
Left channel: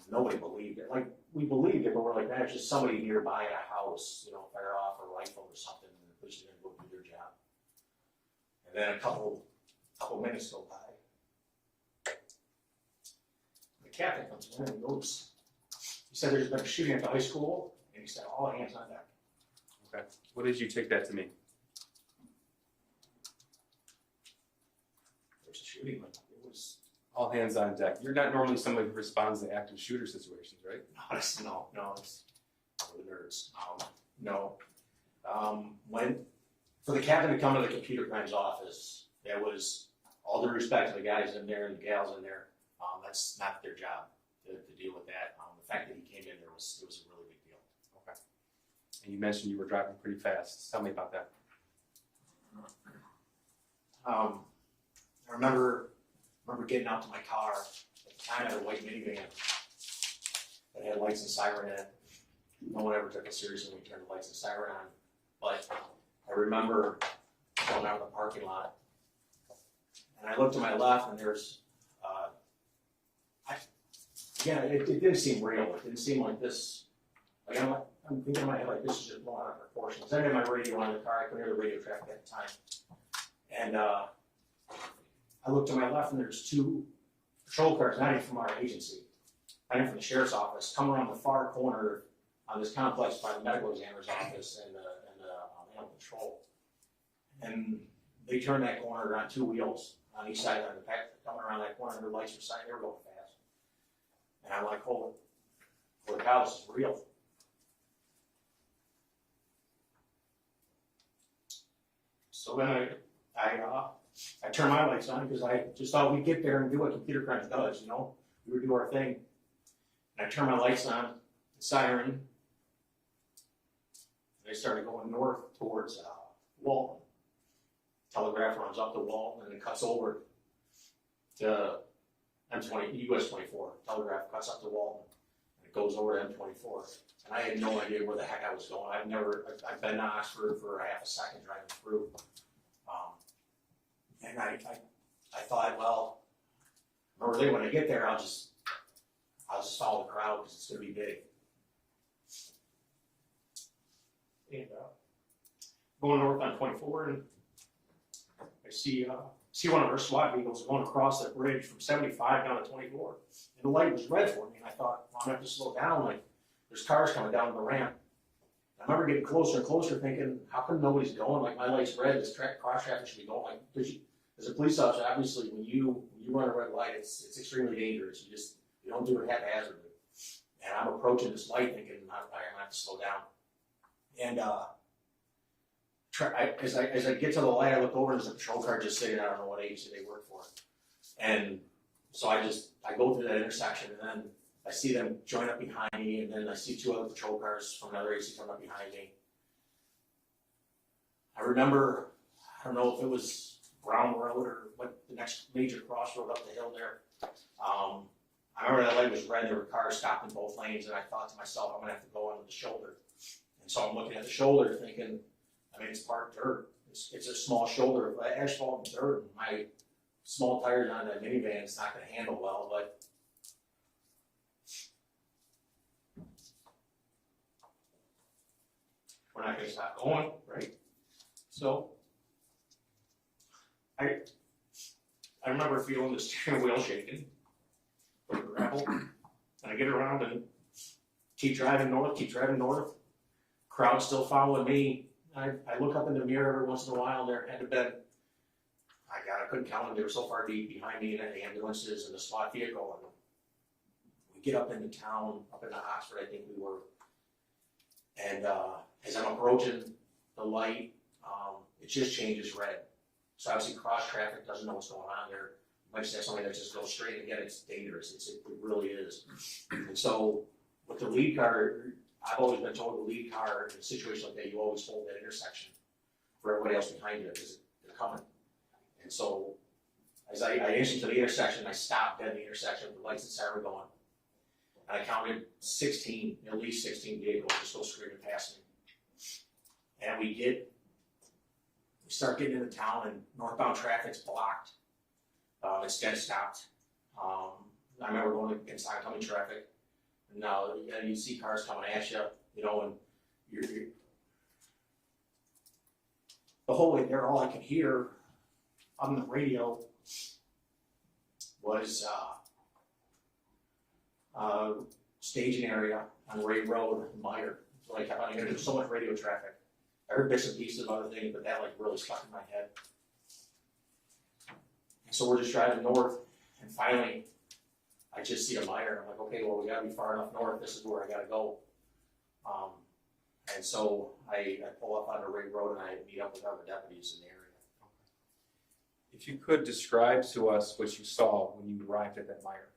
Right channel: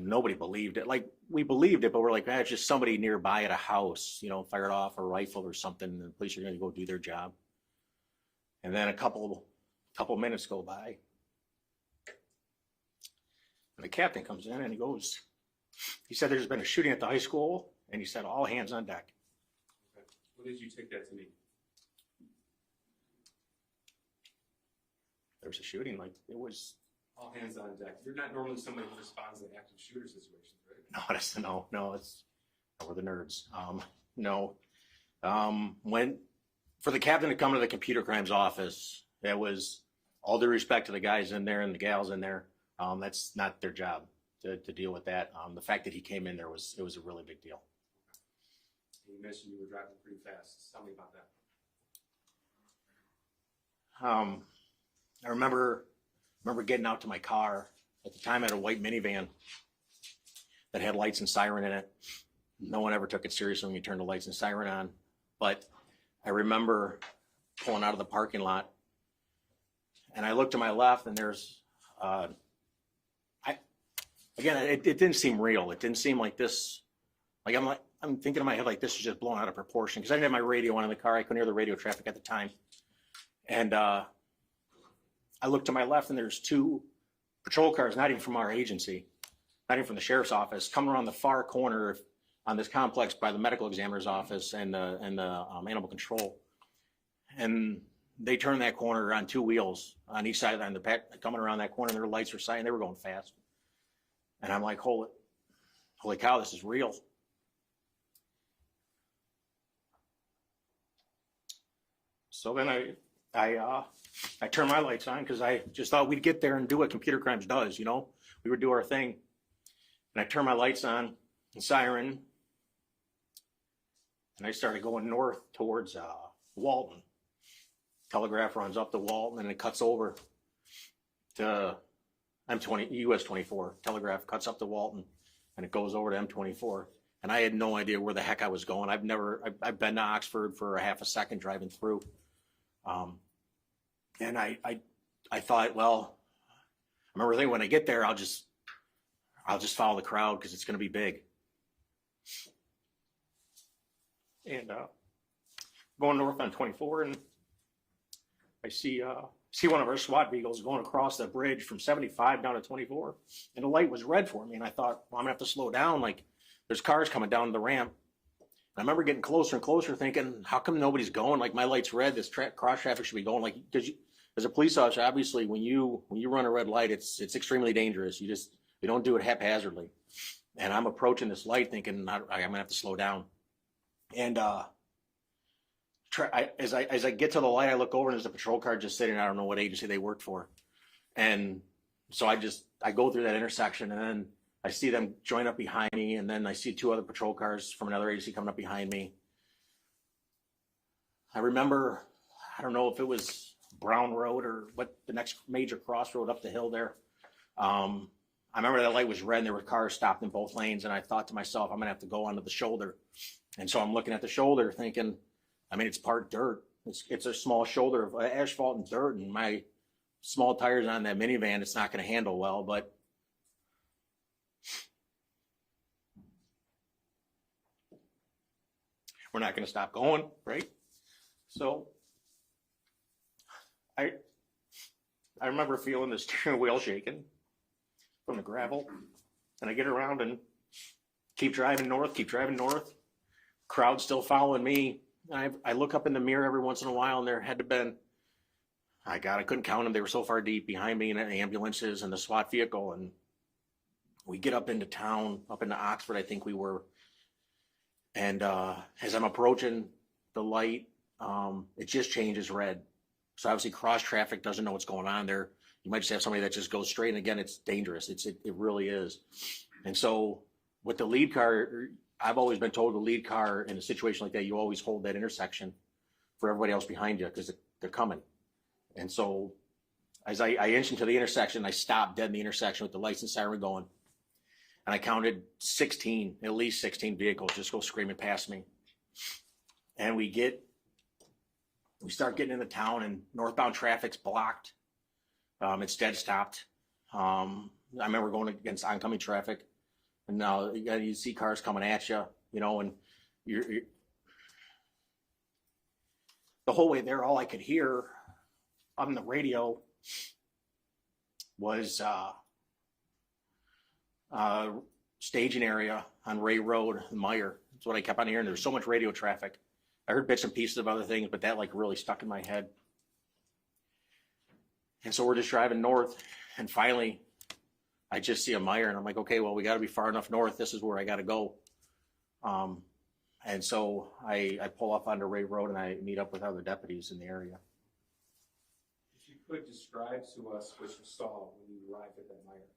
nobody believed it. Like, we believed it, but we're like, it's just somebody nearby at a house, you know, fired off a rifle or something, and the police are gonna go do their job. And then a couple minutes go by, and the captain comes in and he said there's been a shooting at the high school, and he said all hands on deck. Okay. What did you take that to mean? There was a shooting, like, it was, All hands on deck. You're not normally somebody who responds to active shooter situations, right? no, it's for the nerds. For the captain to come to the computer crimes office, that was all due respect to the guys in there and the gals in there. That's not their job to deal with that. The fact that he came in there it was a really big deal. Okay. And you mentioned you were driving pretty fast. Tell me about that. I remember getting out to my car. At the time I had a white minivan that had lights and siren in it. No one ever took it seriously when you turned the lights and siren on. But I remember pulling out of the parking lot, and I looked to my left, and there's, it didn't seem real. It didn't seem like this. Like I'm thinking in my head like this is just blown out of proportion, because I didn't have my radio on in the car. I couldn't hear the radio traffic at the time, and I looked to my left, and there's 2 patrol cars, not even from our agency, not even from the sheriff's office, come around the far corner on this complex by the medical examiner's office and the animal control. And they turned that corner on 2 wheels on each side, on the back, coming around that corner. Their lights were shining. They were going fast. And I'm like, holy cow, this is real. So then I turned my lights on because I just thought we'd get there and do what computer crimes does, you know? We would do our thing. And I turned my lights on, and siren, and I started going north towards Walton. Telegraph runs up to Walton, and it cuts over to US 24. Telegraph cuts up to Walton, and it goes over to M24. And I had no idea where the heck I was going. I've been to Oxford for a half a second driving through. And I thought, well, I remember thinking when I get there, I'll just follow the crowd because it's going to be big. And going north on 24, and I see one of our SWAT vehicles going across the bridge from 75 down to 24, and the light was red for me, and I thought, well, I'm gonna have to slow down. Like, there's cars coming down the ramp. And I remember getting closer and closer, thinking, how come nobody's going? Like, my light's red. This cross traffic should be going. Like, because as a police officer, obviously, when you run a red light, it's extremely dangerous. You don't do it haphazardly. And I'm approaching this light, thinking I'm gonna have to slow down. And as I get to the light, I look over and there's a patrol car just sitting. I don't know what agency they worked for, and so I go through that intersection, and then I see them join up behind me, and then I see two other patrol cars from another agency coming up behind me. I remember, I don't know if it was Brown Road or what, the next major crossroad up the hill there. I remember that light was red and there were cars stopped in both lanes, and I thought to myself, I'm gonna have to go onto the shoulder. And so I'm looking at the shoulder thinking, I mean, it's part dirt. It's a small shoulder of asphalt and dirt, and my small tires on that minivan, it's not gonna handle well, but we're not gonna stop going, right? So I remember feeling the steering wheel shaking from the gravel, and I get around and keep driving north. Crowd still following me. I look up in the mirror every once in a while, and there had to been, I couldn't count them. They were so far deep behind me, and the ambulances and the SWAT vehicle. And we get up into town, up into Oxford, I think we were. And as I'm approaching the light, it just changes red. So obviously cross traffic doesn't know what's going on there. You might just have somebody that just goes straight, and again, it's dangerous. It really is. And so with the lead car, I've always been told the lead car in a situation like that, you always hold that intersection for everybody else behind you because they're coming. And so as I inch into the intersection, I stop dead in the intersection with the lights and siren going. And I counted at least 16 vehicles just go screaming past me. And we start getting into town, and northbound traffic's blocked. It's dead stopped. I remember going against oncoming traffic, and now you see cars coming at you, and you're the whole way there. All I could hear on the radio was staging area on Ray Road in Meyer. That's what I kept on hearing. There was so much radio traffic. I heard bits and pieces of other things, but that really stuck in my head. And so we're just driving north, and finally I just see a Meyer, and I'm like, okay, well, we gotta be far enough north. This is where I gotta go. And so I pull up onto Ray Road, and I meet up with other deputies in the area. If you could describe to us what you saw when you arrived at that Meyer.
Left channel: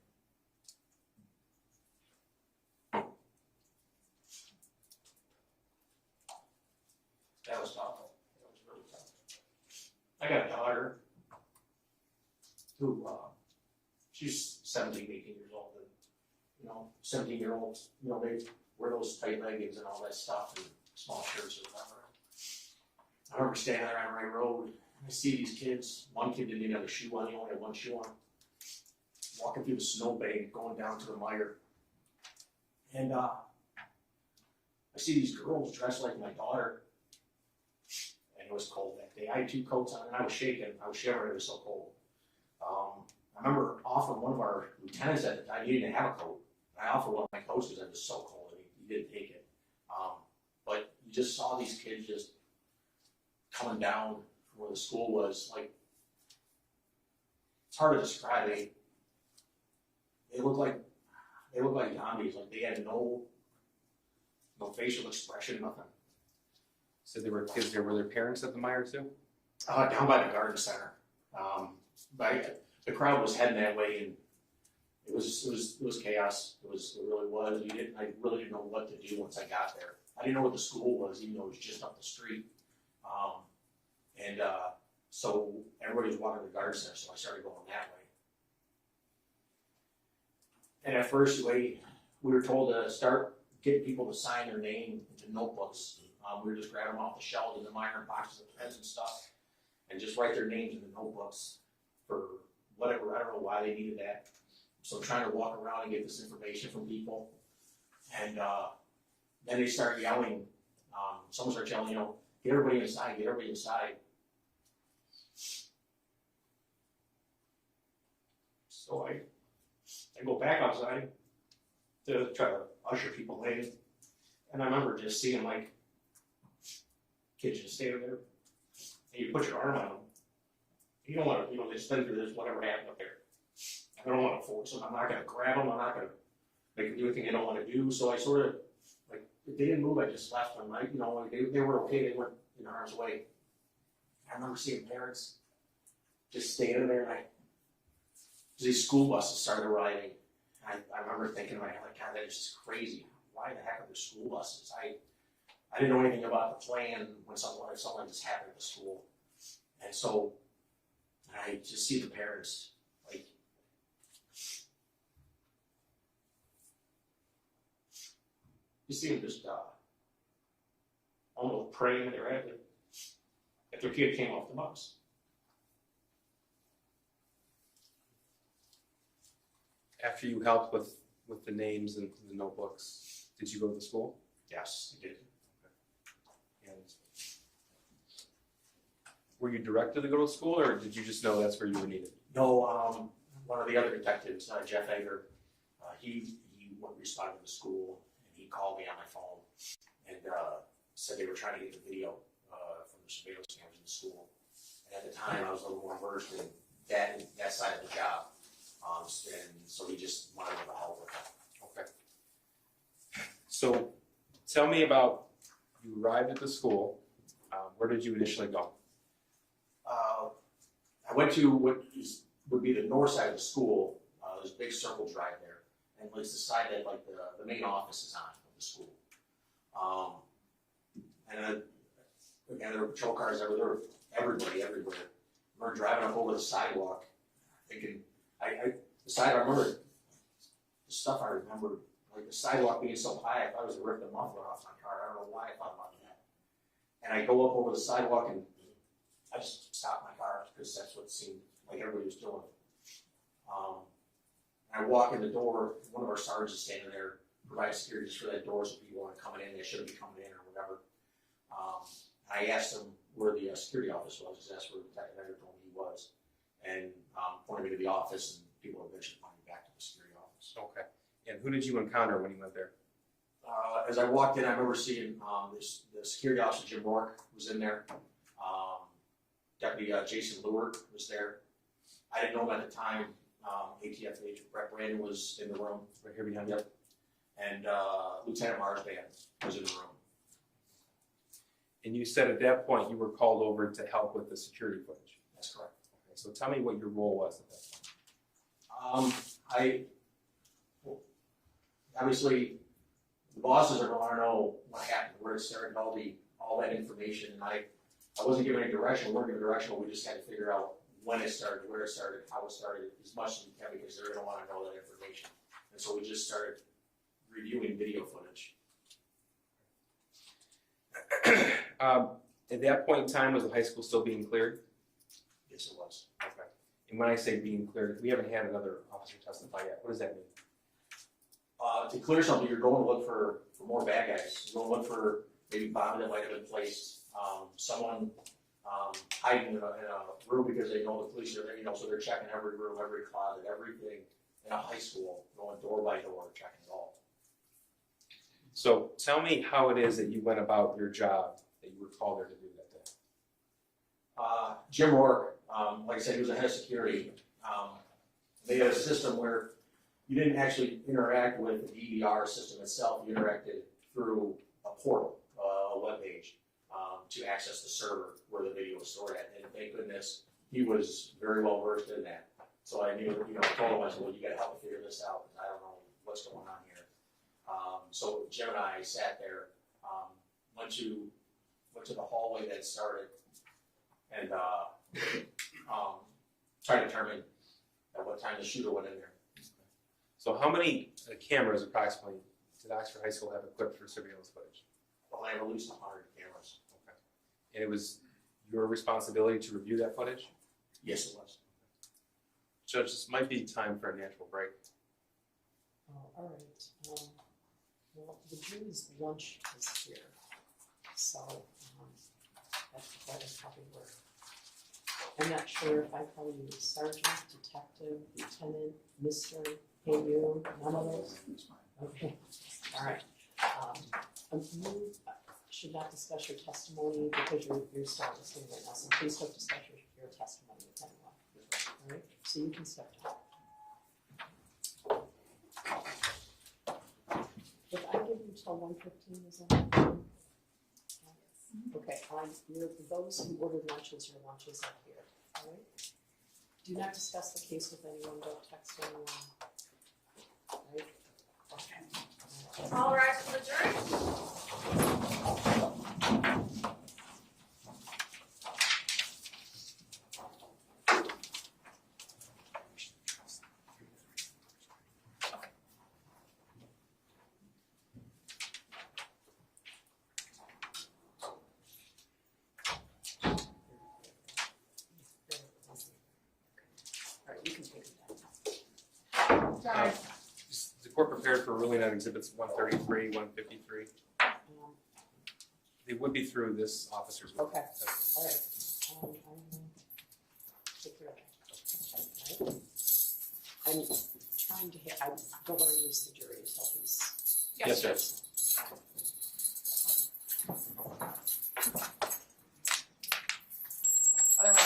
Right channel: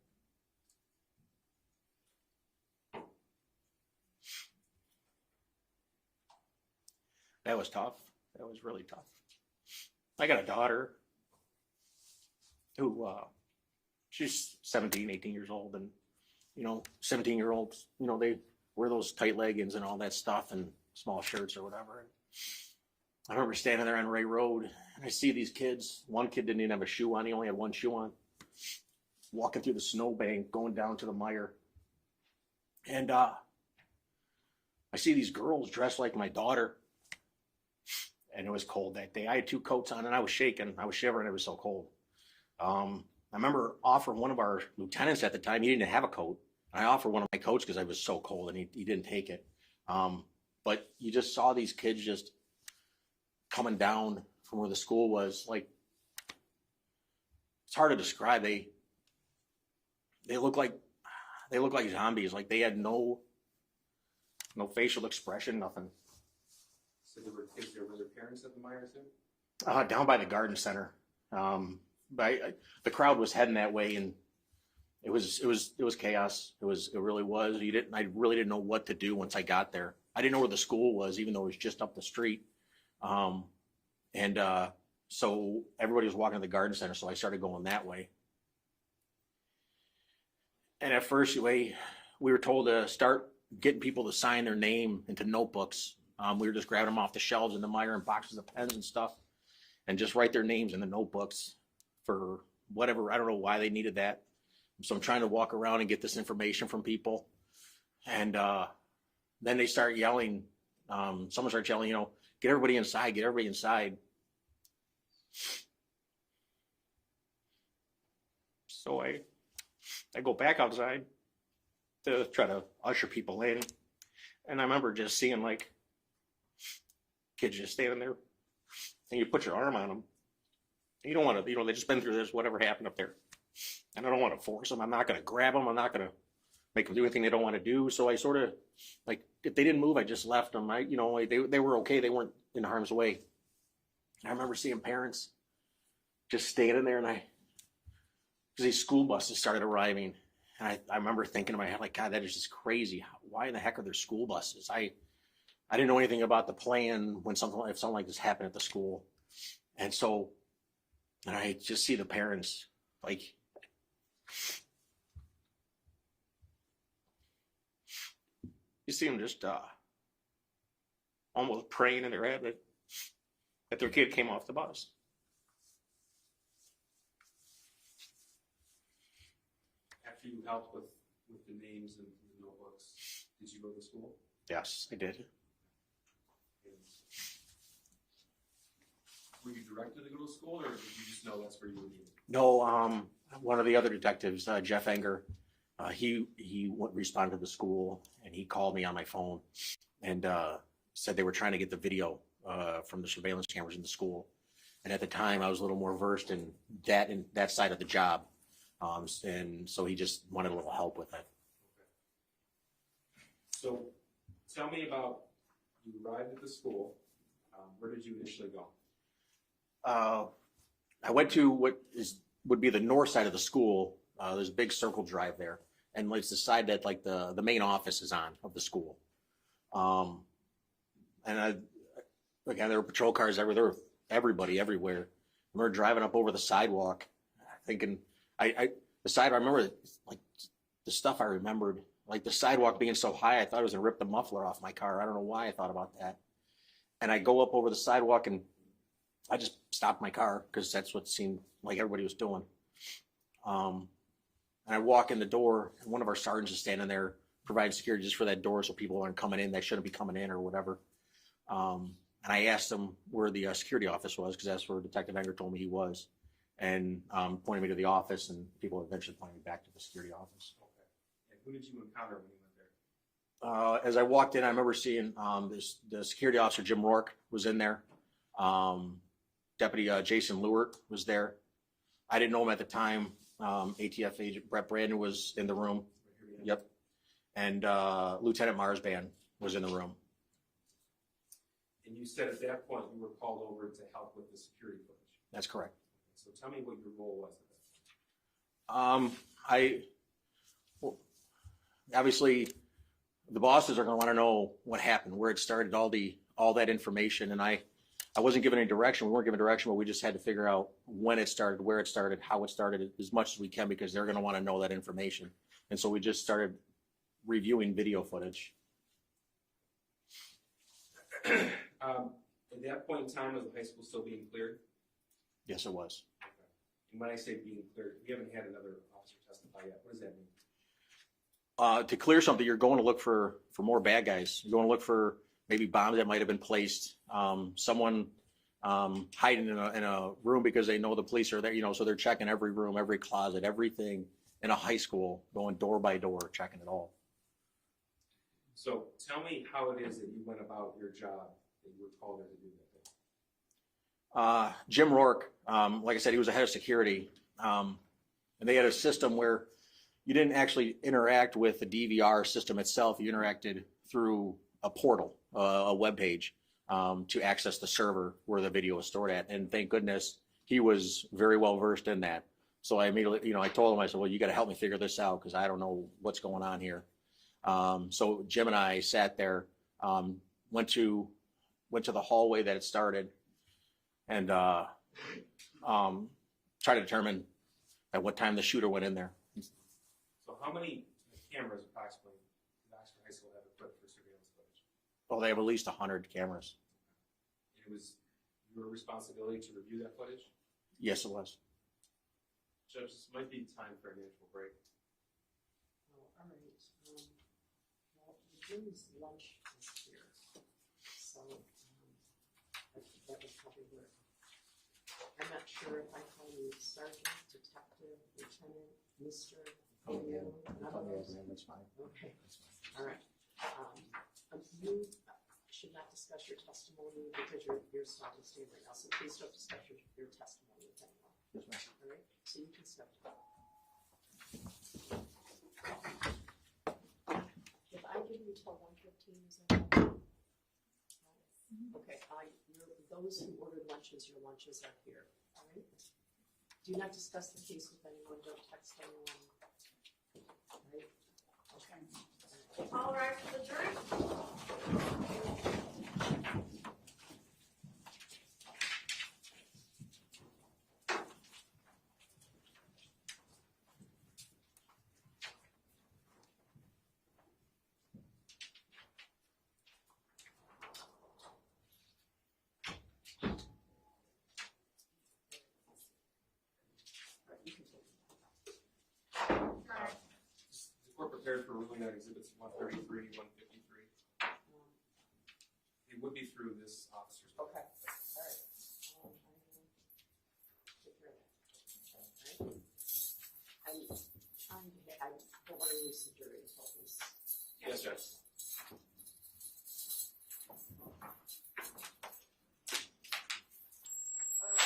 That was tough. That was really tough. I got a daughter who, she's 17, 18 years old, and, 17-year-olds, they wear those tight leggings and all that stuff and small shirts or whatever. I remember standing there on Ray Road, and I see these kids. One kid didn't even have a shoe on. He only had one shoe on. Walking through the snowbank, going down to the Meyer. And I see these girls dressed like my daughter. And it was cold that day. I had 2 coats on, and I was shaking. I was shivering. It was so cold. I remember offering one of our lieutenants at the time. He didn't have a coat. I offered one of my coats because I was so cold, and he didn't take it. But you just saw these kids just coming down from where the school was. Like, it's hard to describe. They look like zombies. Like, they had no facial expression, nothing. So there were kids there. Were there parents at the Meyer too? Down by the garden center. The crowd was heading that way, and it was chaos. It really was. I really didn't know what to do once I got there. I didn't know where the school was, even though it was just up the street. So everybody was walking to the garden center, so I started going that way. And at first, we were told to start getting people to sign their name into notebooks. We were just grabbing them off the shelves in the Meyer and boxes of pens and stuff, and just write their names in the notebooks for whatever. I don't know why they needed that. So I'm trying to walk around and get this information from people. And then they start yelling. Someone starts yelling, get everybody inside, get everybody inside. So I go back outside to try to usher people in. And I remember just seeing like kids just standing there and you put your arm on them. You don't want to, they just been through this, whatever happened up there. And I don't want to force them. I'm not going to grab them. I'm not going to make them do anything they don't want to do. So I sort of, like, if they didn't move, I just left them. They were okay. They weren't in harm's way. And I remember seeing parents just standing there, and because these school buses started arriving. And I remember thinking in my head, like, God, that is just crazy. Why in the heck are there school buses? I didn't know anything about the plan if something like this happened at the school. And so, and I just see the parents, like, you see them just almost praying in their head that their kid came off the bus. After you helped with the names and the notebooks, did you go to the school? Yes, I did. And were you directed to go to school, or did you just know that's where you were needed? No, one of the other detectives, Jeff Enger, he responded to the school, and he called me on my phone and said they were trying to get the video from the surveillance cameras in the school. And at the time, I was a little more versed in that side of the job. And so he just wanted a little help with that. Okay. So tell me about, you arrived at the school. Where did you initially go? I went to what would be the north side of the school. There's a big circle drive there. And it's the side that like the main office is on of the school. Again, there were patrol cars everywhere. There were everybody everywhere. I remember driving up over the sidewalk, thinking, I remember like the stuff I remembered, like the sidewalk being so high, I thought it was gonna rip the muffler off my car. I don't know why I thought about that. And I go up over the sidewalk and I just stopped my car because that's what seemed like everybody was doing. And I walk in the door, and one of our sergeants is standing there, providing security just for that door so people aren't coming in. They shouldn't be coming in or whatever. And I asked him where the security office was, because that's where Detective Enger told me he was, and pointed me to the office, and people eventually pointed me back to the security office. Okay. And who did you encounter when you went there? As I walked in, I remember seeing the security officer, Jim Rourke, was in there. Deputy Jason Lewert was there. I didn't know him at the time. ATF agent Brett Brandon was in the room. Right here behind Yep. And Lieutenant Marsban was in the room. And you said at that point you were called over to help with the security footage. That's correct. Okay, so tell me what your role was at that point. Obviously, the bosses are going to want to know what happened, where it started, all that information, and I wasn't given any direction. We weren't given direction, but we just had to figure out when it started, where it started, how it started, as much as we can, because they're going to want to know that information. And so we just started reviewing video footage. At that point in time, was the high school still being cleared? Yes, it was. Okay. And when I say being cleared, we haven't had another officer testify yet. What does that mean? To clear something, you're going to look for more bad guys. You're going to look for maybe bombs that might have been placed, someone hiding in a room because they know the police are there, so they're checking every room, every closet, everything in a high school, going door by door, checking it all. So tell me how it is that you went about your job that you were called there to do that day. Jim Rourke, like I said, he was the head of security. And they had a system where you didn't actually interact with the DVR system itself. You interacted through a portal, a web page, to access the server where the video was stored at. And thank goodness he was very well versed in that. So I immediately, I told him, I said, well, you got to help me figure this out because I don't know what's going on here. So Jim and I sat there, went to the hallway that it started, and tried to determine at what time the shooter went in there. So how many cameras approximately did Oxford High School have equipped for surveillance footage? Well, they released 100 cameras. Okay. And it was your responsibility to review that footage? Yes, it was. Judge, this might be time for a natural break. All right. Well, the jury's lunch is here, so that is probably where I'm not sure if I call you sergeant, detective, lieutenant, mister, hey you, none of those? That's fine. Okay, all right. You should not discuss your testimony because you're still listening right now, so please don't discuss your testimony with anyone. All right, so you can step down. If I give you till 1:15, is that? Okay, those who ordered lunches, your lunches are here, all right? Do not discuss the case with anyone, don't text anyone, all right? Okay. All rise for the jury. All right, you can take it down. Is the court prepared for ruling on exhibits 133, 153? They would be through this officer's. Okay, all right. I will take care of that. All right. I'm trying to hit, I don't want to lose the jury, so please. Yes, sir. Other way.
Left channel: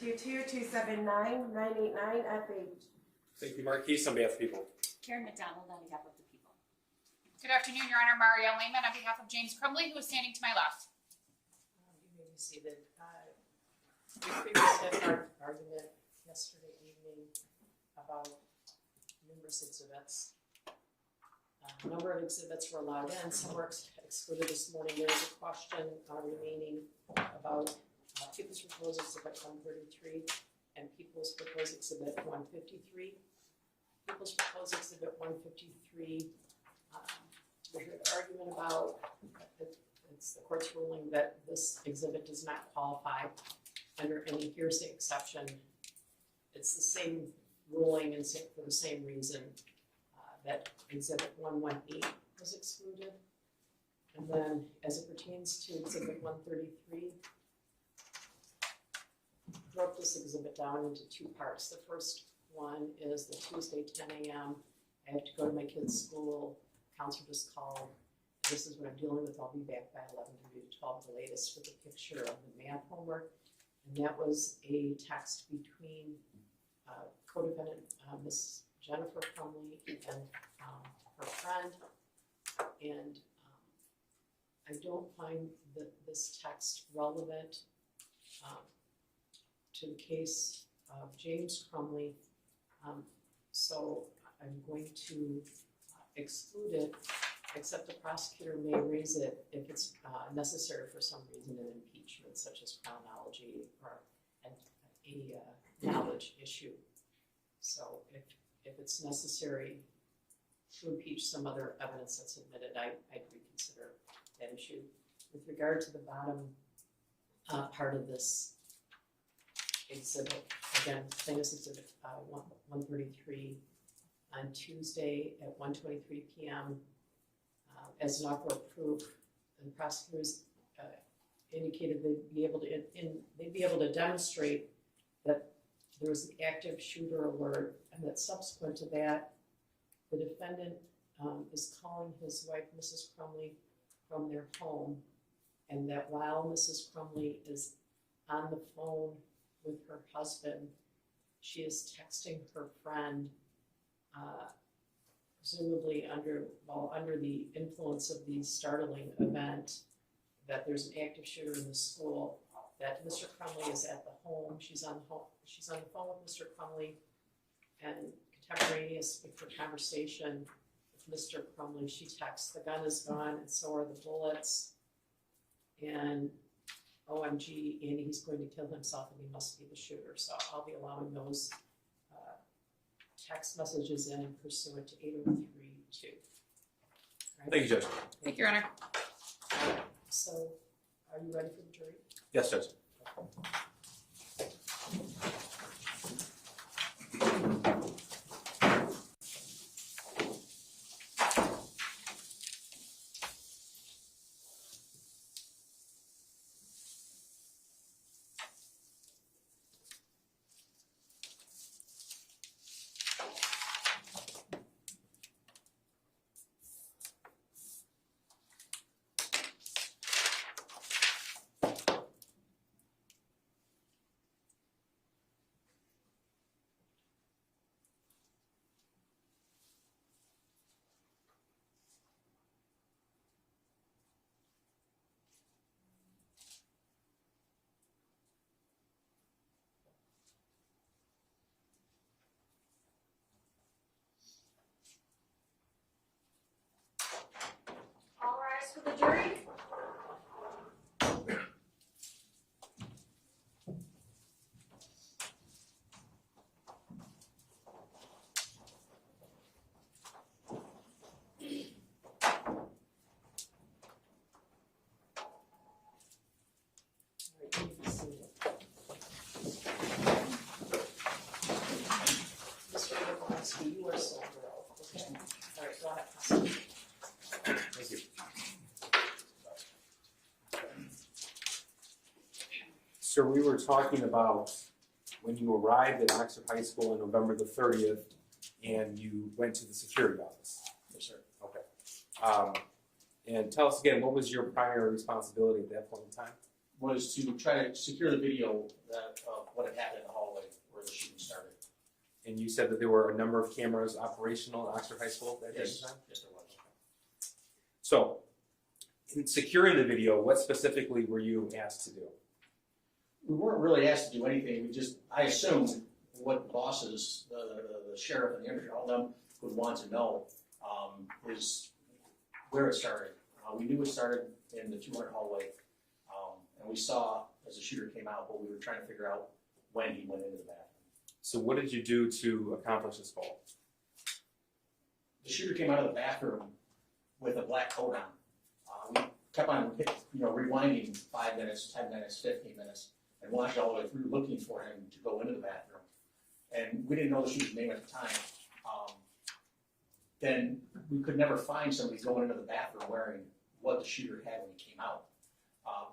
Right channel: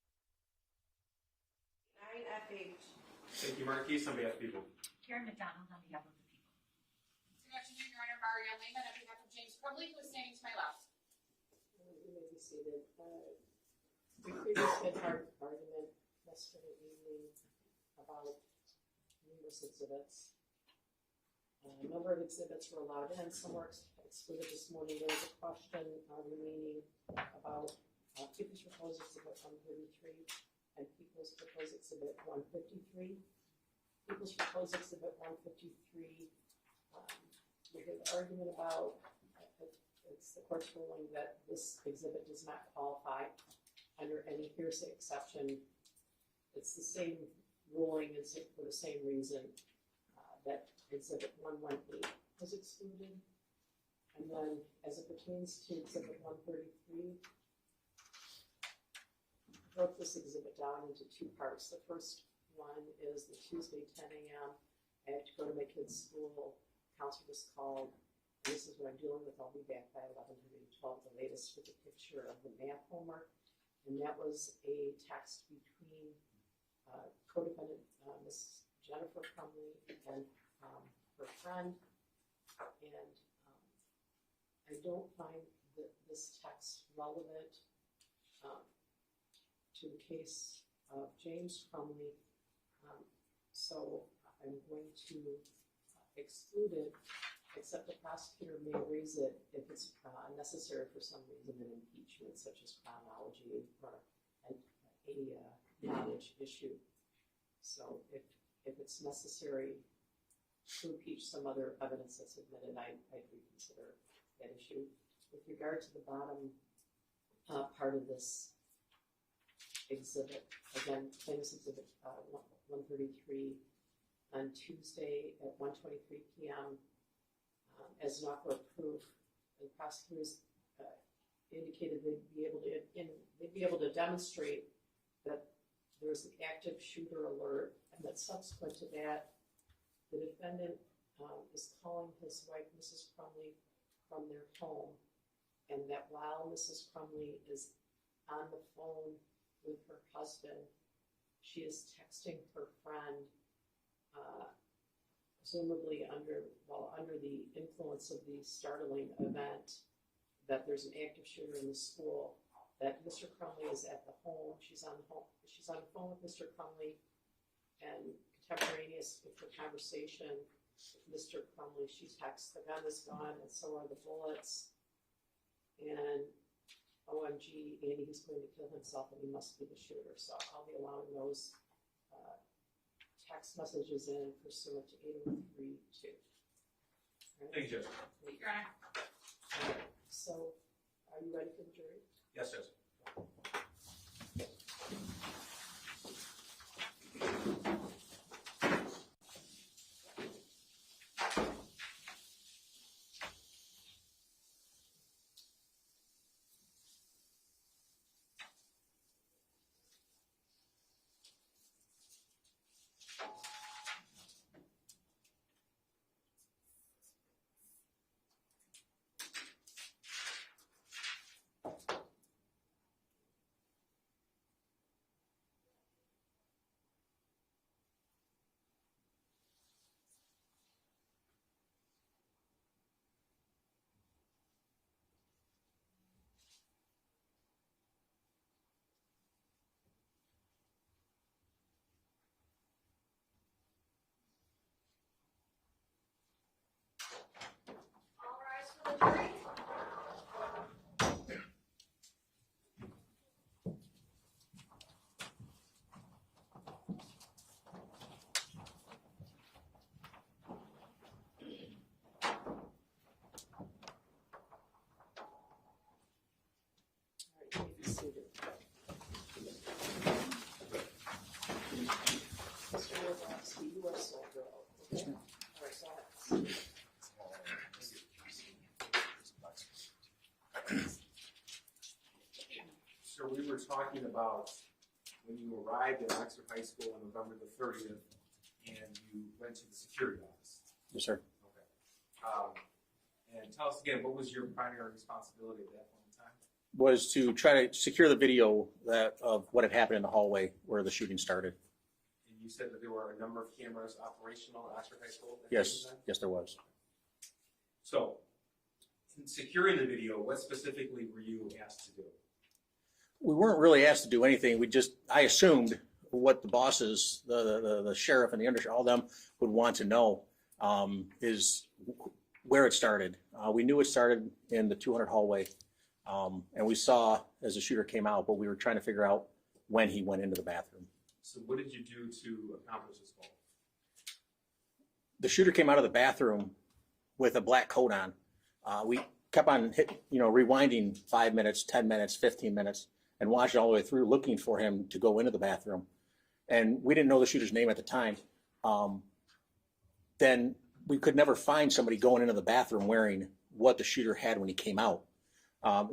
22279989FH. Thank you, Marquise, on behalf of people. Karen McDonald on behalf of the people. Good afternoon, Your Honor. Mario Lehman on behalf of James Crumbley, who is standing to my left. You may be seated. We previously had our argument yesterday evening about numerous exhibits. A number of exhibits were allowed in, some were excluded this morning. There is a question remaining about People's Proposed Exhibit 133 and People's Proposed Exhibit 153. People's Proposed Exhibit 153, we heard argument about, it's the court's ruling that this exhibit does not qualify under any hearsay exception. It's the same ruling and for the same reason that Exhibit 118 was excluded. And then as it pertains to Exhibit 133, broke this exhibit down into two parts. The first one is the Tuesday 10 a.m. I have to go to my kid's school. Counselor just called. This is what I'm dealing with. I'll be back by 11:30 to 12 the latest with a picture of the math homework. And that was a text between co-defendant Miss Jennifer Crumbley and her friend. And I don't find this text relevant to the case of James Crumbley. So I'm going to exclude it, except the prosecutor may raise it if it's necessary for some reason in impeachment, such as chronology or a knowledge issue. So if it's necessary to impeach some other evidence that's admitted, I'd reconsider that issue. With regard to the bottom part of this exhibit, again, plaintiff's exhibit 133 on Tuesday at 1:23 p.m. As an offer of proof, the prosecutors indicated they'd be able to demonstrate that there was an active shooter alert, and that subsequent to that, the defendant is calling his wife, Mrs. Crumbley, from their home, and that while Mrs. Crumbley is on the phone with her husband, she is texting her friend, presumably under the influence of the startling event, that there's an active shooter in the school, that Mr. Crumbley is at the home. She's on the phone with Mr. Crumbley, and contemporaneous with her conversation with Mr. Crumbley, she texts, "The gun is gone, and so are the bullets, and OMG, Andy, he's going to kill himself, and he must be the shooter." So I'll be allowing those text messages in pursuant to 8032. Right? Thank you, Judge. Thank you, Your Honor. So, are you ready for the jury? Yes, Judge. All rise for the jury. All right, you can see it. Mr. Wojciechowski, you are sole girl, okay? All right, go ahead. Thank you. Sir, we were talking about when you arrived at Oxford High School on November the 30th and you went to the security office. Yes, sir. Okay. And tell us again, what was your primary responsibility at that point in time? was to try to secure the video of what had happened in the hallway where the shooting started. And you said that there were a number of cameras operational at Oxford High School at that Yes, time? yes, there was. So, in securing the video, what specifically were you asked to do? We weren't really asked to do anything. I assumed what the bosses, the sheriff and the undersheriff, all them would want to know is where it started. We knew it started in the 200 hallway, and we saw as the shooter came out, but we were trying to figure out when he went into the bathroom. So what did you do to accomplish this goal? The shooter came out of the bathroom with a black coat on. We kept on rewinding 5 minutes, 10 minutes, 15 minutes, and watched all the way through looking for him to go into the bathroom. And we didn't know the shooter's name at the time. Then we could never find somebody going into the bathroom wearing what the shooter had when he came out.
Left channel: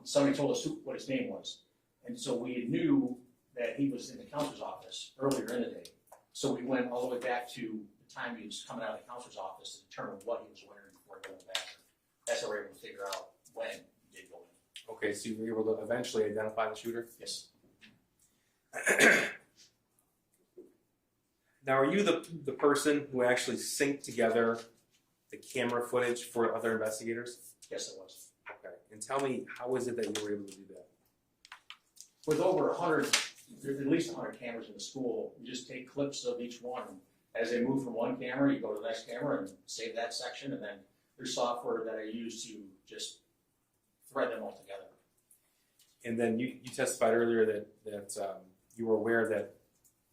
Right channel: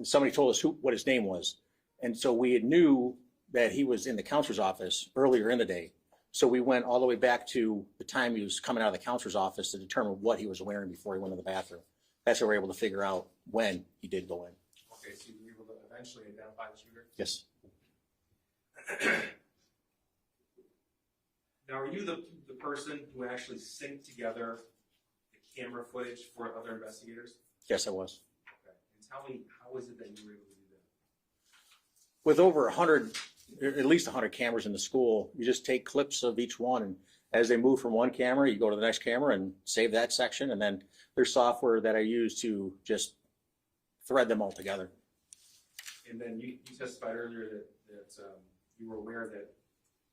Somebody told us what his name was. And so we knew that he was in the counselor's office earlier in the day. So we went all the way back to the time he was coming out of the counselor's office to determine what he was wearing before he went to the bathroom. That's how we were able to figure out when he did go in. Okay, so you were able to eventually identify the shooter? Yes. Now, are you the person who actually synced together the camera footage for other investigators? Yes, I was. Okay, and tell me, how is it that you were able to do that? With over 100, at least 100 cameras in the school, you just take clips of each one. And as they move from one camera, you go to the next camera and save that section. And then there's software that I use to just thread them all together. And then you testified earlier that you were aware that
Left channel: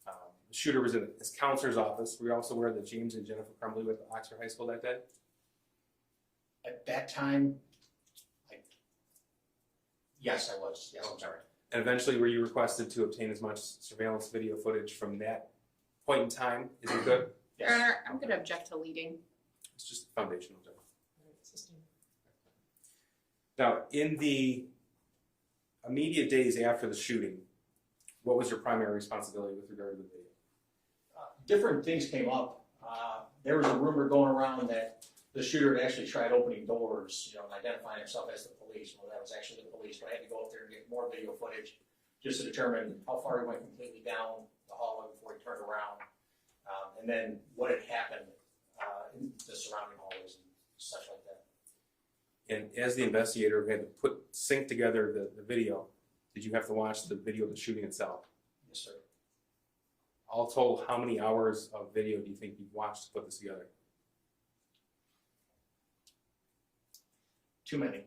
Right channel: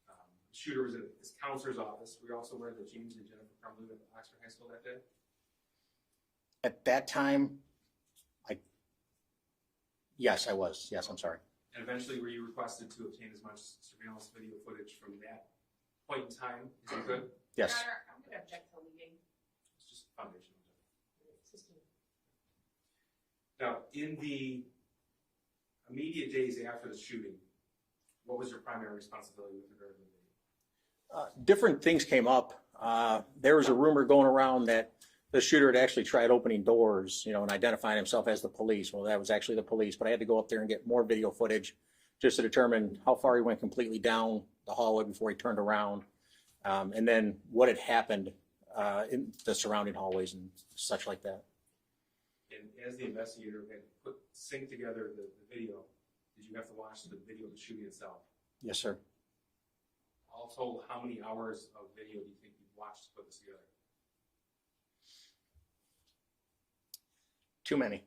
the shooter was in his counselor's office. Were you also aware that James and Jennifer Crumbley were at Oxford High School that day? At that time, yes, I was. Yes, I'm sorry. And eventually, were you requested to obtain as much surveillance video footage from that point in time as you could? Yes. Your Honor, I'm gonna object to leading. It's just foundational. Now, in the immediate days after the shooting, what was your primary responsibility with regard to the video? Different things came up. There was a rumor going around that the shooter had actually tried opening doors, and identifying himself as the police. Well, that was actually the police, but I had to go up there and get more video footage just to determine how far he went completely down the hallway before he turned around, and then what had happened in the surrounding hallways and such like that. And as the investigator who had to sync together the video, did you have to watch the video of the shooting itself? Yes, sir. All told, how many hours of video do you think you've watched to put this together? Too many.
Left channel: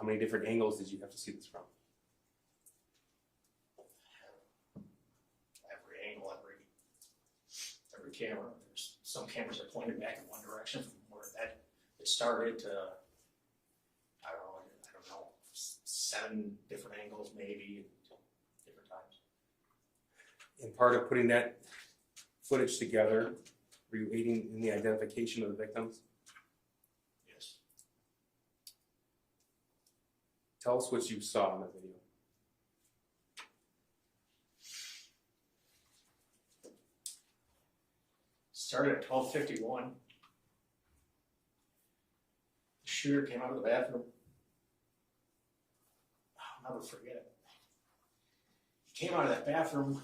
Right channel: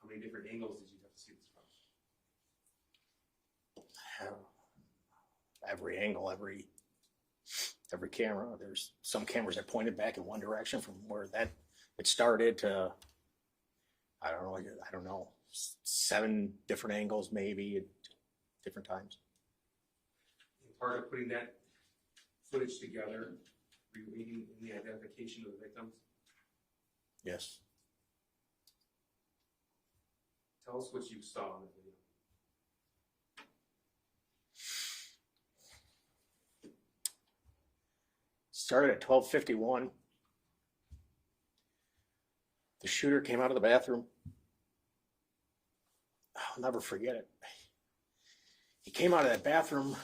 How many different angles did you have to see this from? Every angle, every camera. There's some cameras that pointed back in one direction from where it started to, I don't know, 7 different angles maybe at different times. In part of putting that footage together, were you aiding in the identification of the victims? Yes. Tell us what you saw in the video. Started at 12:51. The shooter came out of the bathroom. I'll never forget it. He came out of that bathroom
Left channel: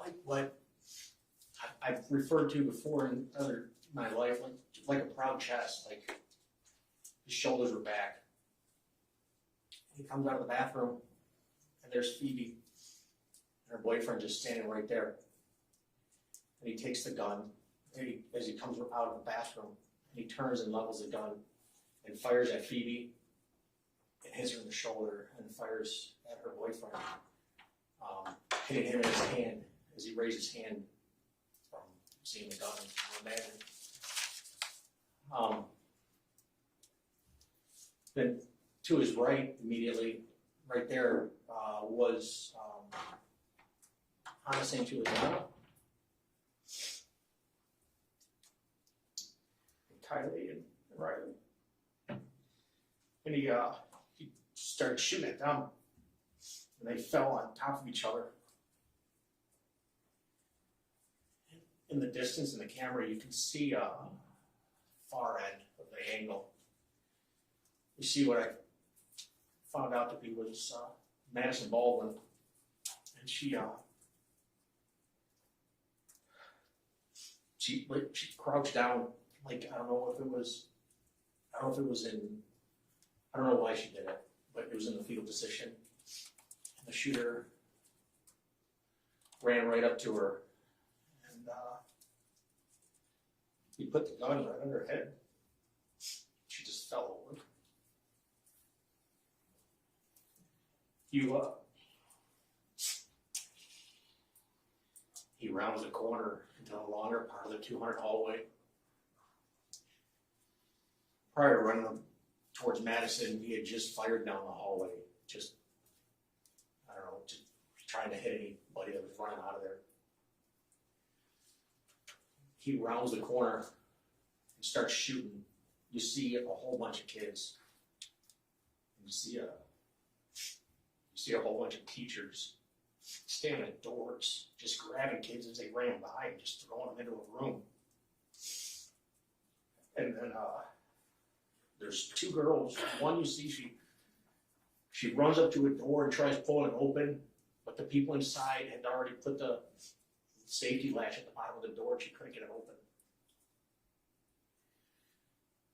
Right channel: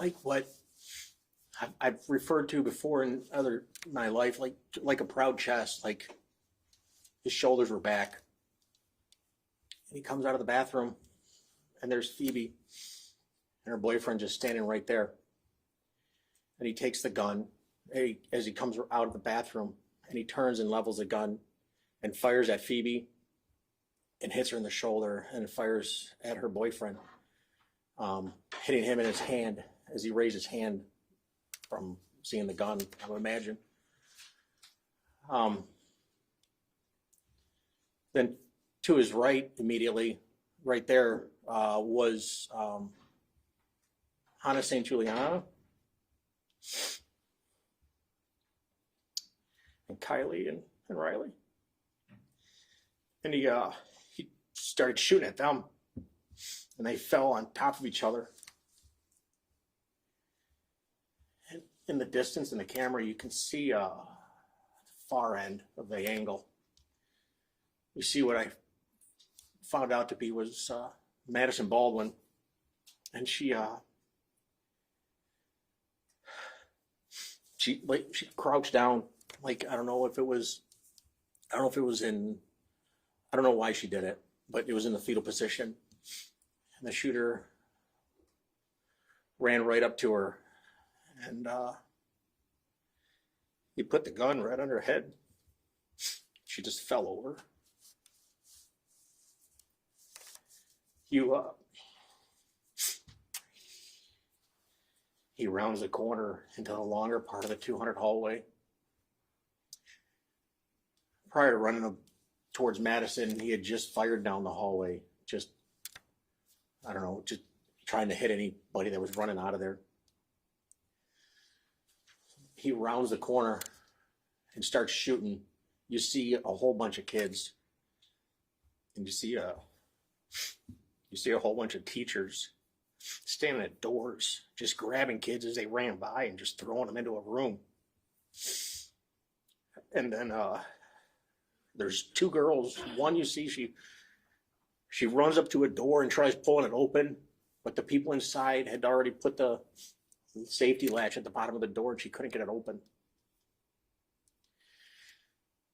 like what I've referred to before in my life, like a proud chest, like his shoulders were back. And he comes out of the bathroom, and there's Phoebe and her boyfriend just standing right there. And he takes the gun as he comes out of the bathroom, and he turns and levels the gun and fires at Phoebe and hits her in the shoulder and fires at her boyfriend, hitting him in his hand as he raised his hand from seeing the gun, I would imagine. Then to his right, immediately, right there, was Hannah St. Juliana and Kylie and Riley. And he started shooting at them, and they fell on top of each other. And in the distance in the camera, you can see the far end of the angle. You see what I found out to be was Madison Baldwin, and she crouched down, like, I don't know if it was in, I don't know why she did it, but it was in the fetal position. And the shooter ran right up to her, and he put the gun right on her head. She just fell over. He rounds the corner into the longer part of the 200 hallway. Prior to running towards Madison, he had just fired down the hallway, just trying to hit anybody that was running out of there. He rounds the corner and starts shooting. You see a whole bunch of kids, and you see a whole bunch of teachers standing at doors, just grabbing kids as they ran by and just throwing them into a room. And then there's two girls. One, you see, she runs up to a door and tries pulling it open, but the people inside had already put the safety latch at the bottom of the door and she couldn't get it open.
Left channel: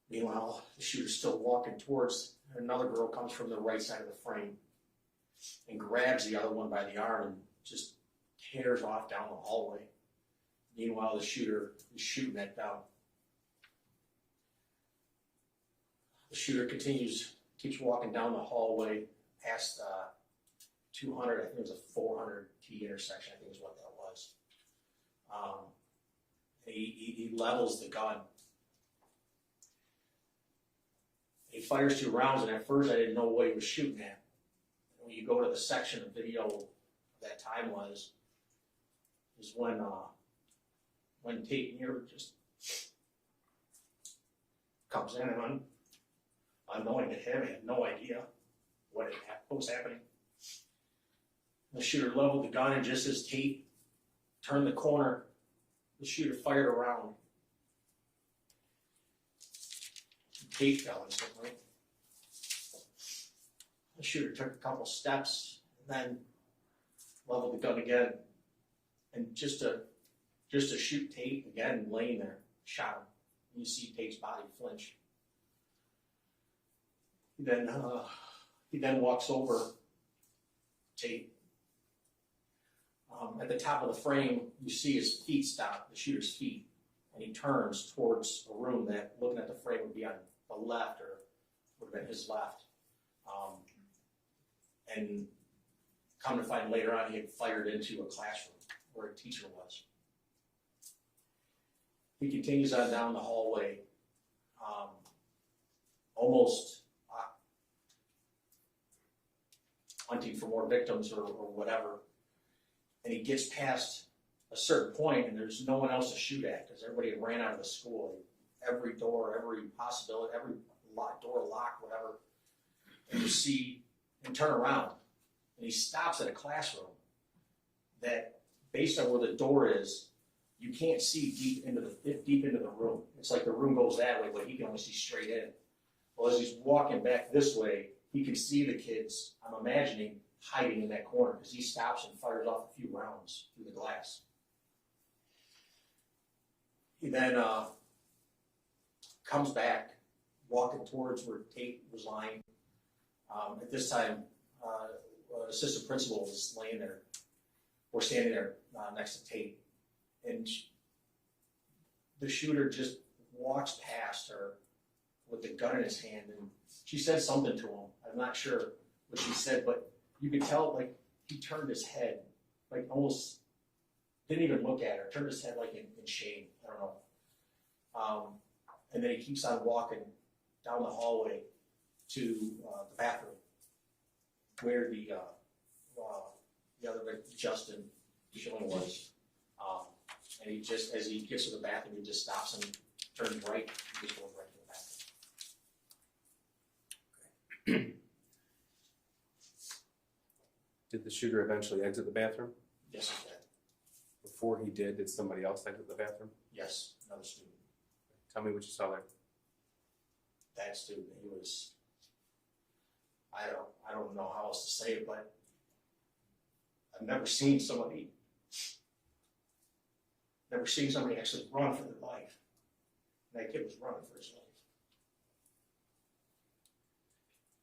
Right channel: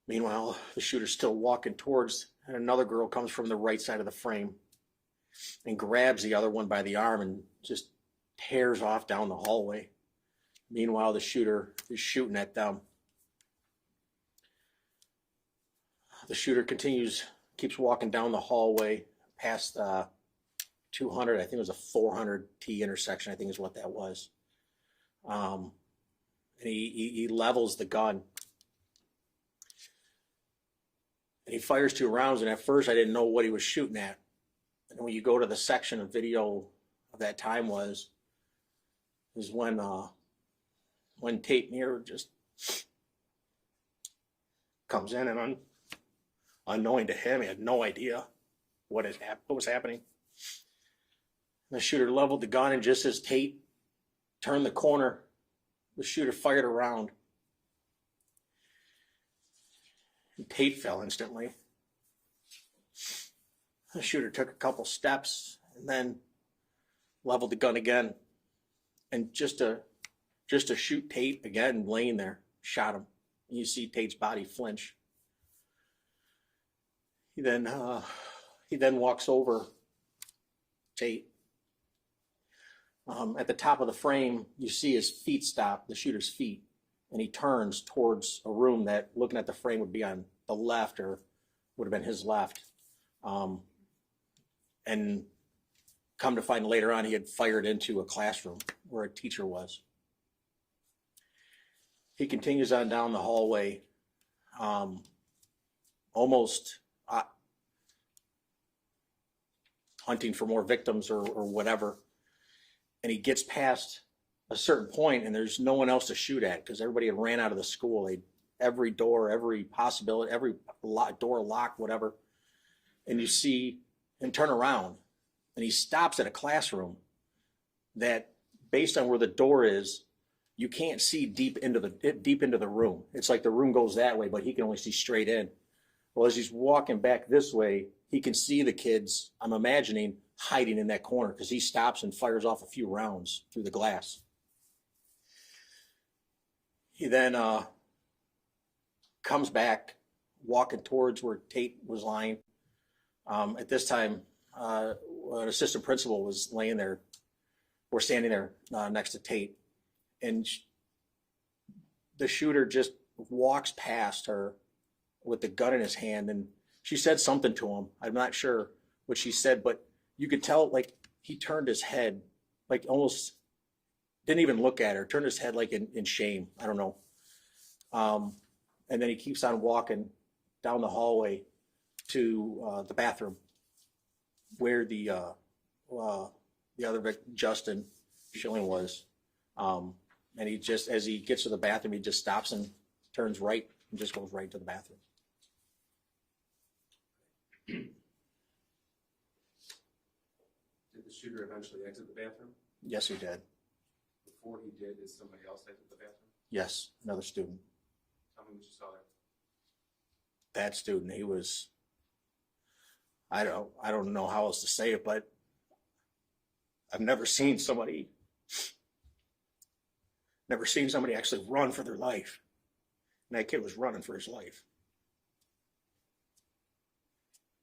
Meanwhile, the shooter's still walking towards, and another girl comes from the right side of the frame and grabs the other one by the arm and just tears off down the hallway. Meanwhile, the shooter is shooting at them. The shooter keeps walking down the hallway past 200, I think it was a 400 T intersection, I think is what that was. And he levels the gun. And he fires 2 rounds, and at first I didn't know what he was shooting at. And when you go to the section of video of that time is when Tate Neer just comes in, and unknowing to him, he had no idea what was happening. The shooter leveled the gun, and just as Tate turned the corner, the shooter fired a round. And Tate fell instantly. The shooter took a couple steps and then leveled the gun again. And just to shoot Tate again, laying there, shot him. And you see Tate's body flinch. He then walks over Tate. At the top of the frame, you see his feet stop, the shooter's feet, and he turns towards a room that, looking at the frame, would be on the left, or would have been his left. And come to find later on, he had fired into a classroom where a teacher was. He continues on down the hallway, almost hunting for more victims or whatever. And he gets past a certain point, and there's no one else to shoot at because everybody had ran out of the school. Every door, every possibility, every door locked, whatever. And you see him turn around, and he stops at a classroom that, based on where the door is, you can't see deep into the room. It's like the room goes that way, but he can only see straight in. Well, as he's walking back this way, he can see the kids, I'm imagining, hiding in that corner because he stops and fires off a few rounds through the glass. He then comes back, walking towards where Tate was lying. At this time, an assistant principal was laying there, or standing there next to Tate. And the shooter just walks past her with the gun in his hand, and she said something to him. I'm not sure what she said, but you could tell, like, he turned his head, like, almost didn't even look at her, turned his head like in shame. I don't know. And then he keeps on walking down the hallway to the bathroom where the other victim, Justin Schilling, was. And he just, as he gets to the bathroom, he just stops and turns right and just goes right to the bathroom. Did the shooter eventually exit the bathroom? Yes, he did. Before he did somebody else exit the bathroom? Yes, another student. Tell me what you saw there. That student, he was I don't know how else to say it, but I've never seen somebody actually run for their life. And that kid was running for his life.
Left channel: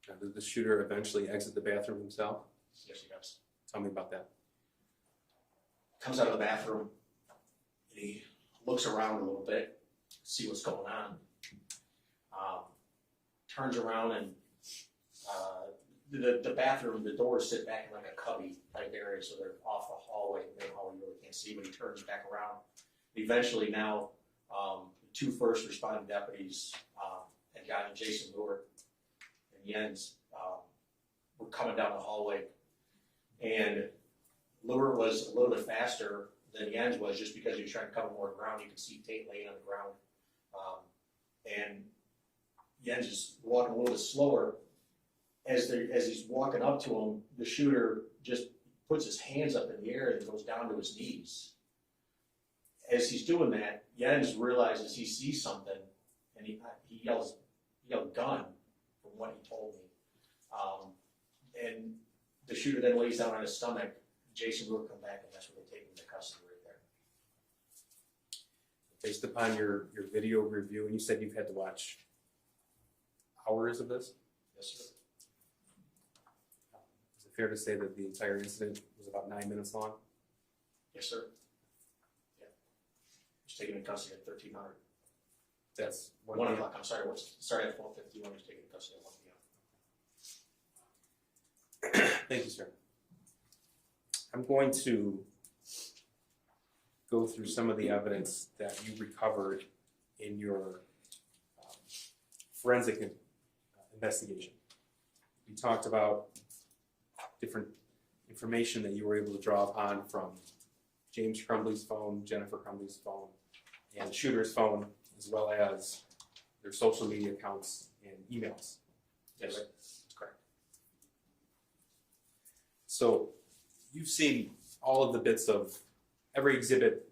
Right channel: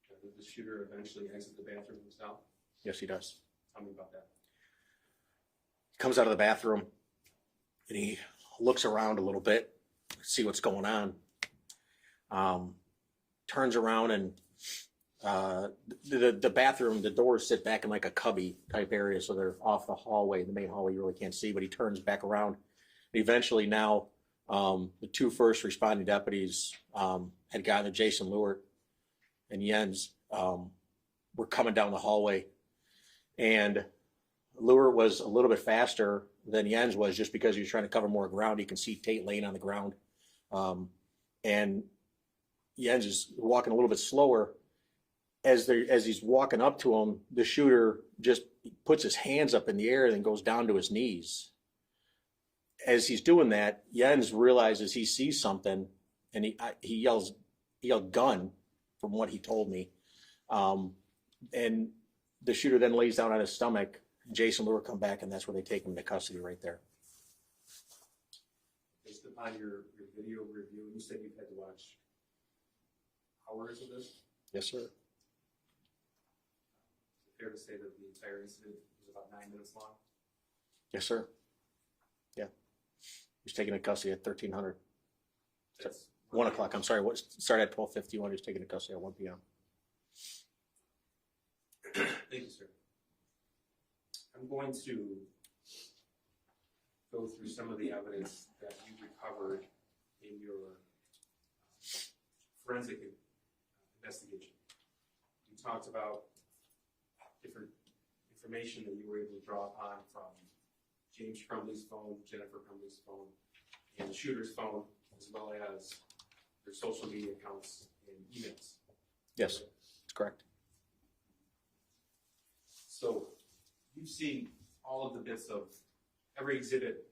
Now, did the shooter eventually exit the bathroom himself? Yes, he does. Tell me about that. Comes out of the bathroom and he looks around a little bit, see what's going on. Turns around and the bathroom, the doors sit back in like a cubby type area, so they're off the hallway, the main hallway you really can't see, but he turns back around. Eventually now, the two first responding deputies had gotten to Jason Lewert and Jens, were coming down the hallway. And Lewert was a little bit faster than Jens was just because he was trying to cover more ground. You can see Tate laying on the ground. And Jens is walking a little bit slower. As he's walking up to him, the shooter just puts his hands up in the air and then goes down to his knees. As he's doing that, Jens realizes he sees something, and he yelled gun, from what he told me. And the shooter then lays down on his stomach. Jason Lewert come back, and that's where they take him into custody right there. Based upon your video review, and you said you've had to watch hours of this? Yes, sir. Is it fair to say that the entire incident was about 9 minutes long? Yes, sir. Yeah. He was taken into custody at 1300. That's 1 o'clock. I'm sorry. Started at 12:51. He was taken into custody at 1 p.m. Thank you, sir. I'm going to go through some of the evidence that you recovered in your forensic investigation. We talked about different information that you were able to draw upon from James Crumbley's phone, Jennifer Crumbley's phone, and the shooter's phone, as well as their social media accounts and emails. Yes, that's correct. So you've seen all of the bits of every exhibit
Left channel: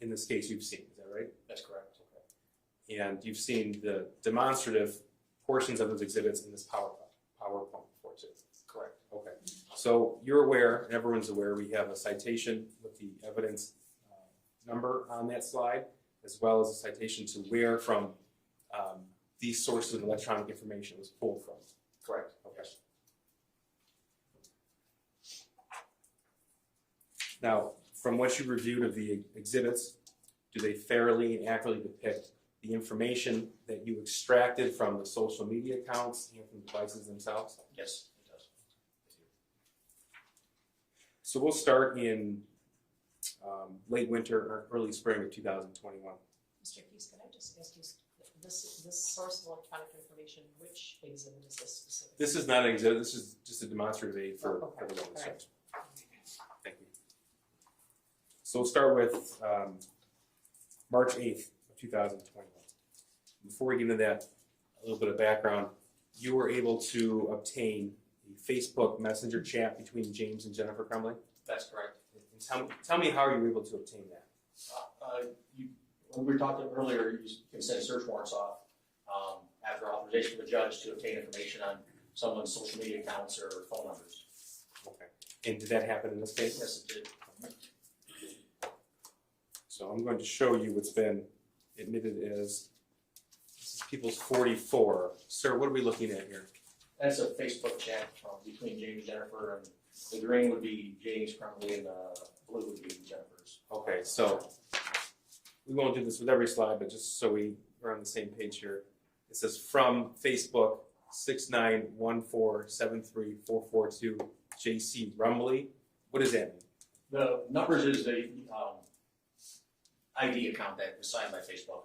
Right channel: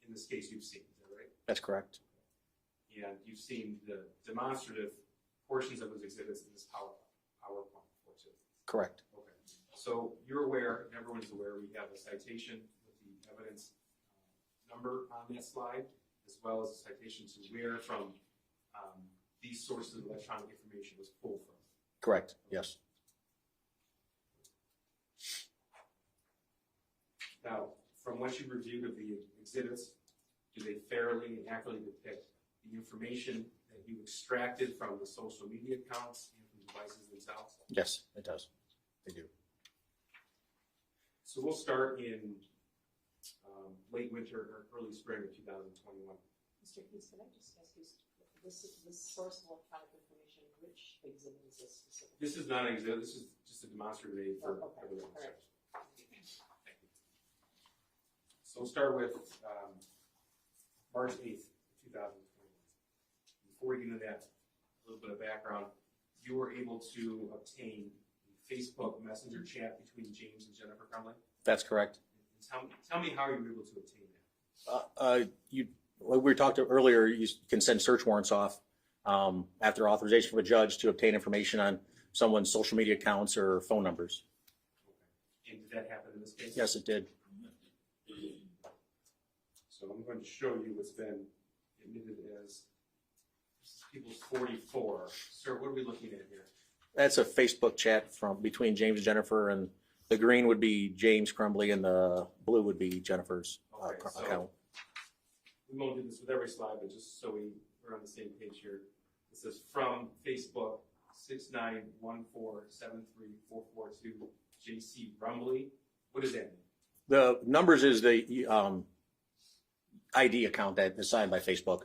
in this case you've seen, is that right? That's correct. And you've seen the demonstrative portions of those exhibits in this PowerPoint report too. Correct. Okay. So you're aware, and everyone's aware, we have a citation with the evidence number on that slide, as well as a citation to where from these sources of electronic information was pulled from. Correct. Yes. Now, from what you reviewed of the exhibits, do they fairly and accurately depict the information that you extracted from the social media accounts and from devices themselves? Yes, it does. They do. So we'll start in late winter or early spring of 2021. Mr. Keys, can I just ask you, this source of electronic information, which exhibit is this specifically? This is not an exhibit, this is just a demonstrative aid for everyone. All right. Thank you. So we'll start with March 8th of 2021. Before we get into that, a little bit of background. You were able to obtain a Facebook Messenger chat between James and Jennifer Crumbley? That's correct. And tell me how you were able to obtain that. Like we were talking earlier, you can send search warrants off after authorization from a judge to obtain information on someone's social media accounts or phone numbers. Okay. And did that happen in this case? Yes, it did. So I'm going to show you what's been admitted as this is People's 44. Sir, what are we looking at here? That's a Facebook chat between James and Jennifer, and the green would be James Crumbley and the blue would be Jennifer's. Okay, so we won't do this with every slide, but just so we're on the same page here. It says from Facebook 691473442 JC Rumbley. What does that mean? The numbers is the ID account that is signed by Facebook,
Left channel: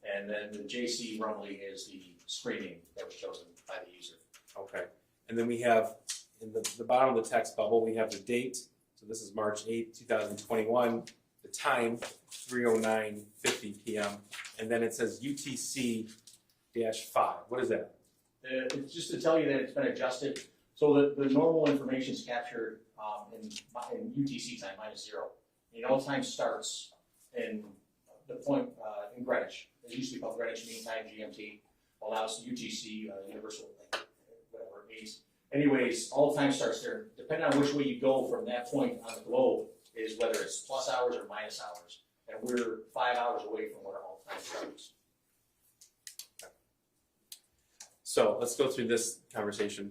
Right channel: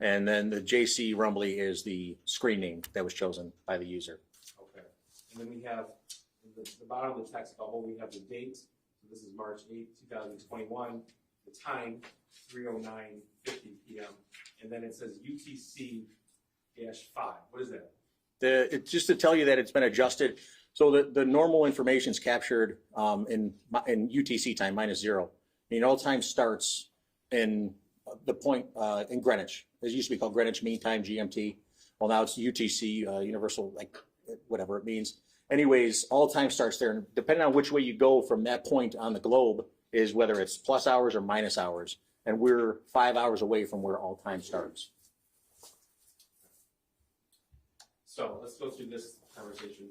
and then the JC Rumbley is the screen name that was chosen by the user. Okay, and then we have in the bottom of the text bubble, we have the date. So this is March 8th, 2021. The time, 3:09:50 p.m. And then it says UTC-5. What is that? It's just to tell you that it's been adjusted. So the normal information is captured in UTC time, -0. And all time starts in the point in Greenwich. It used to be called Greenwich Mean Time, GMT. Well, now it's UTC, Universal, like whatever it means. Anyways, all time starts there, and depending on which way you go from that point on the globe is whether it's plus hours or minus hours. And we're 5 hours away from where all time starts. So let's go through this conversation.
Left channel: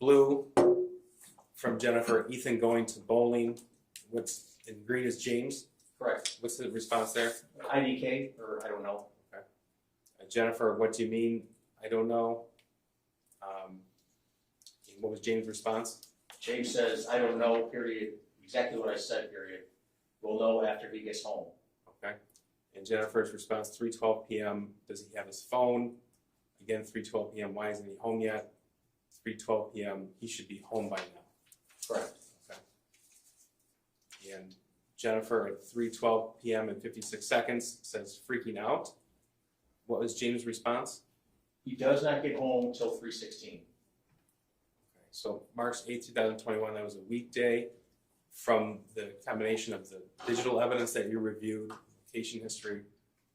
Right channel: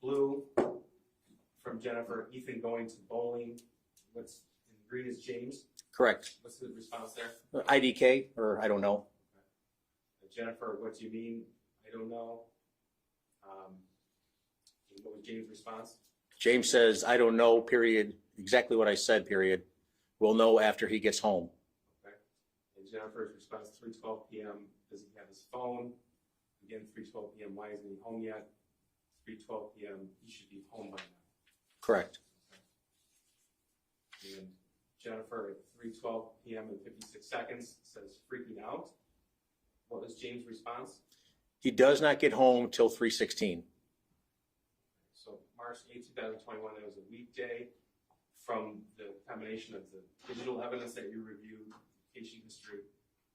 Blue from Jennifer, Ethan going to bowling. What's in green is James. Correct. What's the response there? IDK, or I don't know. Jennifer, what do you mean? I don't know. What was James' response? James says, I don't know, period. Exactly what I said, period. We'll know after he gets home. Okay. And Jennifer's response, 3:12 p.m. Does he have his phone? Again, 3:12 p.m. Why isn't he home yet? 3:12 p.m. He should be home by now. Correct. Okay. And Jennifer at 3:12 p.m. and 56 seconds says freaking out. What was James' response? He does not get home till 3:16. So March 8, 2021, that was a weekday. From the combination of the digital evidence that you reviewed, location history,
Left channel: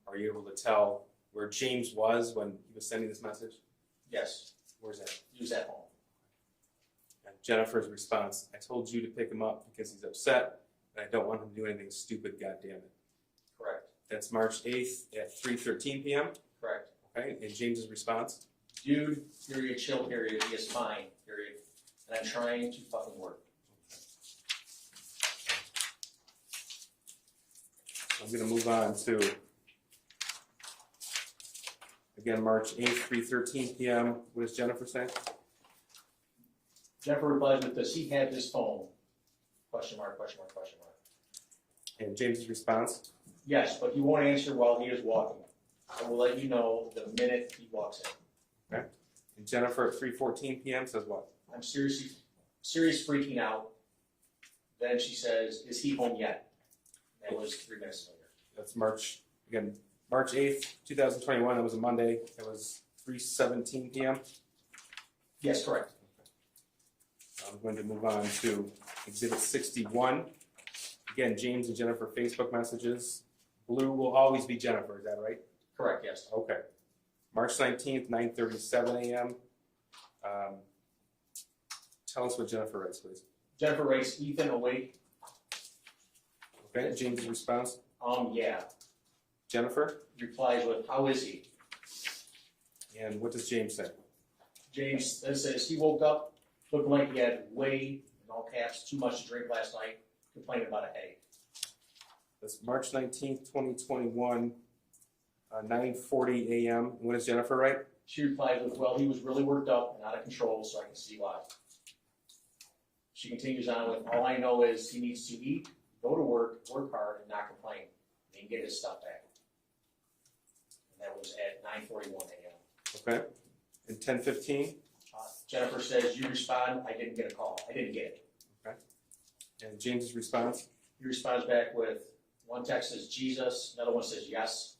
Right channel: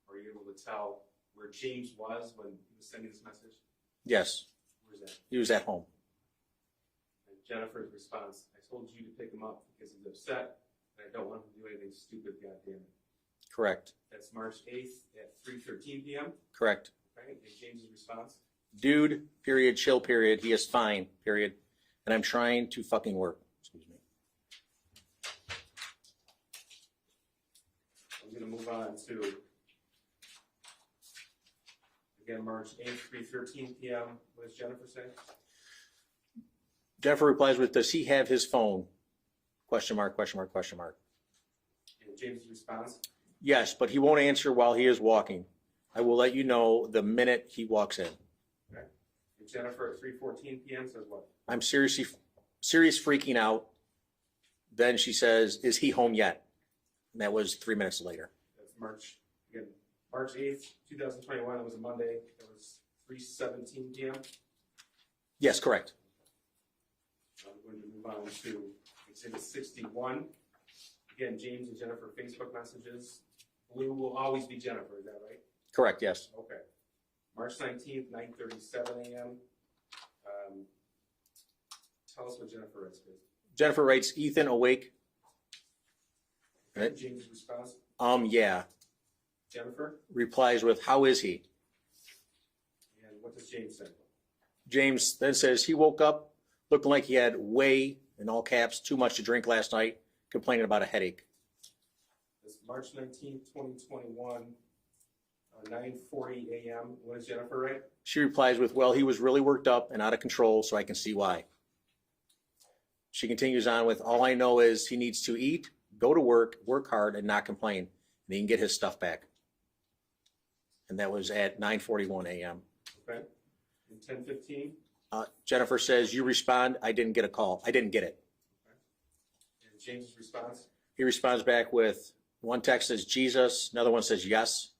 are you able to tell where James was when he was sending this message? Yes, Where's that? he was at home. And Jennifer's response, I told you to pick him up because he's upset and I don't want him to do anything stupid, goddammit. Correct. That's March 8th at 3:13 p.m. Correct. Okay, and James's response? Dude, period, chill, period. He is fine, period. And I'm trying to fucking work. Excuse me. I'm gonna move on to, again, March 8th, 3:13 p.m. What does Jennifer say? Jennifer replies with, does he have his phone? Question mark, question mark, question mark. And James's response? Yes, but he won't answer while he is walking. I will let you know the minute he walks in. Okay. And Jennifer at 3:14 p.m. says what? I'm serious freaking out. Then she says, is he home yet? And that was 3 minutes later. That's March 8th, 2021. That was a Monday. That was 3:17 p.m. Yes, correct. I'm going to move on to Exhibit 61. Again, James and Jennifer Facebook messages. Blue will always be Jennifer, is that right? Correct, yes. Okay. March 19th, 9:37 a.m. Tell us what Jennifer writes, please. Jennifer writes, Ethan awake? Okay, James' response. Yeah. Jennifer, Replies with, how is he? and what does James say? James then says he woke up looking like he had way, in all caps, too much to drink last night, complaining about a headache. That's March 19th, 2021, 9:40 a.m. And what does Jennifer write? She replies with, well, he was really worked up and out of control, so I can see why. She continues on with, all I know is he needs to eat, go to work hard, and not complain, and he can get his stuff back. And that was at 9:41 a.m. Okay. And 10:15. Jennifer says, you respond, I didn't get a call. I didn't get it. Okay. And James's response. He responds back with, one text says Jesus, another one says yes.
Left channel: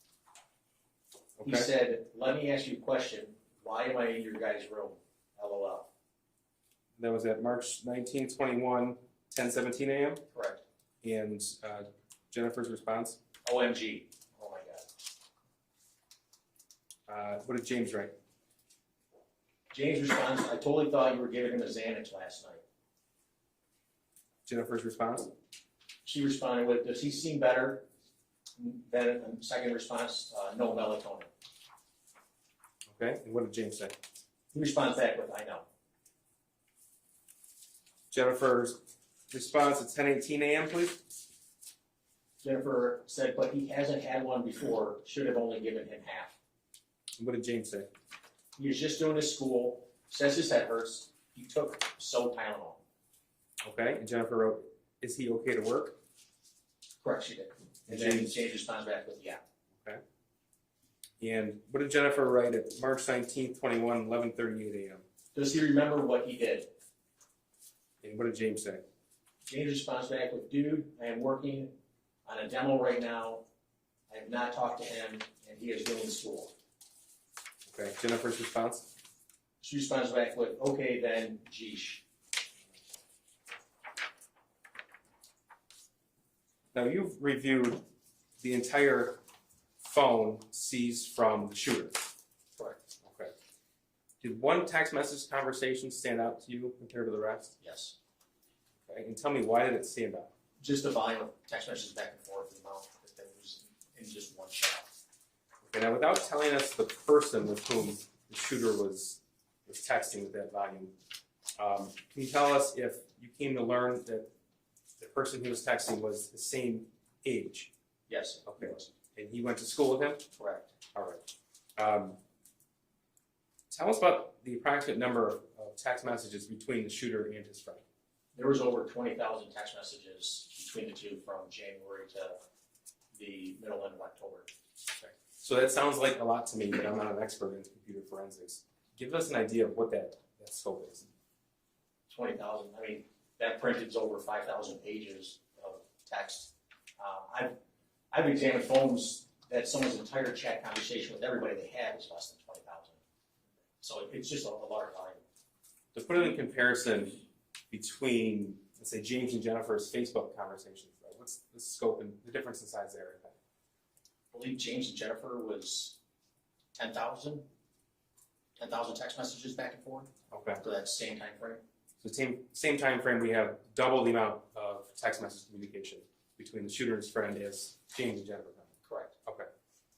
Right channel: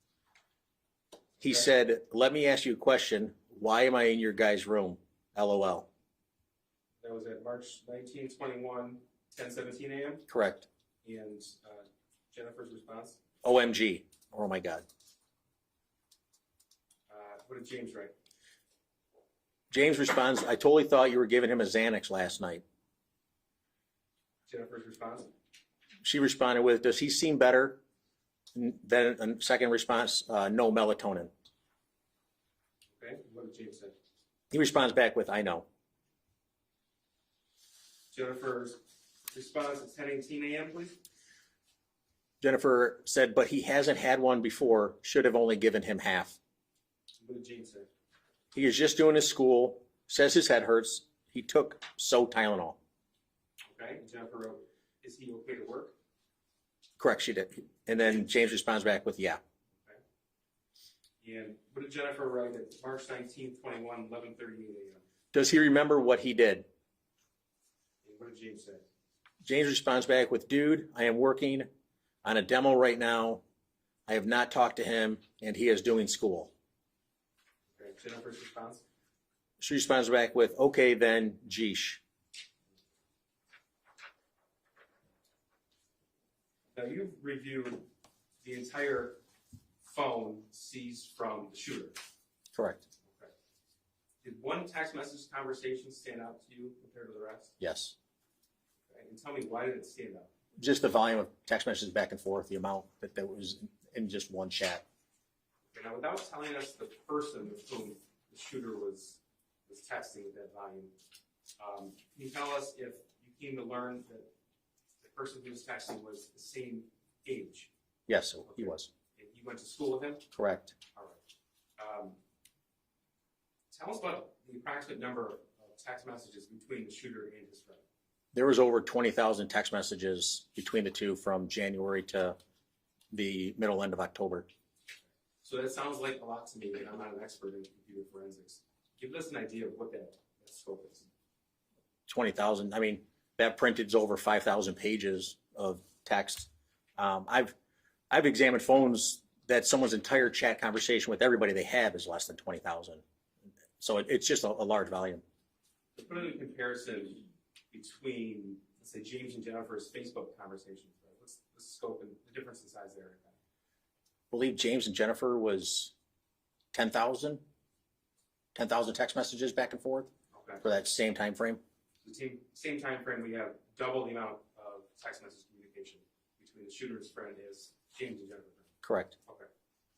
He Okay. said, let me ask you a question. Why am I in your guys' room? LOL. That was at March 19, 21, 10:17 a.m. Correct. And Jennifer's response. OMG. Oh my God. What did James write? James responds, I totally thought you were giving him a Xanax last night. Jennifer's response. She responded with, does he seem better? Then a second response, no melatonin. Okay. And what did James say? He responds back with, I know. Jennifer's response at 10:18 a.m. please. Jennifer said, but he hasn't had one before, should have only given him half. And what did James say? He is just doing his school, says his head hurts. He took Tylenol. Okay. And Jennifer wrote, is he okay to work? Correct, she did. And then James responds back with, yeah. Okay. And what did Jennifer write at March 19th, 21, 11:38 a.m.? Does he remember what he did? And what did James say? James responds back with, dude, I am working on a demo right now. I have not talked to him, and he is doing school. Okay. Jennifer's response. She responds back with, okay, then, geesh. Now you've reviewed the entire phone seized from the shooter. Correct. Okay. Did one text message conversation stand out to you compared to the rest? Yes. Okay, and tell me, why did it stand out? Just the volume of text messages back and forth, the amount that there was in just one chat. Okay, now without telling us the person with whom the shooter was texting with that volume, can you tell us if you came to learn that the person he was texting was the same age? Yes, he Okay. was. And he went to school with him? Correct. All right. Tell us about the approximate number of text messages between the shooter and his friend. There was over 20,000 text messages between the two from January to the middle end of October. Okay. So that sounds like a lot to me, but I'm not an expert in computer forensics. Give us an idea of what that scope is. 20,000. I mean, that printed is over 5,000 pages of text. I've examined phones that someone's entire chat conversation with everybody they have is less than 20,000. So it's just a large volume. To put it in comparison between, let's say, James and Jennifer's Facebook conversations, right? What's the scope and the difference in size there? I believe James and Jennifer was 10,000 text messages back and forth Okay. for that same time frame. So same time frame, we have double the amount of text message communication between the shooter and his friend as James and Jennifer. Correct. Okay.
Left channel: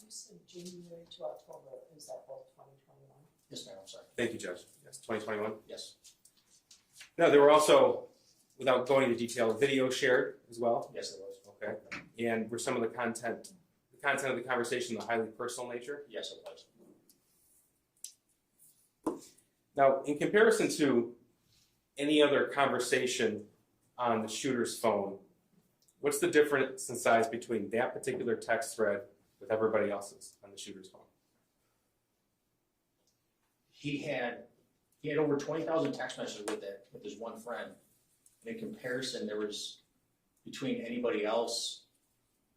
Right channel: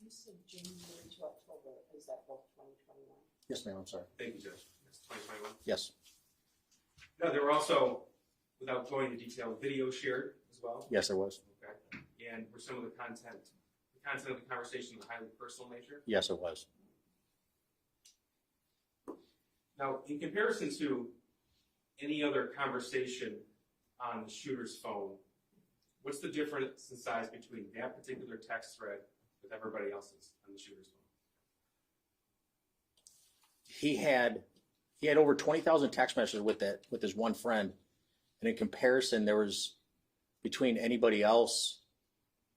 You said January to October, is that both 2021? Yes, ma'am. I'm sorry. Thank you, Judge. Yes, 2021. Yes. No, there were also, without going into detail, video shared as well. Yes, there was. Okay. And were some of the content of the conversation the highly personal nature? Yes, it was. Now, in comparison to any other conversation on the shooter's phone, what's the difference in size between that particular text thread with everybody else's on the shooter's phone? He had over 20,000 text messages with his one friend, and in comparison, there was between anybody else,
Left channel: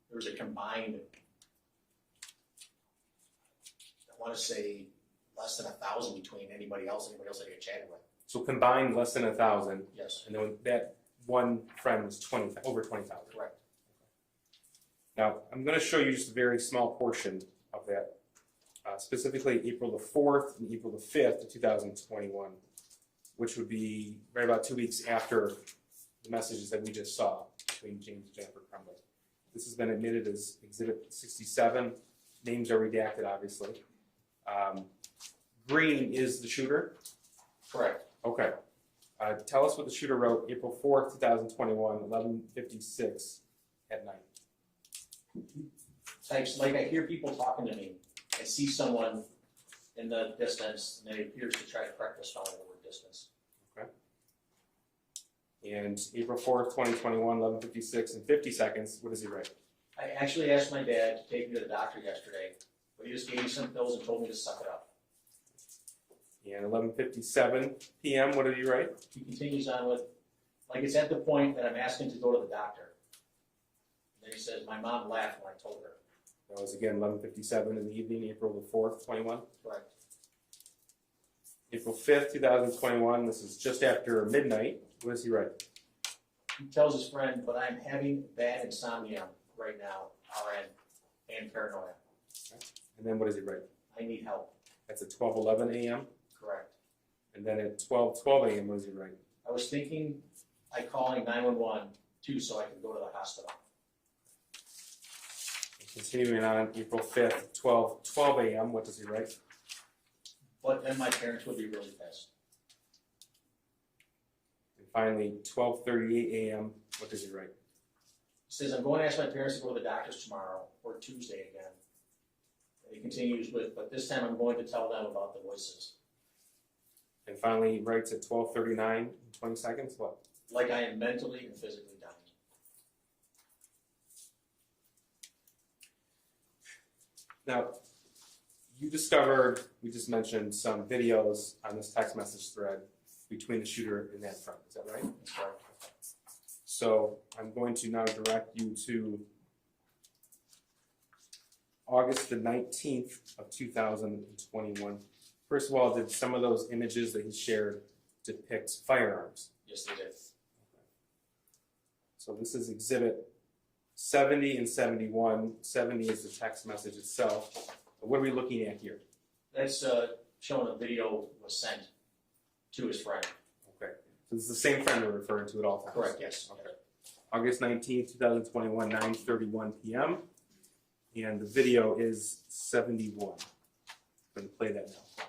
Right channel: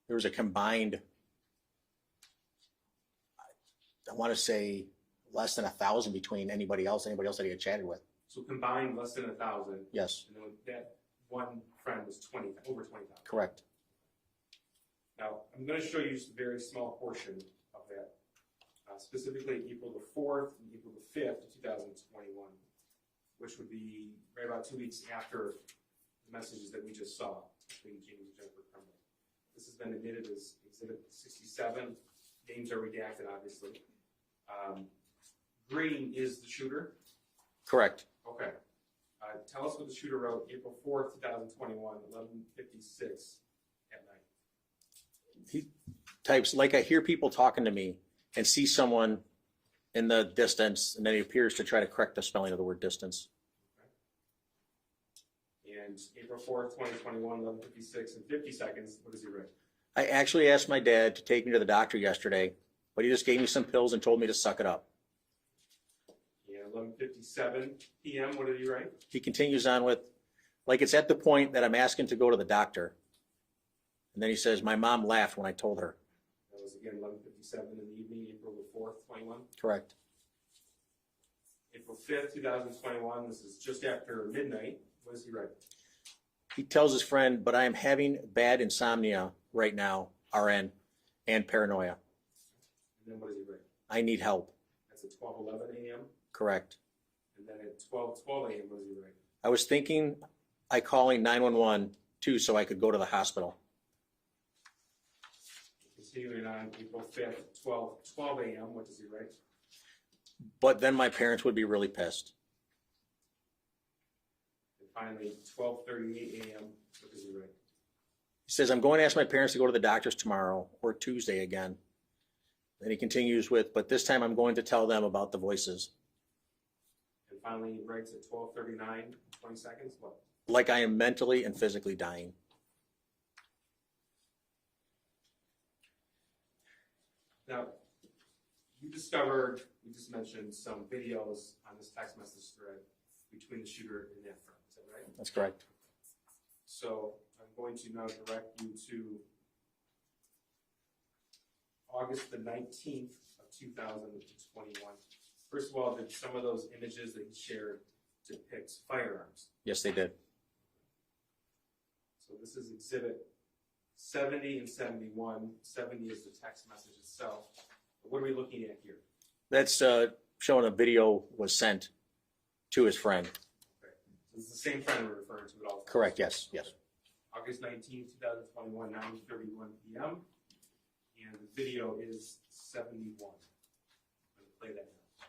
there was a combined, I want to say less than 1,000 between anybody else that he had chatted with. So combined, less than 1,000, Yes, and then that one friend was over 20,000. correct. Now, I'm going to show you just a very small portion of that, specifically April the 4th and April the 5th of 2021, which would be right about 2 weeks after the messages that we just saw between James and Jennifer Crumbley. This has been admitted as Exhibit 67. Names are redacted, obviously. Green is the shooter. Correct. Okay. Tell us what the shooter wrote April 4th, 2021, 11:56 at night. He types, like I hear people talking to me and see someone in the distance, and then he appears to try to correct the spelling of the word distance. Okay. And April 4th, 2021, 11:56 and 50 seconds, what does he write? I actually asked my dad to take me to the doctor yesterday, but he just gave me some pills and told me to suck it up. And 11:57 p.m., what did he write? He continues on with, like it's at the point that I'm asking to go to the doctor. And then he says, my mom laughed when I told her. That was again 11:57 in the evening, April the 4th, 21. Correct. April 5th, 2021, this is just after midnight. What does he write? He tells his friend, but I'm having bad insomnia right now, RN, and paranoia. Okay. And then what does he write? I need help. That's at 12:11 a.m. Correct. And then at 12:12 a.m., what does he write? I was thinking I calling 911 too so I could go to the hospital. Continuing on, April 5th, 12:12 a.m., what does he write? But then my parents would be really pissed. And finally, 12:38 a.m., what does he write? He says, I'm going to ask my parents to go to the doctor's tomorrow or Tuesday again. Then he continues with, but this time I'm going to tell them about the voices. And finally, he writes at 12:39, 20 seconds, what? Like I am mentally and physically dying. Now, you discovered, we just mentioned some videos on this text message thread between the shooter and that friend, is that right? That's correct. So I'm going to now direct you to August the 19th of 2021. First of all, did some of those images that he shared depict firearms? Yes, they did. So this is exhibit 70 and 71. 70 is the text message itself. But what are we looking at here? That's showing a video was sent to his friend. Okay, so this is the same friend we're referring to at all times? Correct, yes, yes. Okay. August 19th, 2021, 9:31 p.m. And the video is 71. I'm going to play that now.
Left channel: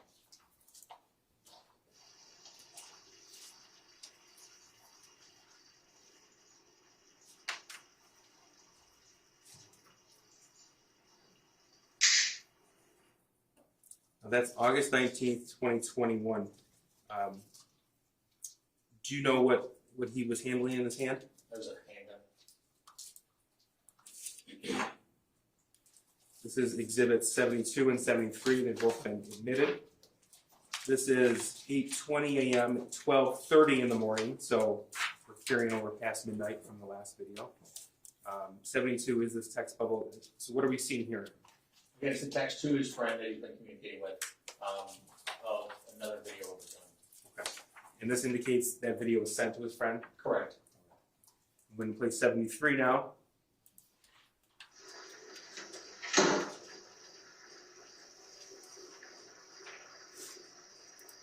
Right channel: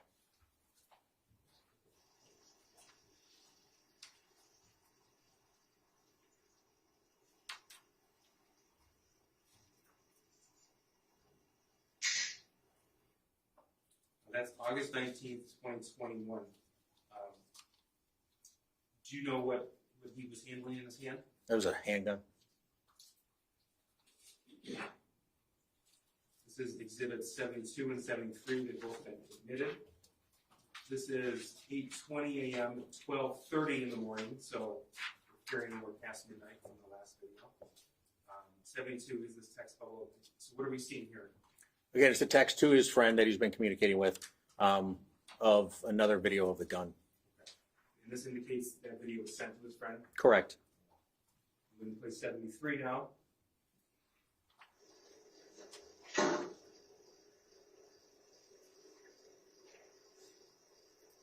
Now that's August 19th, 2021. Do you know what he was handling in his hand? That was a handgun. This is exhibits 72 and 73. They've both been admitted. This is 8:20 a.m. at 12:30 in the morning, so we're carrying over past midnight from the last video. 72 is this text bubble. So what are we seeing here? Again, it's a text to his friend that he's been communicating with of another video of the gun. Okay. And this indicates that video was sent to his friend. Correct. I'm going to play 73 now.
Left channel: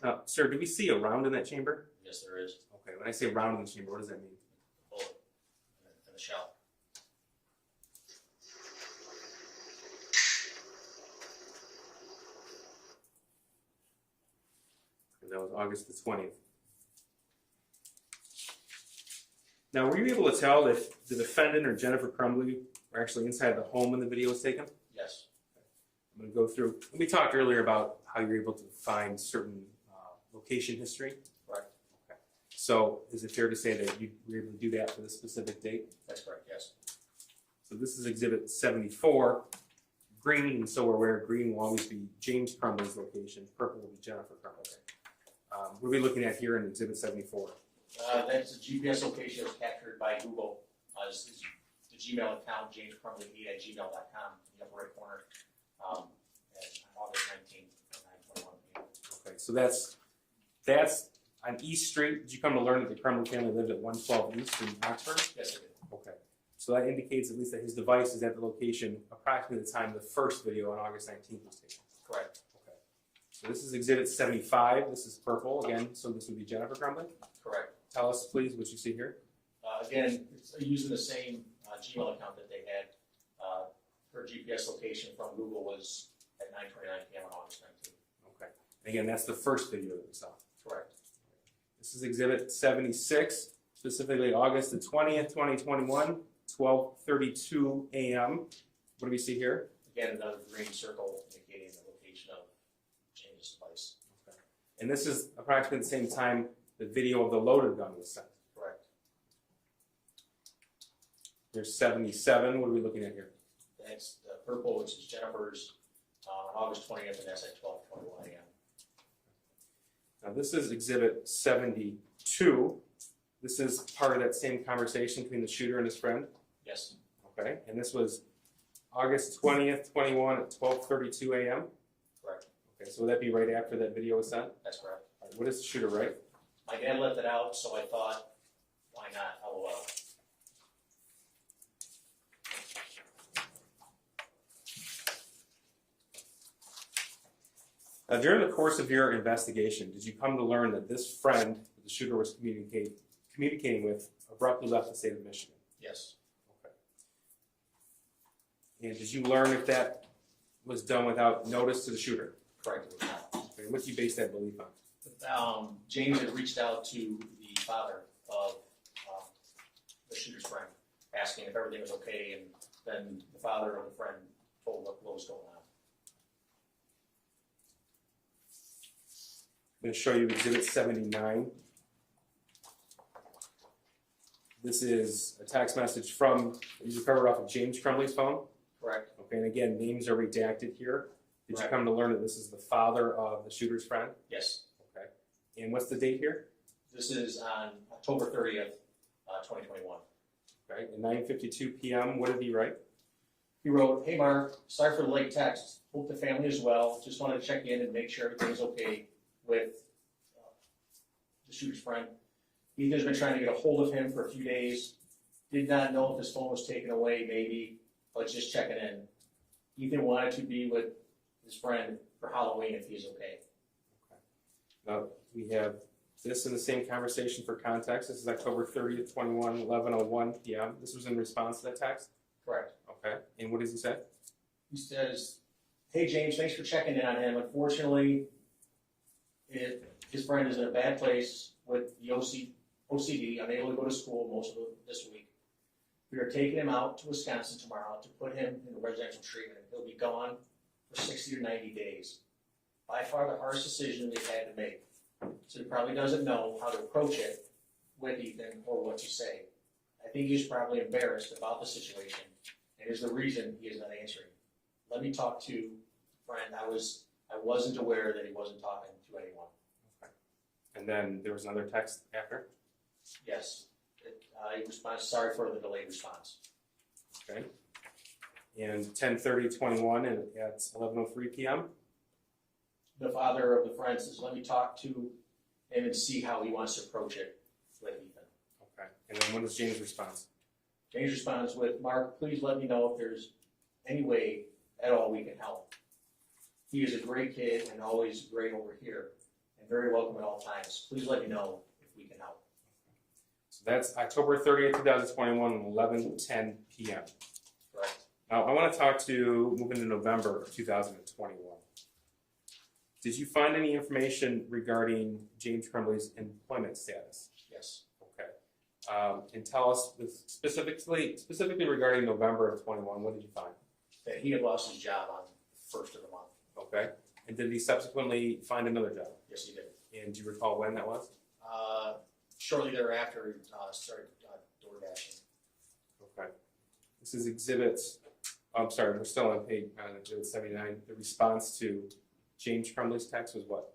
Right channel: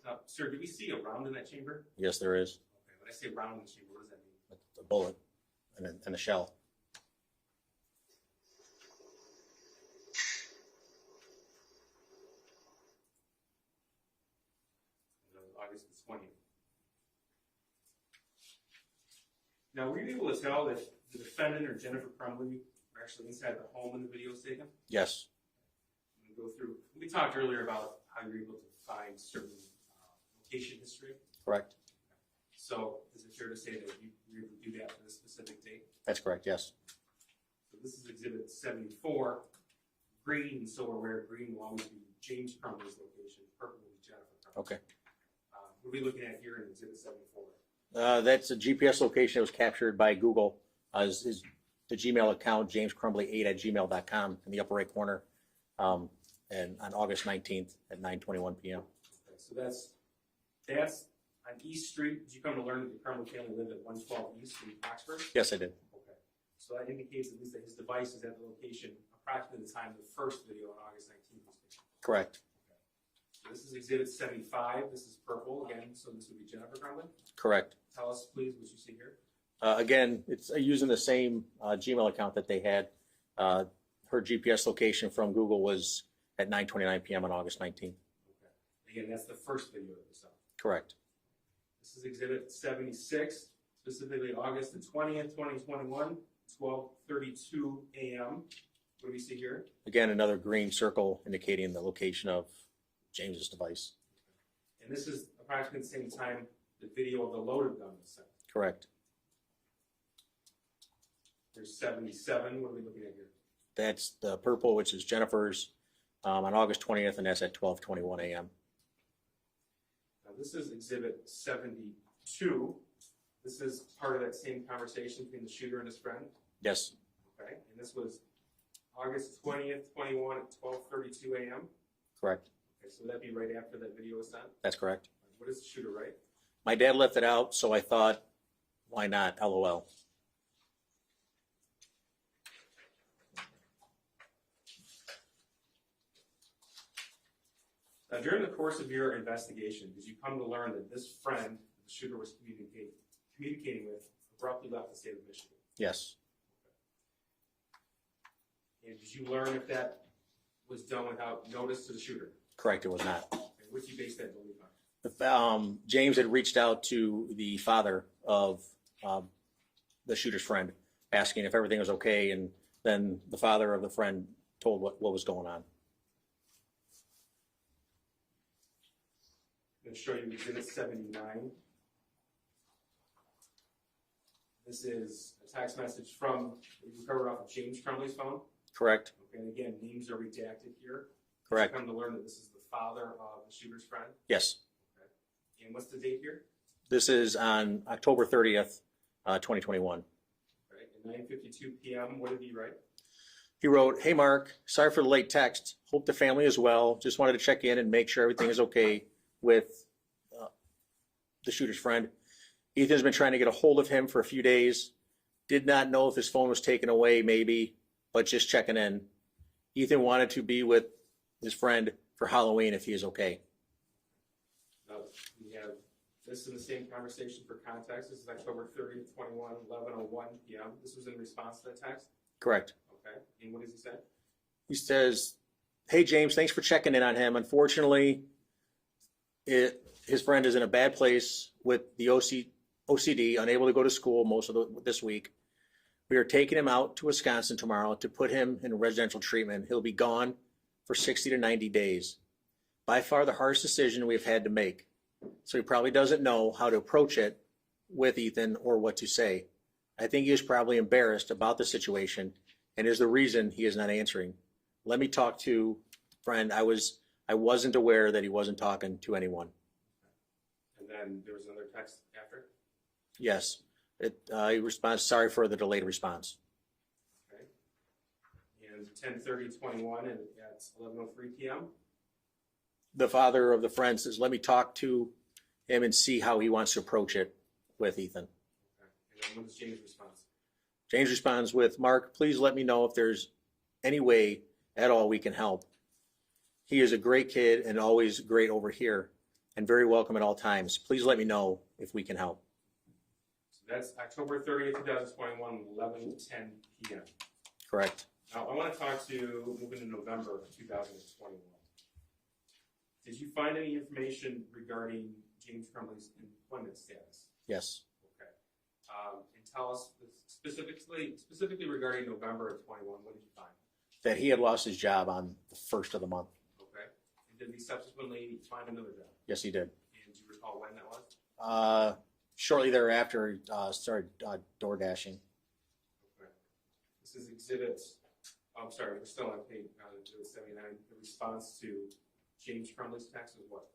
Now, sir, do we see a round in that chamber? Yes, there is Okay, when I say round in the chamber, what does that mean? a bullet and a shell. And that was August the 20th. Now, were you able to tell if the defendant or Jennifer Crumbley were actually inside the home when the video was taken? Yes, I'm going to go through. We talked earlier about how you're able to find certain location history. correct. So, is it fair to say that you were able to do that for this specific date? That's correct, yes. So this is exhibit 74. Green, so we're aware, green will always be James Crumbley's location. Purple will be Jennifer Crumbley. Okay. What are we looking at here in exhibit 74? That's a GPS location that was captured by Google. Is the Gmail account, jamescrumbly8@gmail.com in the upper right corner. And on August 19th at 9:21 p.m. Okay, so that's on East Street. Did you come to learn that the Crumbley family lived at 112 East in Oxford? Yes, I did. Okay. So that indicates at least that his device is at the location approximately the time the first video on August 19th was taken. Correct. Okay. So this is exhibit 75. This is purple again. So this would be Jennifer Crumbley. Correct. Tell us, please, what you see here. Again, it's using the same Gmail account that they had. Her GPS location from Google was at 9:29 p.m. on August 19th. Okay. Again, that's the first video that we saw. Correct. This is exhibit 76, specifically August the 20th, 2021, 12:32 a.m. What do we see here? Again, another green circle indicating the location of James's device. Okay. And this is approximately the same time the video of the loaded gun was sent. Correct. There's 77. What are we looking at here? That's the purple, which is Jennifer's, on August 20th, and that's at 12:21 a.m. Now this is exhibit 72. This is part of that same conversation between the shooter and his friend. Yes. Okay. And this was August 20th, 21 at 12:32 a.m. Correct. Okay. So would that be right after that video was sent? That's correct. All right, what does the shooter write? My dad left it out, so I thought, why not? LOL. Now, during the course of your investigation, did you come to learn that this friend that the shooter was communicating with abruptly left the state of Michigan? Yes. Okay. And did you learn if that was done without notice to the shooter? Correct, it was not. Okay. What do you base that belief on? James had reached out to the father of the shooter's friend, asking if everything was okay, and then the father of the friend told what was going on. I'm going to show you exhibit 79. This is a text message from, you recovered off of James Crumbley's phone. Correct. Okay, and again, names are redacted here. Did Correct. you come to learn that this is the father of the shooter's friend? Yes. Okay. And what's the date here? This is on October 30th, 2021. Okay, at 9:52 p.m., what did he write? He wrote, "Hey Mark, sorry for the late text. Hope the family is well. Just wanted to check in and make sure everything is okay with the shooter's friend. Ethan's been trying to get a hold of him for a few days. Did not know if his phone was taken away, maybe, but just checking in. Ethan wanted to be with his friend for Halloween if he is okay." We have this in the same conversation for context. This is October 30th, 21, 11:01 p.m. This was in response to that text? Correct. Okay. And what does he say? He says, "Hey James, thanks for checking in on him. Unfortunately, his friend is in a bad place with the OCD, unable to go to school most of this week. We are taking him out to Wisconsin tomorrow to put him in residential treatment. He'll be gone for 60 to 90 days. By far the hardest decision we've had to make. So he probably doesn't know how to approach it with Ethan or what to say. I think he is probably embarrassed about the situation and is the reason he is not answering. Let me talk to friend. I wasn't aware that he wasn't talking to anyone." Okay. And then there was another text after? Yes. He responds, "Sorry for the delayed response." Okay. And 10:30:21 and at 11:03 p.m. The father of the friend says, "Let me talk to him and see how he wants to approach it with Ethan." Okay. And then what is James' response? James responds with, "Mark, please let me know if there's any way at all we can help. He is a great kid and always great over here and very welcome at all times. Please let me know if we can help." So that's October 30th, 2021, 11:10 p.m. Correct. Now, I want to talk to move into November of 2021. Did you find any information regarding James Crumbley's employment status? Yes. Okay. And tell us specifically regarding November of 21, what did you find? That he had lost his job on the 1st of the month. Okay. And did he subsequently find another job? Yes, he did. And do you recall when that was? Shortly thereafter, he started door dashing. Okay. This is exhibits. I'm sorry, we're still on page exhibit 79. The response to James Crumbley's text was what?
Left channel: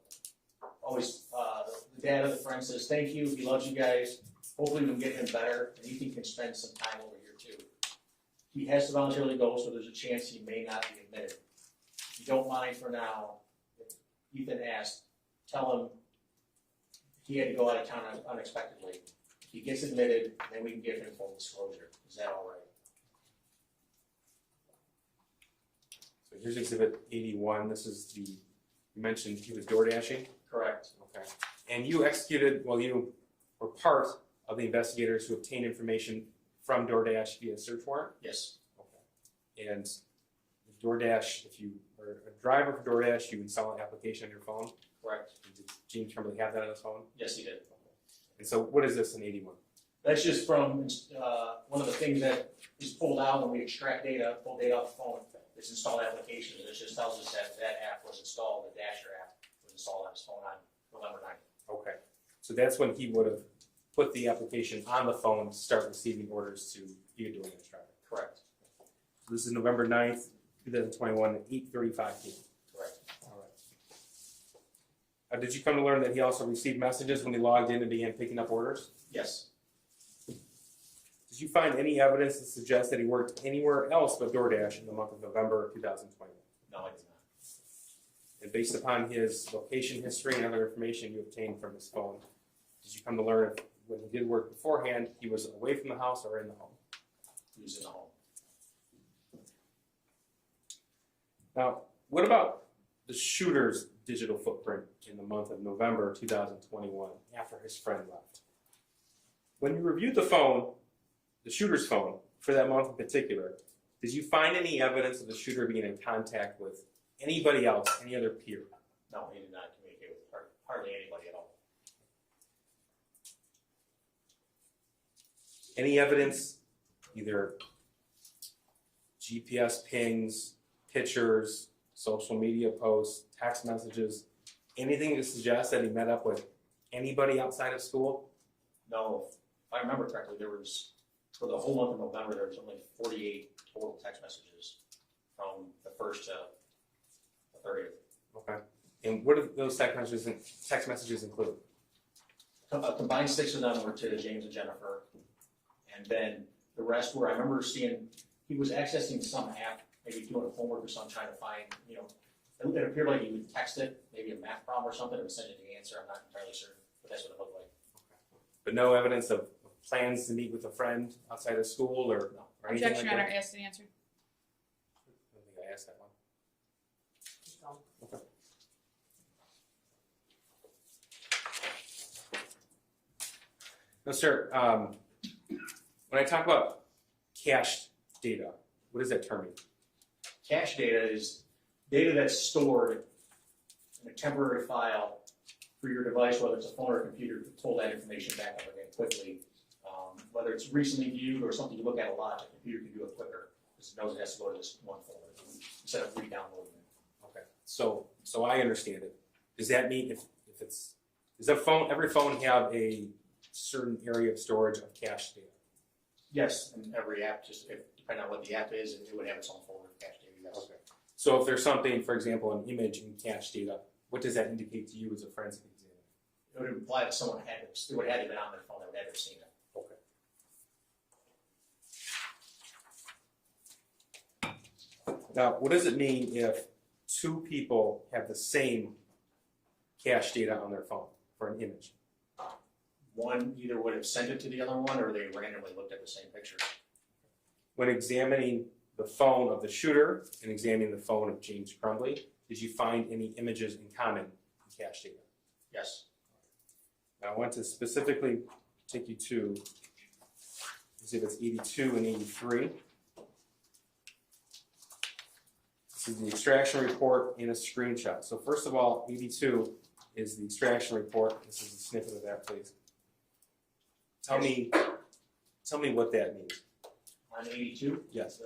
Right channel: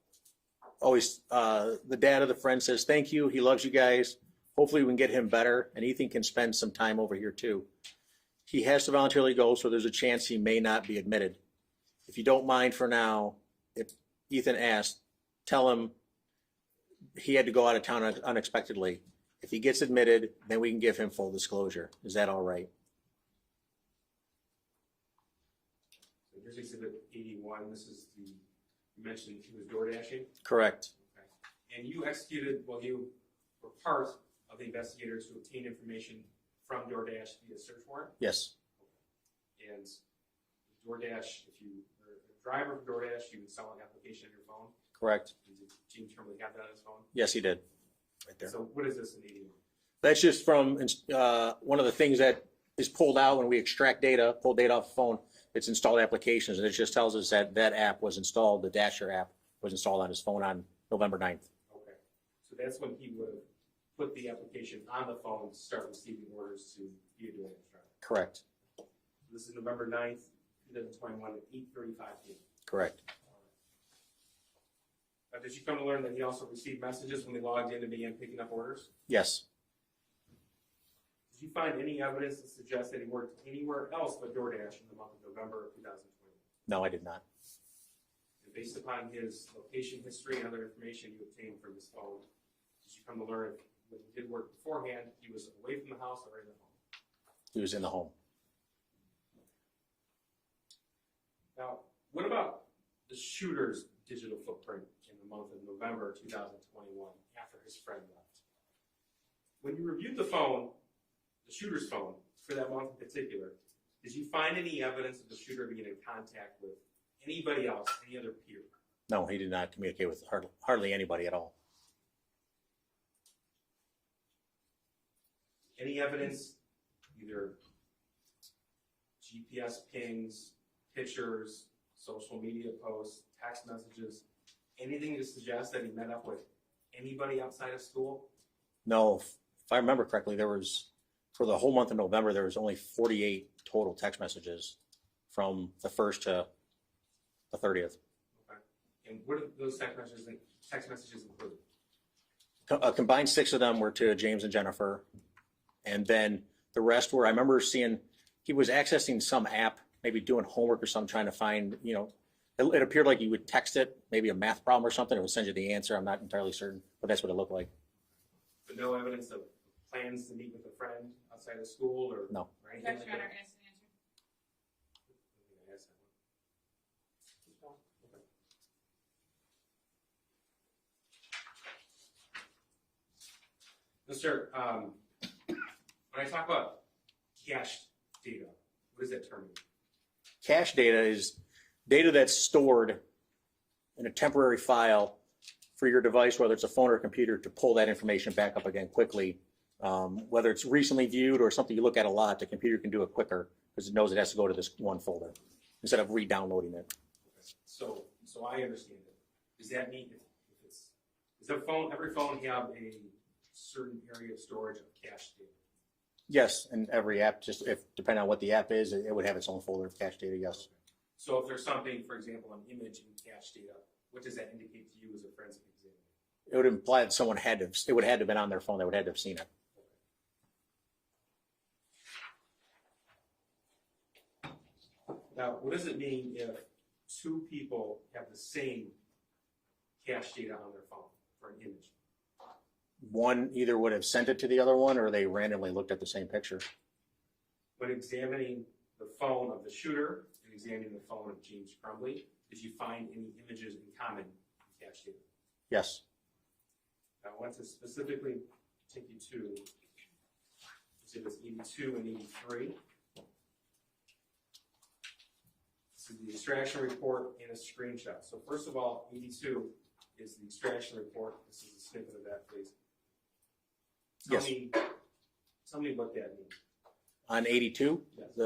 Always, the dad of the friend says, "Thank you. He loves you guys. Hopefully we can get him better, and Ethan can spend some time over here too. He has to voluntarily go, so there's a chance he may not be admitted. If you don't mind for now, if Ethan asked, tell him he had to go out of town unexpectedly. If he gets admitted, then we can give him full disclosure. Is that all right?" So here's exhibit 81. This is you mentioned he was door dashing? Correct. Okay. And you you were part of the investigators who obtained information from DoorDash via search warrant? Yes. Okay. And DoorDash, if you are a driver for DoorDash, you install an application on your phone? Correct. And did James Crumbley have that on his phone? Yes, he did. Right And there. so what is this in 81? That's just from one of the things that is pulled out when we extract data, pull data off the phone. It's installed applications, and it just tells us that that app was installed, the Dasher app was installed on his phone on November 9th. Okay. So that's when he would have put the application on the phone to start receiving orders to be a DoorDash driver. Correct. This is November 9th, 2021, at 8:35 p.m. Correct. All right. Did you come to learn that he also received messages when he logged in and began picking up orders? Yes. Did you find any evidence to suggest that he worked anywhere else but DoorDash in the month of November of 2021? No, I did not. And based upon his location history and other information you obtained from his phone, did you come to learn if when he did work beforehand, he was away from the house or in the home? He was in the home. Now, what about the shooter's digital footprint in the month of November 2021 after his friend left? When you reviewed the phone, the shooter's phone, for that month in particular, did you find any evidence of the shooter being in contact with anybody else, any other peer? No, he did not communicate with hardly anybody at all. Any evidence, either GPS pings, pictures, social media posts, text messages, anything to suggest that he met up with anybody outside of school? No, if I remember correctly, there was, for the whole month of November, there was only 48 total text messages from the 1st to the 30th. Okay. And what do those text messages include? A combined 6 of them were to James and Jennifer. And then the rest were, I remember seeing, he was accessing some app, maybe doing homework or something, trying to find, it appeared like you would text it, maybe a math problem or something, it would send you the answer. I'm not entirely certain, but that's what it looked like. But no evidence of plans to meet with a friend outside of school or, No. or anything Objection, like Your that? Honor, asked and answered. I don't think I asked that one. Okay. Sir, when I talk about cached data, what does that term mean? Cache data is data that's stored in a temporary file for your device, whether it's a phone or a computer, to pull that information back up again quickly. Whether it's recently viewed or something you look at a lot, the computer can do it quicker because it knows it has to go to this one folder instead of re-downloading it. Okay, so I understand it. Does that mean if it's, does every phone have a certain area of storage of cache data? Yes, and every app, just depending on what the app is, it would have its own folder of cache data, yes. Okay. So if there's something, for example, an image in cache data, what does that indicate to you as a forensic examiner? It would imply that someone had to, it would have to have been on their phone, they would have to have seen it. Okay. Now, what does it mean if two people have the same cache data on their phone for an image? One either would have sent it to the other one or they randomly looked at the same picture. When examining the phone of the shooter and examining the phone of James Crumbley, did you find any images in common in cache data? Yes. Now, I want to specifically take you to exhibits 82 and 83. This is the extraction report and a screenshot. So first of all, 82 is the extraction report. This is a snippet of that, please. Tell me what that means. On 82? Yes.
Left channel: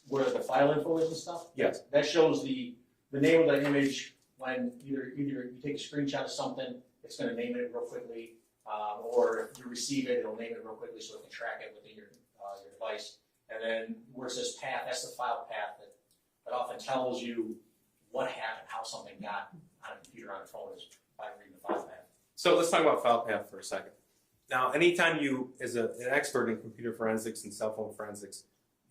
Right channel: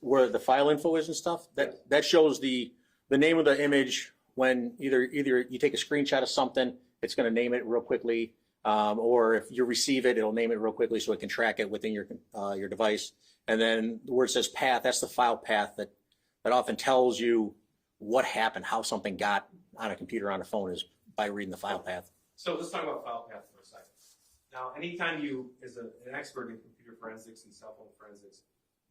Where the file info is and stuff? That shows the name of the image when either you take a screenshot of something, it's going to name it real quickly, or if you receive it, it'll name it real quickly so it can track it within your device. And then where it says path, that's the file path that often tells you what happened, how something got on a computer, on a phone, is by reading the file path. So let's talk about file path for a second. Now, anytime you, as an expert in computer forensics and cell phone forensics,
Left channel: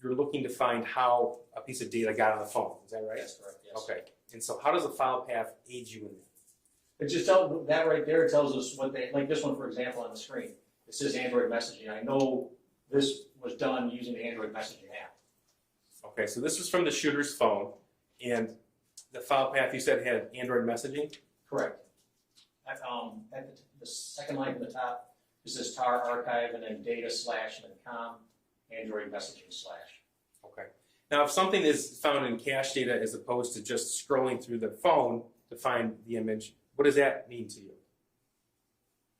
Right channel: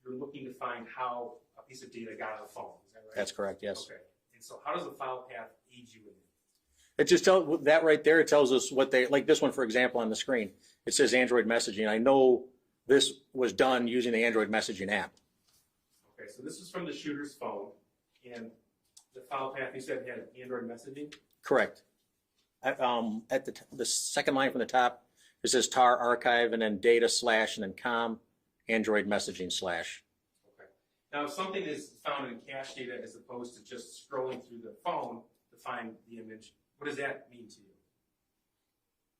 you're looking to find how a piece of data got on the phone. Is that right? That's correct, yes. Okay. And so how does a file path aid you in that? It just tells, that right there, it tells us what they, like this one, for example, on the screen. It says Android messaging. I know this was done using the Android messaging app. Okay, so this was from the shooter's phone, and the file path you said had Android messaging? Correct. At the second line from the top, it says tar archive and then data / and then com Android messaging /. Okay. Now, if something is found in cache data as opposed to just scrolling through the phone to find the image, what does that mean to you?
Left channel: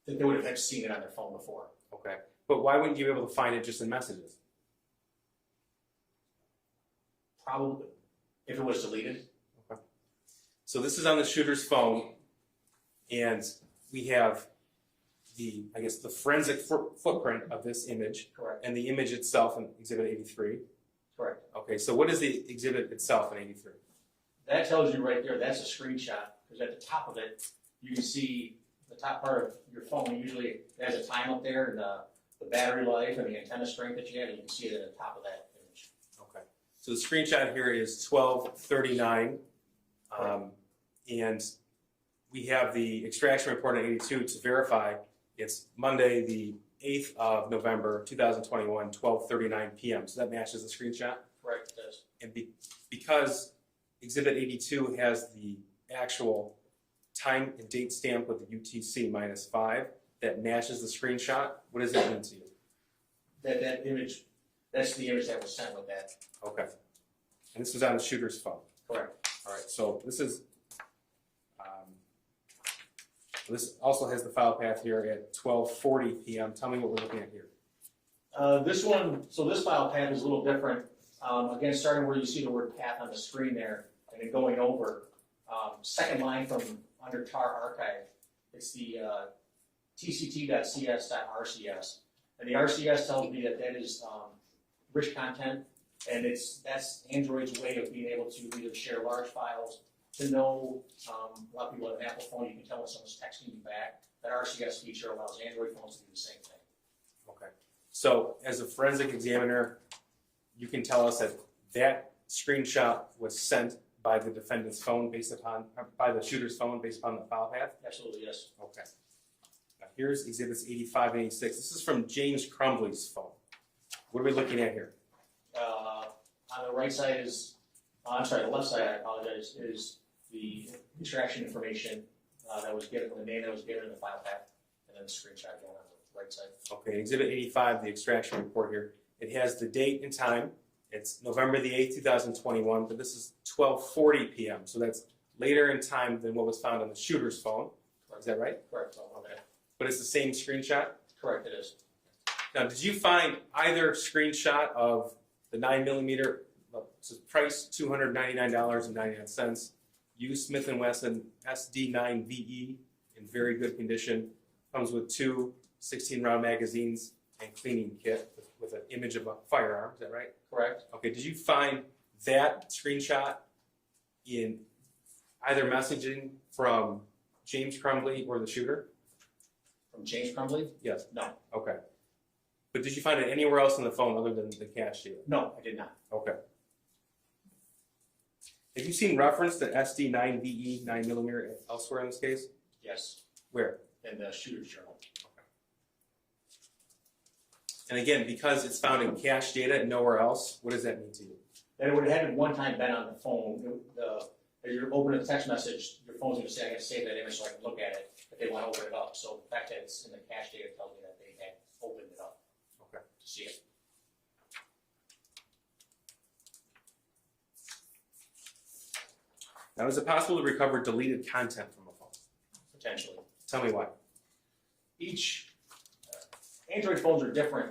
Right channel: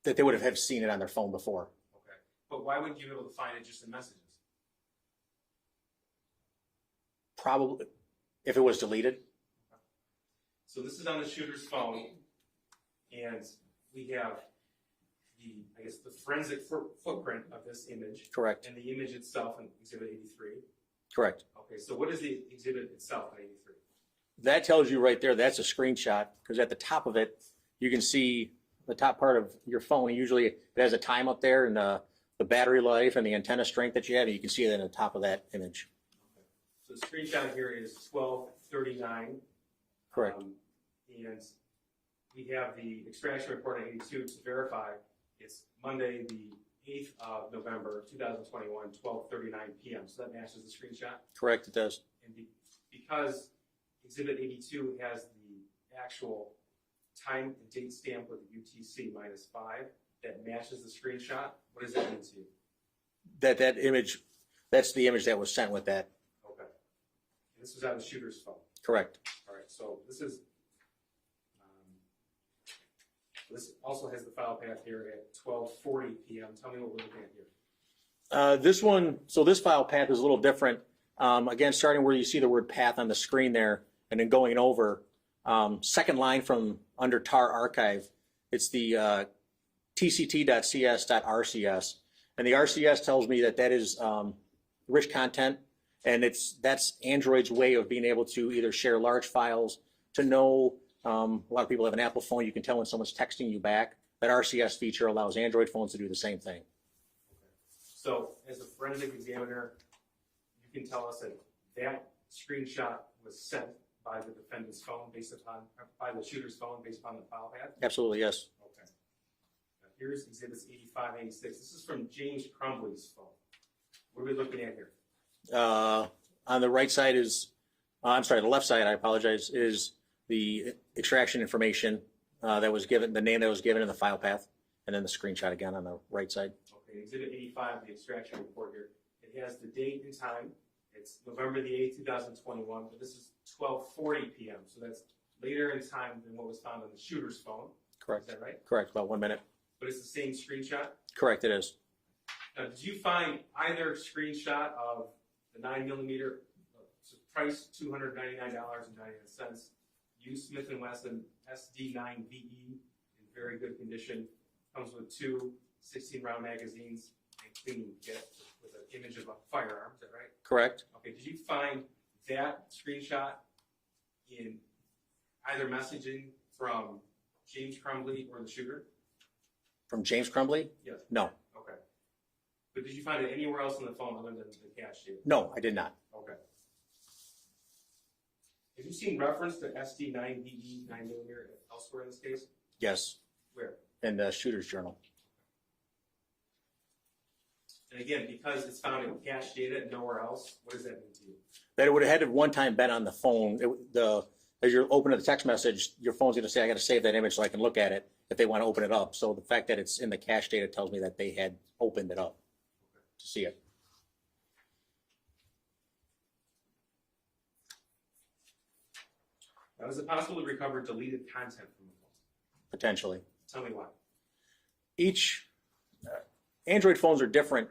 That they would have seen it on their phone before. Okay. But why wouldn't you be able to find it just in messages? Probably, if it was deleted. Okay. So this is on the shooter's phone, and we have the, I guess, the forensic footprint of this image. Correct. And the image itself in Exhibit 83. Correct. Okay, so what is the exhibit itself in 83? That tells you right there, that's a screenshot, because at the top of it, you can see the top part of your phone. Usually it has a time up there and the battery life and the antenna strength that you have, and you can see that on the top of that image. Okay, so the screenshot here is 1239. Correct. And we have the extraction report on 82 to verify. It's Monday, the 8th of November, 2021, 12:39 p.m. So that matches the screenshot? Correct, it does. And because Exhibit 82 has the actual time and date stamp with the UTC -5 that matches the screenshot, what does that mean to you? That image, that's the image that was sent with that. Okay. And this was on the shooter's phone? Correct. All right, so this is, this also has the file path here at 12:40 p.m. Tell me what we're looking at here. This one, so this file path is a little different. Again, starting where you see the word path on the screen there, and then going over, second line from under tar archive, it's the tct.cs.rcs. And the RCS tells me that is rich content, and that's Android's way of being able to either share large files, to know, a lot of people have an Apple phone, you can tell when someone's texting you back. That RCS feature allows Android phones to do the same thing. Okay. So as a forensic examiner, you can tell us that screenshot was sent by the defendant's phone by the shooter's phone based upon the file path? Absolutely, yes. Okay. Now here's exhibits 85 and 86. This is from James Crumbley's phone. What are we looking at here? On the right side is, I'm sorry, the left side, I apologize, is the extraction information that was given, the name that was given in the file path. and then the screenshot again on the right side. Okay, Exhibit 85, the extraction report here. It has the date and time. It's November the 8th, 2021, but this is 12:40 p.m. So that's later in time than what was found on the shooter's phone. Correct. Is that right? Correct, about 1 minute. But it's the same screenshot? Correct, it is. Now, did you find either screenshot of the 9mm, price $299.99, used Smith & Wesson SD9VE in very good condition, comes with 2 16-round magazines and cleaning kit with an image of a firearm, is that right? Correct. Okay, did you find that screenshot in either messaging from James Crumbley or the shooter? From James Crumbley? Yes. No. Okay. But did you find it anywhere else on the phone other than the cache data? No, I did not. Okay. Have you seen reference to SD9VE 9mm elsewhere in this case? Yes, Where? in the shooter's journal. And again, because it's found in cache data and nowhere else, what does that mean to you? That it would have had one time been on the phone. As you're opening the text message, your phone's going to say, I got to save that image so I can look at it if they want to open it up. So the fact that it's in the cache data tells me that they had opened it up to see it. Now, is it possible to recover deleted content from a phone? Potentially. Tell me why. Each Android phones are different.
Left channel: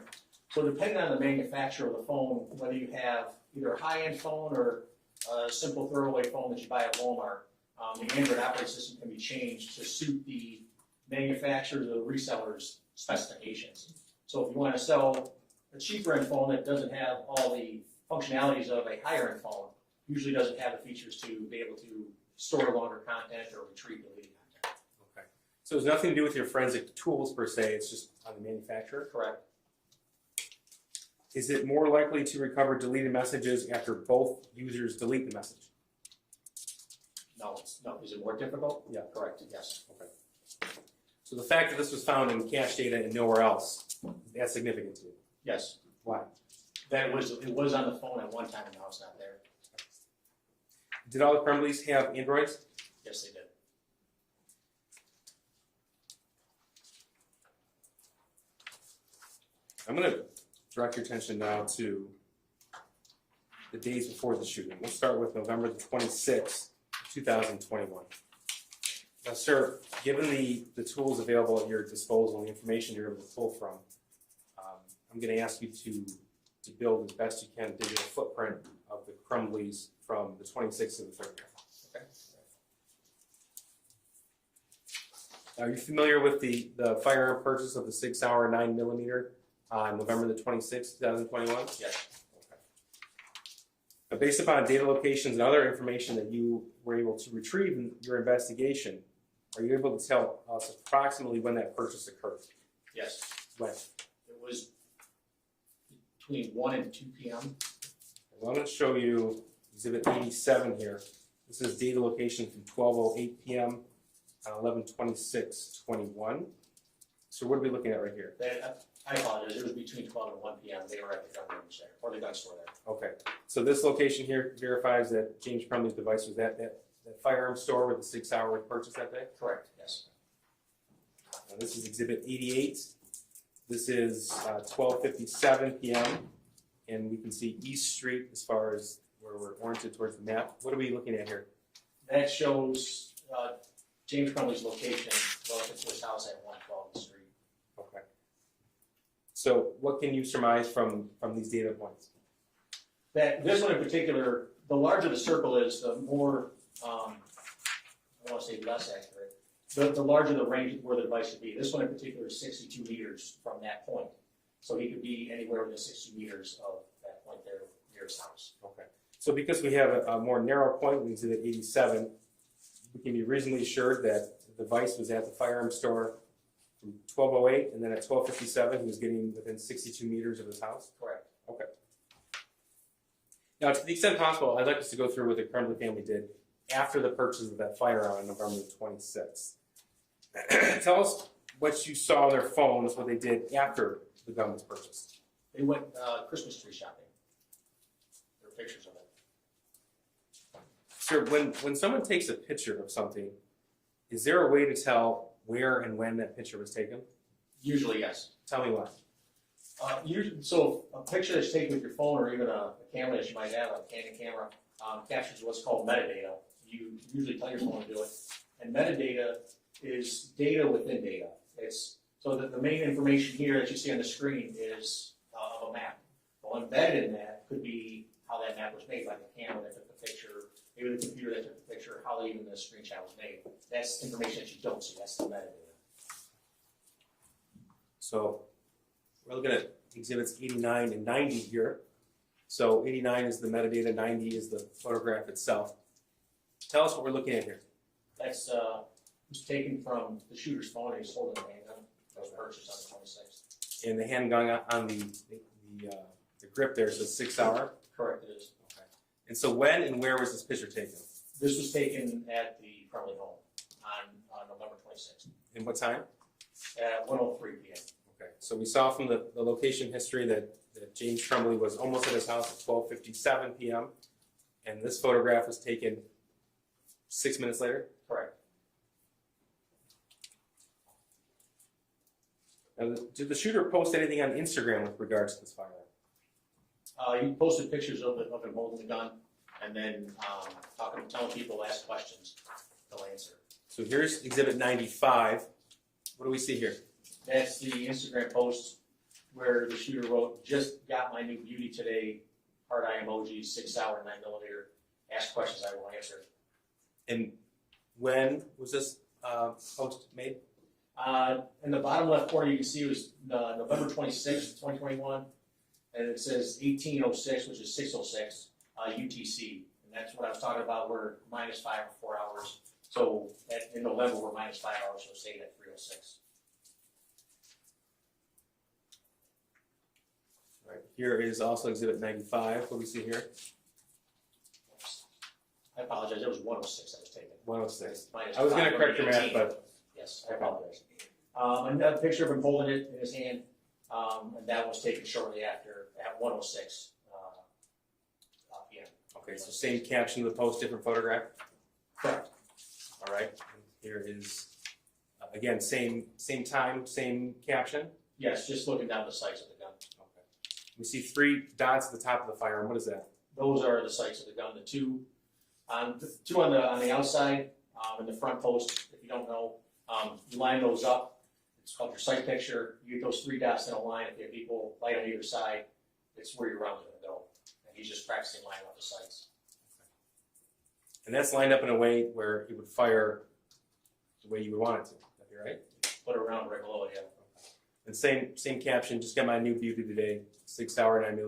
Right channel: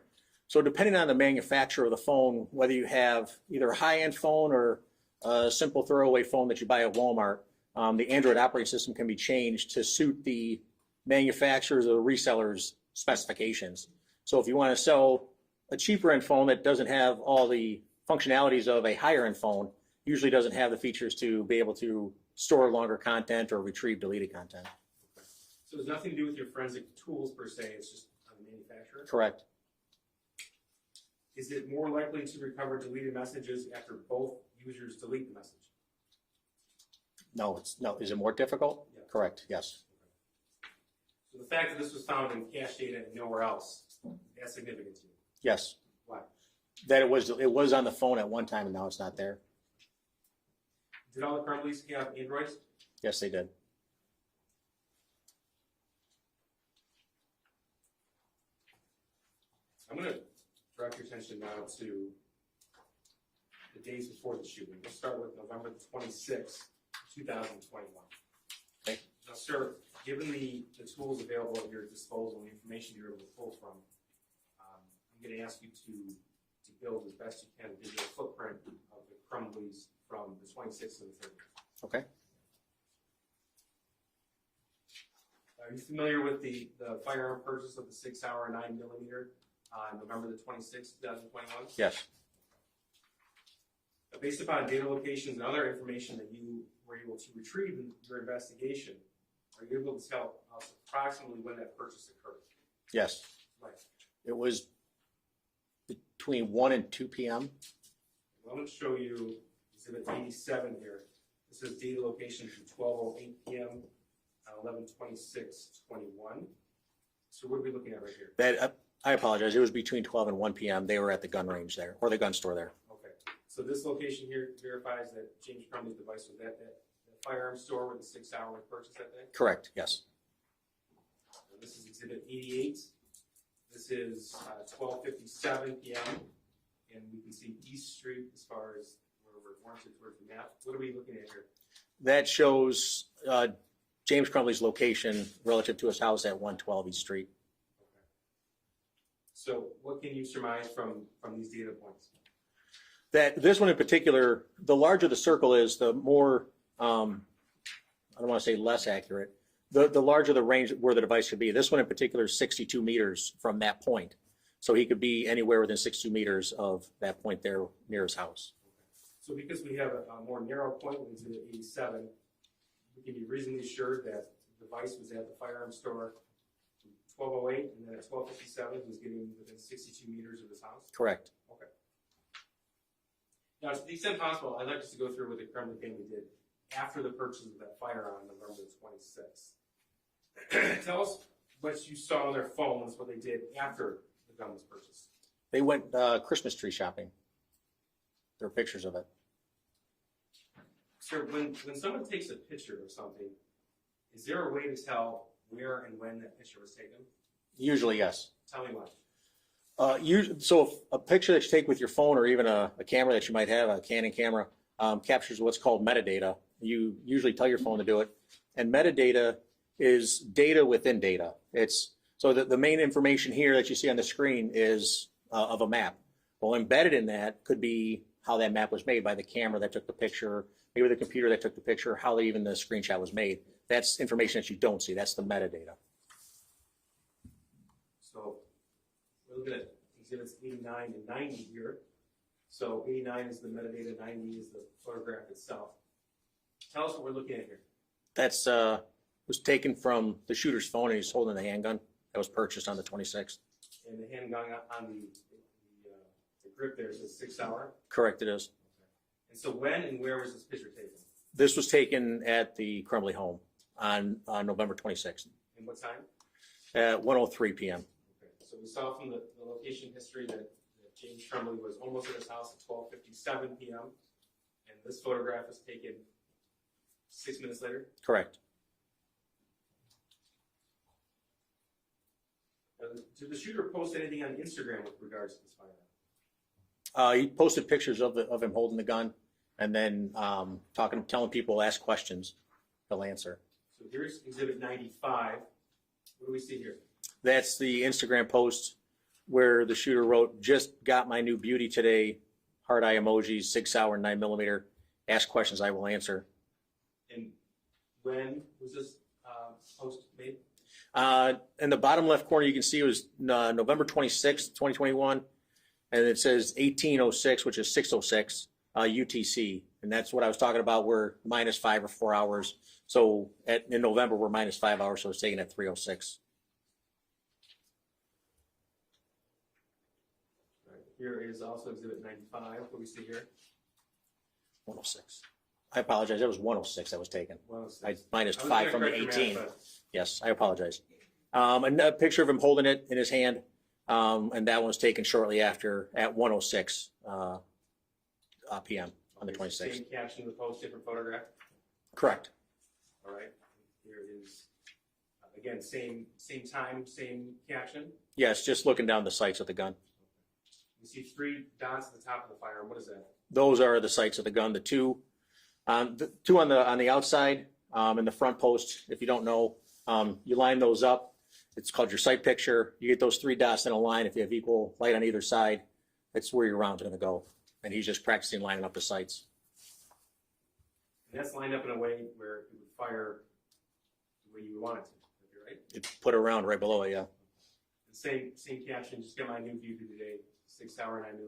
So depending on the manufacturer of the phone, whether you have either a high-end phone or a simple throwaway phone that you buy at Walmart, the Android operating system can be changed to suit the manufacturer's or reseller's specifications. So if you want to sell a cheaper end phone that doesn't have all the functionalities of a higher end phone, usually doesn't have the features to be able to store longer content or retrieve deleted content. Okay. So it's nothing to do with your forensic tools per se, it's just on the manufacturer? Correct. Is it more likely to recover deleted messages after both users delete the message? No, is it more difficult? Yeah. Correct, yes. Okay. So the fact that this was found in cache data and nowhere else, that's significant to you? Yes. Why? That it was on the phone at one time and now it's not there. Did all the Crumbleys have Androids? Yes, they did. I'm going to direct your attention now to the days before the shooting. We'll start with November the 26th, 2021. Okay. Now, sir, given the tools available at your disposal and the information you're able to pull from, I'm going to ask you to build as best you can a digital footprint of the Crumbleys from the 26th to the 30th. Okay. Are you familiar with the firearm purchase of the 6-hour 9mm on November the 26th, 2021? Yes. Okay. But based upon data locations and other information that you were able to retrieve in your investigation, are you able to tell us approximately when that purchase occurred? Yes. When? It was between 1 and 2 p.m. Well, I'm going to show you Exhibit 87 here. This is data location from 12:08 p.m. on 11/26/21. So what are we looking at right here? I apologize. It was between 12 and 1 p.m. They were at the gun range there, or the gun store there. Okay. So this location here verifies that James Crumbley's device was at that firearm store where the 6-hour was purchased that day? Correct, yes. Now, this is Exhibit 88. This is 12:57 p.m. and we can see East Street as far as where we're oriented towards the map. What are we looking at here? That shows James Crumbley's location relative to his house at 112 East Street. Okay. So what can you surmise from these data points? That this one in particular, the larger the circle is, the more, I don't want to say less accurate, the larger the range where the device could be. This one in particular is 62 meters from that point. So he could be anywhere within 62 meters of that point there near his house. Okay. So because we have a more narrow point with Exhibit 87, we can be reasonably assured that the device was at the firearm store from 12:08, and then at 12:57 he was getting within 62 meters of his house? Correct. Okay. Now, to the extent possible, I'd like us to go through what the Crumbley family did after the purchase of that firearm on November the 26th. Tell us what you saw on their phones, what they did after the gun was purchased. They went Christmas tree shopping. There are pictures of it. Sir, when someone takes a picture of something, is there a way to tell where and when that picture was taken? Usually, yes. Tell me why. So a picture that's taken with your phone or even a camera that you might have, a Canon camera, captures what's called metadata. You usually tell your phone to do it. And metadata is data within data. So the main information here that you see on the screen is of a map. Well, embedded in that could be how that map was made by the camera that took the picture, maybe the computer that took the picture, how even the screenshot was made. That's information that you don't see. That's the metadata. So we're looking at exhibits 89 and 90 here. So 89 is the metadata, 90 is the photograph itself. Tell us what we're looking at here. That's was taken from the shooter's phone, and he's holding a handgun that was purchased on the 26th. And the handgun on the grip there says 6 hour. Correct, it is. Okay. And so when and where was this picture taken? This was taken at the Crumbley home on November 26th And what time? at 1:03 p.m. Okay. So we saw from the location history that James Crumbley was almost at his house at 12:57 p.m. And this photograph was taken 6 minutes later. Correct. Now, did the shooter post anything on Instagram with regards to this firearm? He posted pictures of him holding the gun, and then telling people, ask questions, they'll answer. So here's exhibit 95. What do we see here? That's the Instagram post where the shooter wrote, "Just got my new beauty today, heart eye emojis, 6 hour, 9mm. Ask questions, I will answer." And when was this post made? In the bottom left corner, you can see it was November 26th, 2021, and it says 1806, which is 606 UTC, and that's what I was talking about. We're -5 or 4 hours. So in November, we're -5 hours, so it's taken at 3:06. All right. Here is also exhibit 95. What do we see here? 106. I apologize. It was 106 that was taken. 106. I I was -5 going to from correct the your 18. math, but Yes, I apologize. Another picture of him holding it in his hand, and that was taken shortly after at 1:06 p.m. on the okay, so 26th. same caption of the post, different photograph. Correct. All right. And here is again same time, same caption. Yes, just looking down the sights of the gun. Okay. We see 3 dots at the top of the firearm. What is that? Those are the sights of the gun. The two on the outside in the front post. If you don't know, you line those up. It's called your sight picture. You get those 3 dots in a line. If you have equal light on either side, that's where your round's going to go. And he's just practicing lining up the sights. And that's lined up in a way where it would fire the way you would want it to. That'd be right. It put a round right below it. Yeah. And same caption. Just got my new beauty today. 6 hour, 9mm.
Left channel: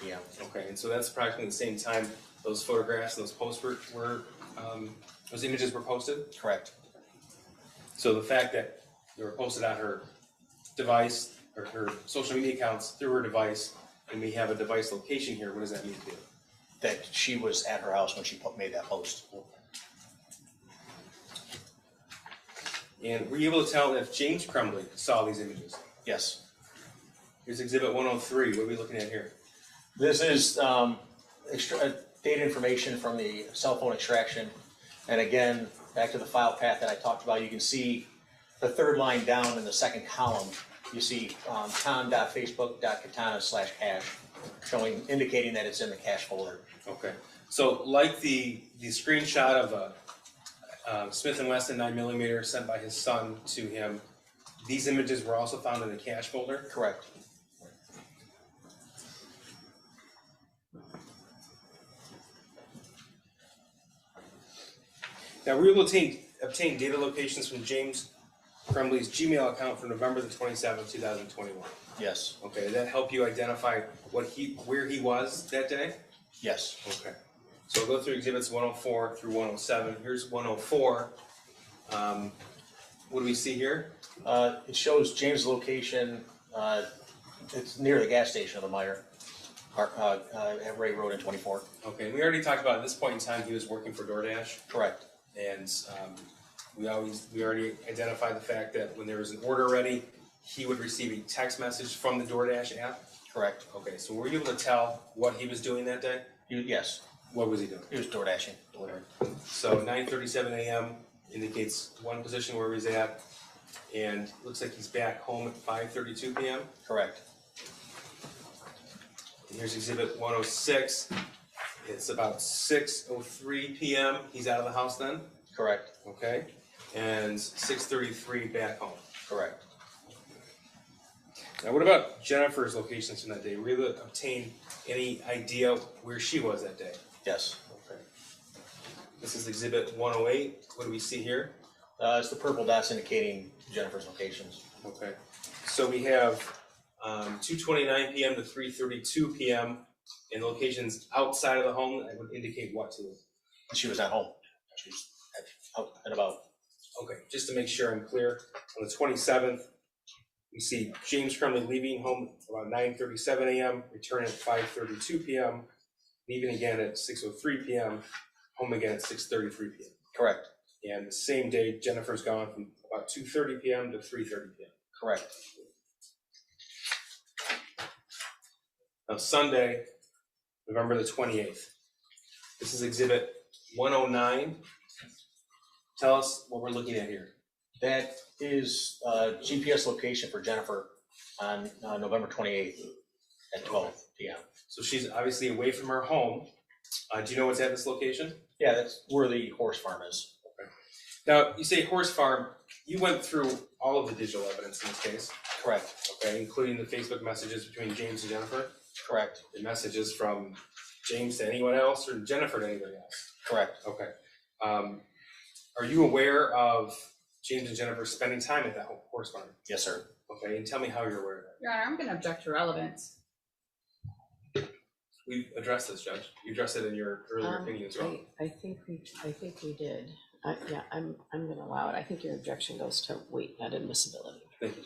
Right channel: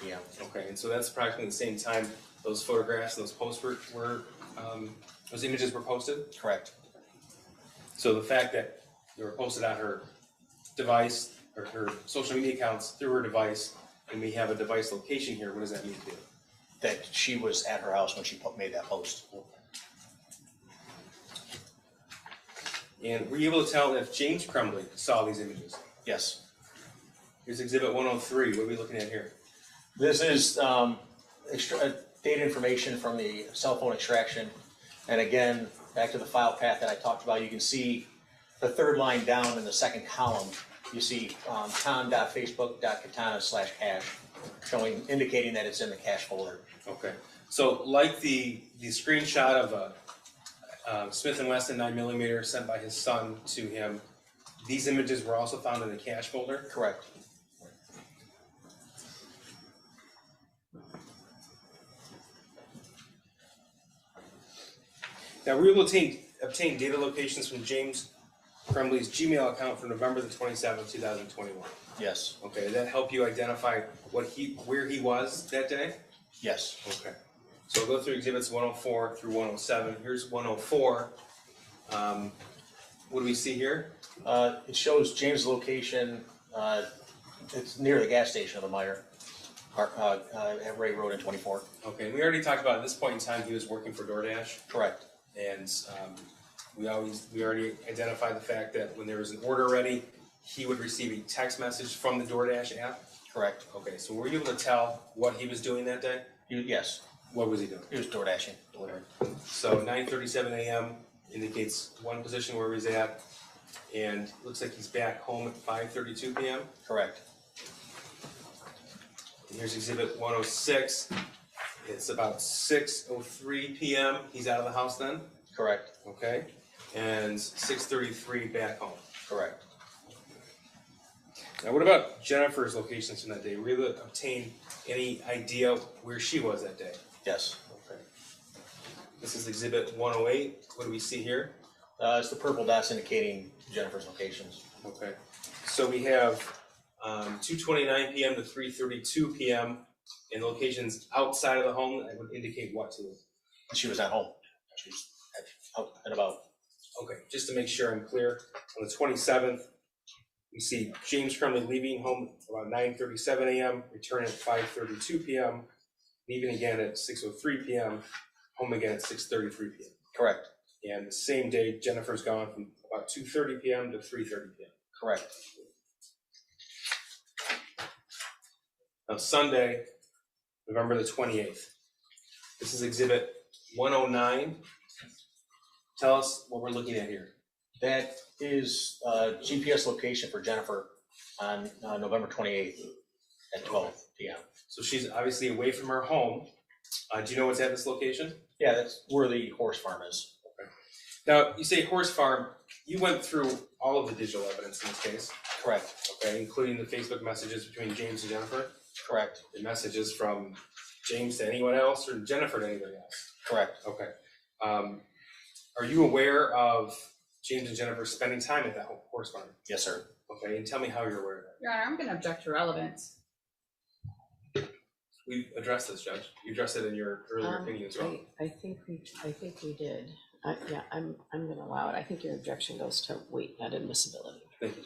p.m. Okay, and so that's approximately the same time those photographs and those posts those images were posted? Correct. So the fact that they were posted on her device, or her social media accounts through her device, and we have a device location here, what does that mean to you? That she was at her house when she made that post. And were you able to tell if James Crumbley saw these images? Yes. Here's Exhibit 103. What are we looking at here? This is data information from the cell phone extraction. And again, back to the file path that I talked about, you can see the third line down in the second column. You see tom.facebook.katana/cache, indicating that it's in the cache folder. Okay. So like the screenshot of a Smith & Wesson 9mm sent by his son to him, these images were also found in the cache folder? Correct. Now, were you able to obtain data locations from James Crumbley's Gmail account for November the 27th, 2021? Yes. Okay, did that help you identify where he was that day? Yes. Okay. So we'll go through exhibits 104 through 107. Here's 104. What do we see here? It shows James' location. It's near the gas station of the Meyer, at Ray Road and 24. Okay, we already talked about at this point in time he was working for DoorDash. Correct. And we already identified the fact that when there was an order ready, he would receive a text message from the DoorDash app. Correct. Okay, so were you able to tell what he was doing that day? Yes. What was he doing? He was door dashing, delivering. So 9:37 a.m. indicates one position where he's at, and looks like he's back home at 5:32 p.m. Correct. And here's exhibit 106. It's about 6:03 p.m. He's out of the house then? Correct. Okay. And 6:33 back home. Correct. Now, what about Jennifer's locations from that day? Were you able to obtain any idea where she was that day? Yes. Okay. This is exhibit 108. What do we see here? It's the purple dots indicating Jennifer's locations. Okay. So we have 2:29 p.m. to 3:32 p.m. in locations outside of the home that would indicate what to you? She was at home. She was out and about. Okay, just to make sure I'm clear, on the 27th, we see James Crumbley leaving home around 9:37 a.m., returning at 5:32 p.m., leaving again at 6:03 p.m., home again at 6:33 p.m. Correct. And the same day, Jennifer's gone from about 2:30 p.m. to 3:30 p.m. Correct. Now, Sunday, November the 28th. This is exhibit 109. Tell us what we're looking at here. That is GPS location for Jennifer on November 28th at 12 p.m. So she's obviously away from her home. Do you know what's at this location? Yeah, that's where the horse farm is. Now, you say horse farm. You went through all of the digital evidence in this case. Correct. Okay, including the Facebook messages between James and Jennifer. Correct. The messages from James to anyone else or Jennifer to anybody else. Correct. Okay. Are you aware of James and Jennifer spending time at that horse farm? Yes, sir. Okay, and tell me how you're aware of that. Your Honor, I'm going to object to relevance. We've addressed this, Judge. You addressed it in your earlier opinion as well. I think we did. Yeah, I'm gonna allow it. I think your objection goes to weight, not admissibility. Thank you,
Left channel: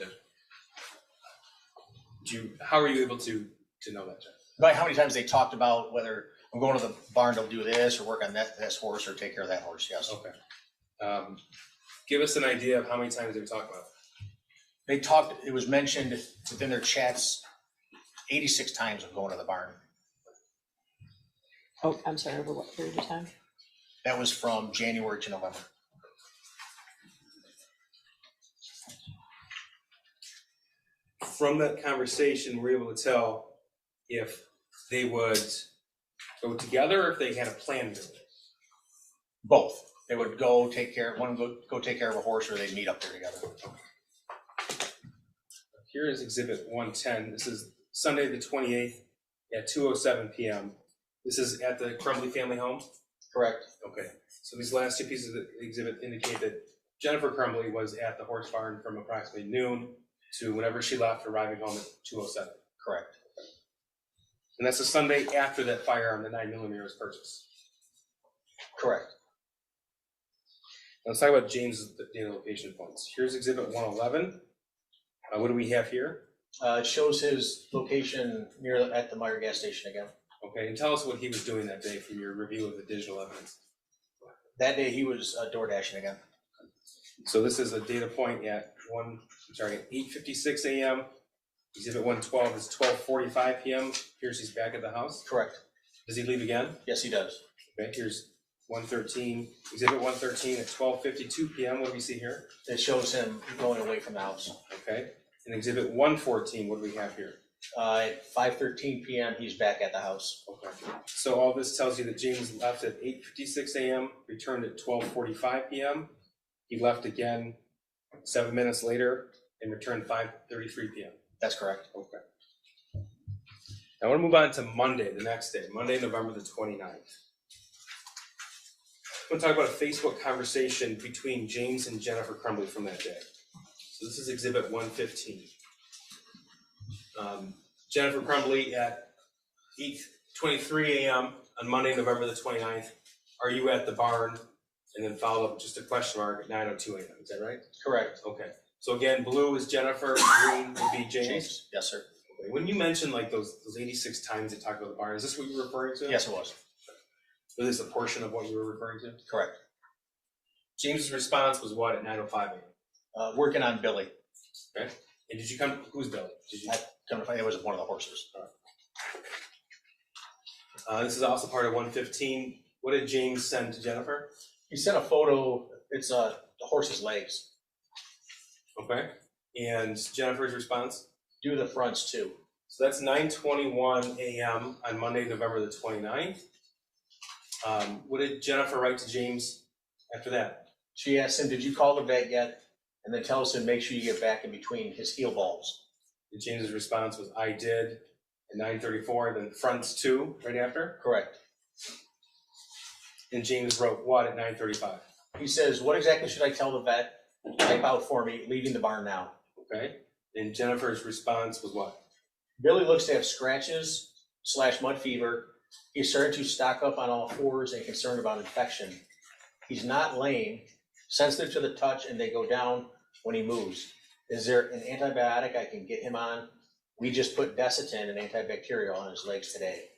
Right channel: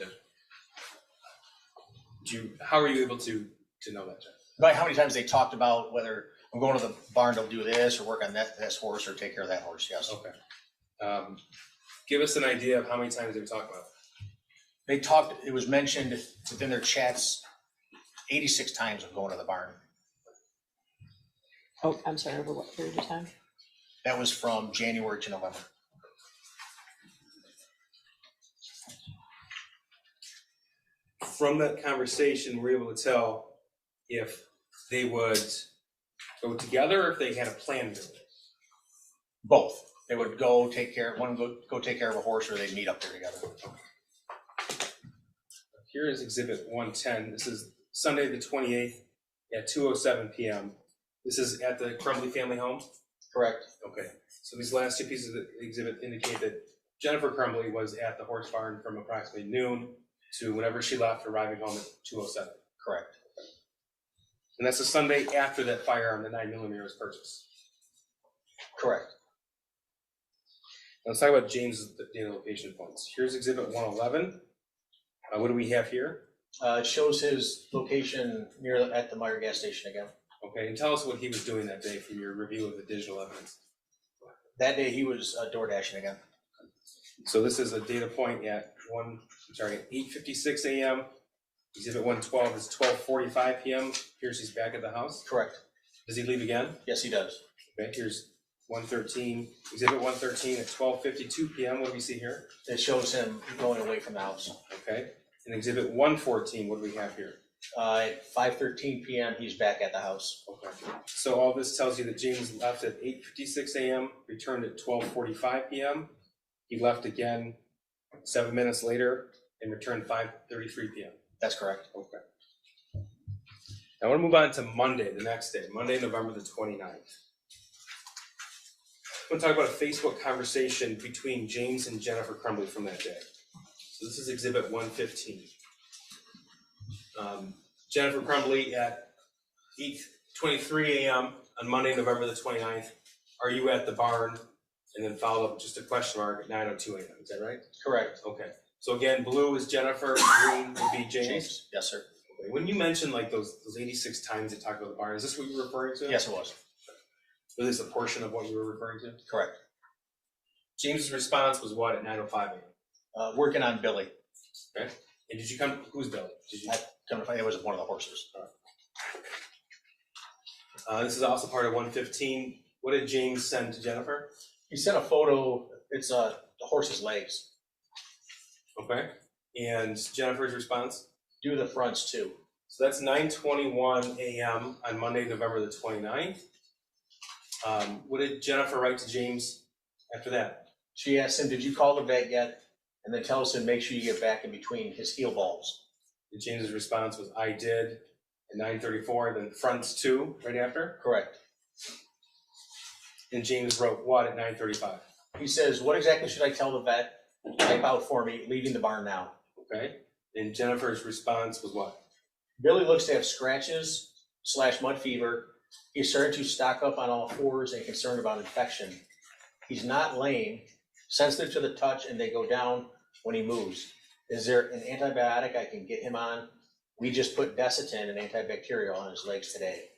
Judge. How are you able to know that, Judge? By how many times they talked about whether I'm going to the barn to do this or work on this horse or take care of that horse, yes. Okay. Give us an idea of how many times they were talking about it. They talked, it was mentioned within their chats 86 times of going to the barn. Oh, I'm sorry, over what period of time? That was from January to November. From that conversation, we're able to tell if they would go together or if they had a plan to do it. Both. They would go take care, one would go take care of a horse, or they'd meet up there together. Here is exhibit 110. This is Sunday the 28th at 2:07 p.m. This is at the Crumbley family home? Correct. Okay. So these last two pieces of the exhibit indicate that Jennifer Crumbley was at the horse barn from approximately noon to whenever she left, arriving home at 2:07. Correct. And that's the Sunday after that firearm, the 9mm, was purchased. Correct. Now let's talk about James' data location points. Here's Exhibit 111. What do we have here? It shows his location at the Meyer gas station again. Okay, and tell us what he was doing that day from your review of the digital evidence. That day he was door dashing again. So this is a data point at 8:56 a.m. Exhibit 112 is 12:45 p.m. Here's he's back at the house. Correct. Does he leave again? Yes, he does. Okay, here's 113, Exhibit 113 at 12:52 p.m. What do we see here? It shows him going away from the house. Okay, and Exhibit 114, what do we have here? At 5:13 p.m. he's back at the house. Okay, so all this tells you that James left at 8:56 a.m., returned at 12:45 p.m. He left again 7 minutes later and returned 5:33 p.m. That's correct. Okay. Now I want to move on to Monday, the next day, Monday, November the 29th. I want to talk about a Facebook conversation between James and Jennifer Crumbley from that day. So this is Exhibit 115. Jennifer Crumbley at 8:23 a.m. on Monday, November the 29th. Are you at the barn? And then follow up just a question mark at 9:02 a.m. Is that right? Correct. Okay. So again, blue is Jennifer, green would be James. Yes, sir. Okay. When you mentioned like those 86 times they talked about the barn, is this what you were referring to? Yes, it was. Was this a portion of what you were referring to? Correct. James's response was what at 9:05 a.m.? Working on Billy. Okay. And did you come? Who's Billy? Did you? Come to find it was one of the horses. This is also part of 115. What did James send to Jennifer? He sent a photo. It's the horse's legs. Okay. And Jennifer's response? Do the fronts too. So that's 9:21 a.m. on Monday, November the 29th. What did Jennifer write to James after that? She asked him, "Did you call the vet yet?" And then tells him, "Make sure you get back in between his heel balls." And James's response was, "I did." At 9:34, then fronts too, right after. Correct. And James wrote what at 9:35? He says, "What exactly should I tell the vet? Type out for me, leaving the barn now." Okay. And Jennifer's response was what? Billy looks to have scratches / mud fever. He's starting to stock up on all fours and concerned about infection. He's not lame, sensitive to the touch, and they go down when he moves. Is there an antibiotic I can get him on? We just put Desitin, an antibacterial, on his legs today.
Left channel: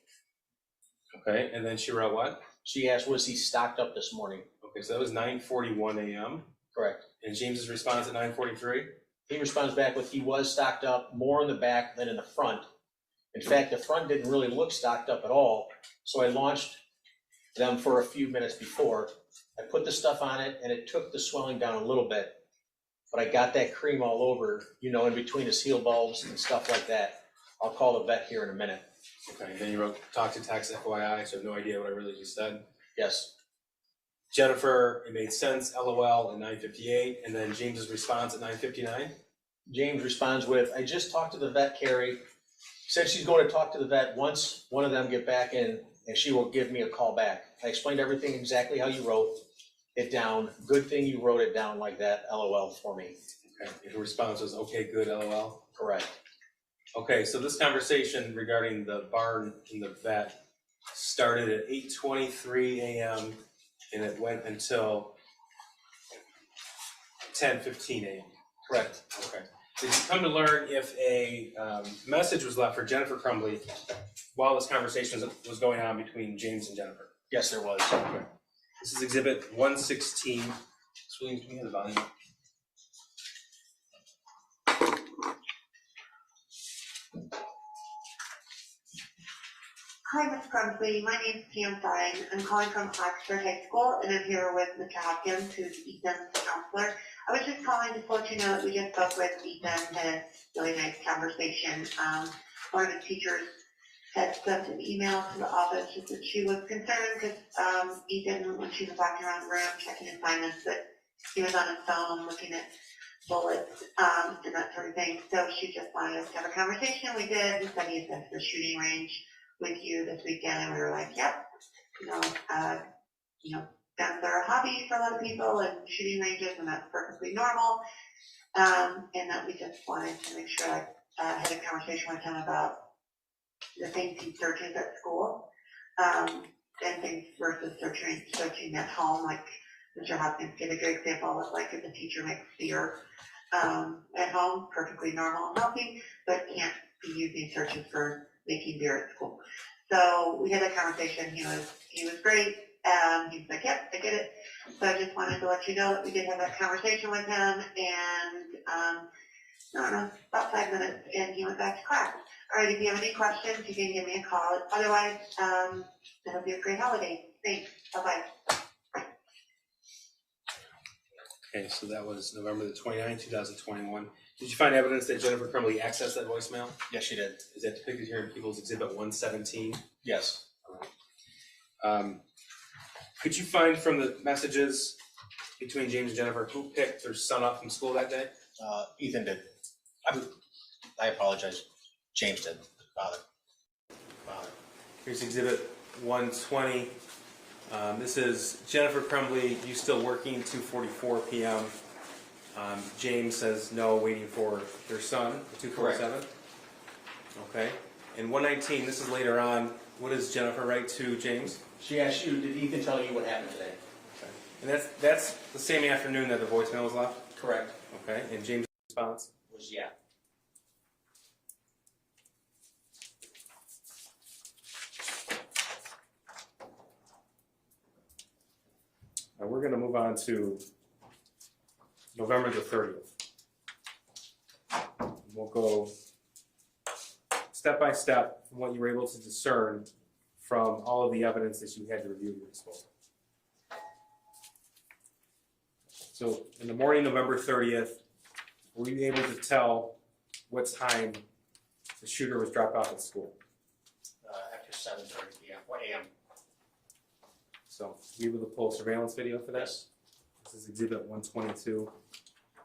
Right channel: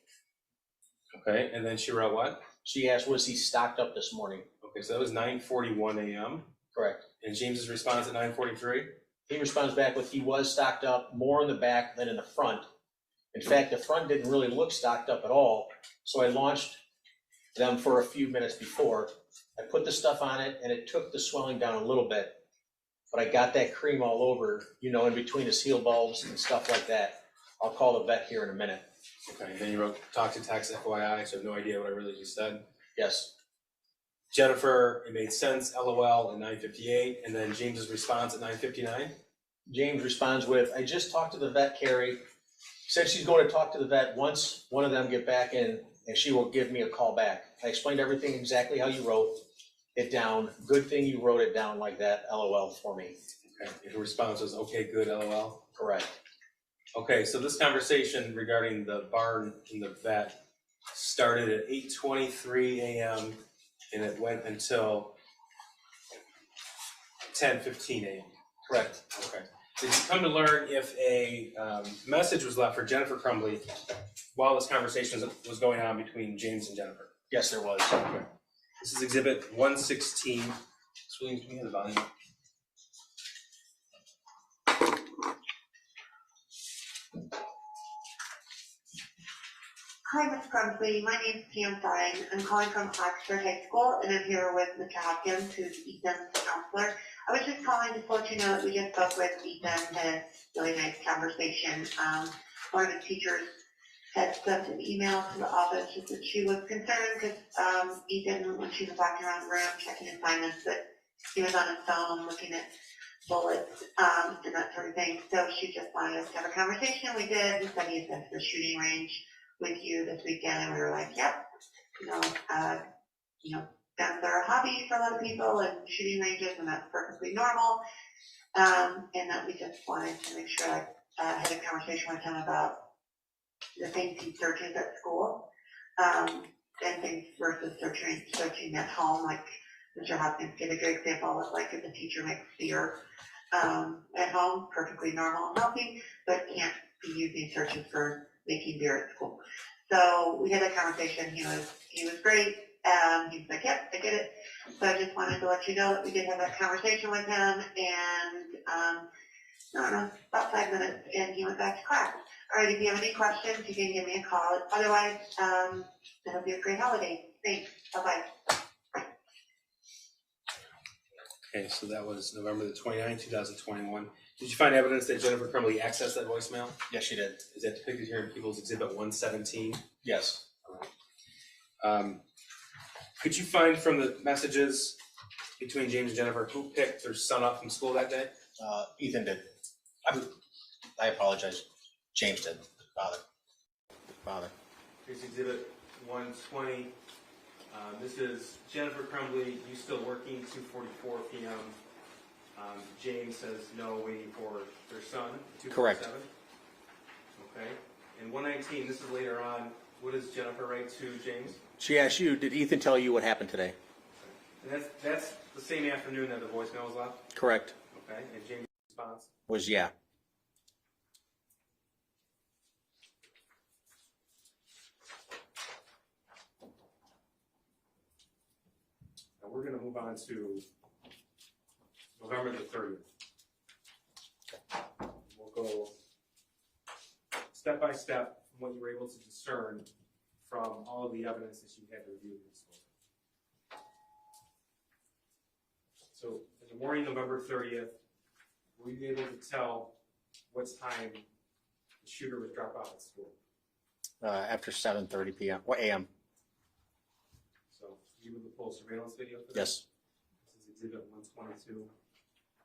Okay. And then she wrote what? She asked, was he stocked up this morning? Okay. So that was 9:41 a.m. Correct. And James's response at 9:43? He responds back with, he was stocked up more in the back than in the front. In fact, the front didn't really look stocked up at all, so I launched them for a few minutes before. I put the stuff on it, and it took the swelling down a little bit, but I got that cream all over, in between his heel bulbs and stuff like that. I'll call the vet here in a minute. Okay. And then you wrote talk to text FYI, so I have no idea what I really just said. Yes. Jennifer, it made sense, LOL at 9:58, and then James's response at 9:59. James responds with, I just talked to the vet, Carrie. Said she's going to talk to the vet once one of them get back in, and she will give me a call back. I explained everything exactly how you wrote it down. Good thing you wrote it down like that, LOL, for me. Okay. And her response was, okay, good, LOL. Correct. Okay, so this conversation regarding the barn and the vet started at 8:23 a.m. and it went until 10:15 a.m. Correct. Okay. Did you come to learn if a message was left for Jennifer Crumbley while this conversation was going on between James and Jennifer? Yes, there was. Okay. This is Exhibit 116. Williams, can you have the volume? Hi, Ms. Crumbley. My name is Pam Fine. I'm calling from Oxford High School, and I'm here with Mr. Hopkins, who's Ethan's counselor. I was just calling to let you know that we just spoke with Ethan, had a really nice conversation. One of the teachers had sent an email to the office just that she was concerned because Ethan, when she was walking around the room checking assignments, that he was on his phone looking at bullets and that sort of thing. So she just wanted us to have a conversation. We did. We said he's at the shooting range with you this weekend, and we were like, yep, guns are a hobby for a lot of people and shooting ranges, and that's perfectly normal. And that we just wanted to make sure I had a conversation with him about the things he searches at school, and things versus searching at home, like Mr. Hopkins gave a good example of like if a teacher makes beer at home, perfectly normal and healthy, but can't be using searches for making beer at school. So we had a conversation. He was great. He was like, yep, I get it. So I just wanted to let you know that we did have that conversation with him, and I don't know, about 5 minutes, and he went back to class. All right, if you have any questions, you can give me a call. Otherwise, it'll be a great holiday. Thanks. Bye-bye. Okay, so that was November the 29th, 2021. Did you find evidence that Jennifer Crumbley accessed that voicemail? Yes, she did. Is that depicted here in People's Exhibit 117? Yes. Could you find from the messages between James and Jennifer who picked their son up from school that day? Ethan did. I apologize. James did. Father. Here's Exhibit 120. This is Jennifer Crumbley. You still working? 2:44 p.m. James says no, waiting for their son. 2:47. Okay. And 119. This is later on. What does Jennifer write to James? She asked you, did Ethan tell you what happened today? Okay. And that's the same afternoon that the voicemail was left? Correct. Okay. And James' response? Was yeah. Now we're going to move on to November the 30th. We'll go step by step from what you were able to discern from all of the evidence that you had to review at your disposal. So in the morning, November 30th, were you able to tell what time the shooter was dropped off at school? After 7:30 p.m. What a.m.? So you were able to pull surveillance video for that? Yes. This is Exhibit 122.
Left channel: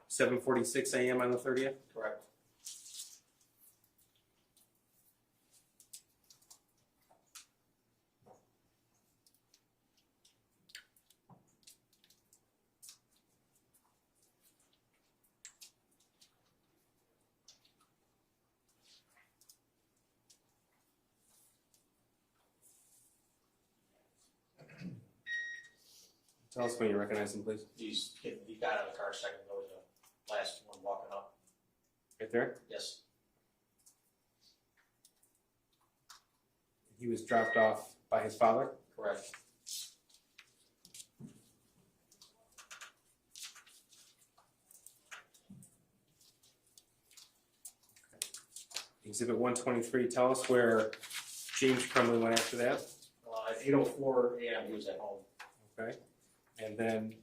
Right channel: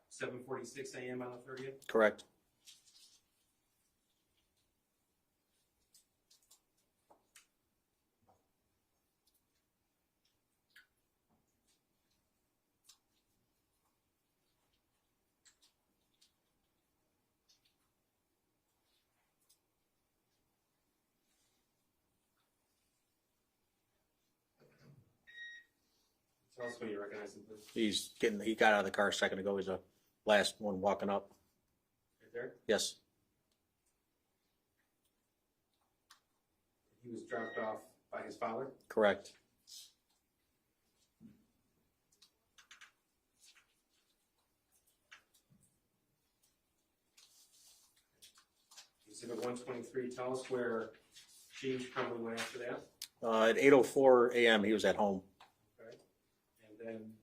7:46 a.m. on the 30th? Correct. Tell us when you recognize him, please. He got out of the car a second ago. He's the last one walking up. Right there? Yes. He was dropped off by his father? Correct. Exhibit 123, tell us where James Crumbley went after that. At 8:04 a.m. he was at home. Okay. And then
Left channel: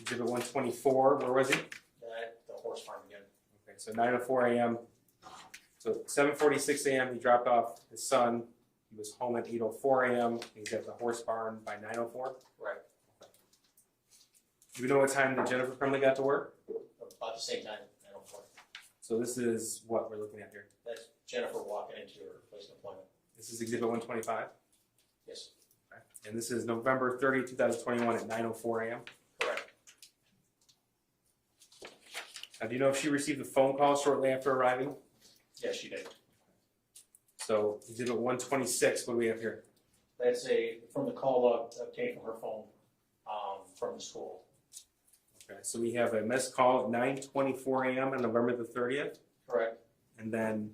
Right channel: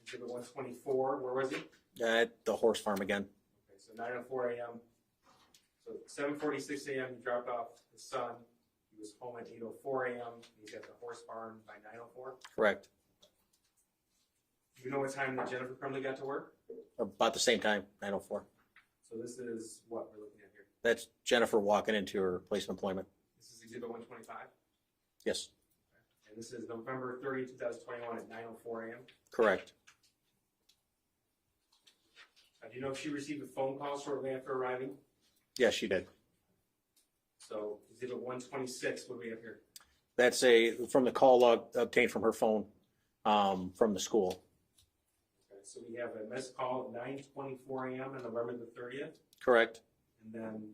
Exhibit 124, where was he? At the horse farm again. Okay, so 9:04 a.m. So 7:46 a.m. he dropped off his son. He was home at 8:04 a.m. He's at the horse barn by 9:04. Correct. Do you know what time that Jennifer Crumbley got to work? About the same time, 9:04. So this is what we're looking at here. That's Jennifer walking into her place of employment. This is Exhibit 125. Yes. Okay. And this is November 30, 2021 at 9:04 a.m. Correct. Now, do you know if she received a phone call shortly after arriving? Yes, she did. So Exhibit 126, what do we have here? That's from the call log obtained from her phone from the school. Okay, so we have a missed call at 9:24 a.m. on November the 30th, Correct. and then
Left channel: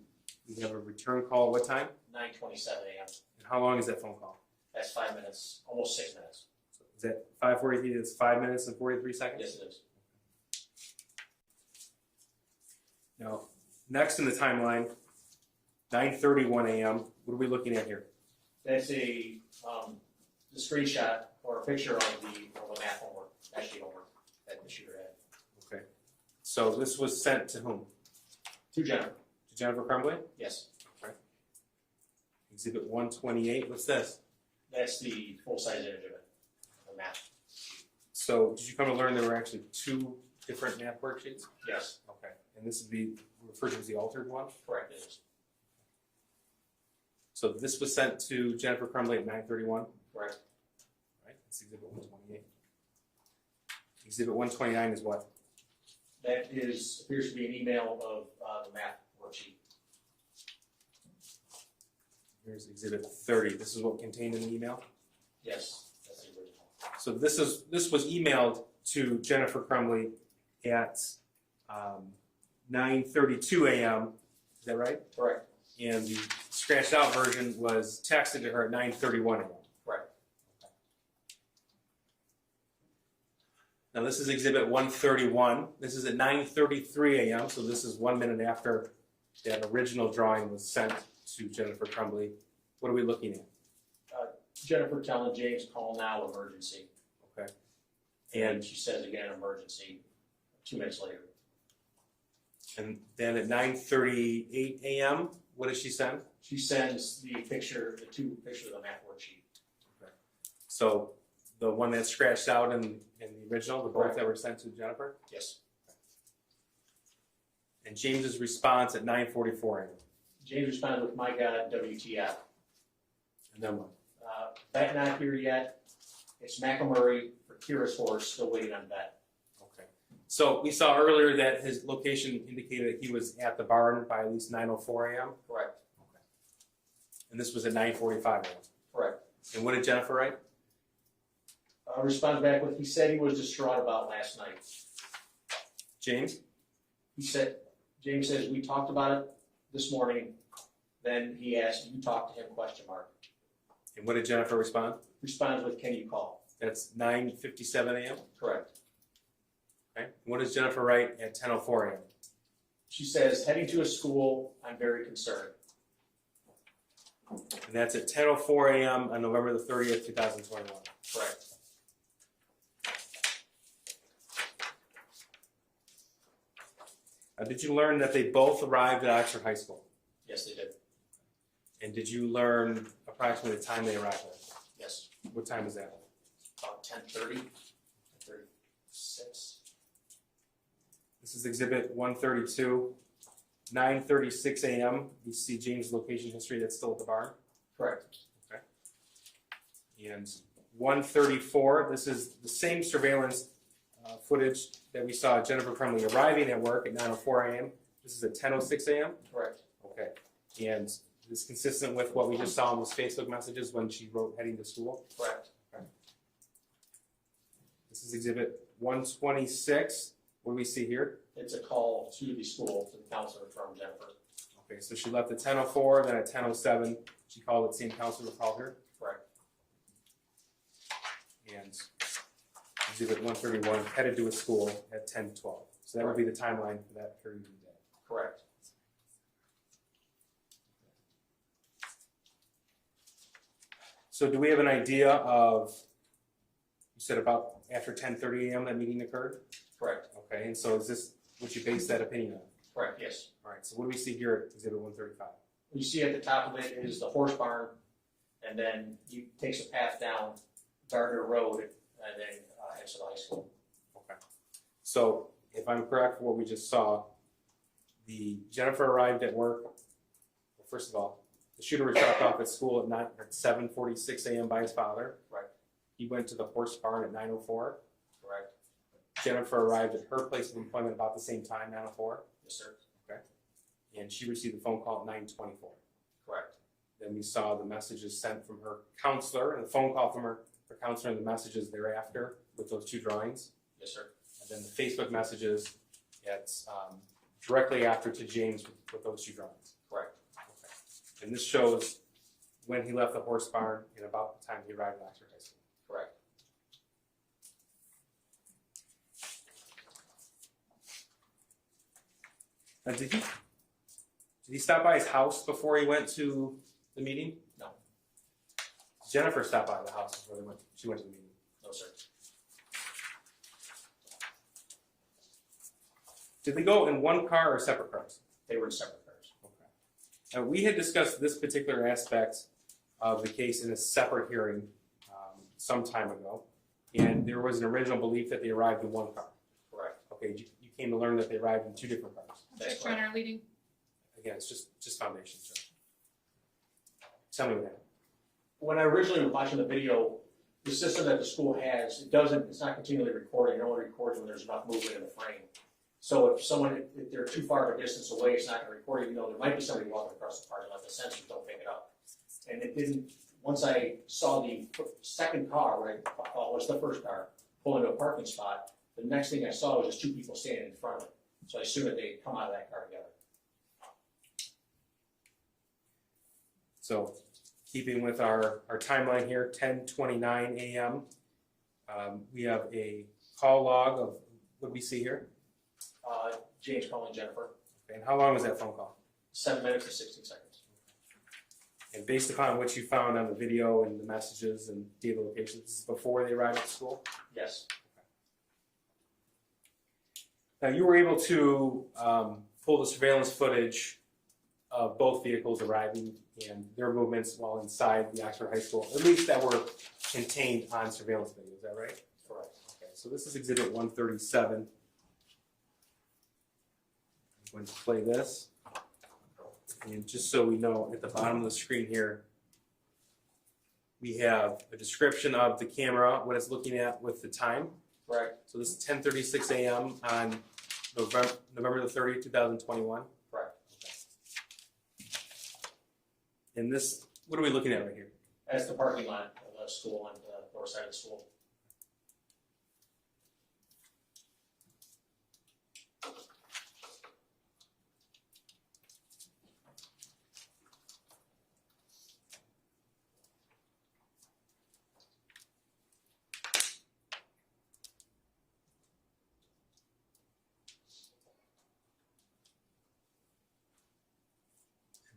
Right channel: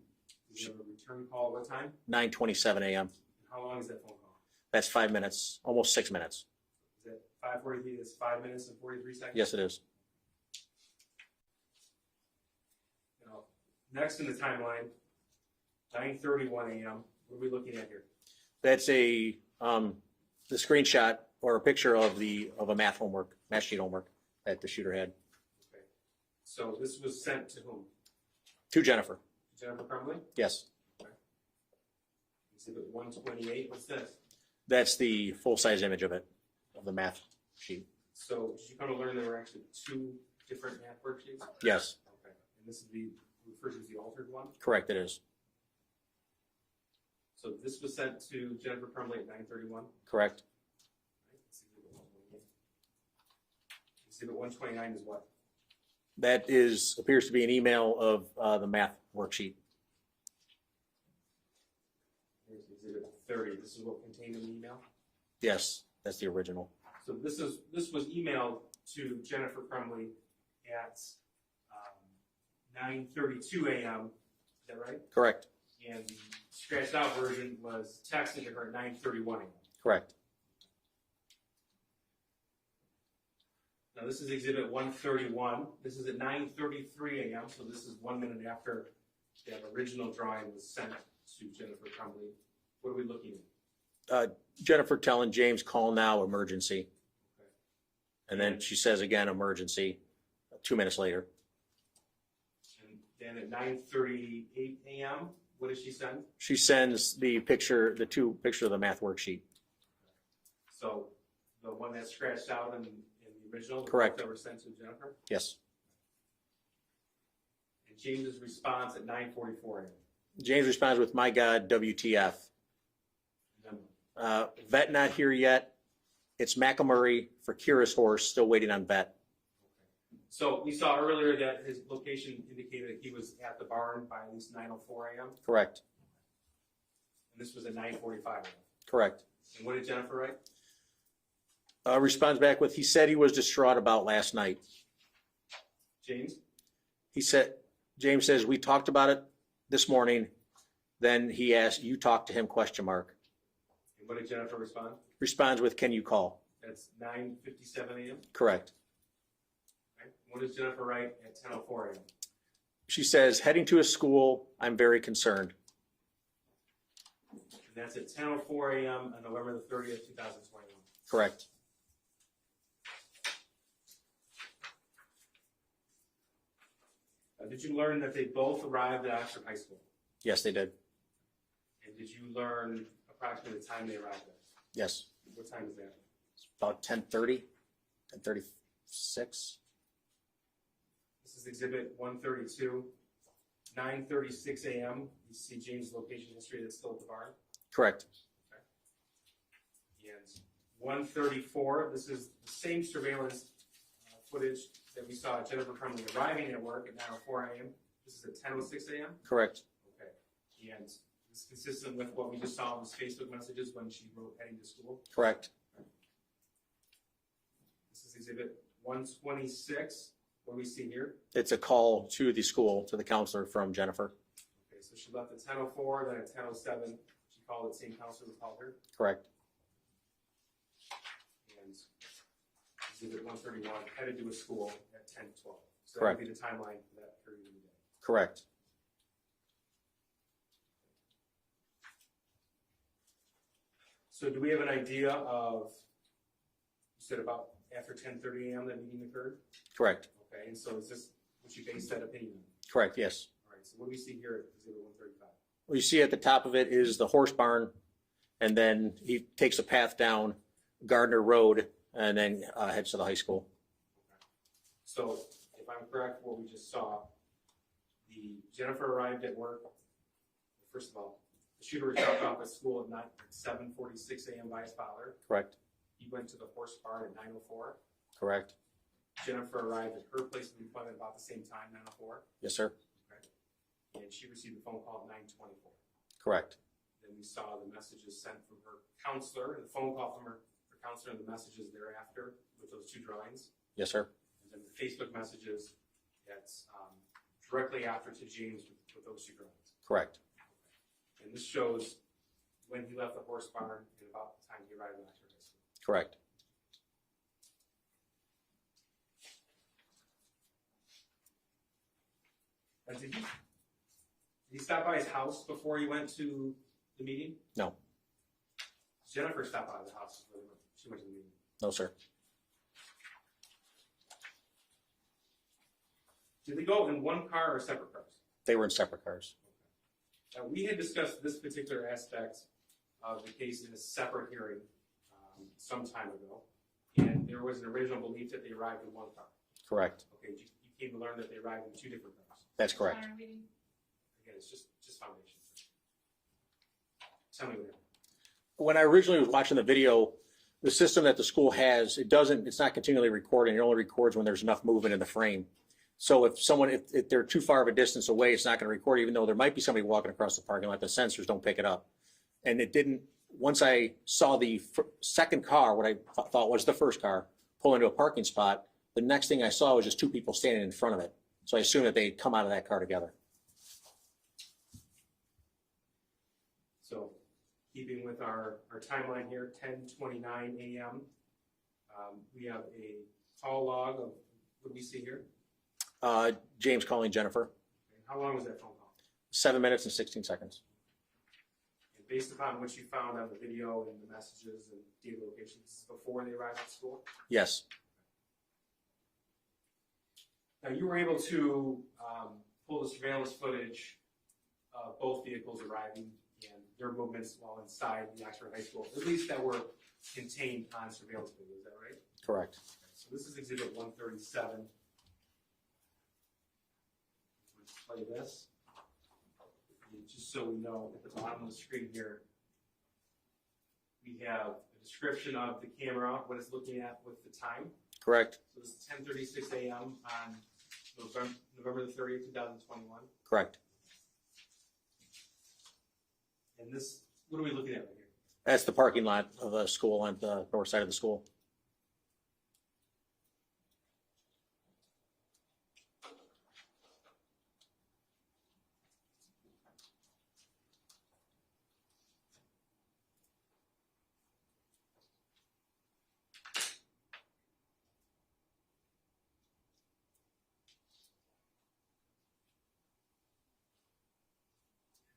we have a return call at what time? 9:27 a.m. And how long is that phone call? That's 5 minutes, almost 6 minutes. So is that 5:43? It's 5 minutes and 43 seconds? Yes, it is. Now, next in the timeline, 9:31 a.m. What are we looking at here? That's the screenshot or a picture of a math sheet homework that the shooter had. Okay. So this was sent to whom? To Jennifer. To Jennifer Crumbley? Yes. Okay. Exhibit 128, what's this? That's the full-size image of it, of the math sheet. So did you come to learn there were actually two different math worksheets? Yes. Okay. And this would be referred to as the altered one? Correct, it is. So this was sent to Jennifer Crumbley at 9:31? Correct. Right, that's Exhibit 128. Exhibit 129 is what? That appears to be an email of the math worksheet. Here's exhibit 30. This is what contained in the email. Yes, that's the original. So this was emailed to Jennifer Crumbley at 9:32 a.m. Is that right? Correct. And the scratched out version was texted to her at 9:31 a.m. Correct. Now this is exhibit 131. This is at 9:33 a.m. So this is 1 minute after that original drawing was sent to Jennifer Crumbley. What are we looking at? Jennifer telling James, call now, emergency. Okay. And then she says again, emergency, 2 minutes later. And then at 9:38 a.m., what does she send? She sends the picture, the two picture of the math worksheet. So the one that's scratched out in the original, the Correct. both that were sent to Jennifer? Yes. And James's response at 9:44 a.m. James responds with, my God, WTF. And then what? Vet not here yet. It's McElmurray for Kira's horse, still waiting on vet. Okay. So we saw earlier that his location indicated that he was at the barn by at least 9:04 a.m. Correct. And this was at 9:45 a.m. Correct. And what did Jennifer write? Responds back with, he said he was distraught about last night. James? James says, we talked about it this morning. Then he asked, you talked to him, ? And what did Jennifer respond? Responds with, can you call? That's 9:57 a.m. Correct. Okay. And what does Jennifer write at 10:04 a.m.? She says, heading to a school, I'm very concerned. And that's at 10:04 a.m. on November the 30th, 2021. Correct. Did you learn that they both arrived at Oxford High School? Yes, they did. And did you learn approximately the time they arrived at? Yes. What time is that? About 10:30, 10:36. This is exhibit 132. 9:36 a.m. You see James' location history that's still at the barn. Correct. And 134, this is the same surveillance footage that we saw Jennifer Crumbley arriving at work at 9:04 a.m. This is at 10:06 a.m. Correct. Okay. And this is consistent with what we just saw in those Facebook messages when she wrote heading to school. Correct. Okay. This is exhibit 126. What do we see here? It's a call to the school, to the counselor from Jennifer. Okay, so she left at 10:04, then at 10:07, she called the same counselor to call her. Correct. And exhibit 131, headed to a school at 10:12. So that would be the timeline for that period of the day. Correct. So do we have an idea of, you said about after 10:30 a.m. that meeting occurred? Correct. Okay, and so is this what you base that opinion on? Correct, yes. All right, so what do we see here at exhibit 135? What you see at the top of it is the horse barn, and then he takes a path down Gardner Road and then heads to the high school. Okay. So if I'm correct, what we just saw, Jennifer arrived at work. Well, first of all, the shooter was dropped off at school at 7:46 a.m. by his father. Correct. He went to the horse barn at 9:04. Correct. Jennifer arrived at her place of employment about the same time, 9:04. Yes, sir. Okay. And she received a phone call at 9:24. Correct. Then we saw the messages sent from her counselor, and the phone call from her counselor, and the messages thereafter with those two drawings. Yes, sir. And then the Facebook messages at directly after to James with those two drawings. Correct. Okay. And this shows when he left the horse barn and about the time he arrived at Oxford High School. Correct. Now, did he stop by his house before he went to the meeting? No. Jennifer stopped by the house before she went to the meeting. No, sir. Did they go in one car or separate cars? They were in separate cars. Okay. Now, we had discussed this particular aspect of the case in a separate hearing some time ago, and there was an original belief that they arrived in one car. Correct. Okay, you came to learn that they arrived in two different cars. That's correct. Runner leading. Again, it's just foundation, sir. Tell me that. When I originally was watching the video, the system that the school has, it's not continually recording. It only records when there's enough movement in the frame. So if they're too far of a distance away, it's not going to record, even though there might be somebody walking across the parking lot. The sensors don't pick it up. And it didn't, once I saw the second car, what I thought was the first car, pull into a parking spot, the next thing I saw was just two people standing in front of it. So I assumed that they'd come out of that car together. So keeping with our timeline here, 10:29 a.m. We have a call log of what we see here. James calling Jennifer, And how long was that phone call? 7 minutes and 16 seconds. And based upon what you found on the video and the messages and data locations, this is before they arrived at school? Yes, Now, you were able to pull the surveillance footage of both vehicles arriving and their movements while inside the Oxford High School, at least that were contained on surveillance video, is that right? correct. Okay, so this is exhibit 137. I'm going to play this. And just so we know, at the bottom of the screen here, we have a description of the camera, what it's looking at with the time. Correct, So this is 10:36 a.m. on November the 30th, 2021. correct. And this, what are we looking at right here? That's the parking lot of the school on the north side of the school.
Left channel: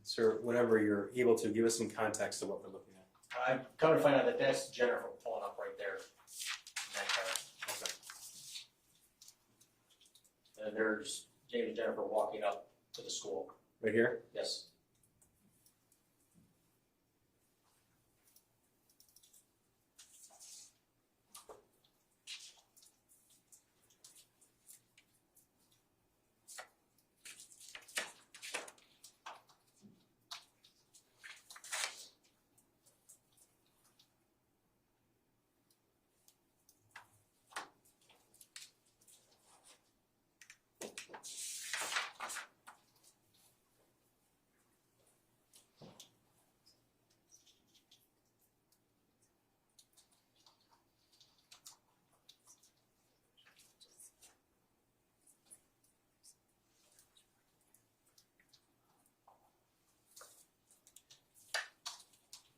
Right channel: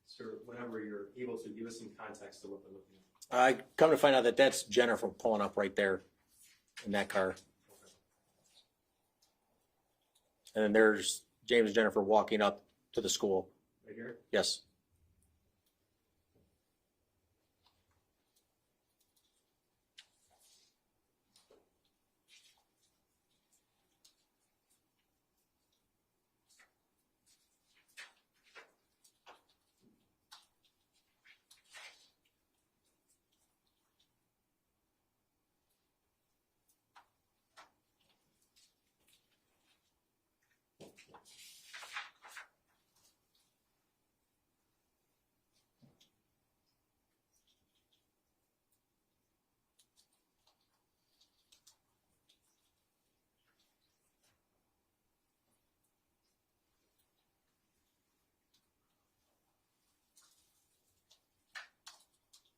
Sir, whatever you're able to, give us some context of what we're looking at. I come to find out that that's Jennifer pulling up right there in that car. Okay. And then there's James and Jennifer walking up to the school. Right here? Yes.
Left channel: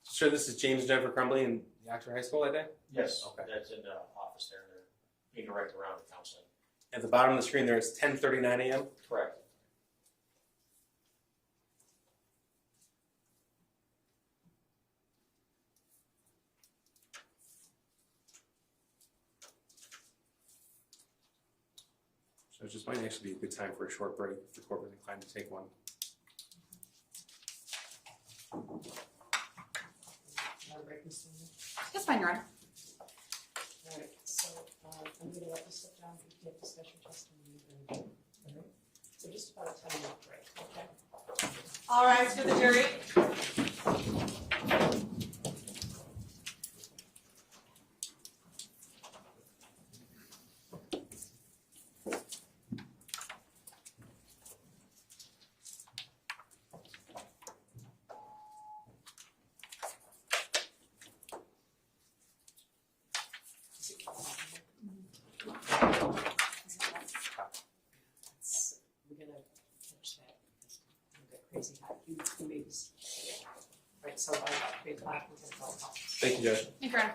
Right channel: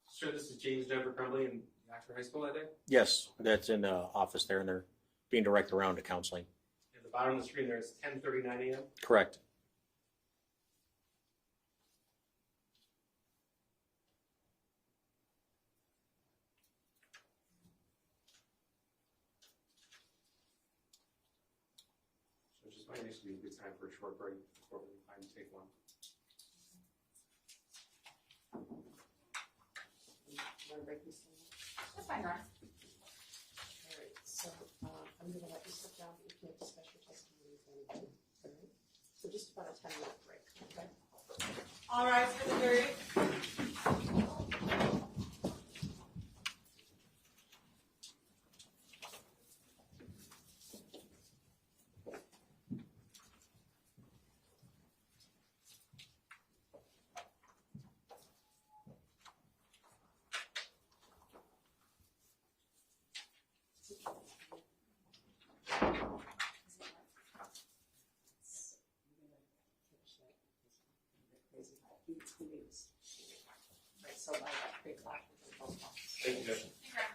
Sir, this is James and Jennifer Crumbley in the Oxford High School that day? Yes, Okay. that's in the office there, and they're being directed around to counseling. At the bottom of the screen there, it's 10:39 a.m. Correct. So it just might actually be a good time for a short break if the court was inclined to take one. Want to break this thing? That's fine, Your Honor. All right, so I'm gonna let you sit down, you can discuss your testimony. All right, so just about a 10-minute break, okay? All rise for the jury. We're gonna finish that because I'm gonna get crazy hot. You leaves. Right, so by 3 o'clock, we're gonna go home. Thank you, Judge. Thank you, Your Honor.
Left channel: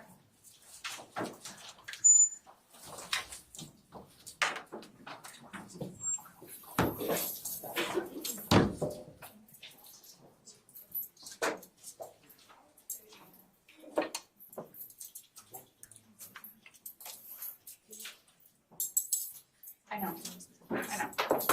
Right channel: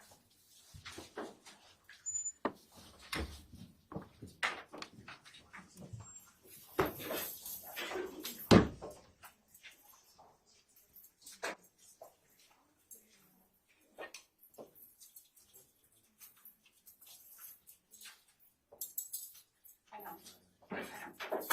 I know. I know.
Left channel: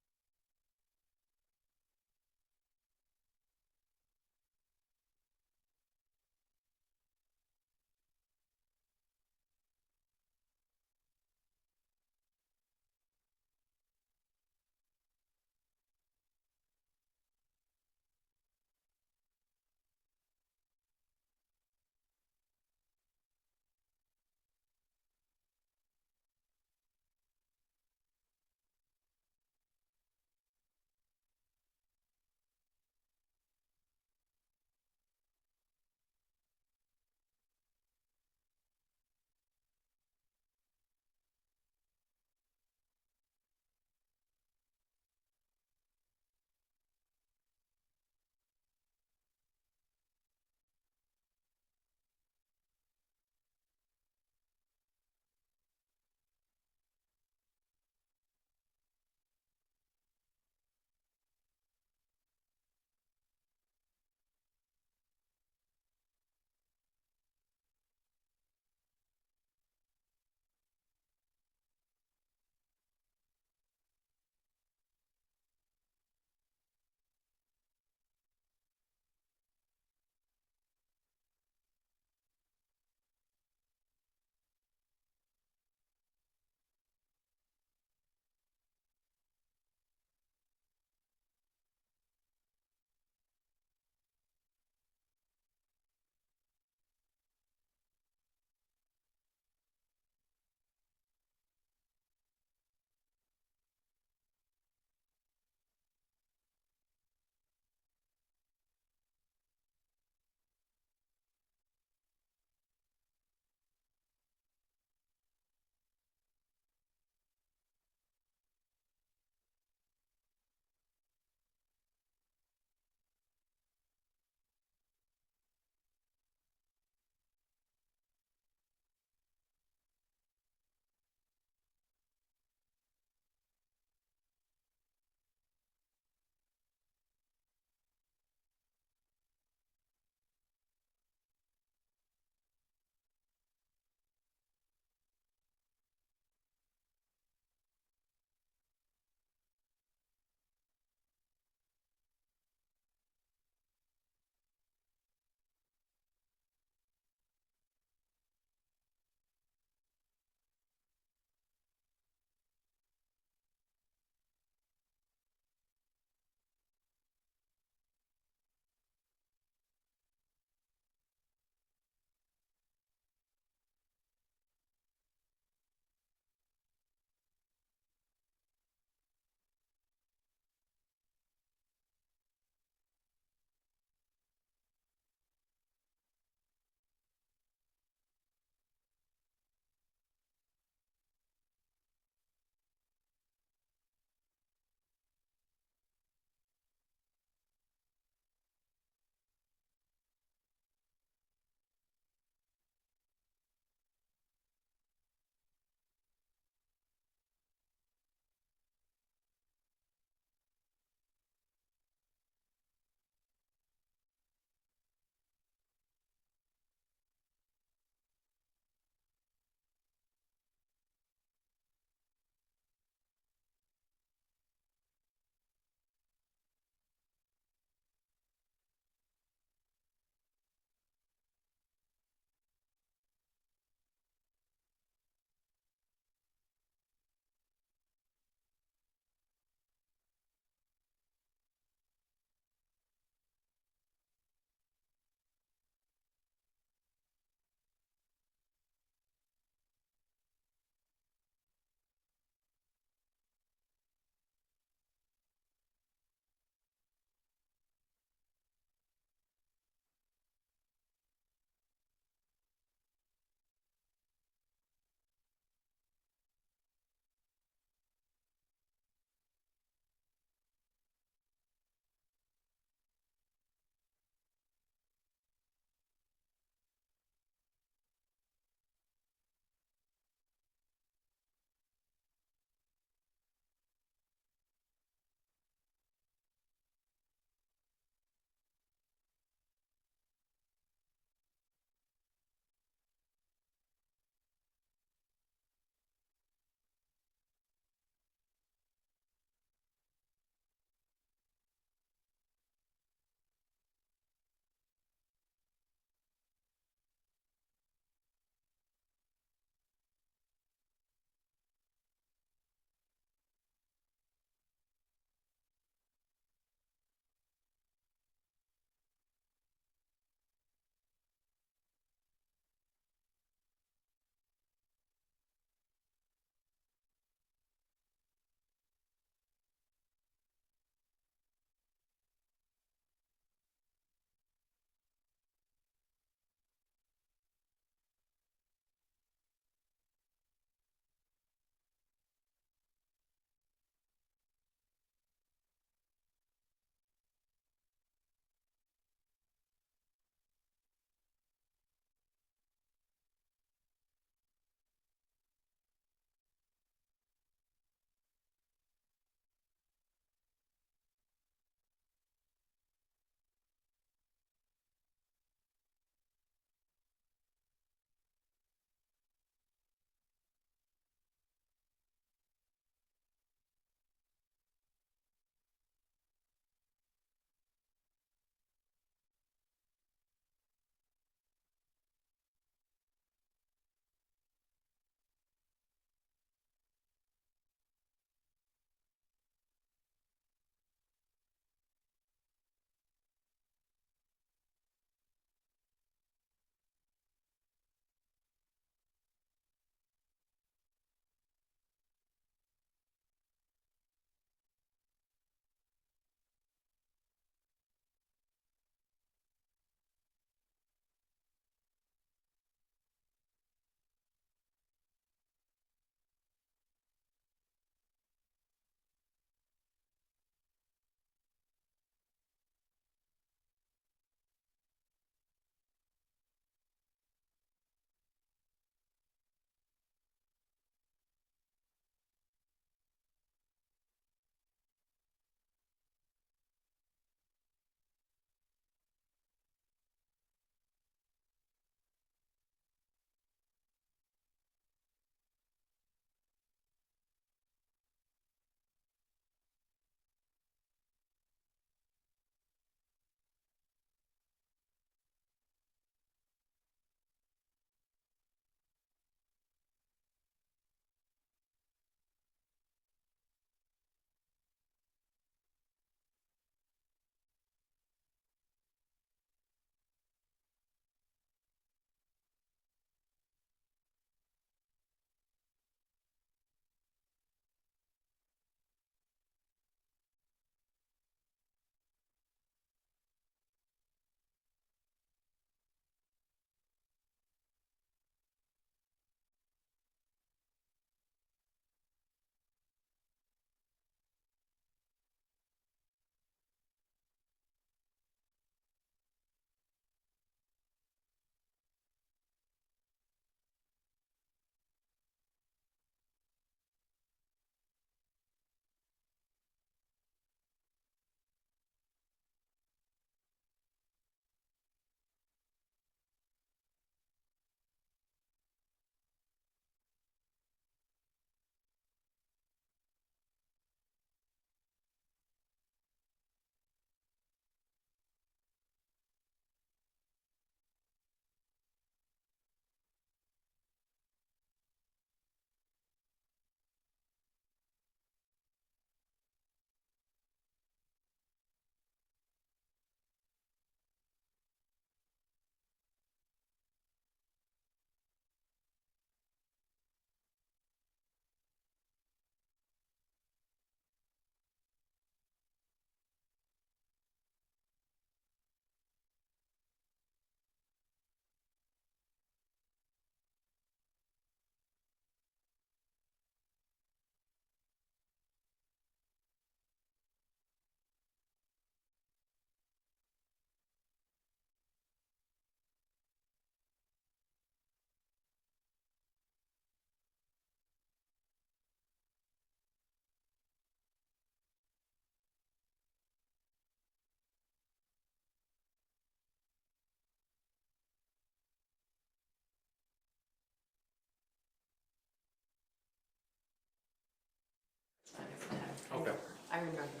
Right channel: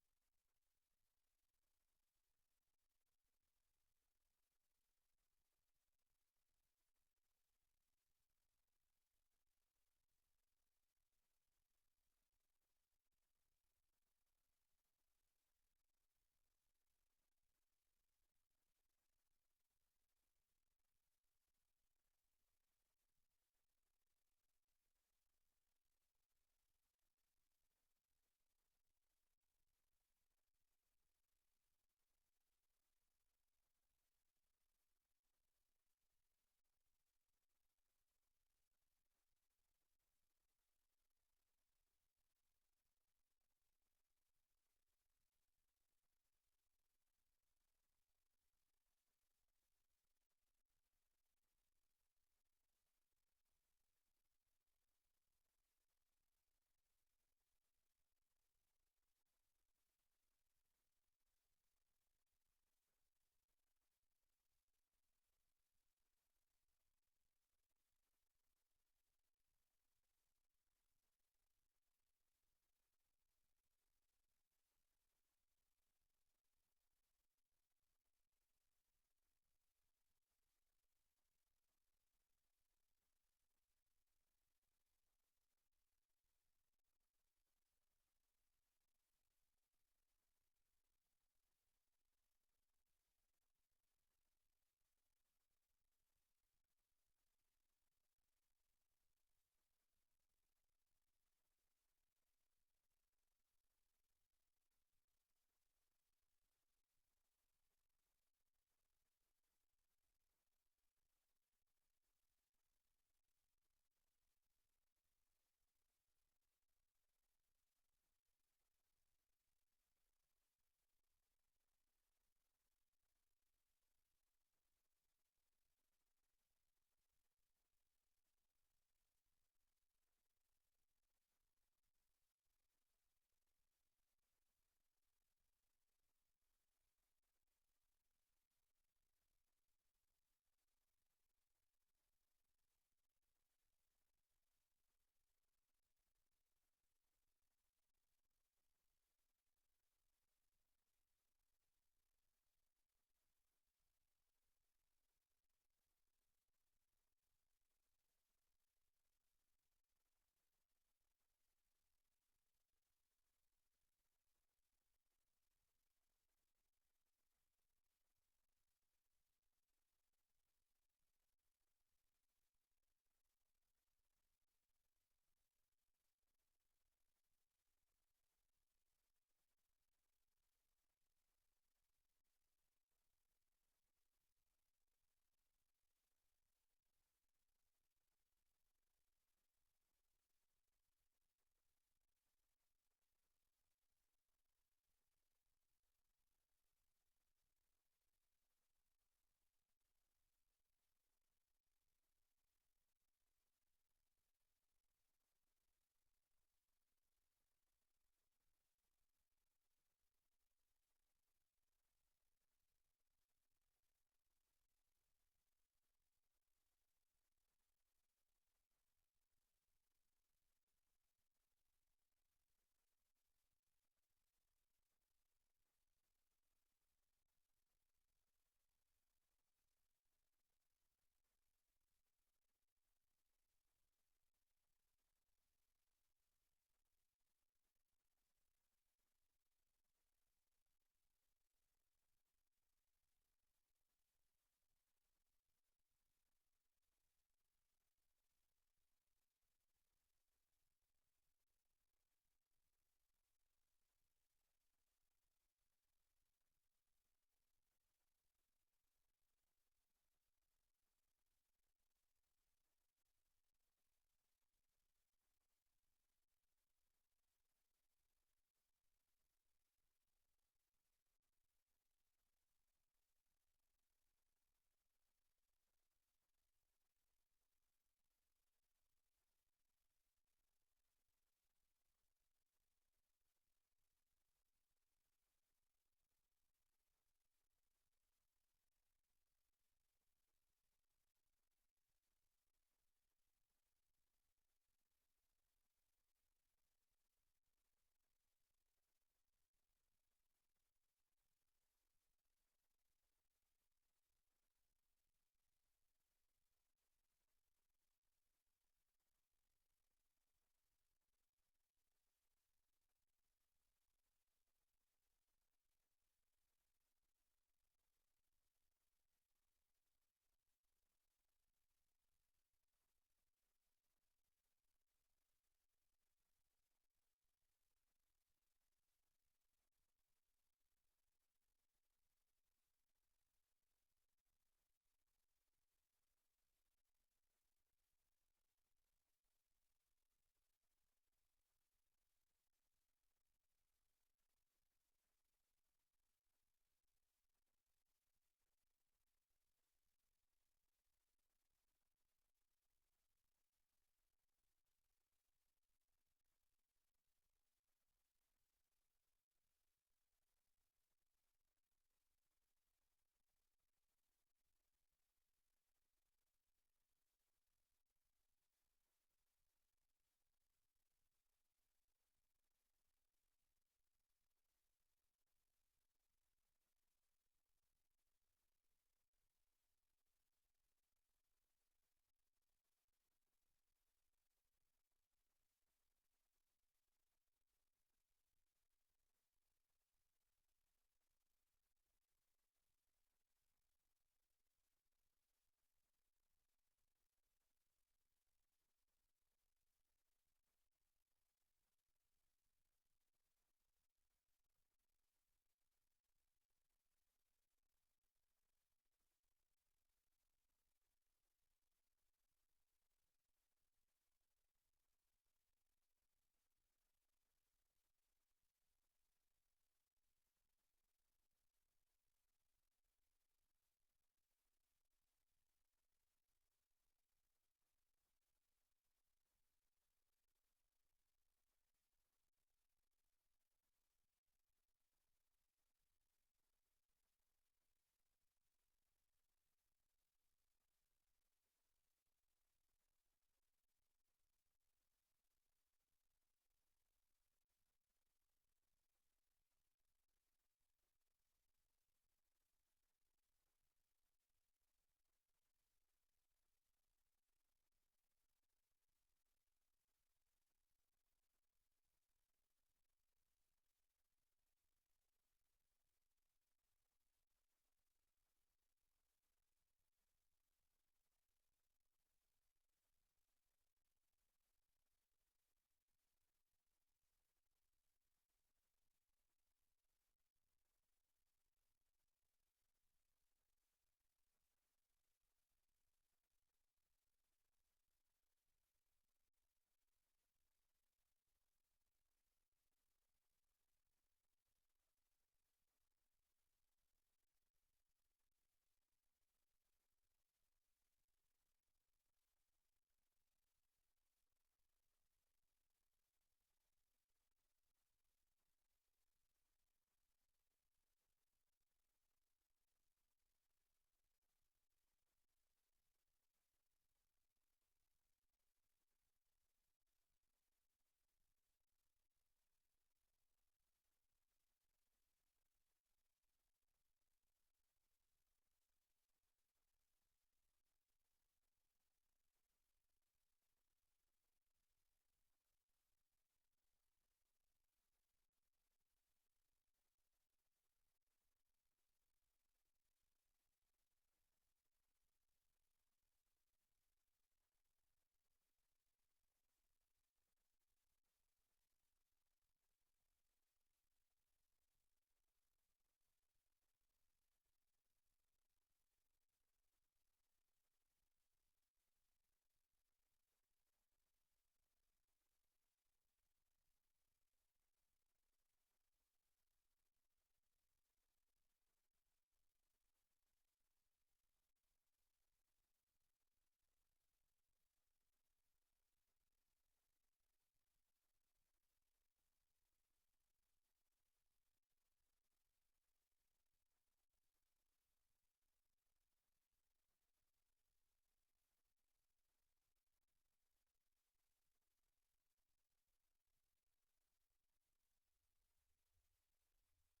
remember.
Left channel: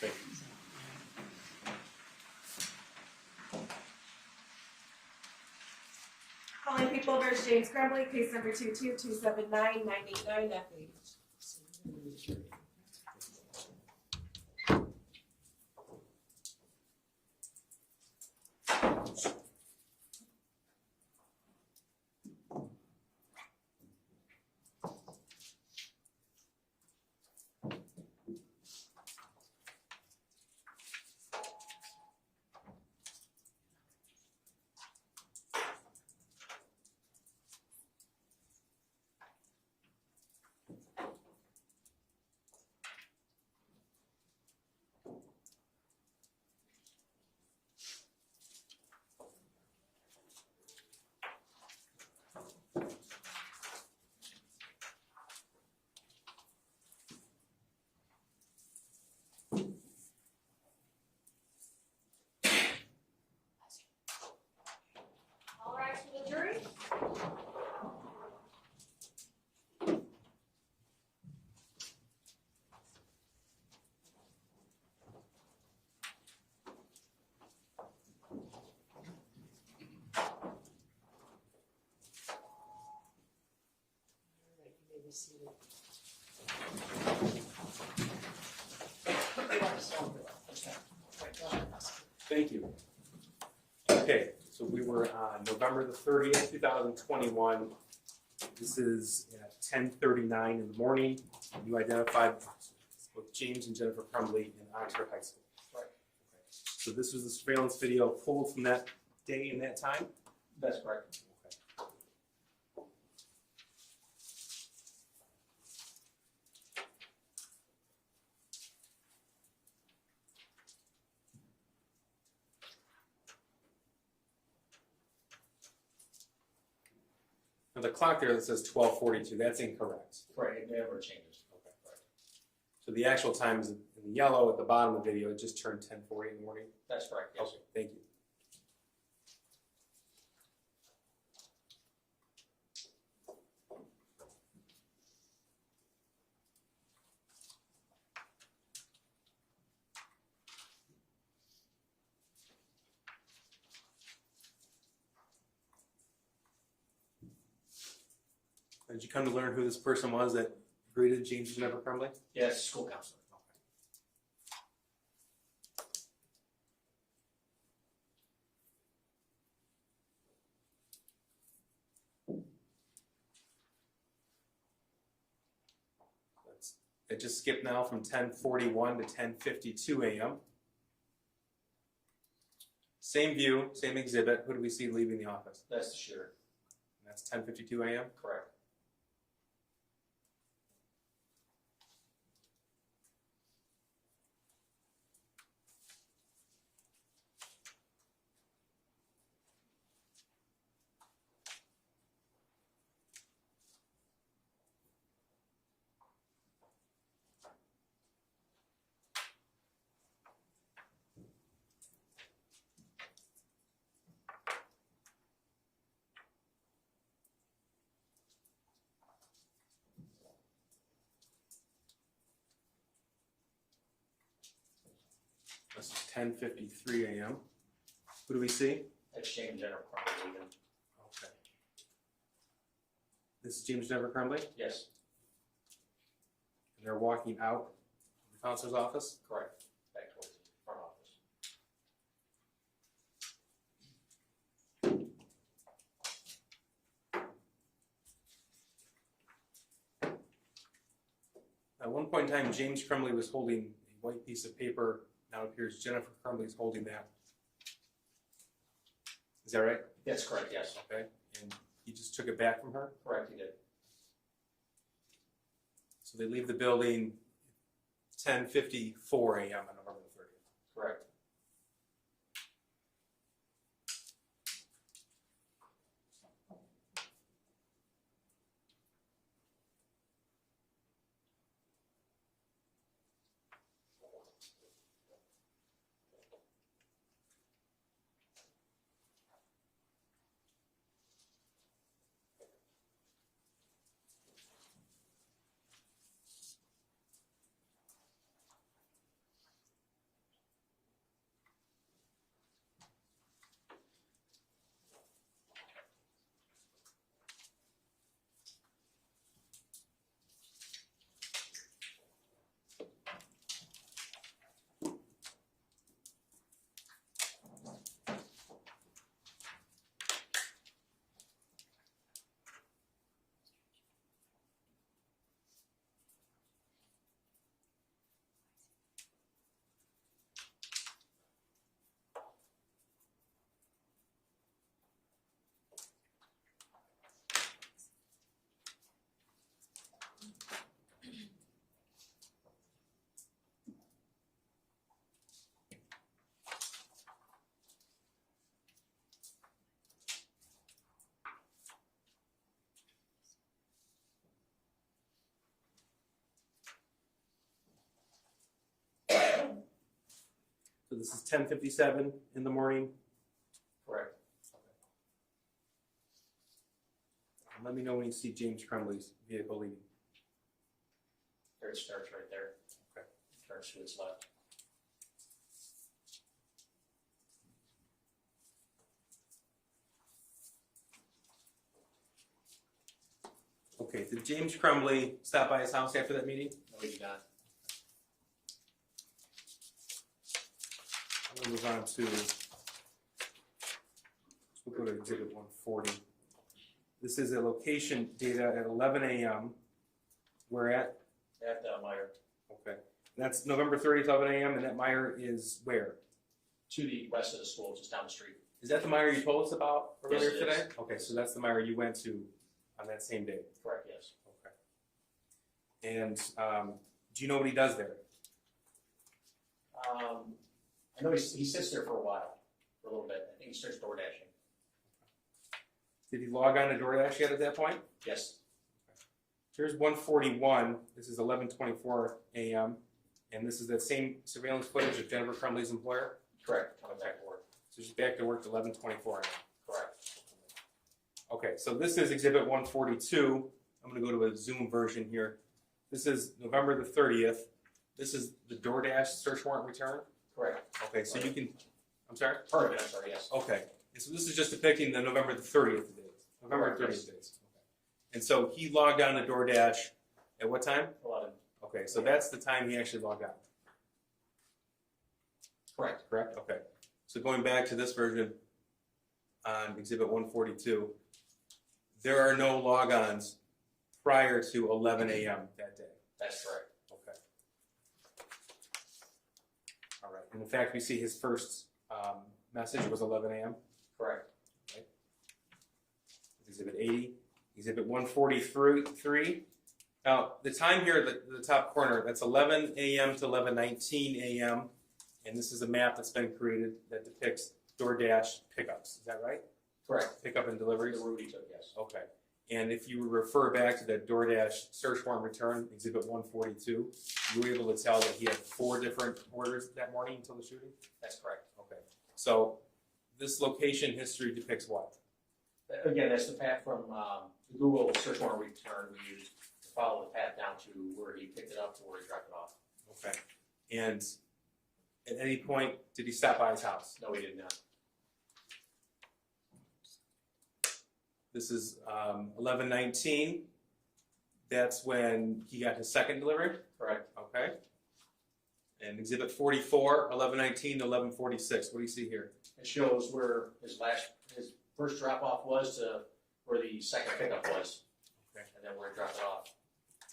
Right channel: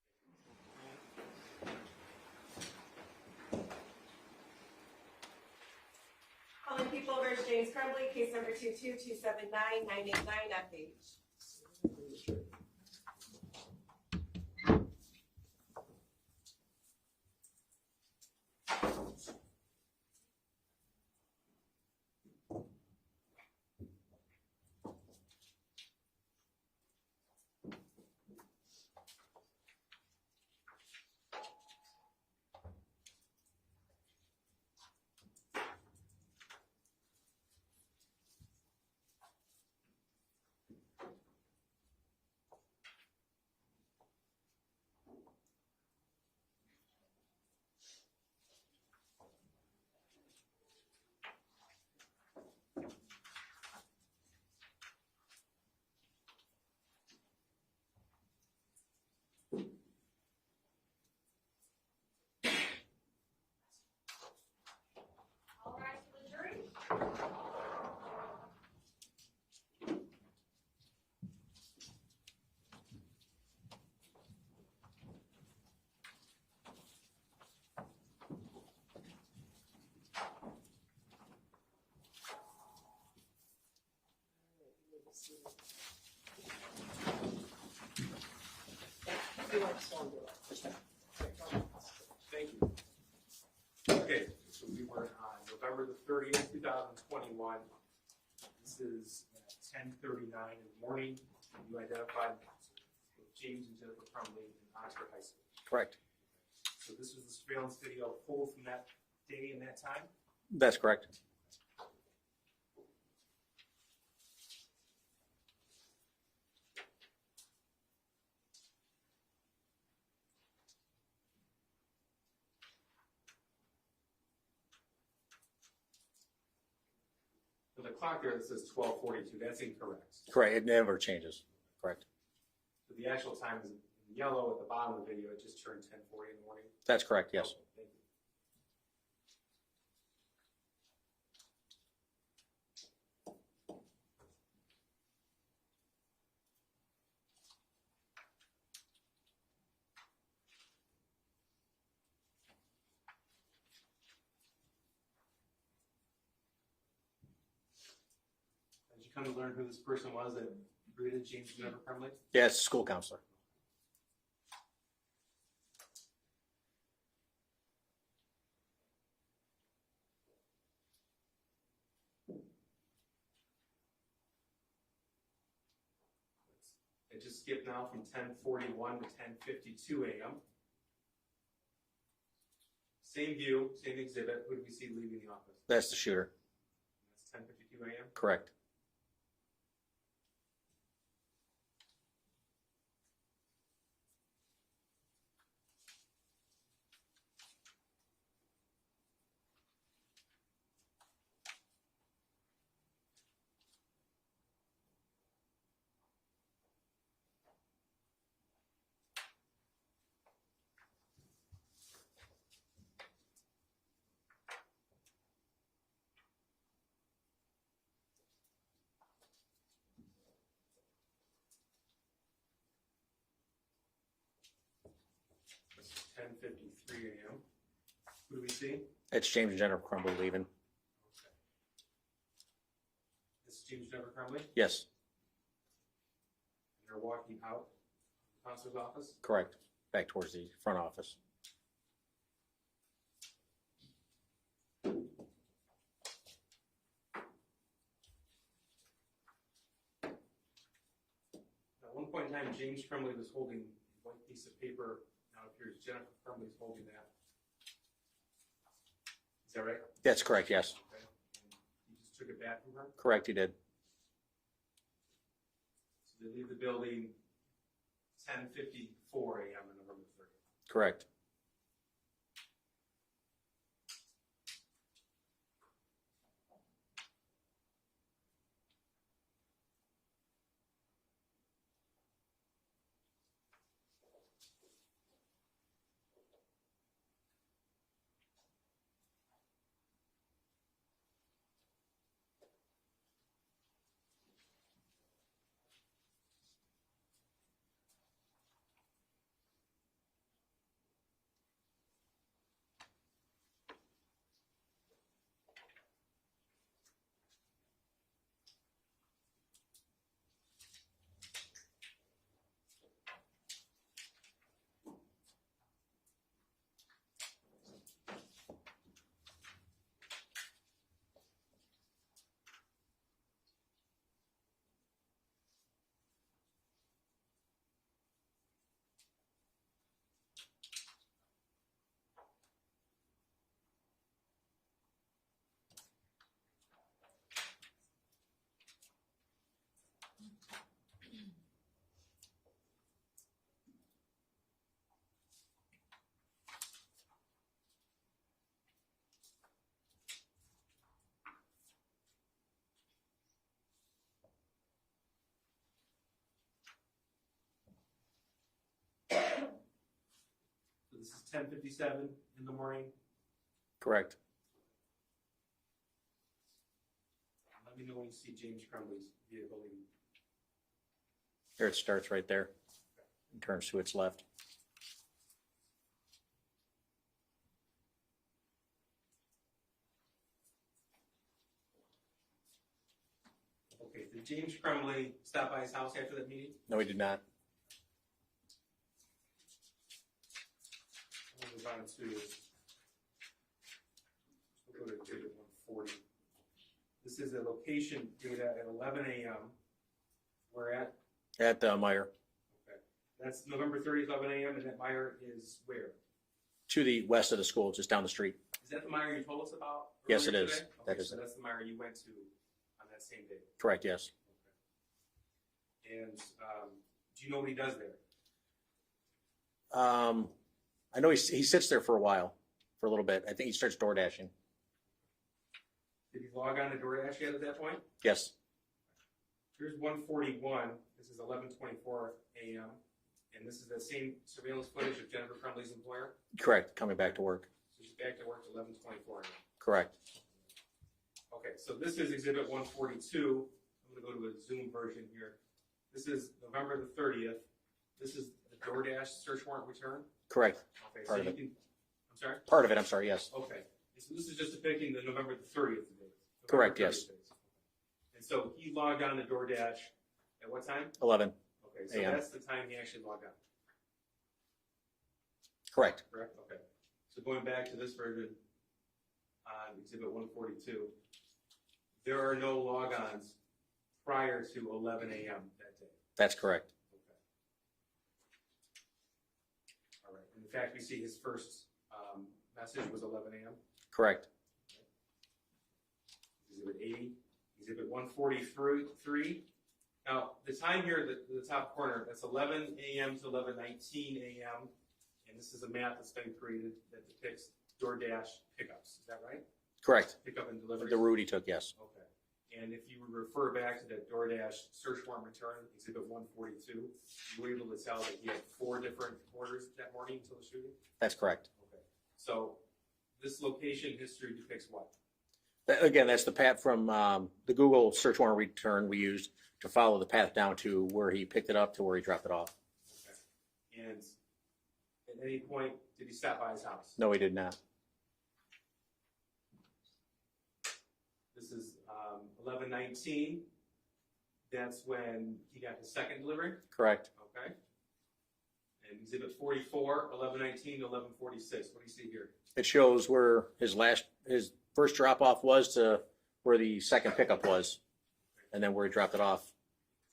Thank Calling People versus James Crumbley, case number 22279-989 FH. All rise for the jury. All right, you may be seated. You are still under that. Right, go ahead, prosecutor. Thank you. Okay, so we were on November the 30th, 2021. This is at 10:39 in the morning. You identified both James and Jennifer Crumbley in Oxford High School. Correct. So this was the surveillance video pulled from that day and that time? That's correct. Now the clock there that says 12:42, that's incorrect. Correct. It never changes. Correct. So the actual time is in the yellow at the bottom of the video. It just turned 10:40 in the morning. That's correct. Yes. Okay, thank you. Did you come to learn who this person was that greeted James and Jennifer Crumbley? Yeah, it's a school counselor. It just skipped now from 10:41 to 10:52 a.m. Same view, same exhibit. Who do we see leaving the office? That's the shooter. That's 10:52 a.m. Correct. This is 10:53 a.m. Who do we see? It's James and Jennifer Crumbley leaving. Okay. This is James and Jennifer Crumbley, and Yes. they're walking out of the counselor's office. Correct. Back towards the front office. At one point in time, James Crumbley was holding a white piece of paper. Now it appears Jennifer Crumbley's holding that. Is that right? That's correct. Yes. Okay. And he just took it back from her. Correct. He did. So they leave the building 10:54 a.m. on November 30th. Correct. This is 10:57 in the morning. Correct. Let me know when you see James Crumbley's vehicle leaving. There it starts right there. Okay. It turns to its left. Okay, did James Crumbley stop by his house after that meeting? No, he did not. I'm gonna move on to, we'll go to exhibit 140. This is a location data at 11 a.m. Where at? At Meyer. Okay, that's November 30th, 11 a.m. and that Meyer is where? To the west of the school, just down the street. Is that the Meyer you told us about Yes, earlier it is. today? Okay, That is so it. that's the Meyer you went to on that same day. Correct, yes. Okay. And do you know what he does there? I know he sits there for a while, for a little bit. I think he starts door dashing. Did he log on to DoorDash yet at that point? Yes, Here's 141. This is 11:24 a.m. And this is that same surveillance footage of Jennifer Crumbley's employer. correct, coming back to work. So she's back to work at 11:24 a.m. Correct. Okay, so this is exhibit 142. I'm going to go to a Zoom version here. This is November the 30th. This is the DoorDash search warrant return. Correct. Okay, so Part of you it. can, I'm sorry? Part of it, I'm sorry, yes. Okay, and so this is just depicting the November the 30th date. Correct, yes. Days. Okay. And so he logged on to DoorDash at what time? 11. Okay, so Yeah. that's the time he actually logged on, Correct. correct? Okay. So going back to this version on exhibit 142, there are no logons prior to 11 a.m. that day. That's correct. Okay. All right. And in fact, we see his first message was 11 a.m. Correct. Exhibit 80, Exhibit 143. Now, the time here at the top corner, that's 11 a.m. to 11:19 a.m. And this is a map that's been created that depicts DoorDash pickups. Is that right? Correct. Pickup and delivery? The route he took, yes. Okay. And if you refer back to that DoorDash search warrant return, Exhibit 142, you were able to tell that he had 4 different orders that morning until the shooting? That's correct. Okay. So this location history depicts what? Again, that's the path from the Google search warrant return we used to follow the path down to where he picked it up to where he dropped it off. Okay. And at any point, did he stop by his house? No, he did not. This is 11:19. That's when he got his second delivery? Correct. Okay. And Exhibit 44, 11:19 to 11:46. What do you see here? It shows where his first drop off was to where the second pickup was, Okay. and then where he dropped it off.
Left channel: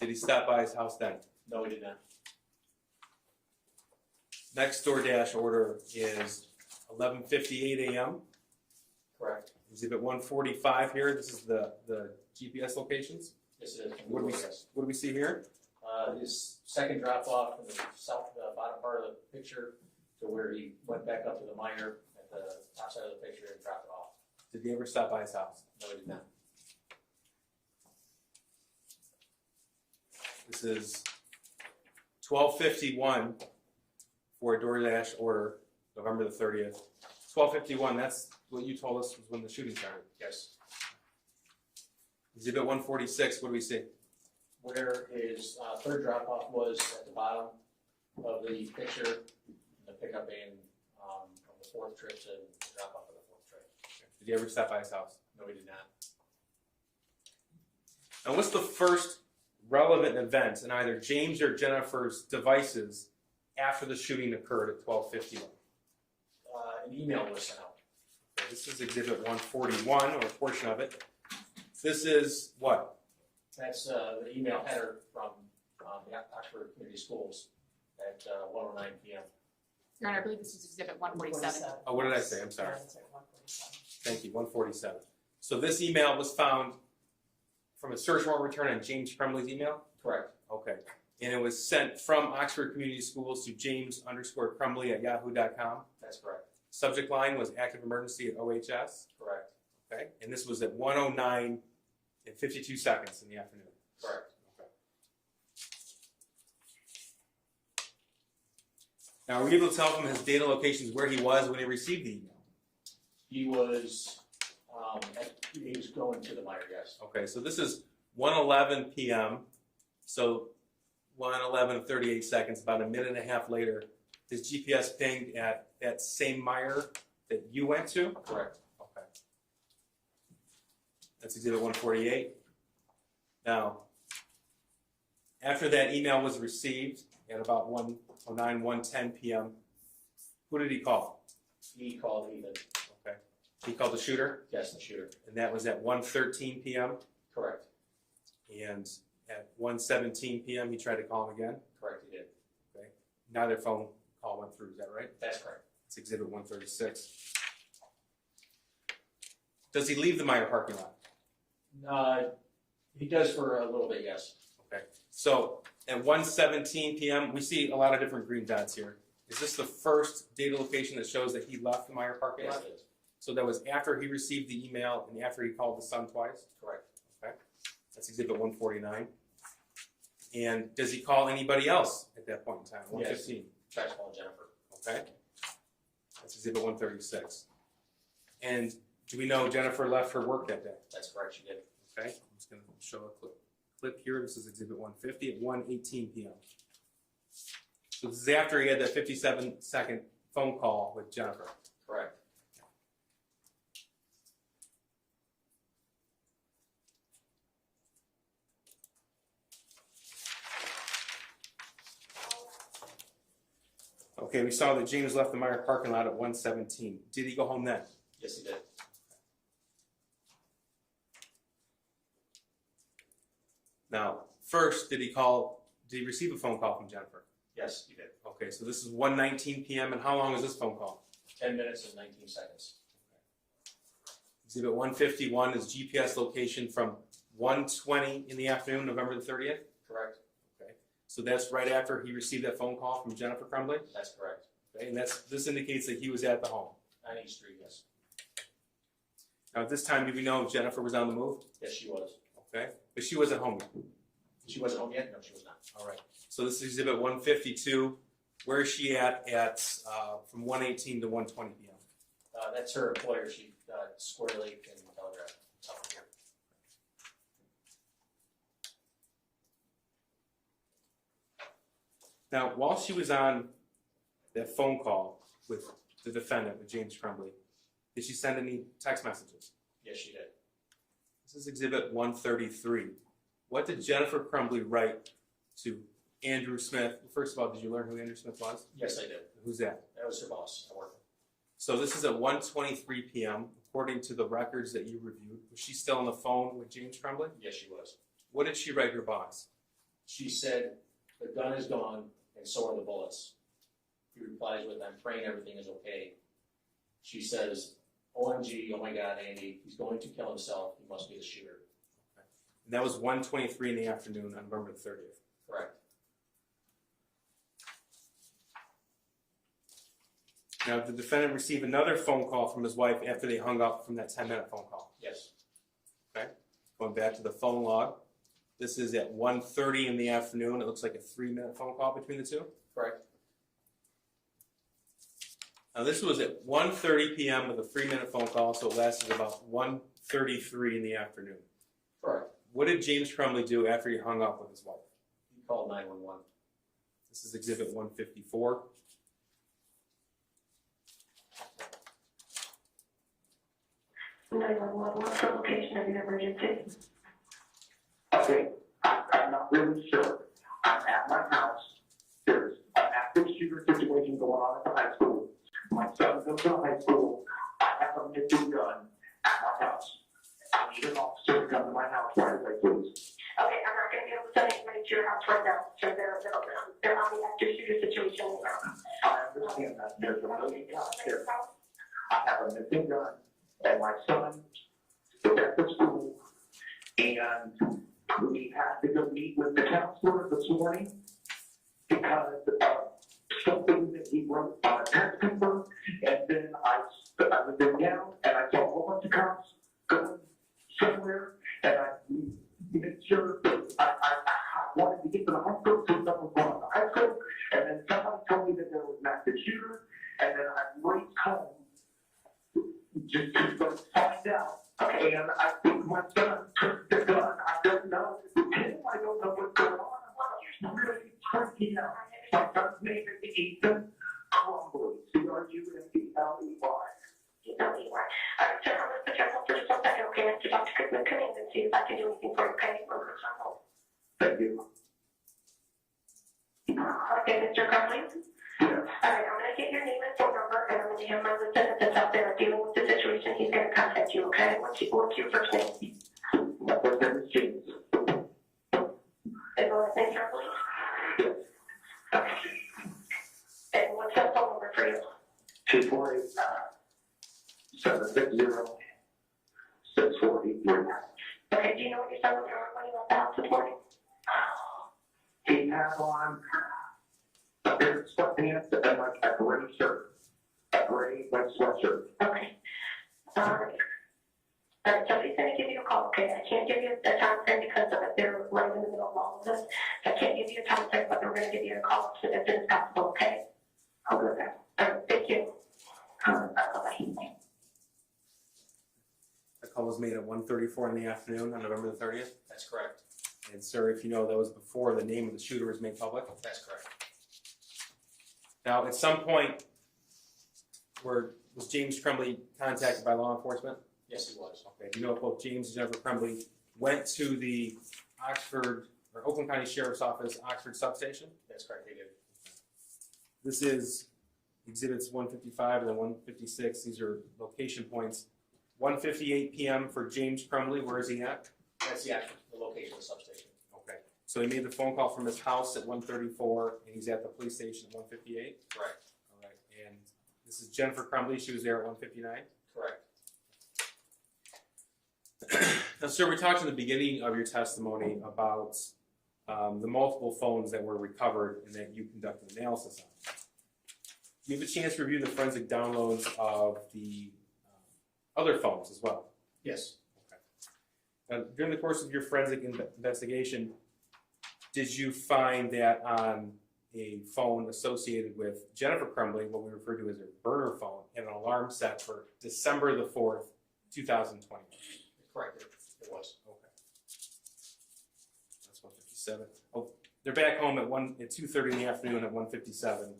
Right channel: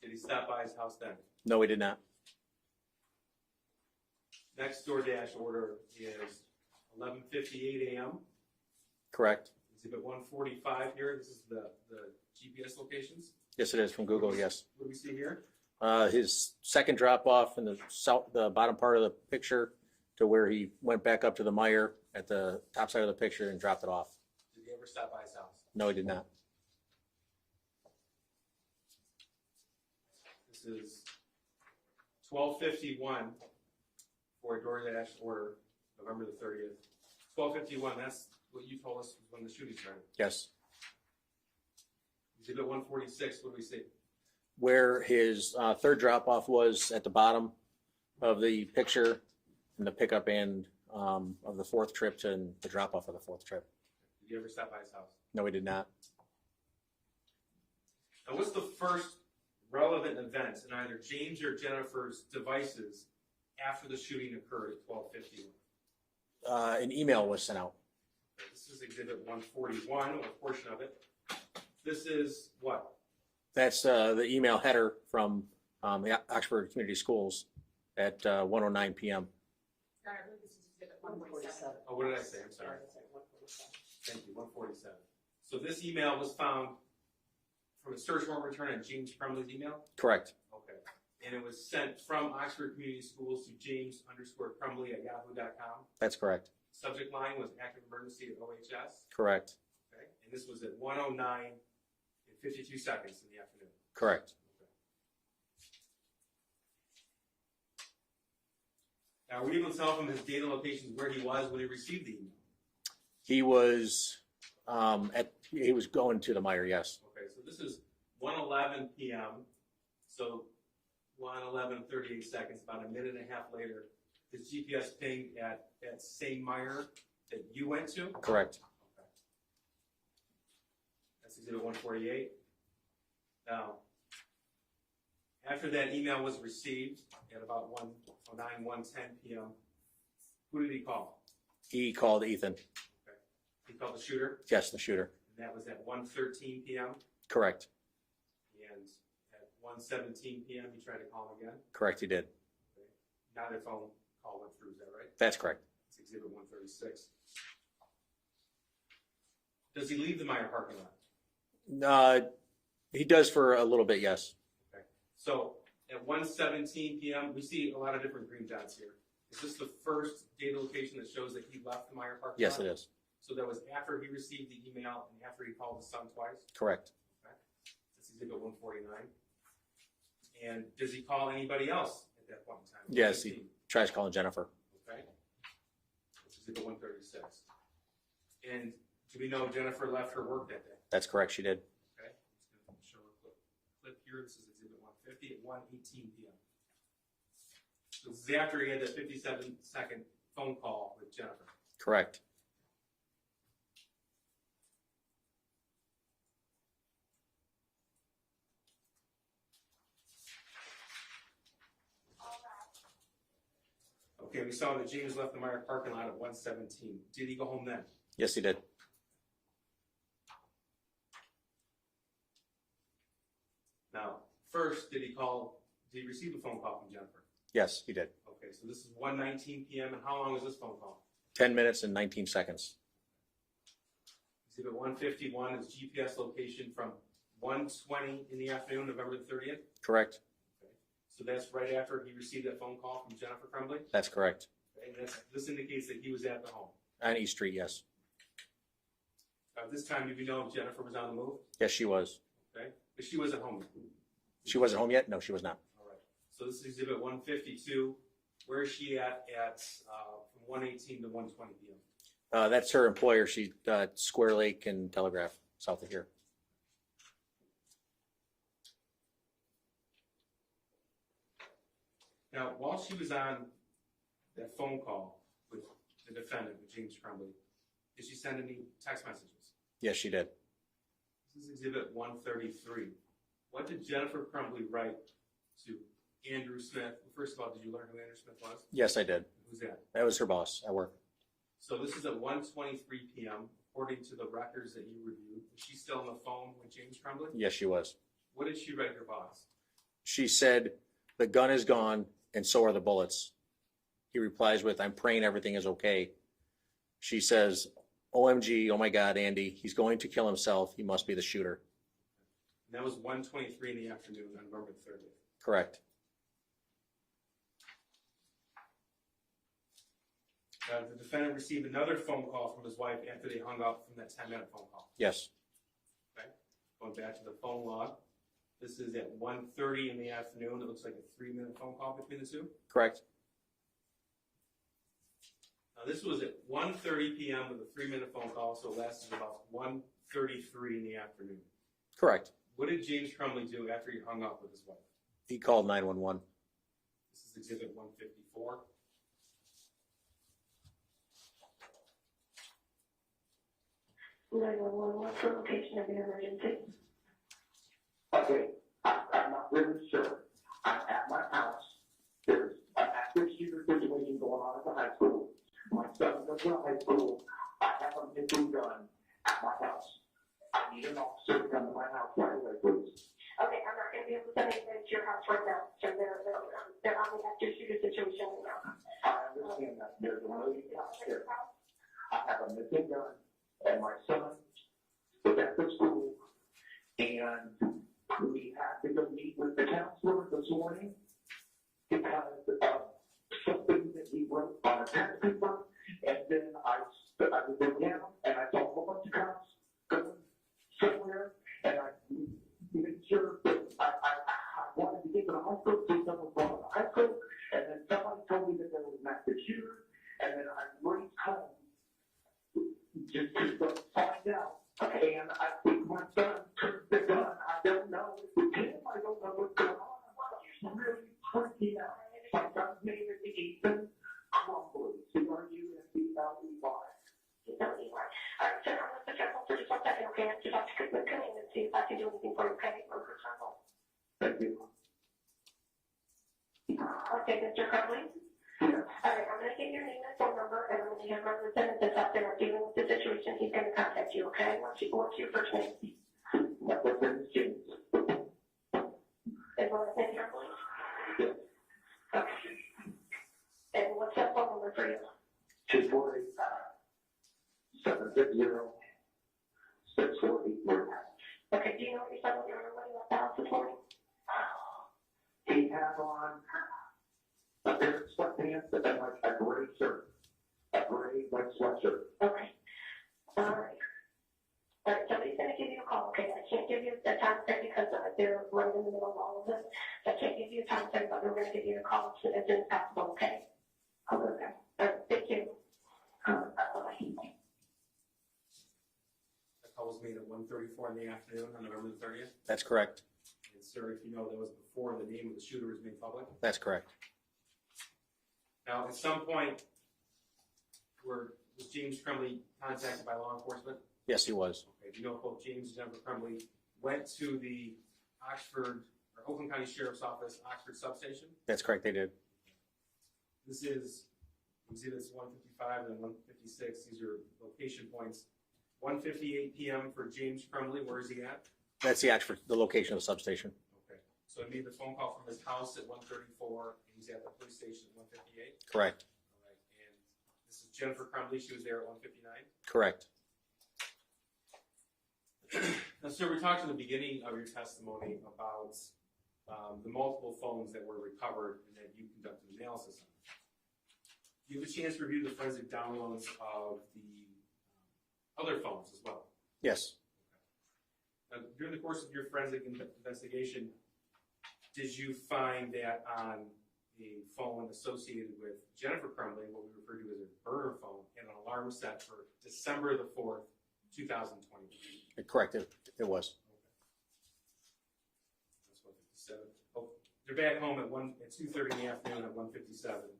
Did he stop by his house then? No, he did not. Next DoorDash order is 11:58 a.m. Correct. Exhibit 145 here. This is the GPS locations. Yes, it is from Google. Yes. What do we see here? His second drop off in the bottom part of the picture to where he went back up to the Meyer at the top side of the picture and dropped it off. Did he ever stop by his house? No, he did not. This is 12:51 for a DoorDash order, November the 30th. 12:51, that's what you told us was when the shooting started. Yes. Exhibit 146, what do we see? Where his third drop off was at the bottom of the picture in the pickup end of the fourth trip and the drop off of the fourth trip. Did you ever stop by his house? No, he did not. And what's the first relevant event in either James or Jennifer's devices after the shooting occurred at 12:51? An email was sent out. Okay, this is Exhibit 141, or a portion of it. This is what? That's the email header from the Oxford Community Schools at 1:09 p.m. Your Honor, I believe this is exhibit 147. Oh, what did I say? I'm sorry. Yeah, it's at 147. Thank you, 147. So this email was found from a search warrant return on James Crumbley's email? Correct. Okay. And it was sent from Oxford Community Schools to james_Crumbley@yahoo.com. That's correct. Subject line was active emergency at OHS. Correct. Okay. And this was at 1:09 and 52 seconds in the afternoon. Correct. Okay. Now, were you able to tell from his data locations where he was when he received the email? He was, he was going to the Meyer, yes. Okay, so this is 1:11 p.m. So 1:11 38 seconds, about a minute and a half later, his GPS pinged at that same Meyer that you went to? Correct. Okay. That's Exhibit 148. Now, after that email was received at about 1:09, 1:10 p.m., who did he call? He called Ethan. Okay. He called the shooter? Yes, the shooter. And that was at 1:13 p.m.? Correct. And at 1:17 p.m., he tried to call him again? Correct, he did. Okay. Neither phone call went through, is that right? That's correct. It's Exhibit 136. Does he leave the Meyer parking lot? He does for a little bit, yes. Okay. So at 1:17 p.m., we see a lot of different green dots here. Is this the first data location that shows that he left the Meyer parking Yes, lot? it is. So that was after he received the email and after he called his son twice? Correct. Okay. That's Exhibit 149. And does he call anybody else at that point in time? Yes, 1:15. he tries calling Jennifer. Okay. That's Exhibit 136. And do we know Jennifer left her work that day? That's correct, she did. Okay. I'm just going to show a clip here. This is Exhibit 150 at 1:18 p.m. So this is after he had that 57-second phone call with Jennifer. Correct. Okay, we saw that James left the Meyer parking lot at 1:17. Did he go home then? Yes, he did. Now, first, did he receive a phone call from Jennifer? Yes, he did. Okay, so this is 1:19 p.m. and how long is this phone call? 10 minutes and 19 seconds. Exhibit 151 is GPS location from 1:20 in the afternoon, November the 30th? Correct. Okay, so that's right after he received that phone call from Jennifer Crumbley? That's correct. Okay, and this indicates that he was at the home. On East Street, yes. Now, at this time, do we know if Jennifer was on the move? Yes, she was. Okay, but she wasn't home yet. She wasn't home yet? No, she was not. All right, so this is Exhibit 152. Where is she at from 1:18 to 1:20 p.m.? That's her employer. She Square Lake and Telegraph, south of here. Now, while she was on that phone call with the defendant, with James Crumbley, did she send any text messages? Yes, she did. This is Exhibit 133. What did Jennifer Crumbley write to Andrew Smith? First of all, did you learn who Andrew Smith was? Yes, I did. Who's that? That was her boss at work. So this is at 1:23 p.m. According to the records that you reviewed. Was she still on the phone with James Crumbley? Yes, she was. What did she write her boss? She said, "The gun is gone, and so are the bullets." He replies with, "I'm praying everything is okay." She says, "OMG, oh my God, Andy, he's going to kill himself. He must be the shooter." And that was 1:23 in the afternoon on November 30th. Correct. Now, did the defendant receive another phone call from his wife after they hung up from that 10-minute phone call? Yes. Okay. Going back to the phone log. This is at 1:30 in the afternoon. It looks like a 3-minute phone call between the two. Correct. Now, this was at 1:30 p.m. with a 3-minute phone call, so it lasted about 1:33 in the afternoon. Correct. What did James Crumbley do after he hung up with his wife? He called 911. This is Exhibit 154. What's the location of your emergency? Okay, I'm not really sure. I'm at my house. There's an active shooter situation going on at the high school. My son goes to high school. I have a missing gun at my house. I need an officer to come to my house right away, please. Okay, I'm not gonna be able to send anybody to your house right now, so they're on the active shooter situation right now. I understand that. There's a million guys here. I have a missing gun and my son is at the school. And we had to go meet with the counselor this morning because of something that he wrote on a test paper. And then I was in town and I saw a whole bunch of cops going somewhere. And I made sure that I wanted to get to the high school since I was going to high school. And then somebody told me that there was not And I think my son took the gun. I don't know. Tim, I don't know what's going on. I'm really freaking out. My son's name is Ethan Crumbley. C-R-U-M-B-L-E-Y. E-L-E-Y. All right, sir, I'm gonna put you on hold for just 1 second, okay? I have to talk to Goodman Command and see if I can do anything for you, okay? We're gonna put you on hold. Thank you. Okay, Mr. Crumbley? Yes. All right, I'm gonna get your name and phone number, and I'm gonna have my lieutenant that's out there dealing with the situation. He's gonna contact you, okay? What's your first name? My first name is James. And last name, sir, please? Yes. Okay. And what's that phone number for you? 248-760-6483. Okay, do you know what your son was doing when he left the house this morning? He had on a pair of sweatpants and like a gray shirt. A gray, like, sweatshirt. Okay. All right. All right, somebody's gonna give you a call, okay? I can't give you a time frame because of it. They're right in the middle of all of this. I can't give you a time frame, but we're gonna give you a call as soon as possible, okay? I'll go there. All right, thank you. Bye-bye. The call was made at 1:34 in the afternoon on November the 30th. That's correct. And sir, if you know, that was before the name of the shooter was made public. That's correct. Now, at some point, was James Crumbley contacted by law enforcement? Yes, he was. Okay, do you know if both James and Jennifer Crumbley went to the Oakland County Sheriff's Office, Oxford substation? That's correct, they did. This is exhibits 155 and then 156. These are location points. 1:58 p.m. for James Crumbley. Where is he at? That's the location of the substation. Okay. So he made the phone call from his house at 1:34, and he's at the police station at 1:58? Correct. All right. And this is Jennifer Crumbley. She was there at 1:59? Correct. Now, sir, we talked in the beginning of your testimony about the multiple phones that were recovered and that you conducted analysis on. Do you have a chance to review the forensic downloads of the other phones as well? Yes. Okay. Now, during the course of your forensic investigation, did you find that on a phone associated with Jennifer Crumbley, what we refer to as a burner phone, and an alarm set for December the 4th, 2021? Correct, it was. Okay. That's 157. Oh, they're back home at 2:30 in the afternoon at 157.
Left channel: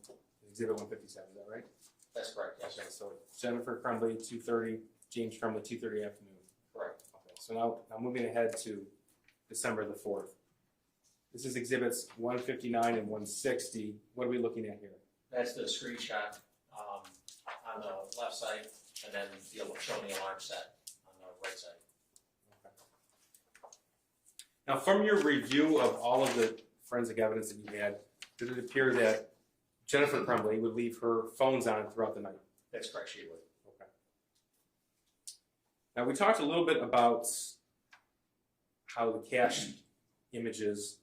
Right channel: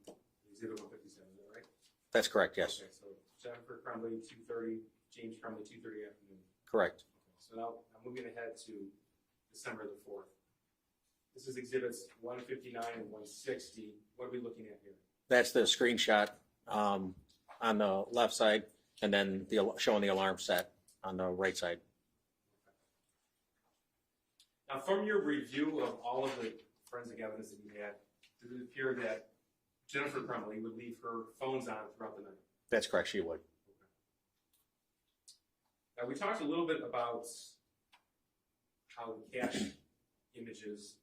Exhibit 157, is that right? That's correct, yes. Okay, so Jennifer Crumbley, 2:30, James Crumbley, 2:30 afternoon. Correct. Okay, so now moving ahead to December the 4th. This is exhibits 159 and 160. What are we looking at here? That's the screenshot on the left side, and then showing the alarm set on the right side. Okay. Now, from your review of all of the forensic evidence that you had, did it appear that Jennifer Crumbley would leave her phones on throughout the night? That's correct, she would. Okay. Now, we talked a little bit about how the cache images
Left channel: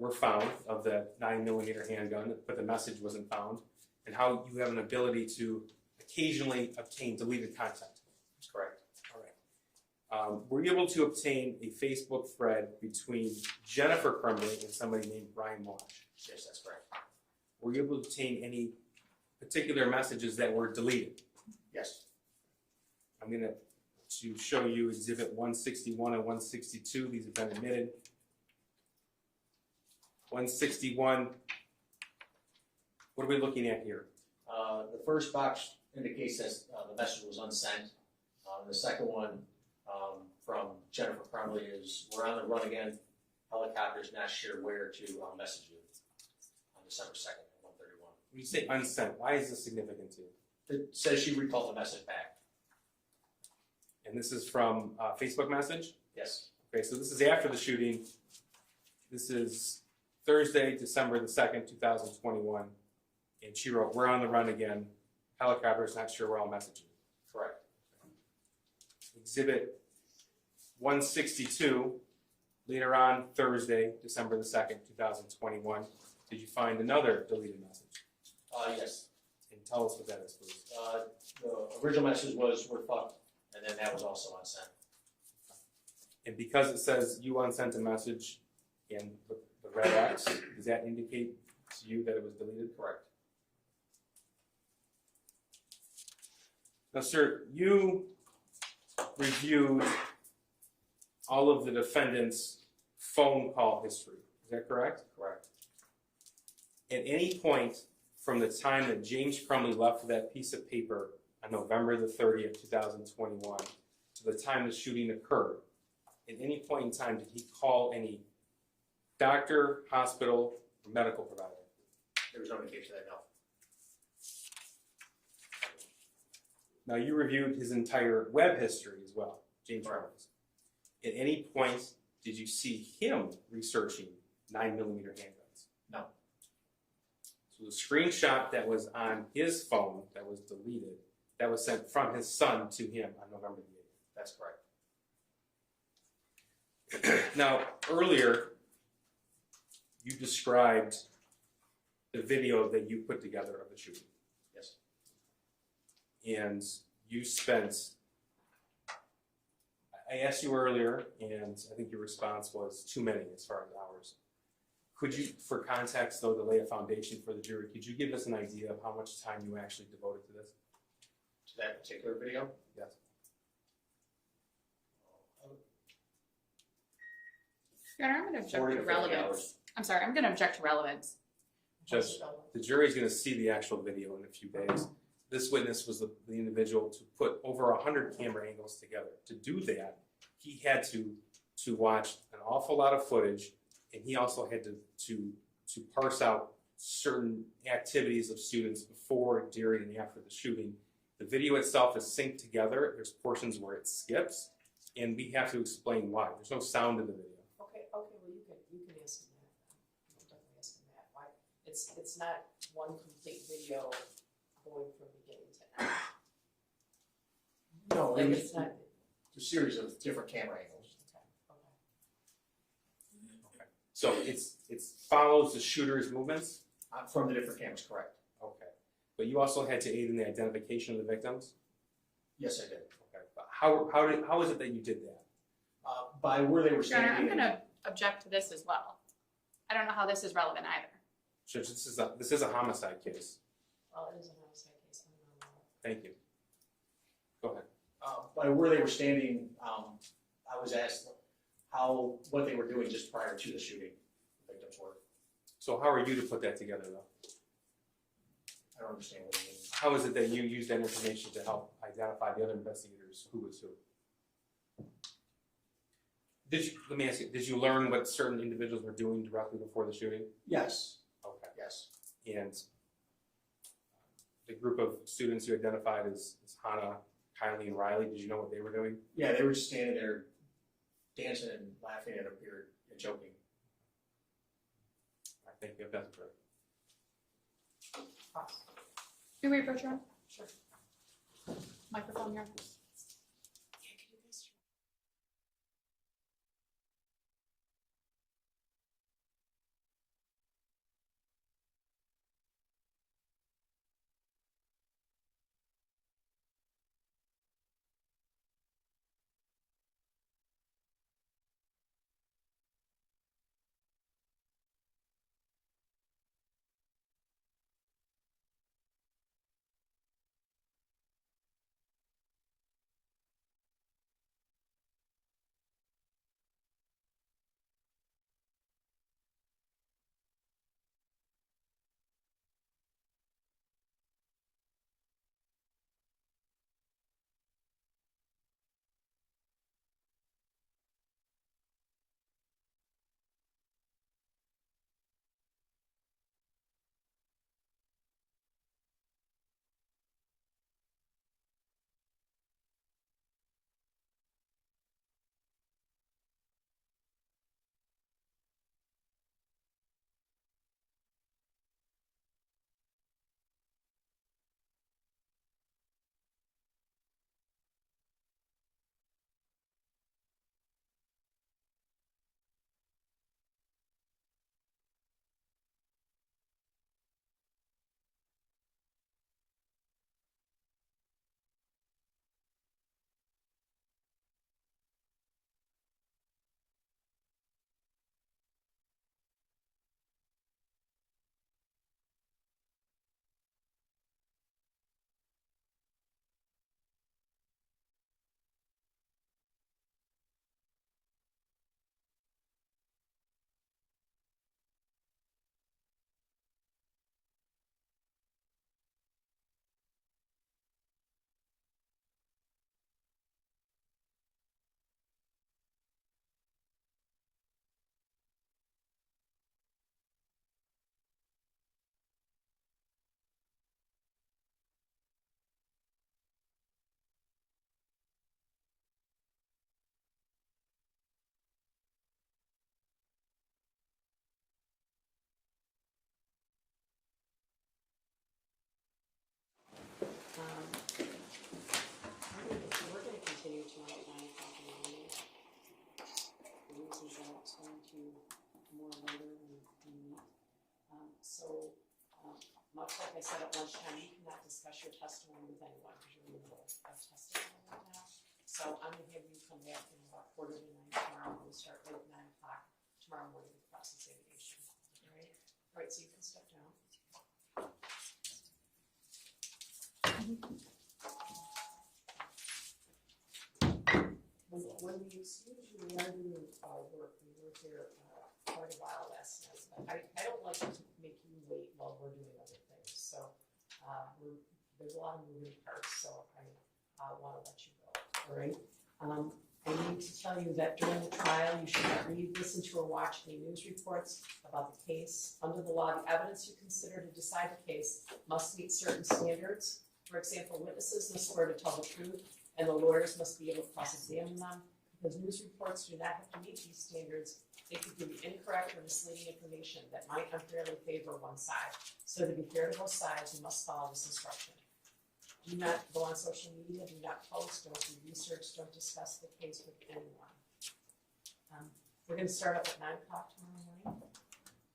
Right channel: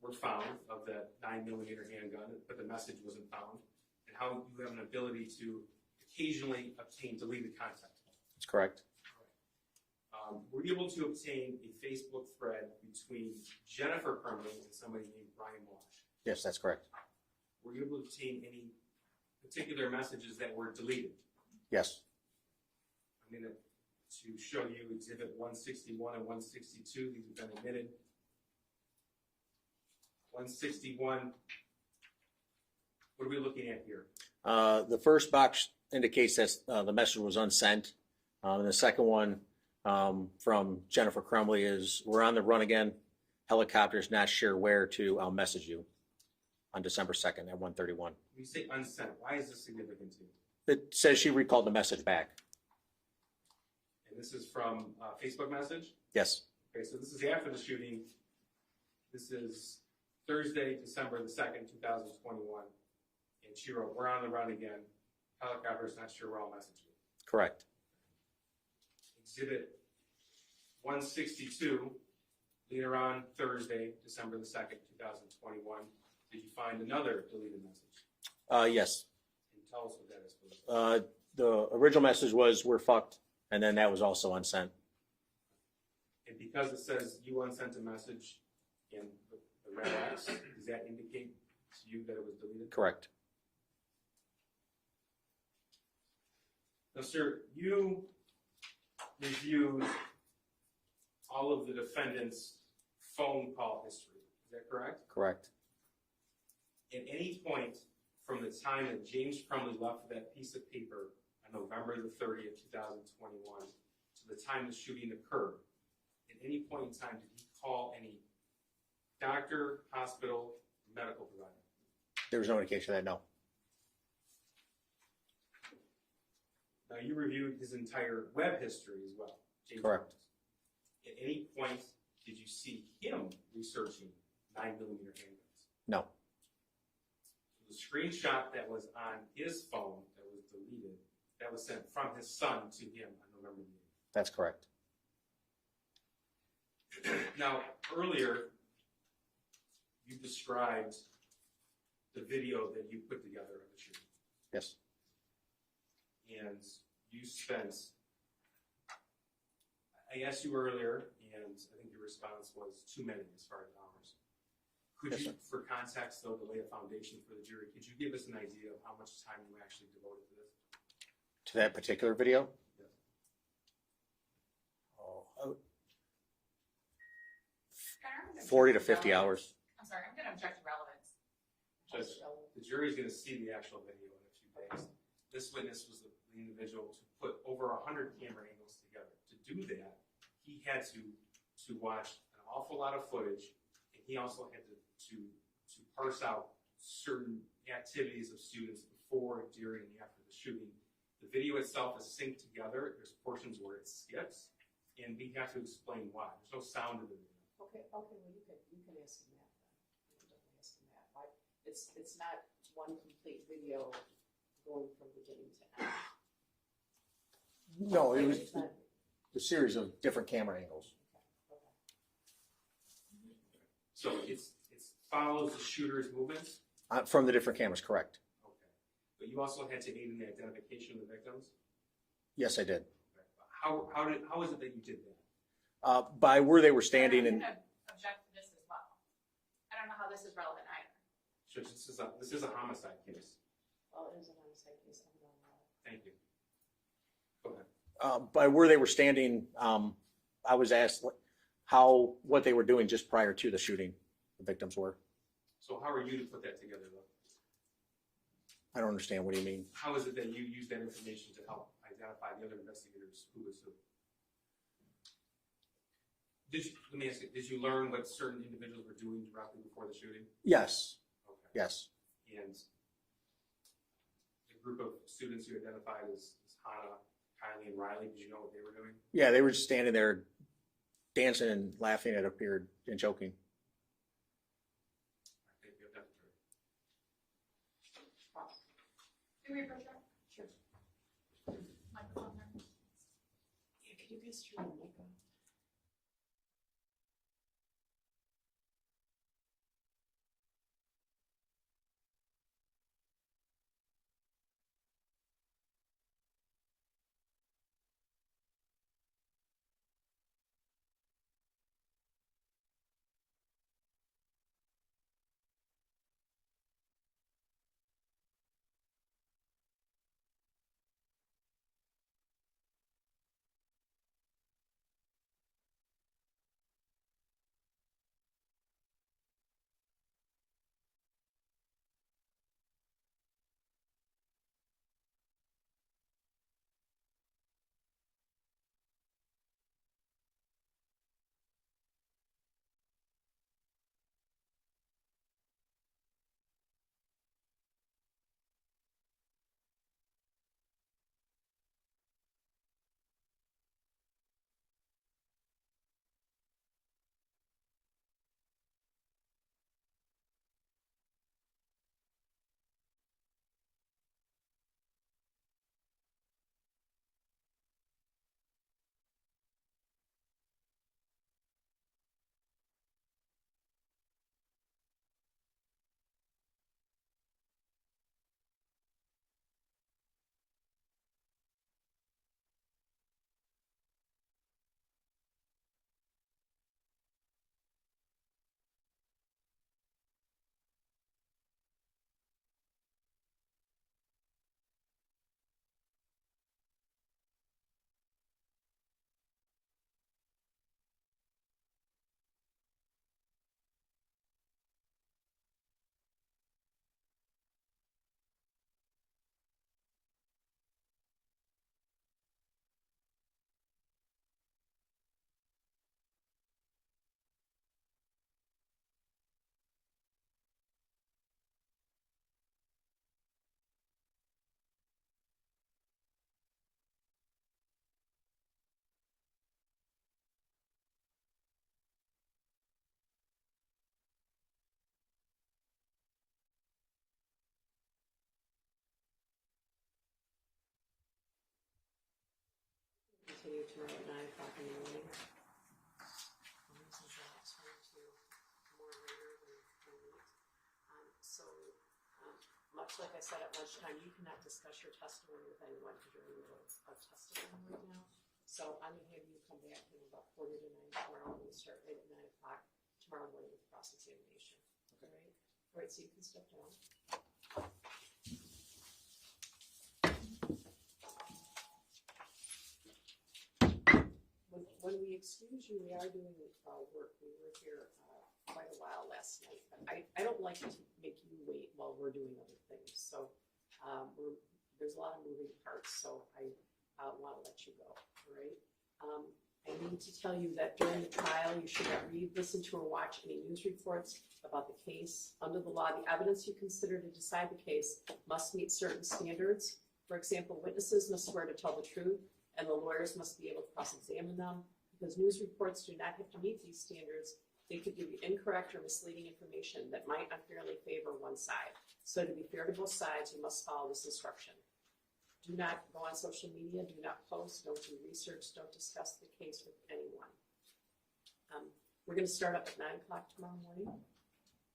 were found of the 9mm handgun, but the message wasn't found, and how you have an ability to occasionally obtain deleted content. That's correct. All right. Were you able to obtain a Facebook thread between Jennifer Crumbley and somebody named Brian Wash? Yes, that's correct. Were you able to obtain any particular messages that were deleted? Yes. I'm going to show you exhibit 161 and 162. These have been admitted. 161, what are we looking at here? The first box indicates that the message was unsent. And the second one from Jennifer Crumbley is, "We're on the run again. Helicopters not sure where to. I'll message you," on December 2nd at 1:31. When you say unsent, why is this significant to you? It says she recalled the message back. And this is from a Facebook message? Yes. Okay, so this is after the shooting. This is Thursday, December the 2nd, 2021. And she wrote, "We're on the run again. Helicopters not sure where I'll message you." Correct. Exhibit 162, later on Thursday, December the 2nd, 2021. Did you find another deleted message? Yes. And tell us what that is, please. The original message was, "We're fucked," and then that was also unsent. And because it says you unsent a message in the red X, does that indicate to you that it was deleted? Correct. Now, sir, you reviewed all of the defendant's phone call history. Is that correct? Correct. At any point from the time that James Crumbley left that piece of paper on November the 30th, 2021, to the time the shooting occurred, at any point in time did he call any doctor, hospital, or medical provider? There was no indication of that, no. Now, you reviewed his entire web history as well, James Correct. Crumbley's. At any point did you see him researching 9mm handguns? No. So the screenshot that was on his phone that was deleted, that was sent from his son to him on November the 8th. That's correct. Now, earlier, you described the video that you put together of the shooting. Yes. And you spent, I asked you earlier, and I think your response was too many as far as hours. Could Yes, you, sir. for context though, to lay a foundation for the jury, could you give us an idea of how much time you actually devoted to this? To that particular video? Yes. Oh, Your Honor, I'm gonna object 40 to 50 relevance. hours. I'm sorry, I'm gonna object to relevance. Judge, the jury's gonna see the actual video in a few days. This witness was the individual to put over 100 camera angles together. To do that, he had to watch an awful lot of footage, and he also had to parse out certain activities of students before, during, and after the shooting. The video itself is synced together. There's portions where it skips, and we have to explain why. There's no sound in the video. Okay, well, you can ask him that. You can definitely ask him that. Why, it's not one complete video going from beginning to end. No, Like, it was it's not, a series of different camera angles. okay. So it follows the shooter's movements. From the different cameras, correct. Okay, but you also had to aid in the identification of the victims. Yes, I did. Okay, but how is it that you did that? By where they were Your Honor, standing I'm and gonna object to this as well. I don't know how this is relevant either. Judge, this is a homicide case. Well, it is a homicide case, I don't know. Thank you. Go ahead. by where they were standing, I was asked what they were doing just prior to the shooting, the victims were. So how are you to put that together though? I don't understand, what do you mean? How is it that you used that information to help identify the other investigators who was who? Let me ask you, did you learn what certain individuals were doing directly before the shooting? Yes, Okay. yes, And the group of students you identified as Hannah, Kylie, and Riley, did you know what they were doing? yeah, they were just standing there dancing and laughing, it appeared, and joking. I think that's correct. Can we approach her? Sure. Microphone here. Yeah, could you guys turn the mic on? like I said at lunchtime, you cannot discuss your testimony with anyone because you're in the middle of testimony right now. So I'm gonna have you come back in about 8:45 tomorrow, and we'll start at 9:00 tomorrow morning with cross-examination. All right? All right, so you can step down. When we excuse you, we are doing work. We were here quite a while last night, but I don't like to make you wait while we're doing other things. So there's a lot of moving parts, so I want to let you go. All right. I need to tell you that during the trial, you should not read, listen to, or watch any news reports about the case. Under the law, the evidence you consider to decide the case must meet certain standards. For example, witnesses must swear to tell the truth, and the lawyers must be able to cross-examine them. Because news reports do not have to meet these standards, they could give you incorrect or misleading information that might unfairly favor one side. So to be fair to both sides, you must follow this instruction. Do not go on social media, do not post, don't do research, don't discuss the case with anyone. We're gonna start up at 9:00 tomorrow morning.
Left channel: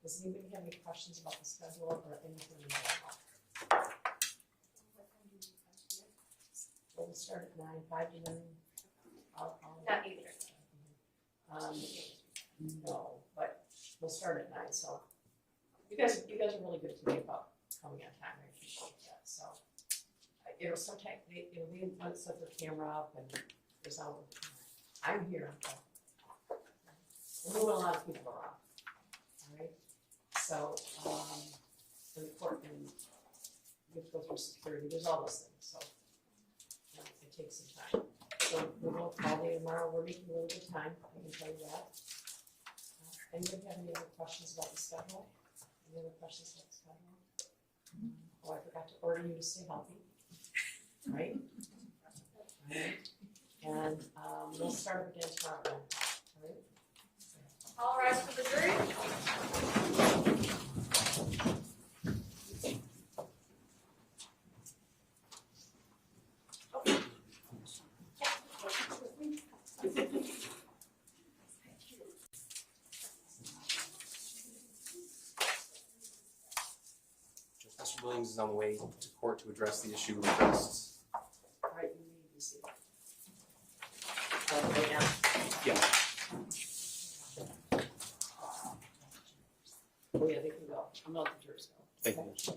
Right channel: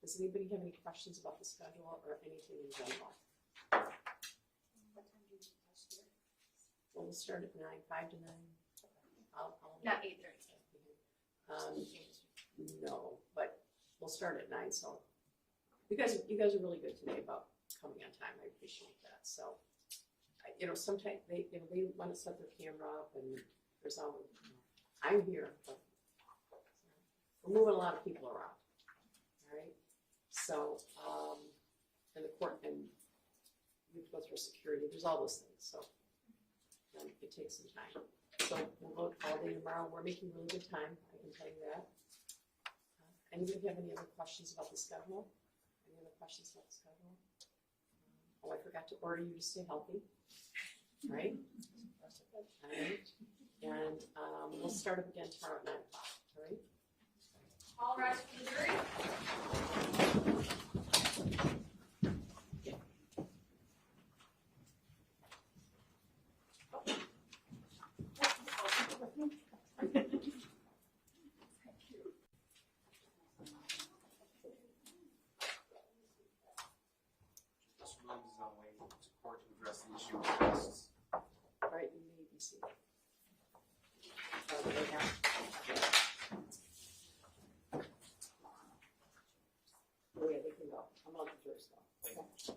Does anybody have any questions about the schedule or anything in general? Well, we'll start at 9, 5 to 9. I'll Not either. No, but we'll start at 9, so you guys are really good today about coming on time. I appreciate that. So, sometimes they want to set their camera up and there's all, I'm here, but we're moving a lot of people around. All right. So, and the court, and you have to go through security. There's all those things. So, it takes some time. So we'll go all day tomorrow. We're making really good time, I can tell you that. Anybody have any other questions about the schedule? Any other questions about the schedule? Oh, I forgot to order you to stay healthy, right? All right. And we'll start up again tomorrow at 9 o'clock, all right? All rise for the jury. Mr. Williams is on the way to court to address the issue addressed. All right, you may be seated. Right now. Yeah. Oh yeah, they can go. I'm not the jurors go. Thank you.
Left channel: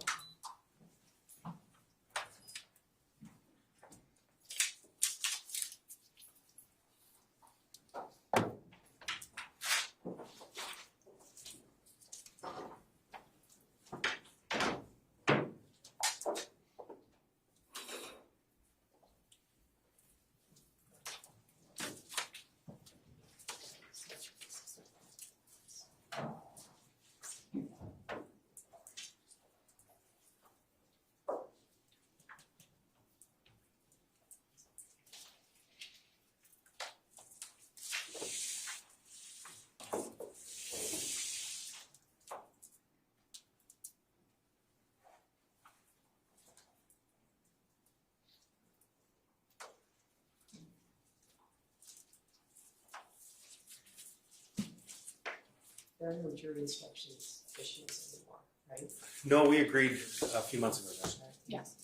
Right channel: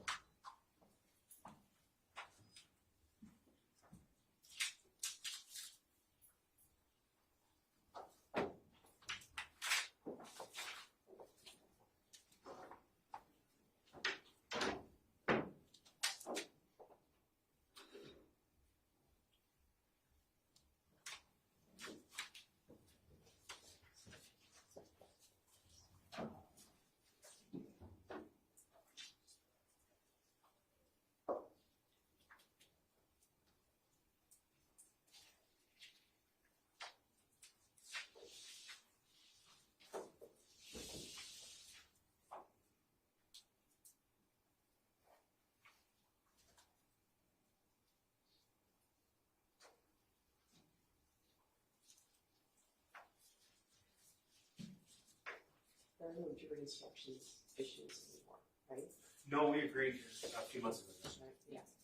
There are no jury instructions issues anymore, right? No, we agreed a few months ago. Judge. Right. Yes.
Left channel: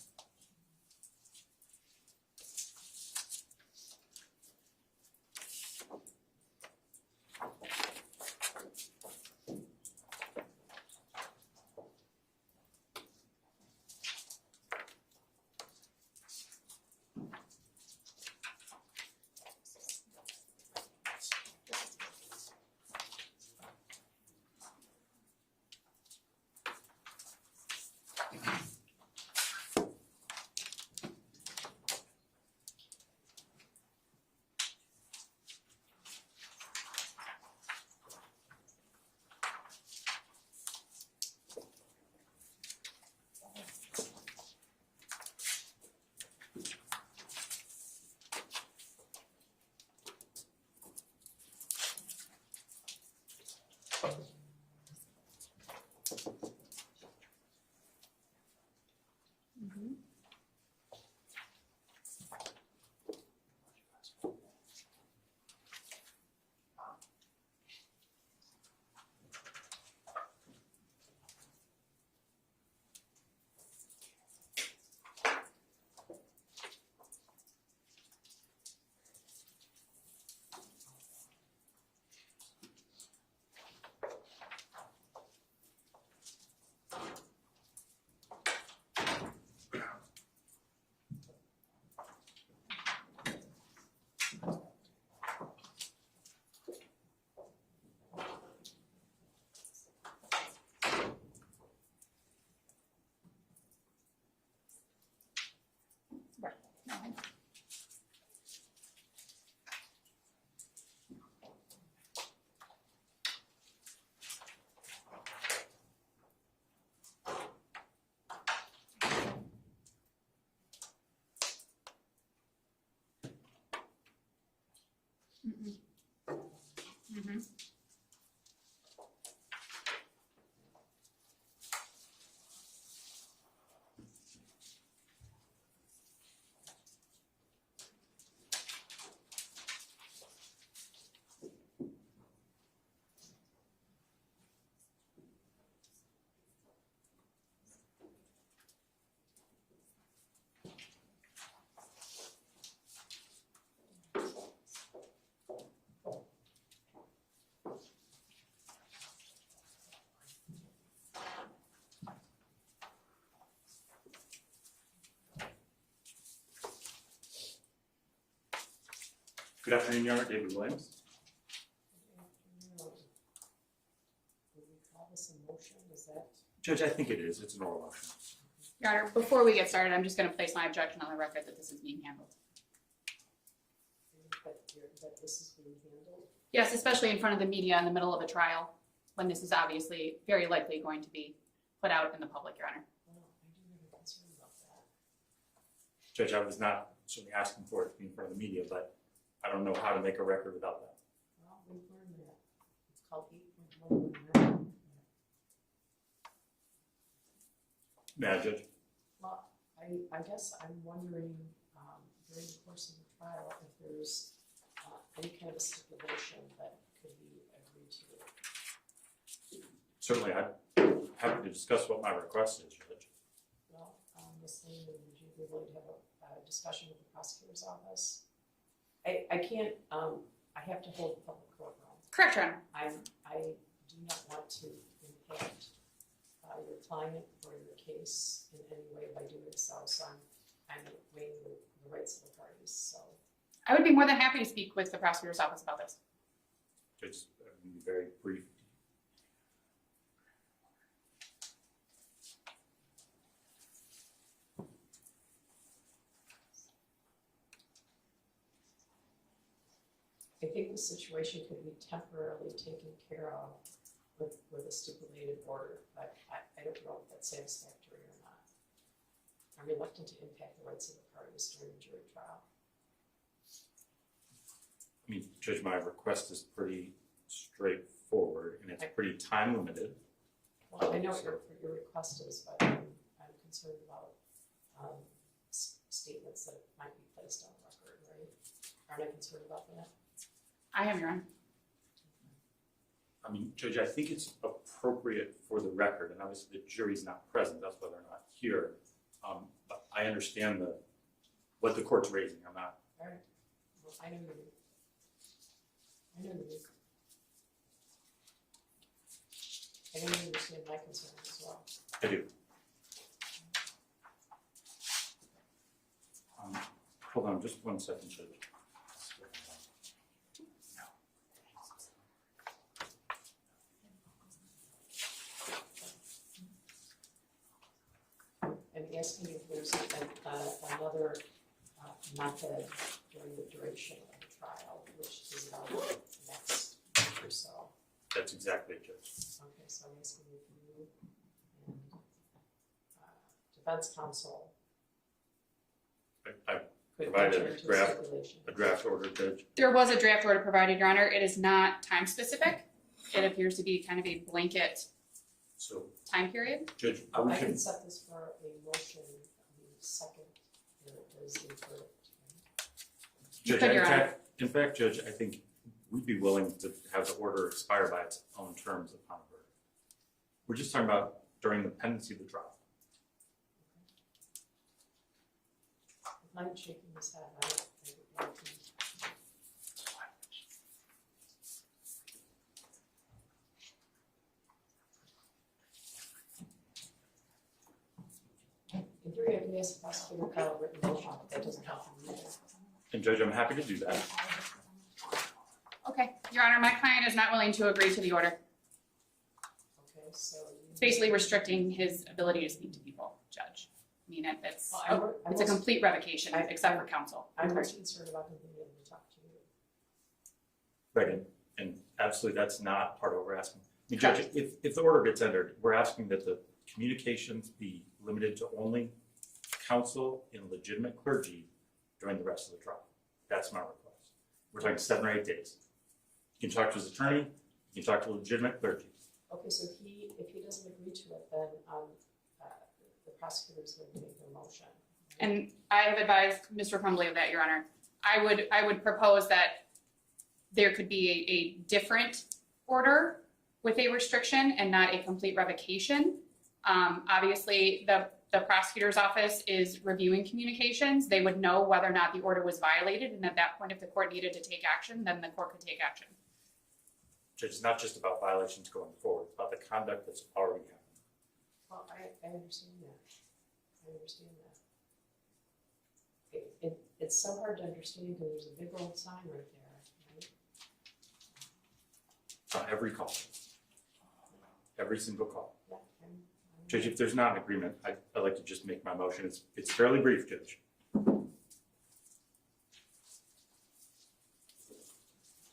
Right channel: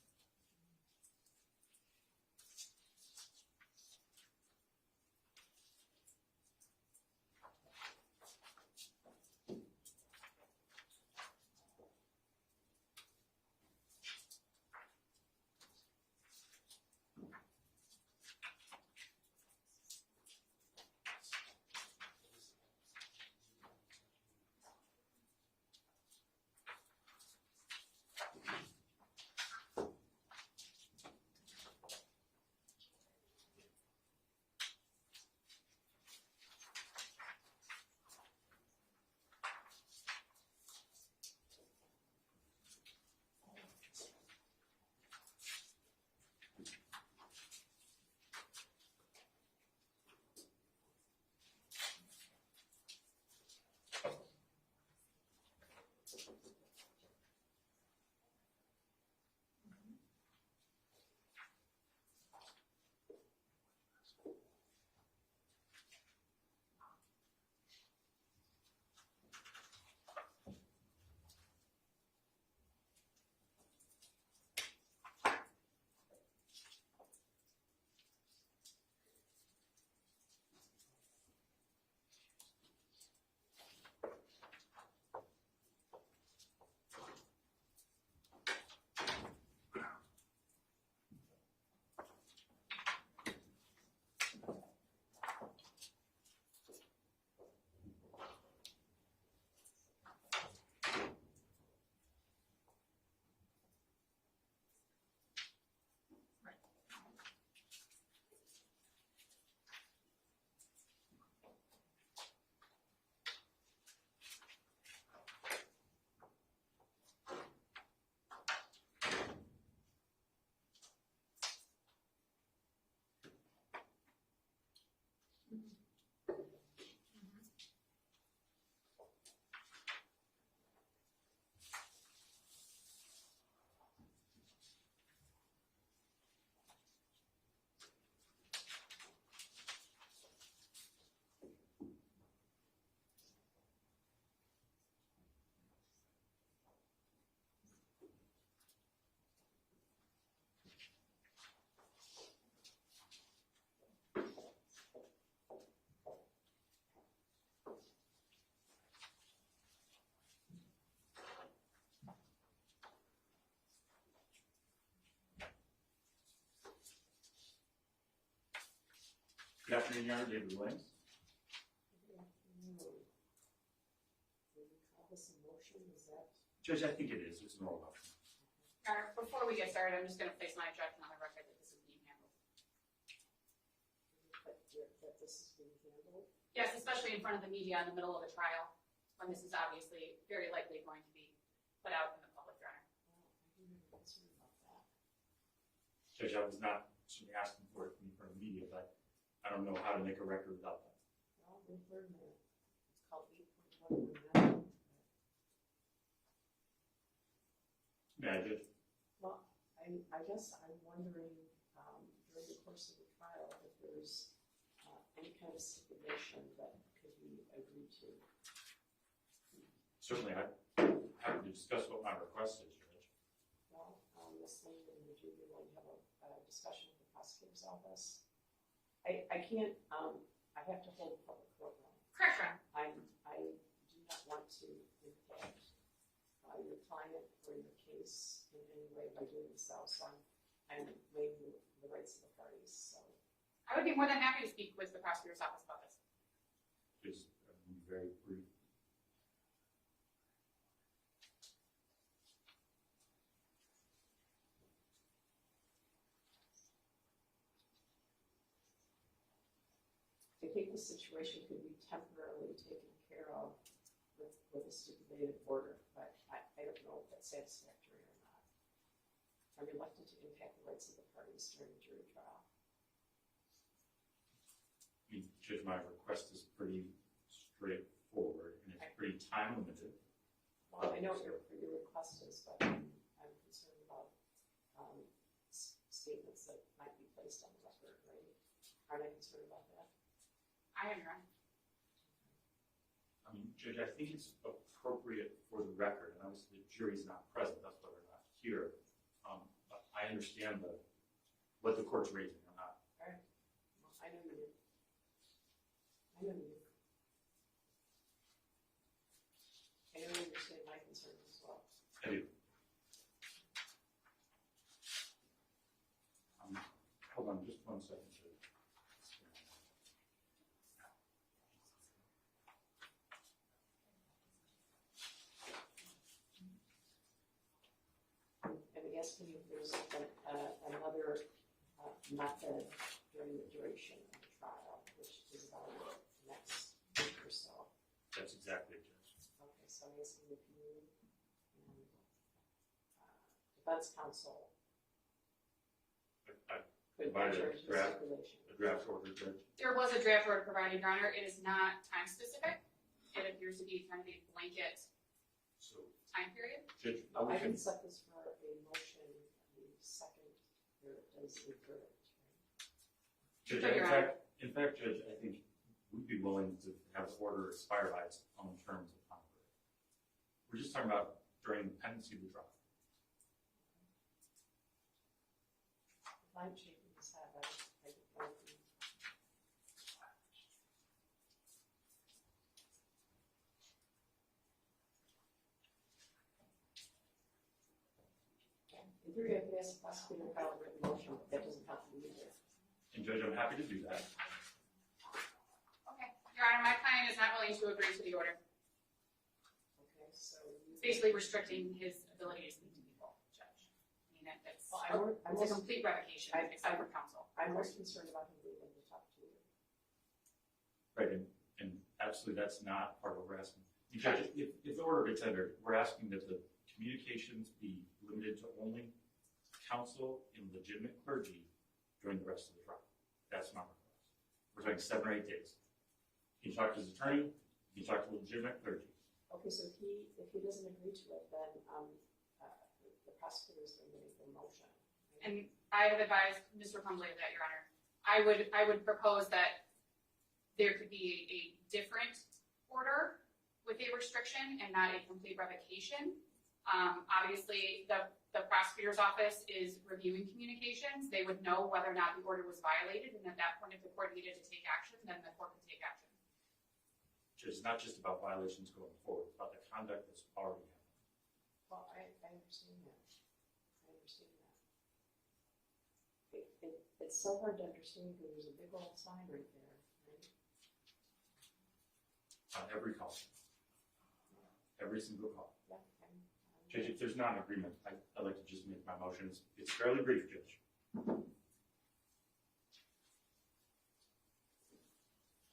Good afternoon, Your Honor. David Williams. Would we call this a motion? Is that? Judge, I think it is. It's an oral motion. Your Honor, before we get started, I'm just gonna place my objection on the record that this is being handled. That this is being handled? Yes, especially in front of the media in the middle of a trial, when this is obviously very likely going to be put out in the public, Your Honor. Well, I do have a concern about that. Judge, I was not certainly asking for it to be in front of the media, but I don't know how to make a record without that. Well, we've learned that. It's called 8.119. May I, Judge? Well, I guess I'm wondering, during the course of the trial, if there's any kind of a stipulation that could be agreed to. Certainly, I'm happy to discuss what my request is, Judge. Well, Ms. Lehman, would you be willing to have a discussion with the prosecutor's office? I can't, I have to hold the public courtroom. Correct, Your Honor. I do not want to impact your client or your case in any way by doing so, so I'm weighing the rights of the parties, so. I would be more than happy to speak with the prosecutor's office about this. Judge, be very brief. I think the situation could be temporarily taken care of with a stipulated order, but I don't know if that's satisfactory or not. I'm reluctant to impact the rights of the parties during the jury trial. I mean, Judge, my request is pretty straightforward, and it's pretty time limited. Well, I know what your request is, but I'm concerned about statements that might be placed on the record, right? Aren't I concerned about that? I am, Your Honor. I mean, Judge, I think it's appropriate for the record, and obviously the jury's not present, that's why they're not here. But I understand what the court's raising. I'm not. All right. Well, I know you do. I know you do. I know you understand my concerns as well. I do. Hold on just 1 second, Judge. I'm asking if there's another method during the duration of the trial, which is about next week or so. That's exactly it, Judge. Okay, so I'm asking if you and defense counsel I could provided enter into stipulation. a draft order, Judge. There was a draft order provided, Your Honor. It is not time specific. It appears to be kind of a blanket So, time period. Judge, I we can can, set this for a motion the second there is a verdict. Judge, could, Your Honor. in fact, Judge, I think we'd be willing to have the order expire by its own terms upon verdict. We're just talking about during the pendency of the trial. If I'm shaking his head, I would like to. In theory, I can ask the prosecutor to file a written motion, but that doesn't help me either. And Judge, I'm happy to do that. Okay, Your Honor, my client is not willing to agree to the order. Okay, so you. It's basically restricting his ability to speak to people, Judge. I mean, it's Well, I'm a most- complete revocation, except for counsel. I'm most concerned about him being able to talk to you. Right, and absolutely, that's not part of what we're asking. I mean, Judge, if the order gets entered, we're asking that the communications be limited to only counsel and legitimate clergy during the rest of the trial. That's my request. We're talking 7 or 8 days. You can talk to his attorney, you can talk to legitimate clergy. Okay, so if he doesn't agree to it, then the prosecutor is going to make the motion. And I have advised Mr. Crumbley of that, Your Honor. I would propose that there could be a different order with a restriction and not a complete revocation. Obviously, the prosecutor's office is reviewing communications. They would know whether or not the order was violated, and at that point, if the court needed to take action, then the court could take action. Judge, it's not just about violations going forward, it's about the conduct that's already happened. Well, I understand that. I understand that. It's so hard to understand because there's a big old sign right there. on every call. Every single call. Yeah, Judge, if there's not an agreement, I'd like to just make my motion. It's fairly brief, Judge.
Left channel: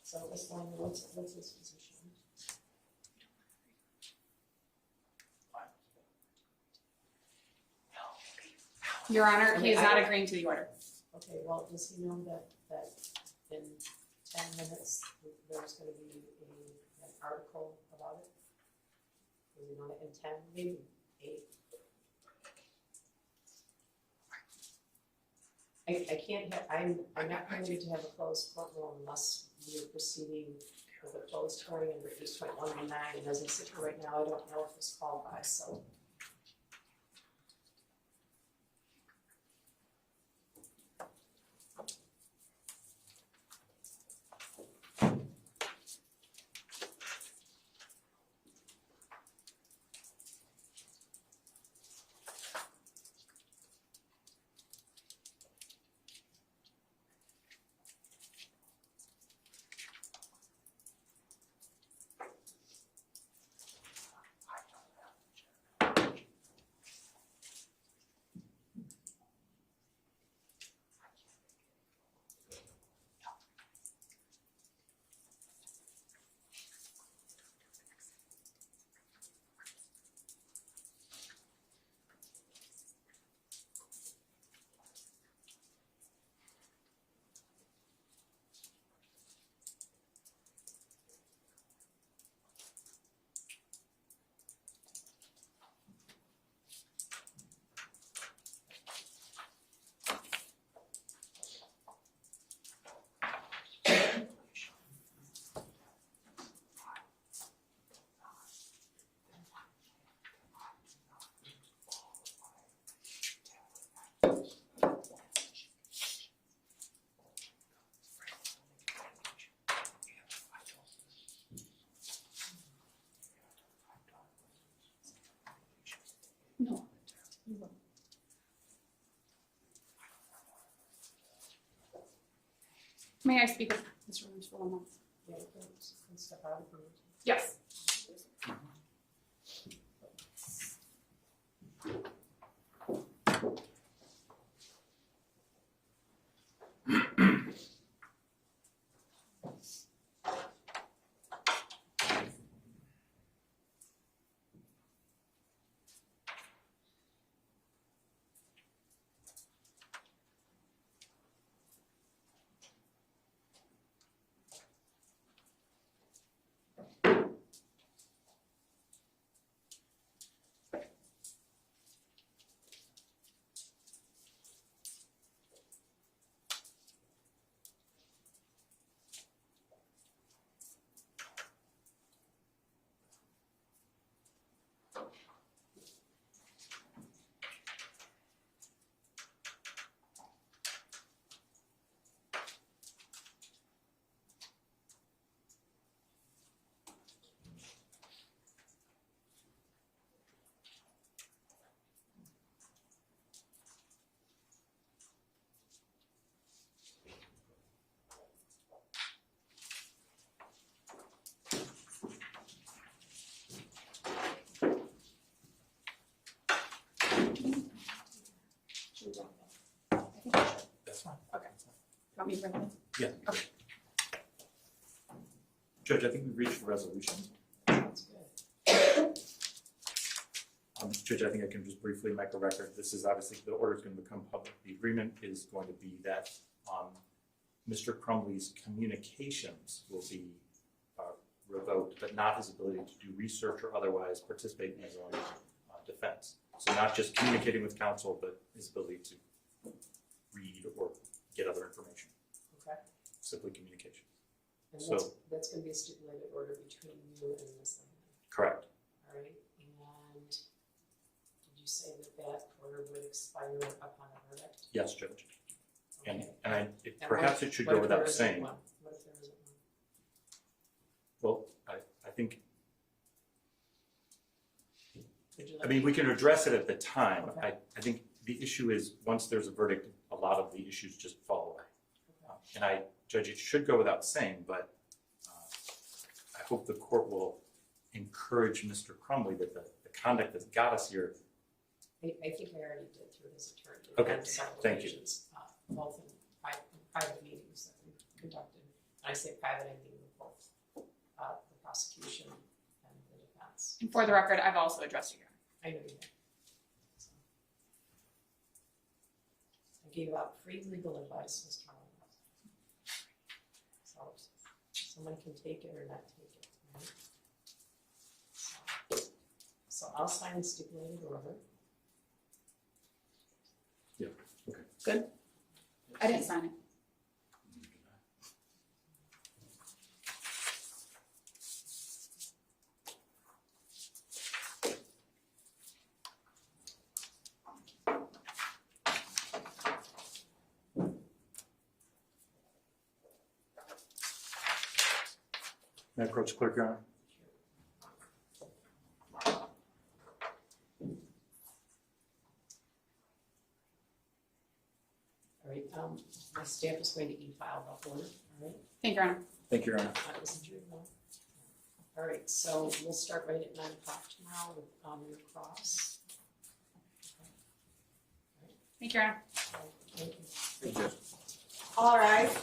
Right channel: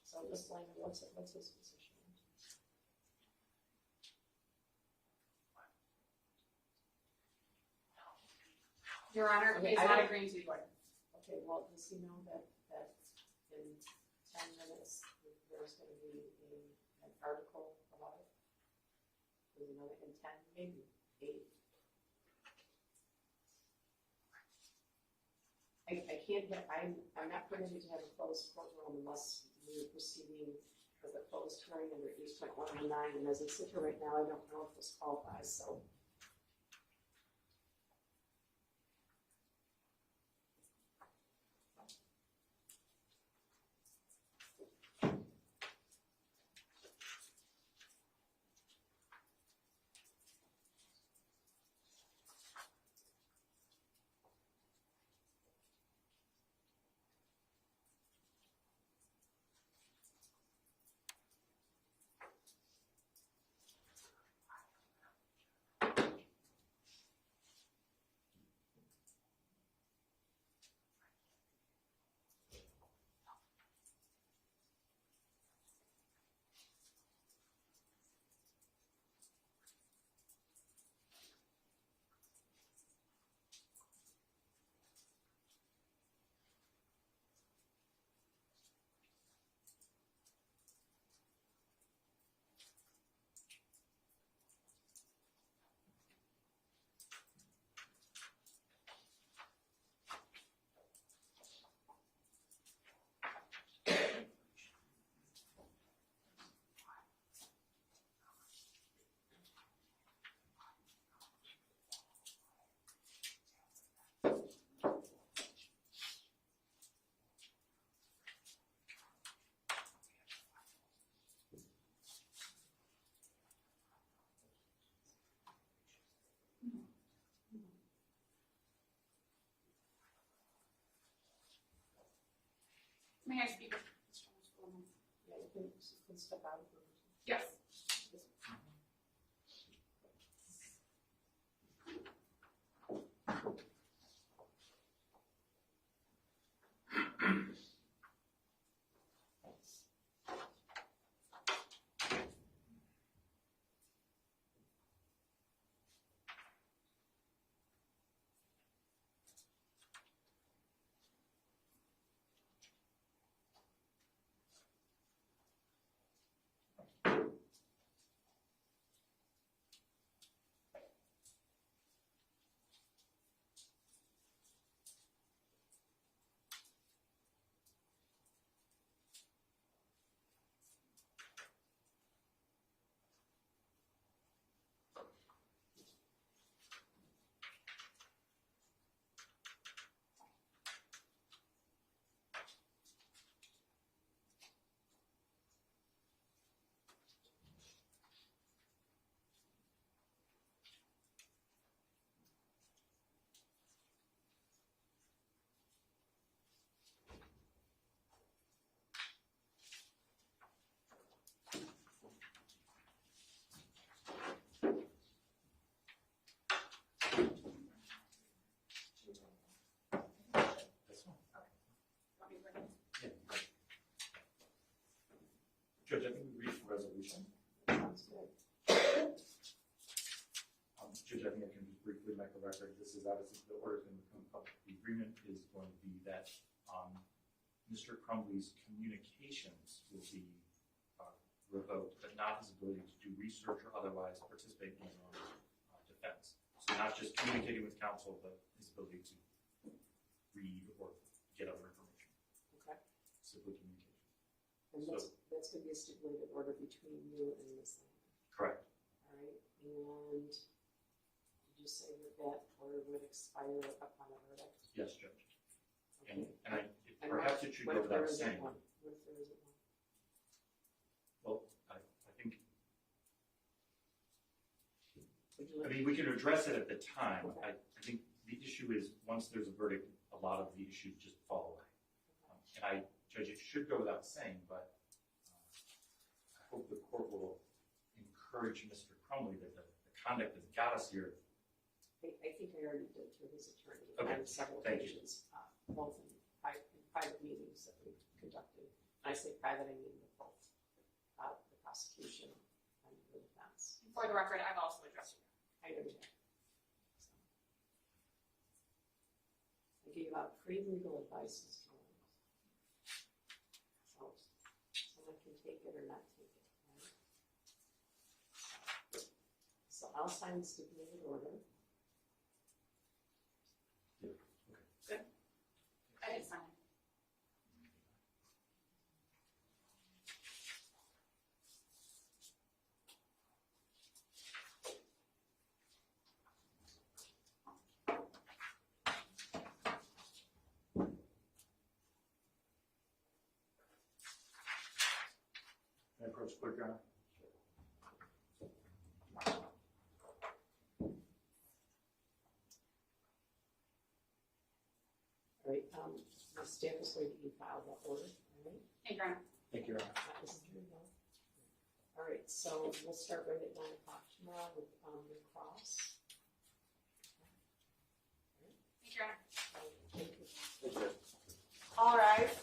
So Ms. Lang, what's his position? Your Honor, he is not agreeing to the order. Okay, well, does he know that in 10 minutes, there's gonna be an article about it? Does he know that in 10, maybe 8? I can't, I'm not permitted to have a closed courtroom unless we're proceeding with a closed hearing under 8.119, and as I sit here right now, I don't know if this qualifies, so. No. May I speak with Mr. Williams for 1 moment? Yeah, you can step out if you need to. Yes. That's fine. Want me to bring it in? Yeah. Okay. Judge, I think we've reached a resolution. Sounds good. Judge, I think I can just briefly make a record. This is obviously, the order is going to become public. The agreement is going to be that Mr. Crumbley's communications will be revoked, but not his ability to do research or otherwise participate in his own defense. So not just communicating with counsel, but his ability to read or get other information. Okay. Simply communication. And So- that's gonna be a stipulated order between you and Ms. Lang. Correct. All right, and did you say that order would expire upon a verdict? Yes, Judge. And, Okay. and And perhaps what- it should what go if without there isn't saying. one? What if there isn't one? Well, I think, Would you I like? mean, we can address it at the time. Okay. I think the issue is, once there's a verdict, a lot of the issues just fall away. Okay. And Judge, it should go without saying, but hope the court will encourage Mr. Crumbley that the conduct that got us here. I think I already did through his attorney. Okay, on several thank you. occasions, both in private meetings that we conducted. And I say private, I mean with both the prosecution and the defense. And for the record, I've also addressed you here. I know you have. So. I gave out free legal advice, Mr. Mullins. So someone can take it or not take it, right? So I'll sign the stipulated order. Yeah, okay. Good. I didn't sign it. May I approach clerk, Your Honor? All right, my staff is going to e-file the order, all right? Thank you, Your Honor. Thank you, Your Honor. Isn't your one? All right, so we'll start right at 9 o'clock tomorrow with your cross. Thank you, Your Honor. Thank you. Thank you. All rise.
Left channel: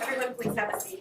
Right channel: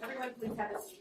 Everyone please have a seat.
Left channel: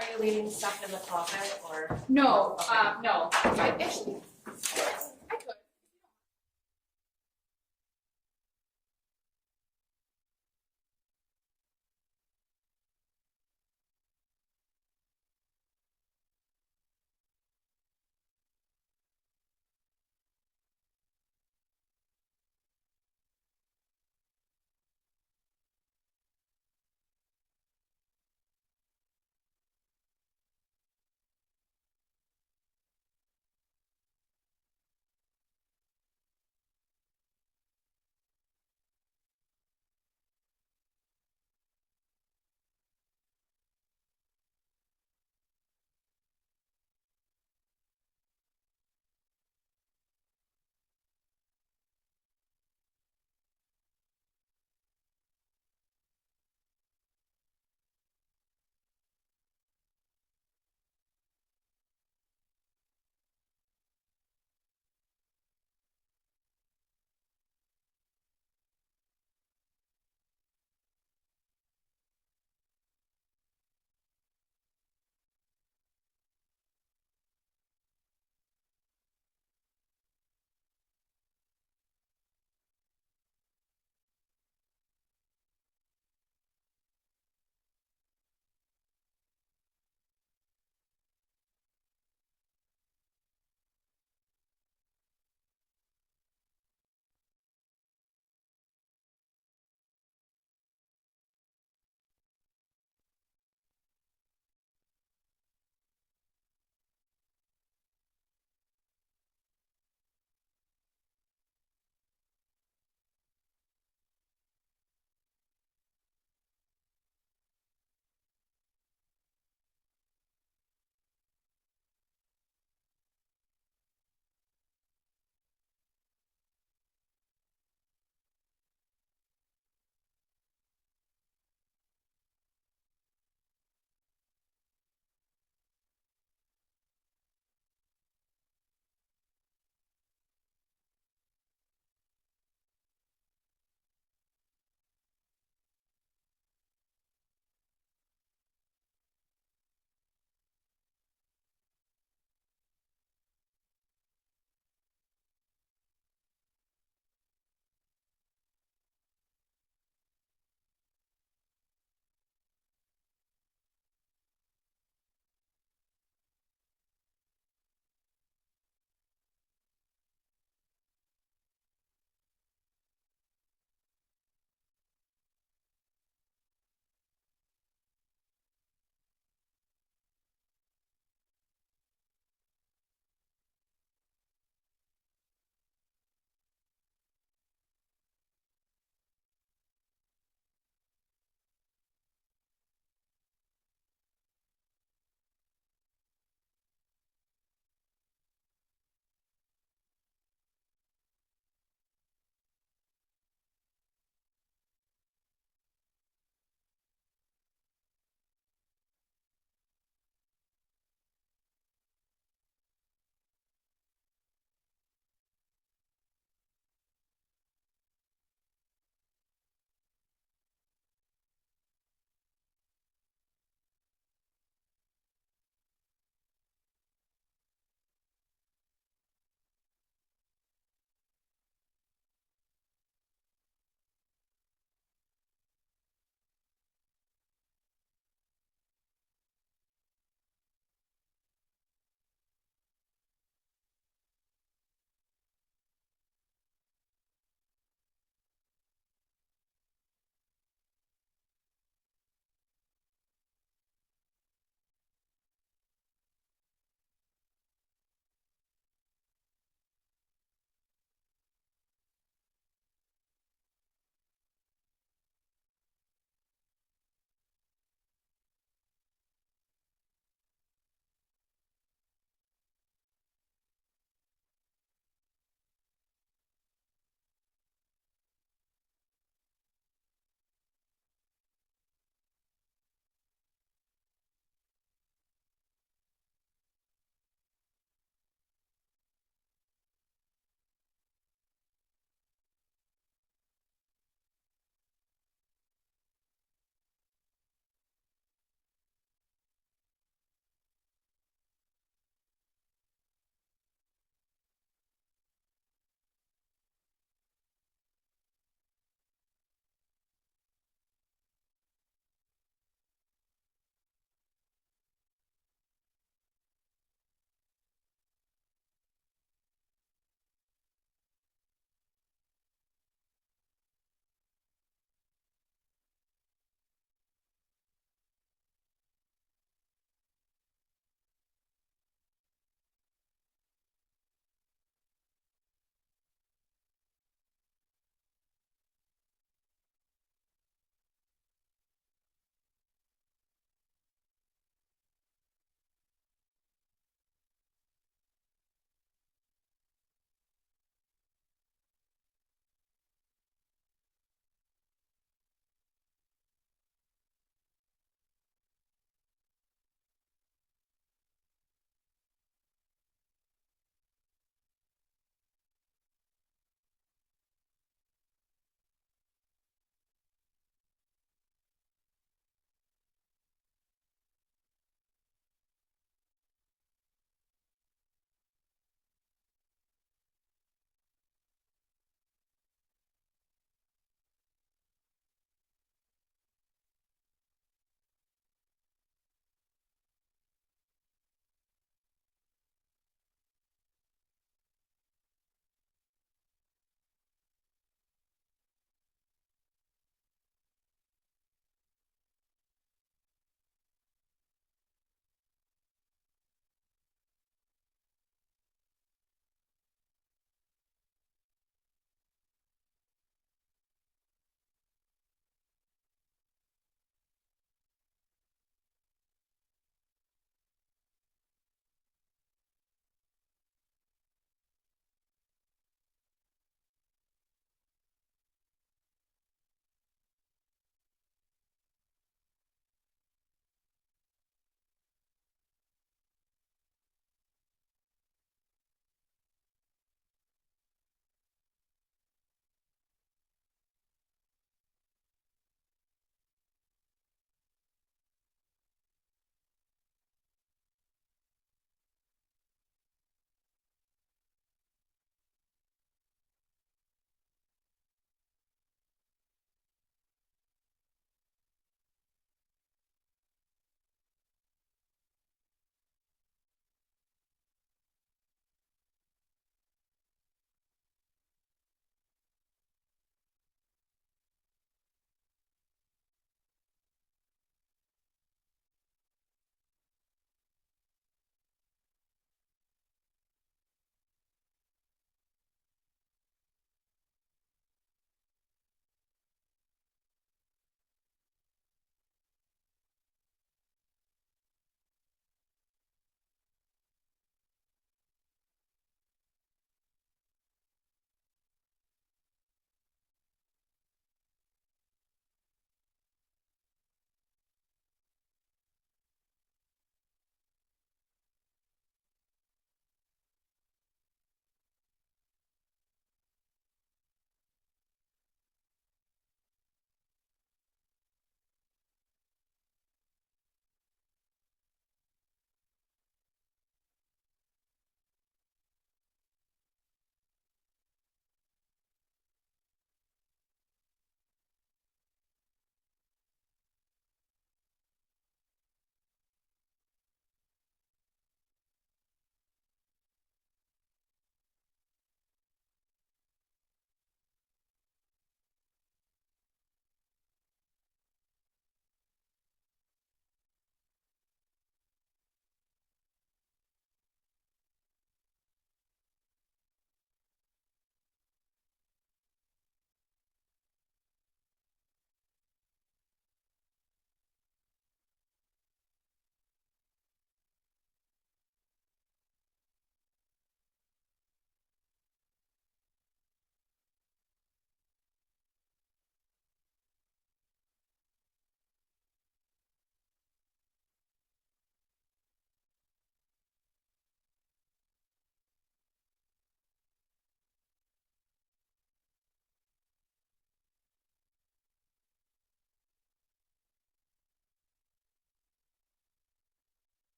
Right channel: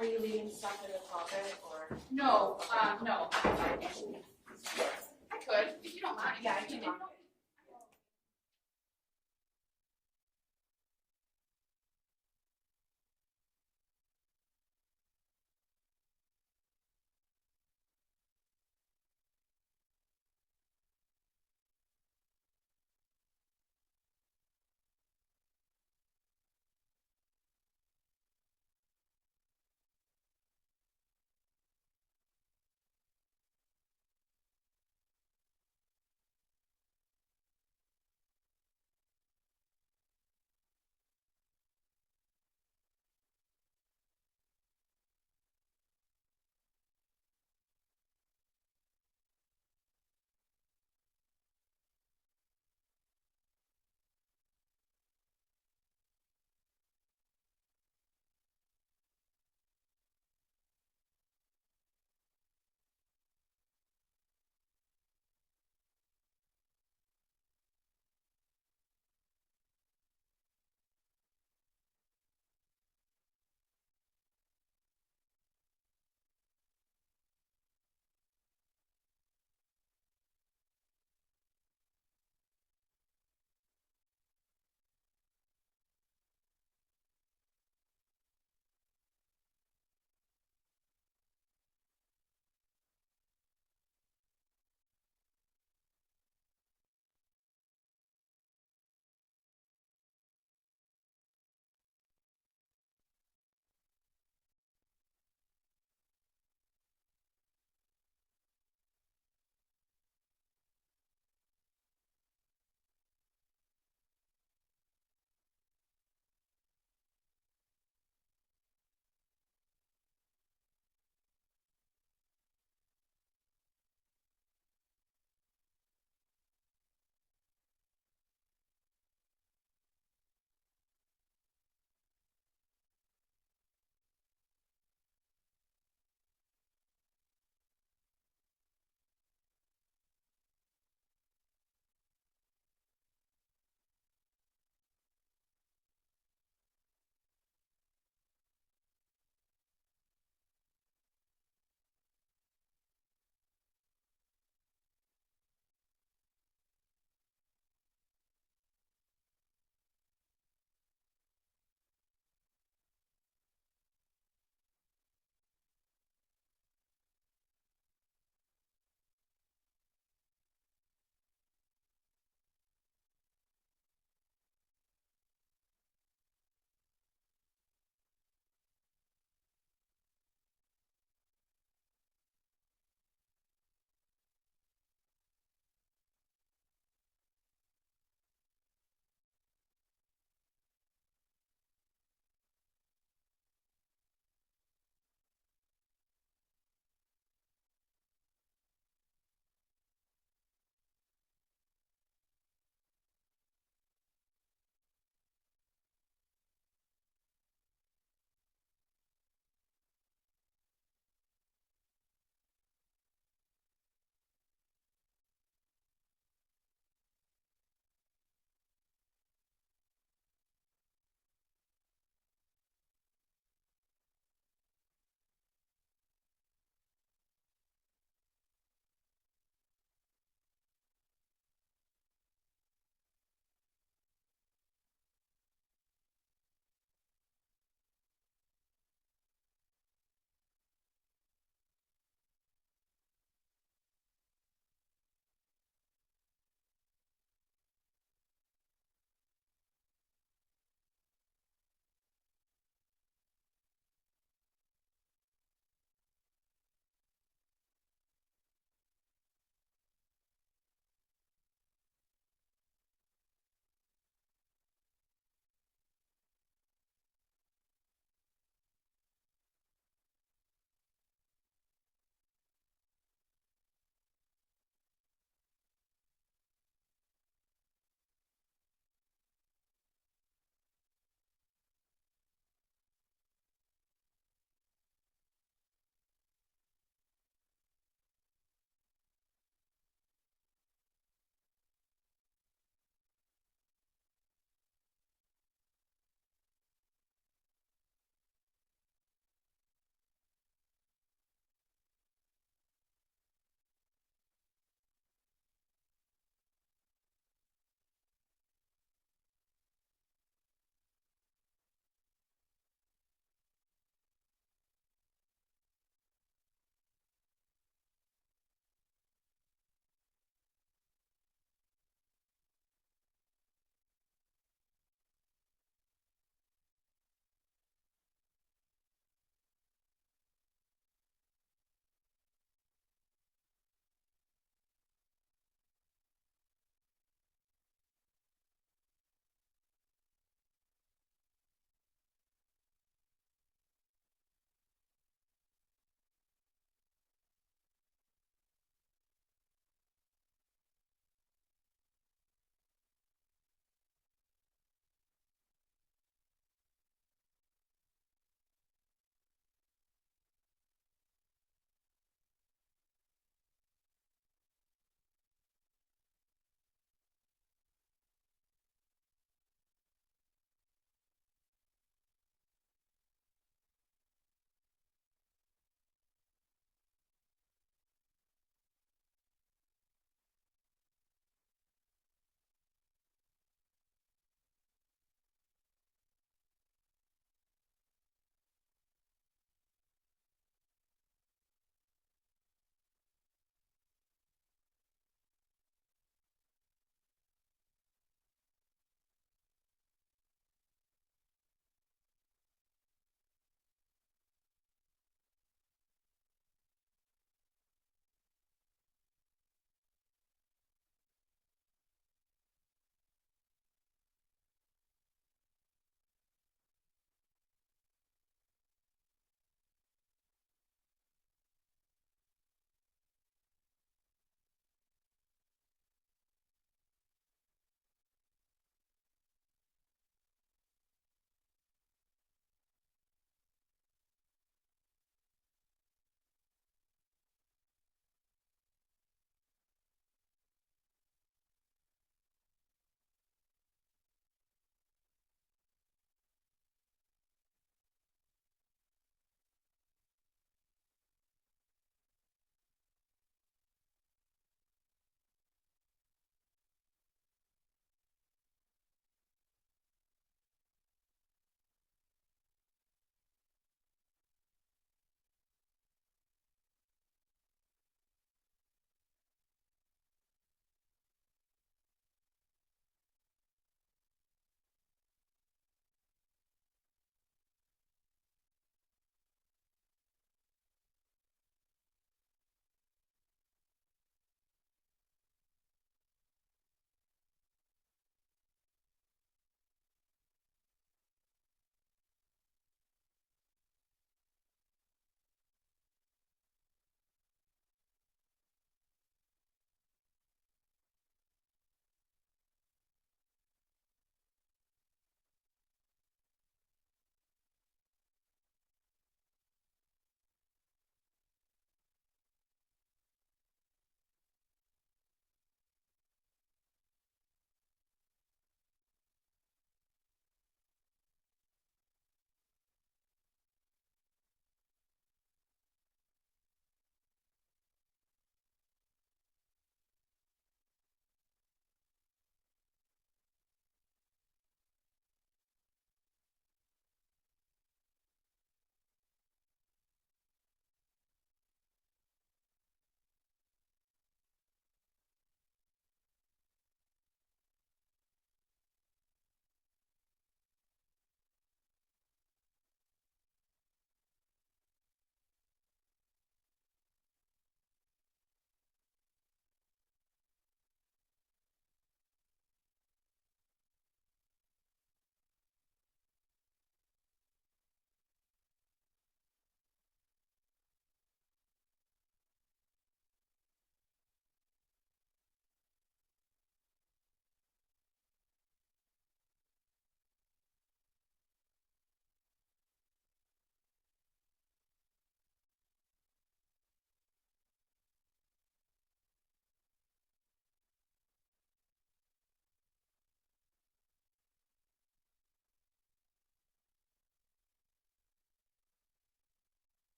Are you leaving stuff in the closet or? No, no. I actually